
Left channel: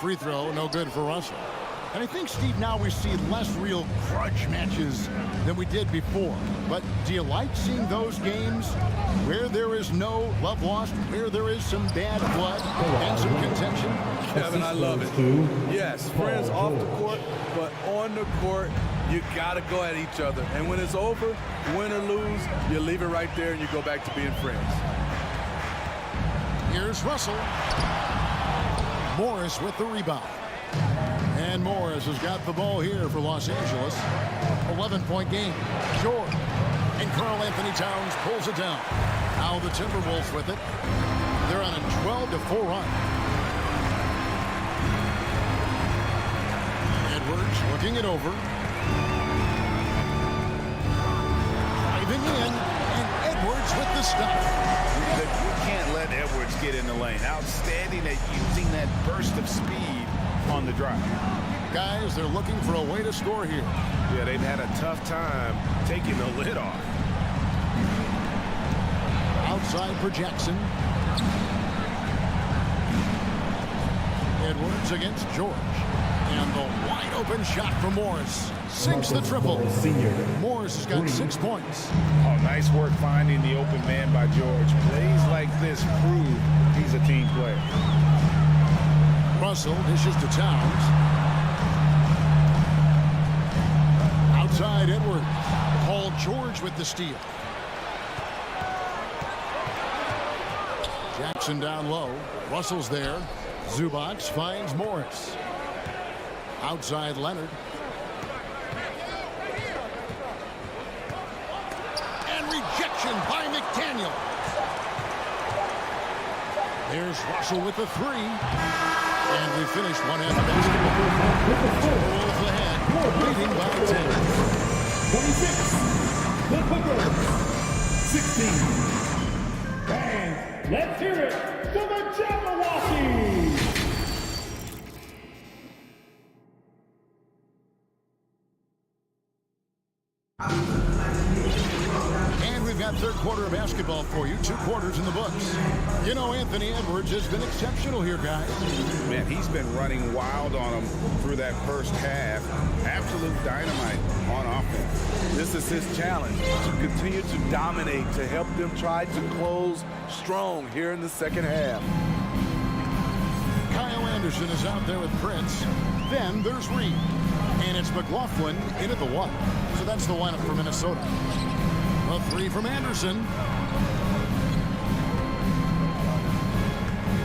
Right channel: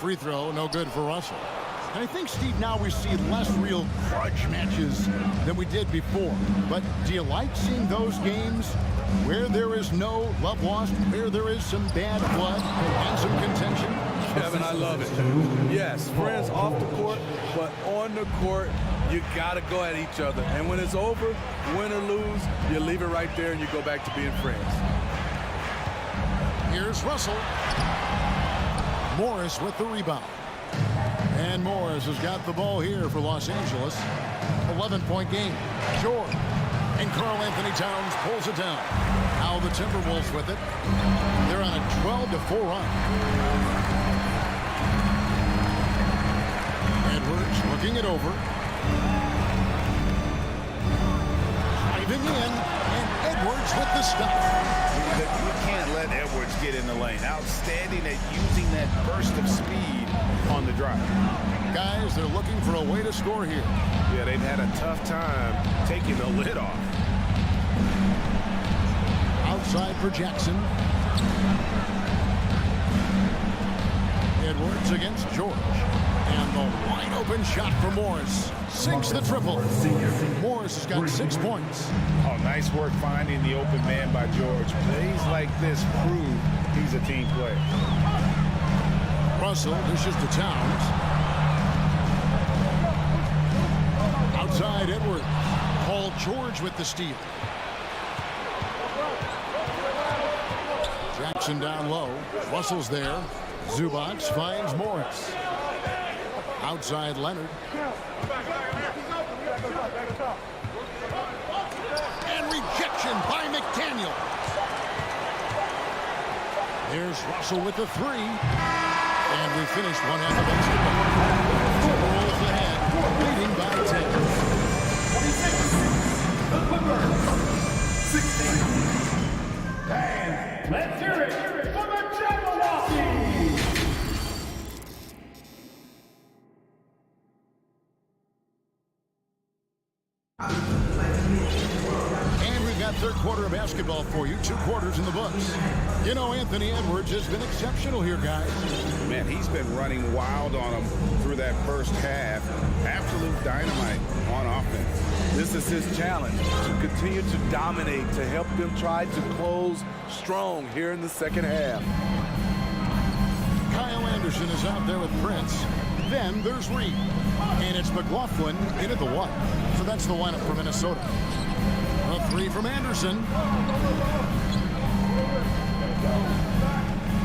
Free throw, no good for Russell. And I think, Steve, now we see less real grudge matches than we did before. But do you like seeing those games where there is no love lost, where there is some bad blood and some contention? Kevin, I love it. Yes, friends off the court, but on the court, you got to go at each other. And when it's over, win or lose, you leave it right there and you go back to being friends. Here's Russell. Morris with the rebound. And Morris has got the ball here for Los Angeles. 11-point game. George. And Karl Anthony Towns pulls it down. Now the Timberwolves with it. They're on a 12-4 run. Edwards looking it over. Driving in. And Edwards with the stop. You can't let Edwards get in the lane. Outstanding at using that burst of speed on the drive. Guys, they're looking for a way to score here. Yeah, they've had a tough time taking the lid off. Outside for Jackson. Edwards against George. And the wide open shot for Morris. Sinks the triple. Morris has got 6 points. Oh, nice work finding the open man by George. Plays like this prove he's a team player. Russell dishes to Towns. Outside Edwards. Paul George with the steal. Jackson down low. Russell's there. Zubac finds Morris. Outside Leonard. And rejection by McDaniel. There's Russell with the three. And we finished one half of basketball. Timberwolves ahead, leading by 10. 26, the Clippers, 16. And let's hear it for the Jabberwockies. And we've got third quarter of basketball for you. 2 quarters in the books. You know, Anthony Edwards has been exceptional here, guys. Man, he's been running wild on them through that first half. Absolute dynamite on offense. This is his challenge, to continue to dominate, to help them try to close strong here in the second half. Kyle Anderson is out there with Prince. Then there's Reed. And it's McLaughlin in at the 1. So that's the lineup for Minnesota. A 3 from Anderson.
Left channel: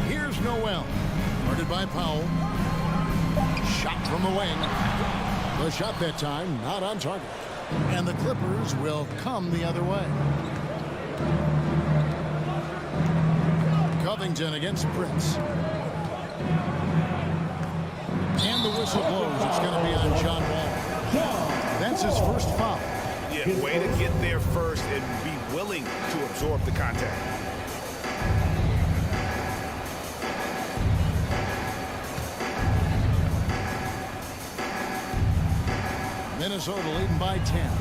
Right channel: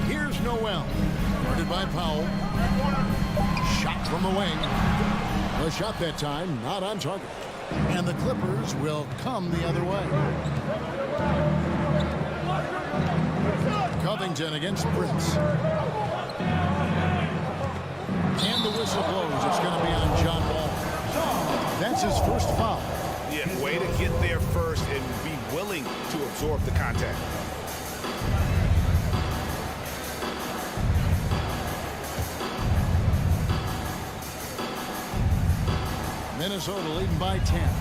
Here's Noel. Guarded by Powell. Shot from the wing. The shot that time not on target. And the Clippers will come the other way. Covington against Prince. And the whistle blows. It's going to be on John Wall. That's his first foul. Yeah, way to get there first and be willing to absorb the contact. Minnesota leading by 10.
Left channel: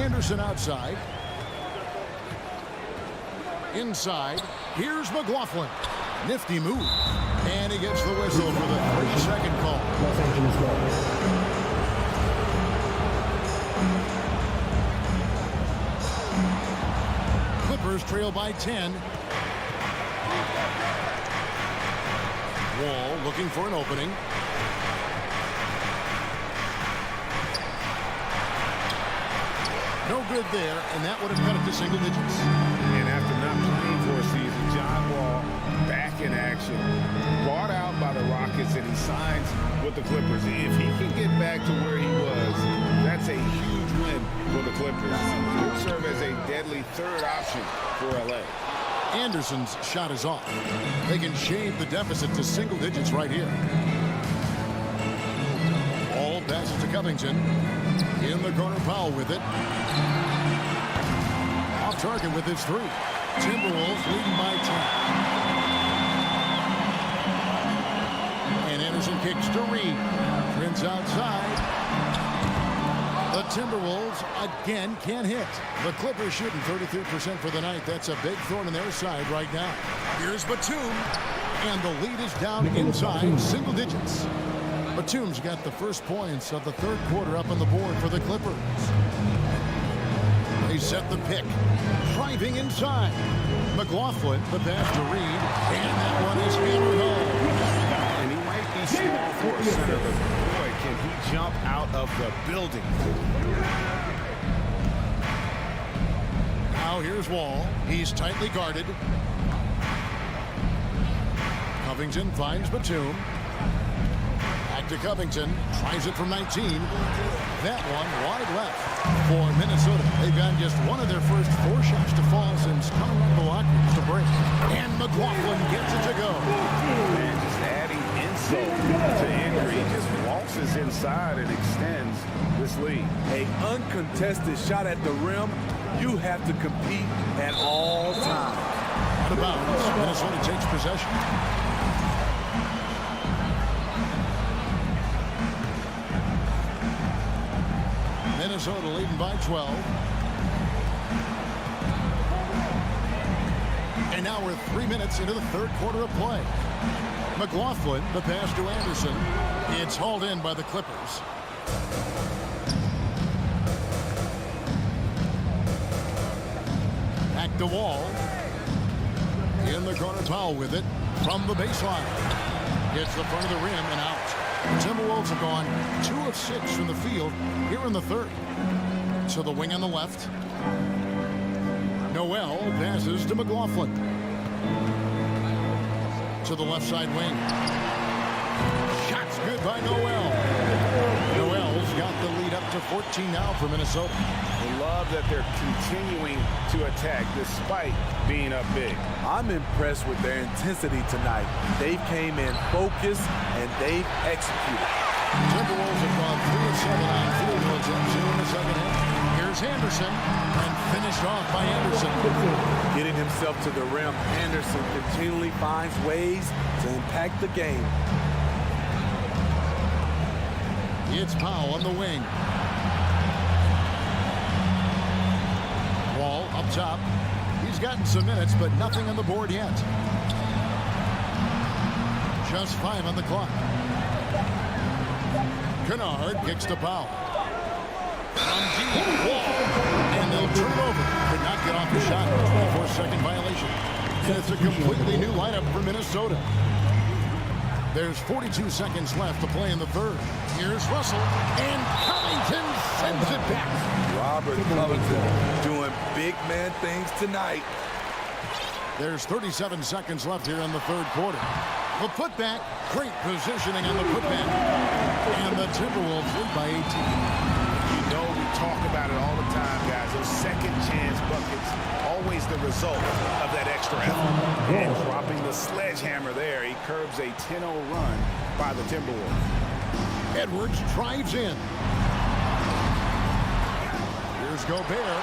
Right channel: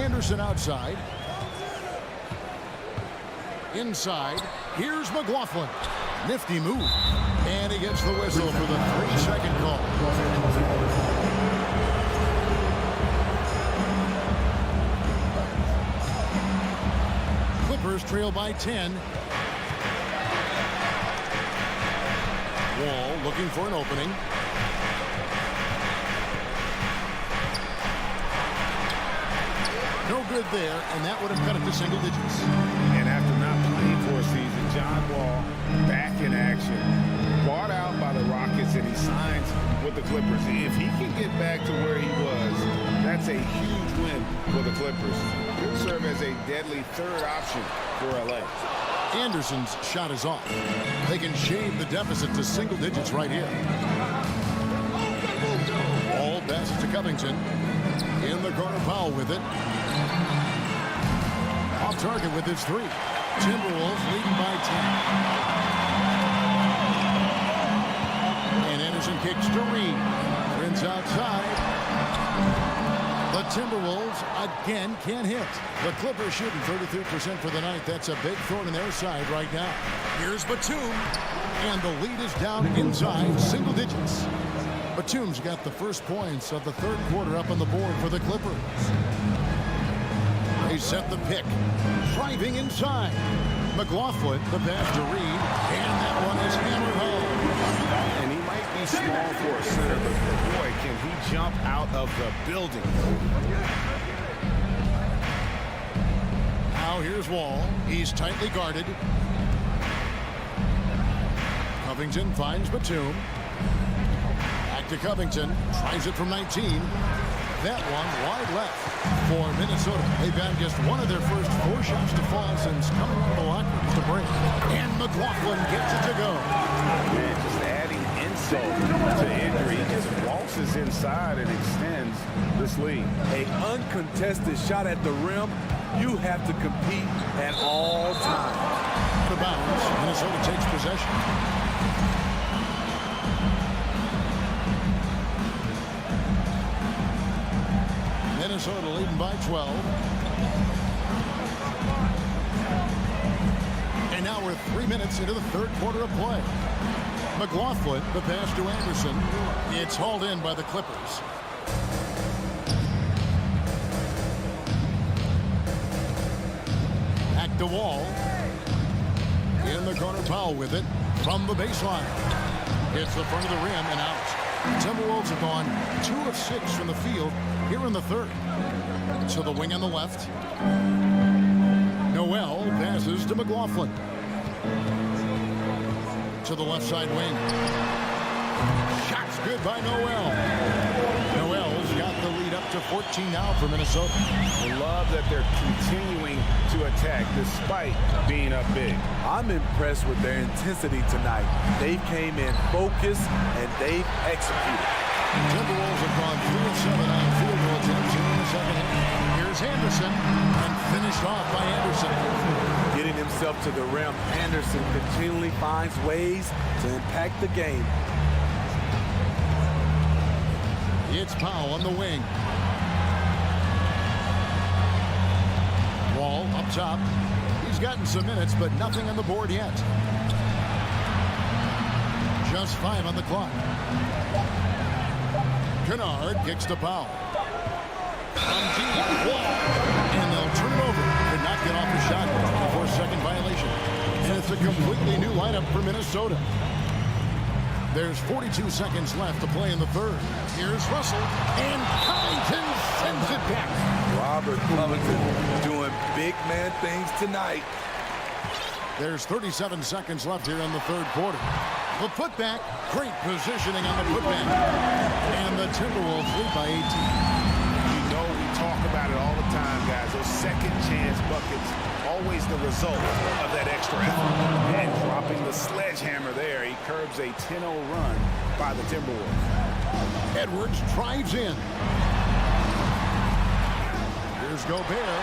Anderson outside. Inside. Here's McLaughlin. Nifty move. And he gets the whistle for the 3-second call. Clippers trail by 10. Wall looking for an opening. No good there, and that would have cut it to single digits. And after not playing for a season, John Wall back in action. Bought out by the Rockets, and he signs with the Clippers. If he can get back to where he was, that's a huge win for the Clippers. He'll serve as a deadly third option for LA. Anderson's shot is off. They can shave the deficit to single digits right here. Ball passes to Covington. In the corner, Powell with it. Off target with his 3. Timberwolves leading by 10. And Anderson kicks to Reed. Prince outside. The Timberwolves again can't hit. The Clippers shooting 33% for the night. That's a big thorn in their side right now. Here's Batum. And the lead is down inside single digits. Batum's got the first points of the third quarter up on the board for the Clippers. They set the pick. Driving inside. McLaughlin, the pass to Reed. And that one is hammered home. And he might be small for a center, but boy, can he jump out of the building. Now here's Wall. He's tightly guarded. Covington finds Batum. Back to Covington. Tries it from 19. That one wide left for Minnesota. They've had just one of their first 4 shots to fall since coming out of the locker room to break. And McLaughlin gets it to go. Man, just adding insult to injury. He just waltzes inside and extends this lead. An uncontested shot at the rim. You have to compete at all times. Out of bounds. Minnesota takes possession. Minnesota leading by 12. And now we're 3 minutes into the third quarter of play. McLaughlin, the pass to Anderson. It's hauled in by the Clippers. Back to Wall. In the corner, Powell with it from the baseline. Hits the front of the rim and out. The Timberwolves have gone 2 of 6 from the field here in the third. So the wing on the left. Noel passes to McLaughlin. To the left side wing. Shots good by Noel. Noel's got the lead up to 14 now for Minnesota. I love that they're continuing to attack despite being up big. I'm impressed with their intensity tonight. They came in focused and they've executed. Timberwolves have gone 3 of 7 on field goal attempts here in the second half. Here's Anderson, and finished off by Anderson. Getting himself to the rim, Anderson continually finds ways to impact the game. It's Powell on the wing. Wall up top. He's gotten some minutes, but nothing on the board yet. Just 5 on the clock. Kennard kicks to Powell. From deep, Wall, and they'll turn it over. Could not get off the shot. 24-second violation. And it's a completely new lineup for Minnesota. There's 42 seconds left to play in the third. Here's Russell, and Covington sends it back. Robert Covington doing big man things tonight. There's 37 seconds left here in the third quarter. The putback, great positioning on the putback. And the Timberwolves lead by 18. You know, we talk about it all the time, guys. Those second chance buckets, always the result of that extra effort. And dropping the sledgehammer there, he curbs a 10-0 run by the Timberwolves. Edwards drives in. Here's Gobert.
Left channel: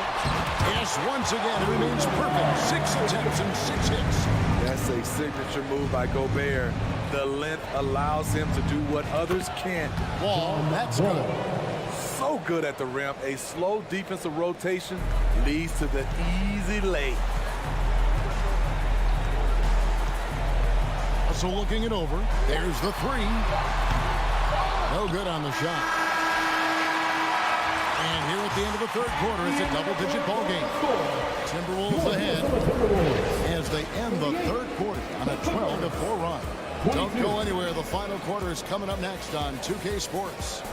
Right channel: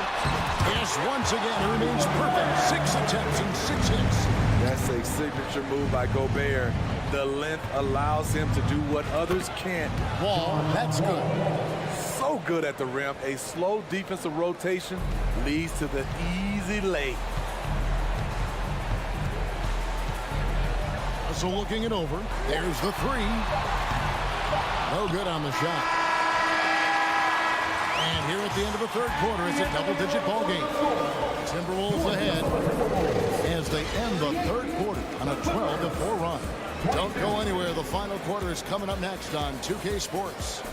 Yes, once again, he remains perfect. 6 attempts and 6 hits. That's a signature move by Gobert. The length allows him to do what others can't. Wall, that's good. So good at the rim. A slow defensive rotation leads to the easy lay. So looking it over. There's the 3. No good on the shot. And here at the end of the third quarter, it's a double-digit ball game. Timberwolves ahead as they end the third quarter on a 12-4 run. Don't go anywhere. The final quarter is coming up next on 2K Sports.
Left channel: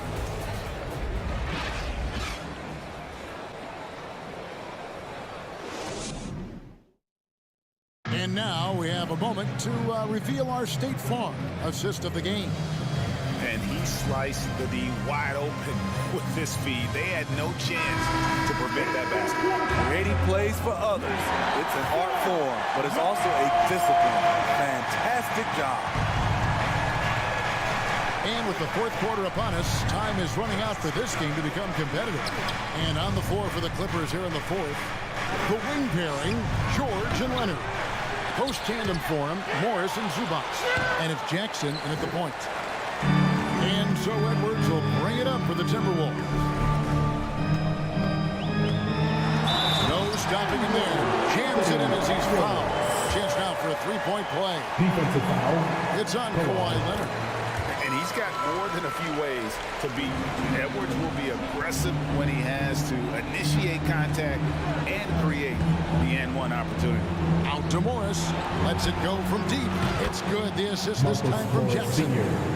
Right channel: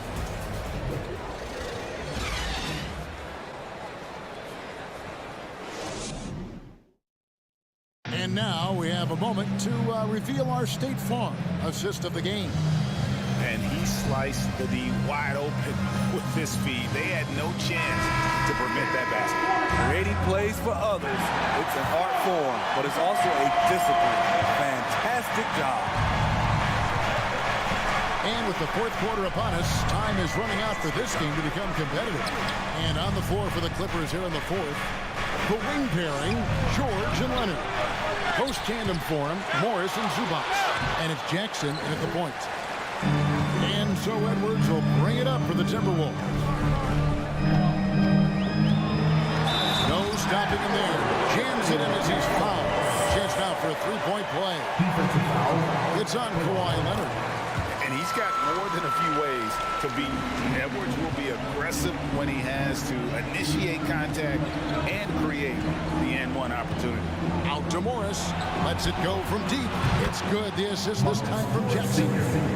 And now we have a moment to reveal our State Farm assist of the game. And he sliced the D wide open with this feed. They had no chance to prevent that basket. Creating plays for others. It's an art form, but it's also a discipline. Fantastic job. And with the fourth quarter upon us, time is running out for this game to become competitive. And on the floor for the Clippers here in the fourth, the wing pairing, George and Leonard. Post tandem for him, Morris and Zubac. And it's Jackson in at the point. And so Edwards will bring it up for the Timberwolves. No stopping him there. Jams it in as he's fouled. Chance now for a three-point play. Defensive foul. It's on Kawhi Leonard. And he's got more than a few ways to beat. Edwards will be aggressive when he has to initiate contact and create the N1 opportunity. Out to Morris. Lets it go from deep. It's good. The assist this time from Jackson.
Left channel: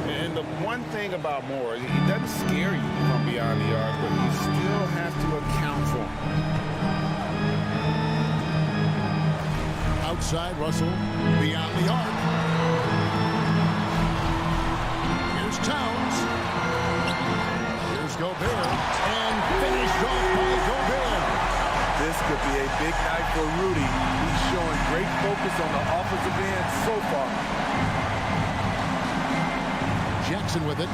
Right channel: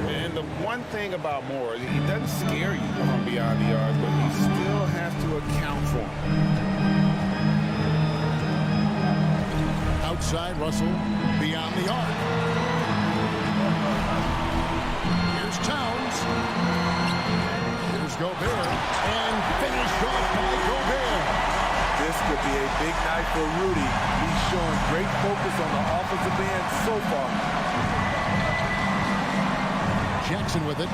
And the one thing about Morris, he doesn't scare you from beyond the arc, but you still have to account for him. Outside, Russell. Beyond the arc. Here's Towns. Here's Gobert. And finished off by Gobert. This could be a big night for Rudy. He's showing great focus on the offensive end so far. Jackson with it.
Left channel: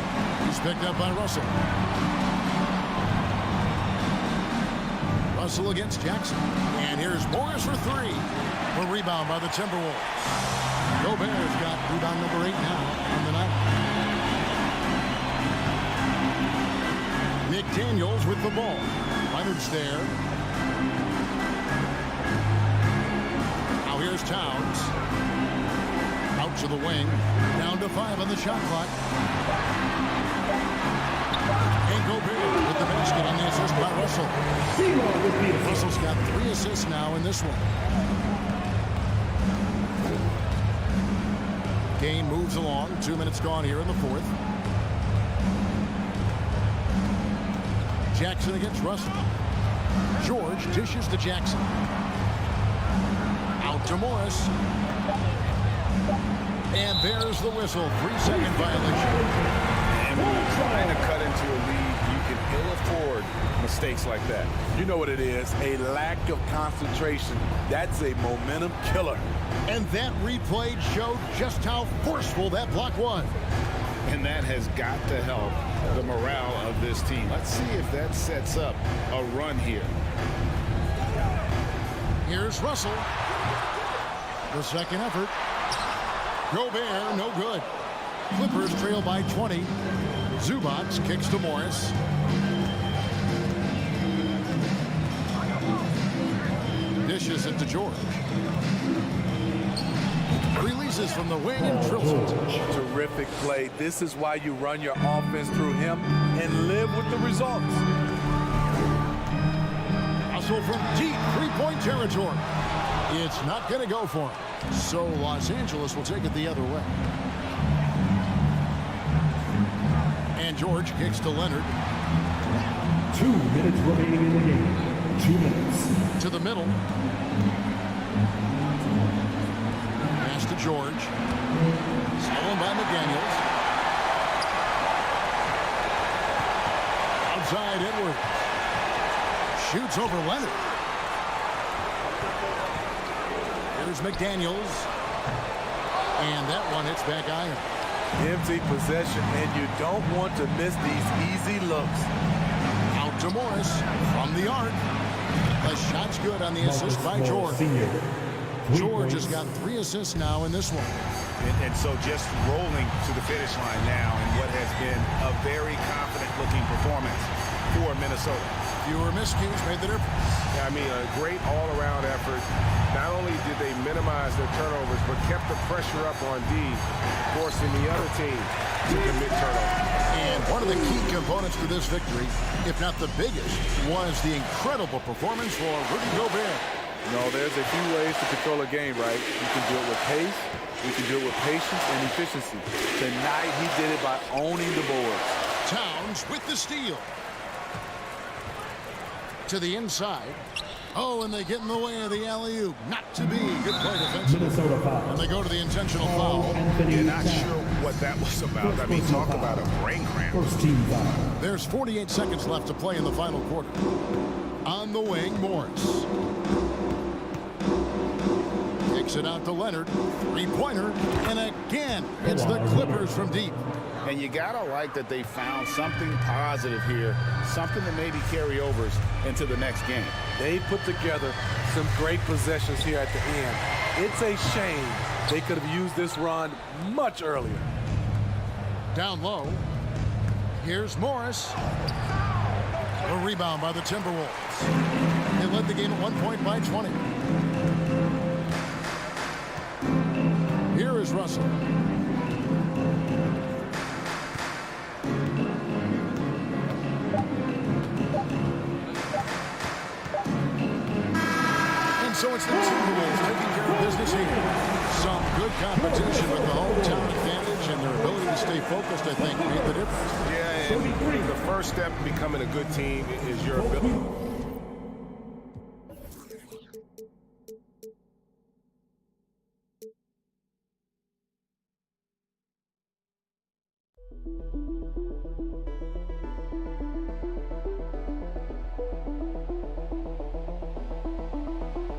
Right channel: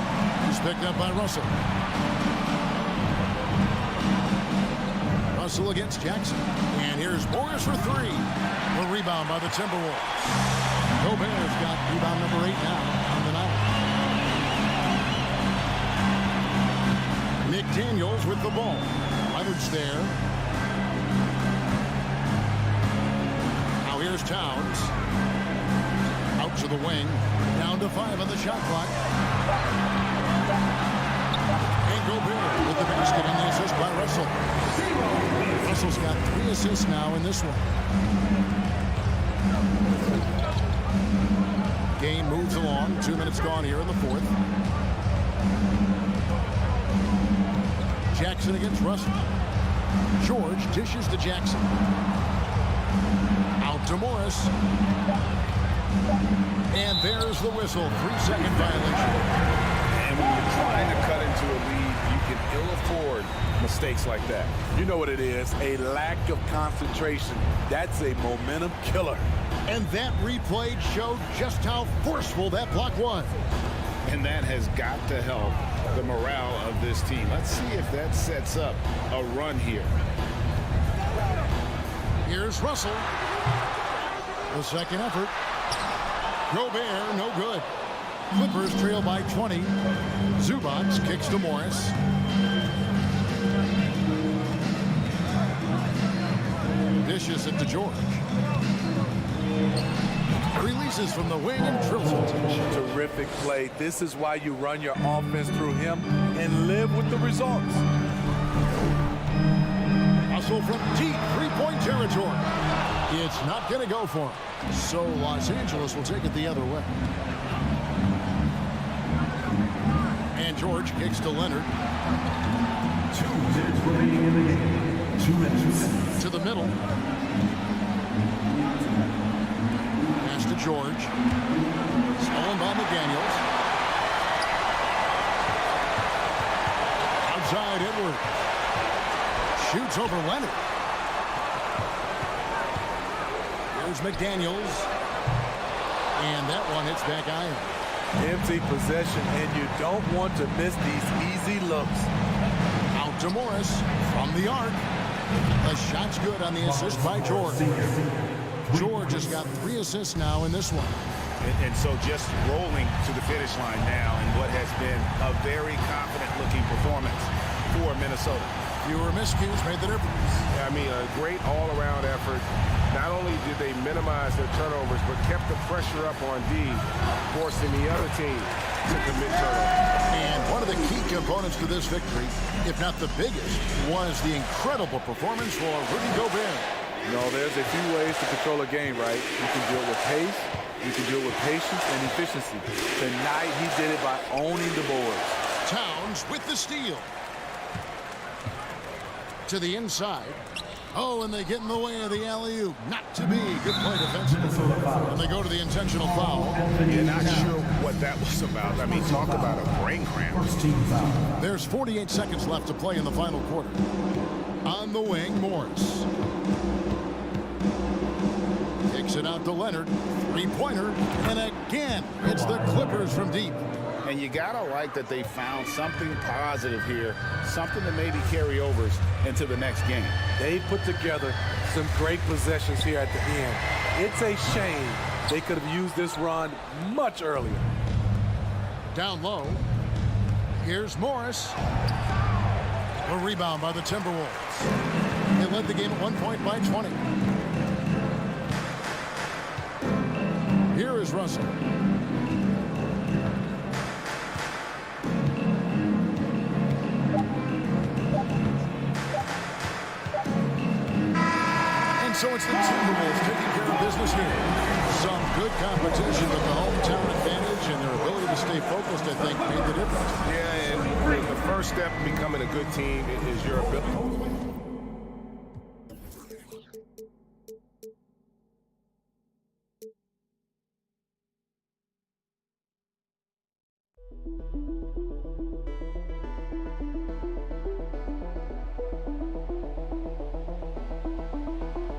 He's picked up by Russell. Russell against Jackson. And here's Morris for 3. A rebound by the Timberwolves. Gobert's got rebound number 8 now on the night. McDaniels with the ball. Leonard's there. Now here's Towns. Out to the wing. Down to 5 on the shot clock. And Gobert with the basket on the assist by Russell. Russell's got 3 assists now in this one. Game moves along. 2 minutes gone here in the fourth. Jackson against Russell. George dishes to Jackson. to Morris. And there's the whistle. 3-second violation. And when you're trying to cut into a lead, you can ill afford mistakes like that. You know what it is, a lack of concentration. That's a momentum killer. And that replay showed just how forceful that block was. And that has got to help the morale of this team. Let's see if that sets up a run here. Here's Russell. The second effort. Gobert, no good. Clippers trail by 20. Zubats kicks to Morris. Dishes it to George. Releases from the wing and drills it. Terrific play. This is why you run your offense through him and live with the results. Hustle from deep three-point territory. It's not going to go for him. So Los Angeles will take it the other way. And George kicks to Leonard. 2 minutes remaining in the game. 2 minutes. To the middle. Pass to George. Stolen by McDaniels. Outside Edwards. Shoots over Leonard. Here's McDaniels. And that one hits back iron. Empty possession, and you don't want to miss these easy looks. Out to Morris from the arc. The shot's good on the assist by George. George has got 3 assists now in this one. And so just rolling to the finish line now in what has been a very confident-looking performance for Minnesota. Fewer miscues made the difference. I mean, a great all-around effort. Not only did they minimize their turnovers, but kept the pressure up on D, forcing the other team to commit turnovers. And one of the key components to this victory, if not the biggest, was the incredible performance for Rudy Gobert. No, there's a few ways to control a game, right? You can do it with pace, you can do it with patience and efficiency. Tonight, he did it by owning the boards. Towns with the steal. To the inside. Oh, and they get in the way of the alley-oop. Not to be. Good play defensively. And they go to the intentional foul. You're not sure what that was about. I mean, talk about a brain cramp. First team foul. There's 48 seconds left to play in the final quarter. On the wing, Morris. Kicks it out to Leonard. Three-pointer. And again, it's the Clippers from deep. And you got to like that they found something positive here, something that maybe carry overs into the next game. They put together some great possessions here at the end. It's a shame they could have used this run much earlier. Down low. Here's Morris. A rebound by the Timberwolves. They led the game at 1 point by 20. Here is Russell. So it's the Timberwolves taking care of business here. Some good competition, but the hometown advantage and their ability to stay focused, I think, made the difference. Yeah, and the first step in becoming a good team is your ability.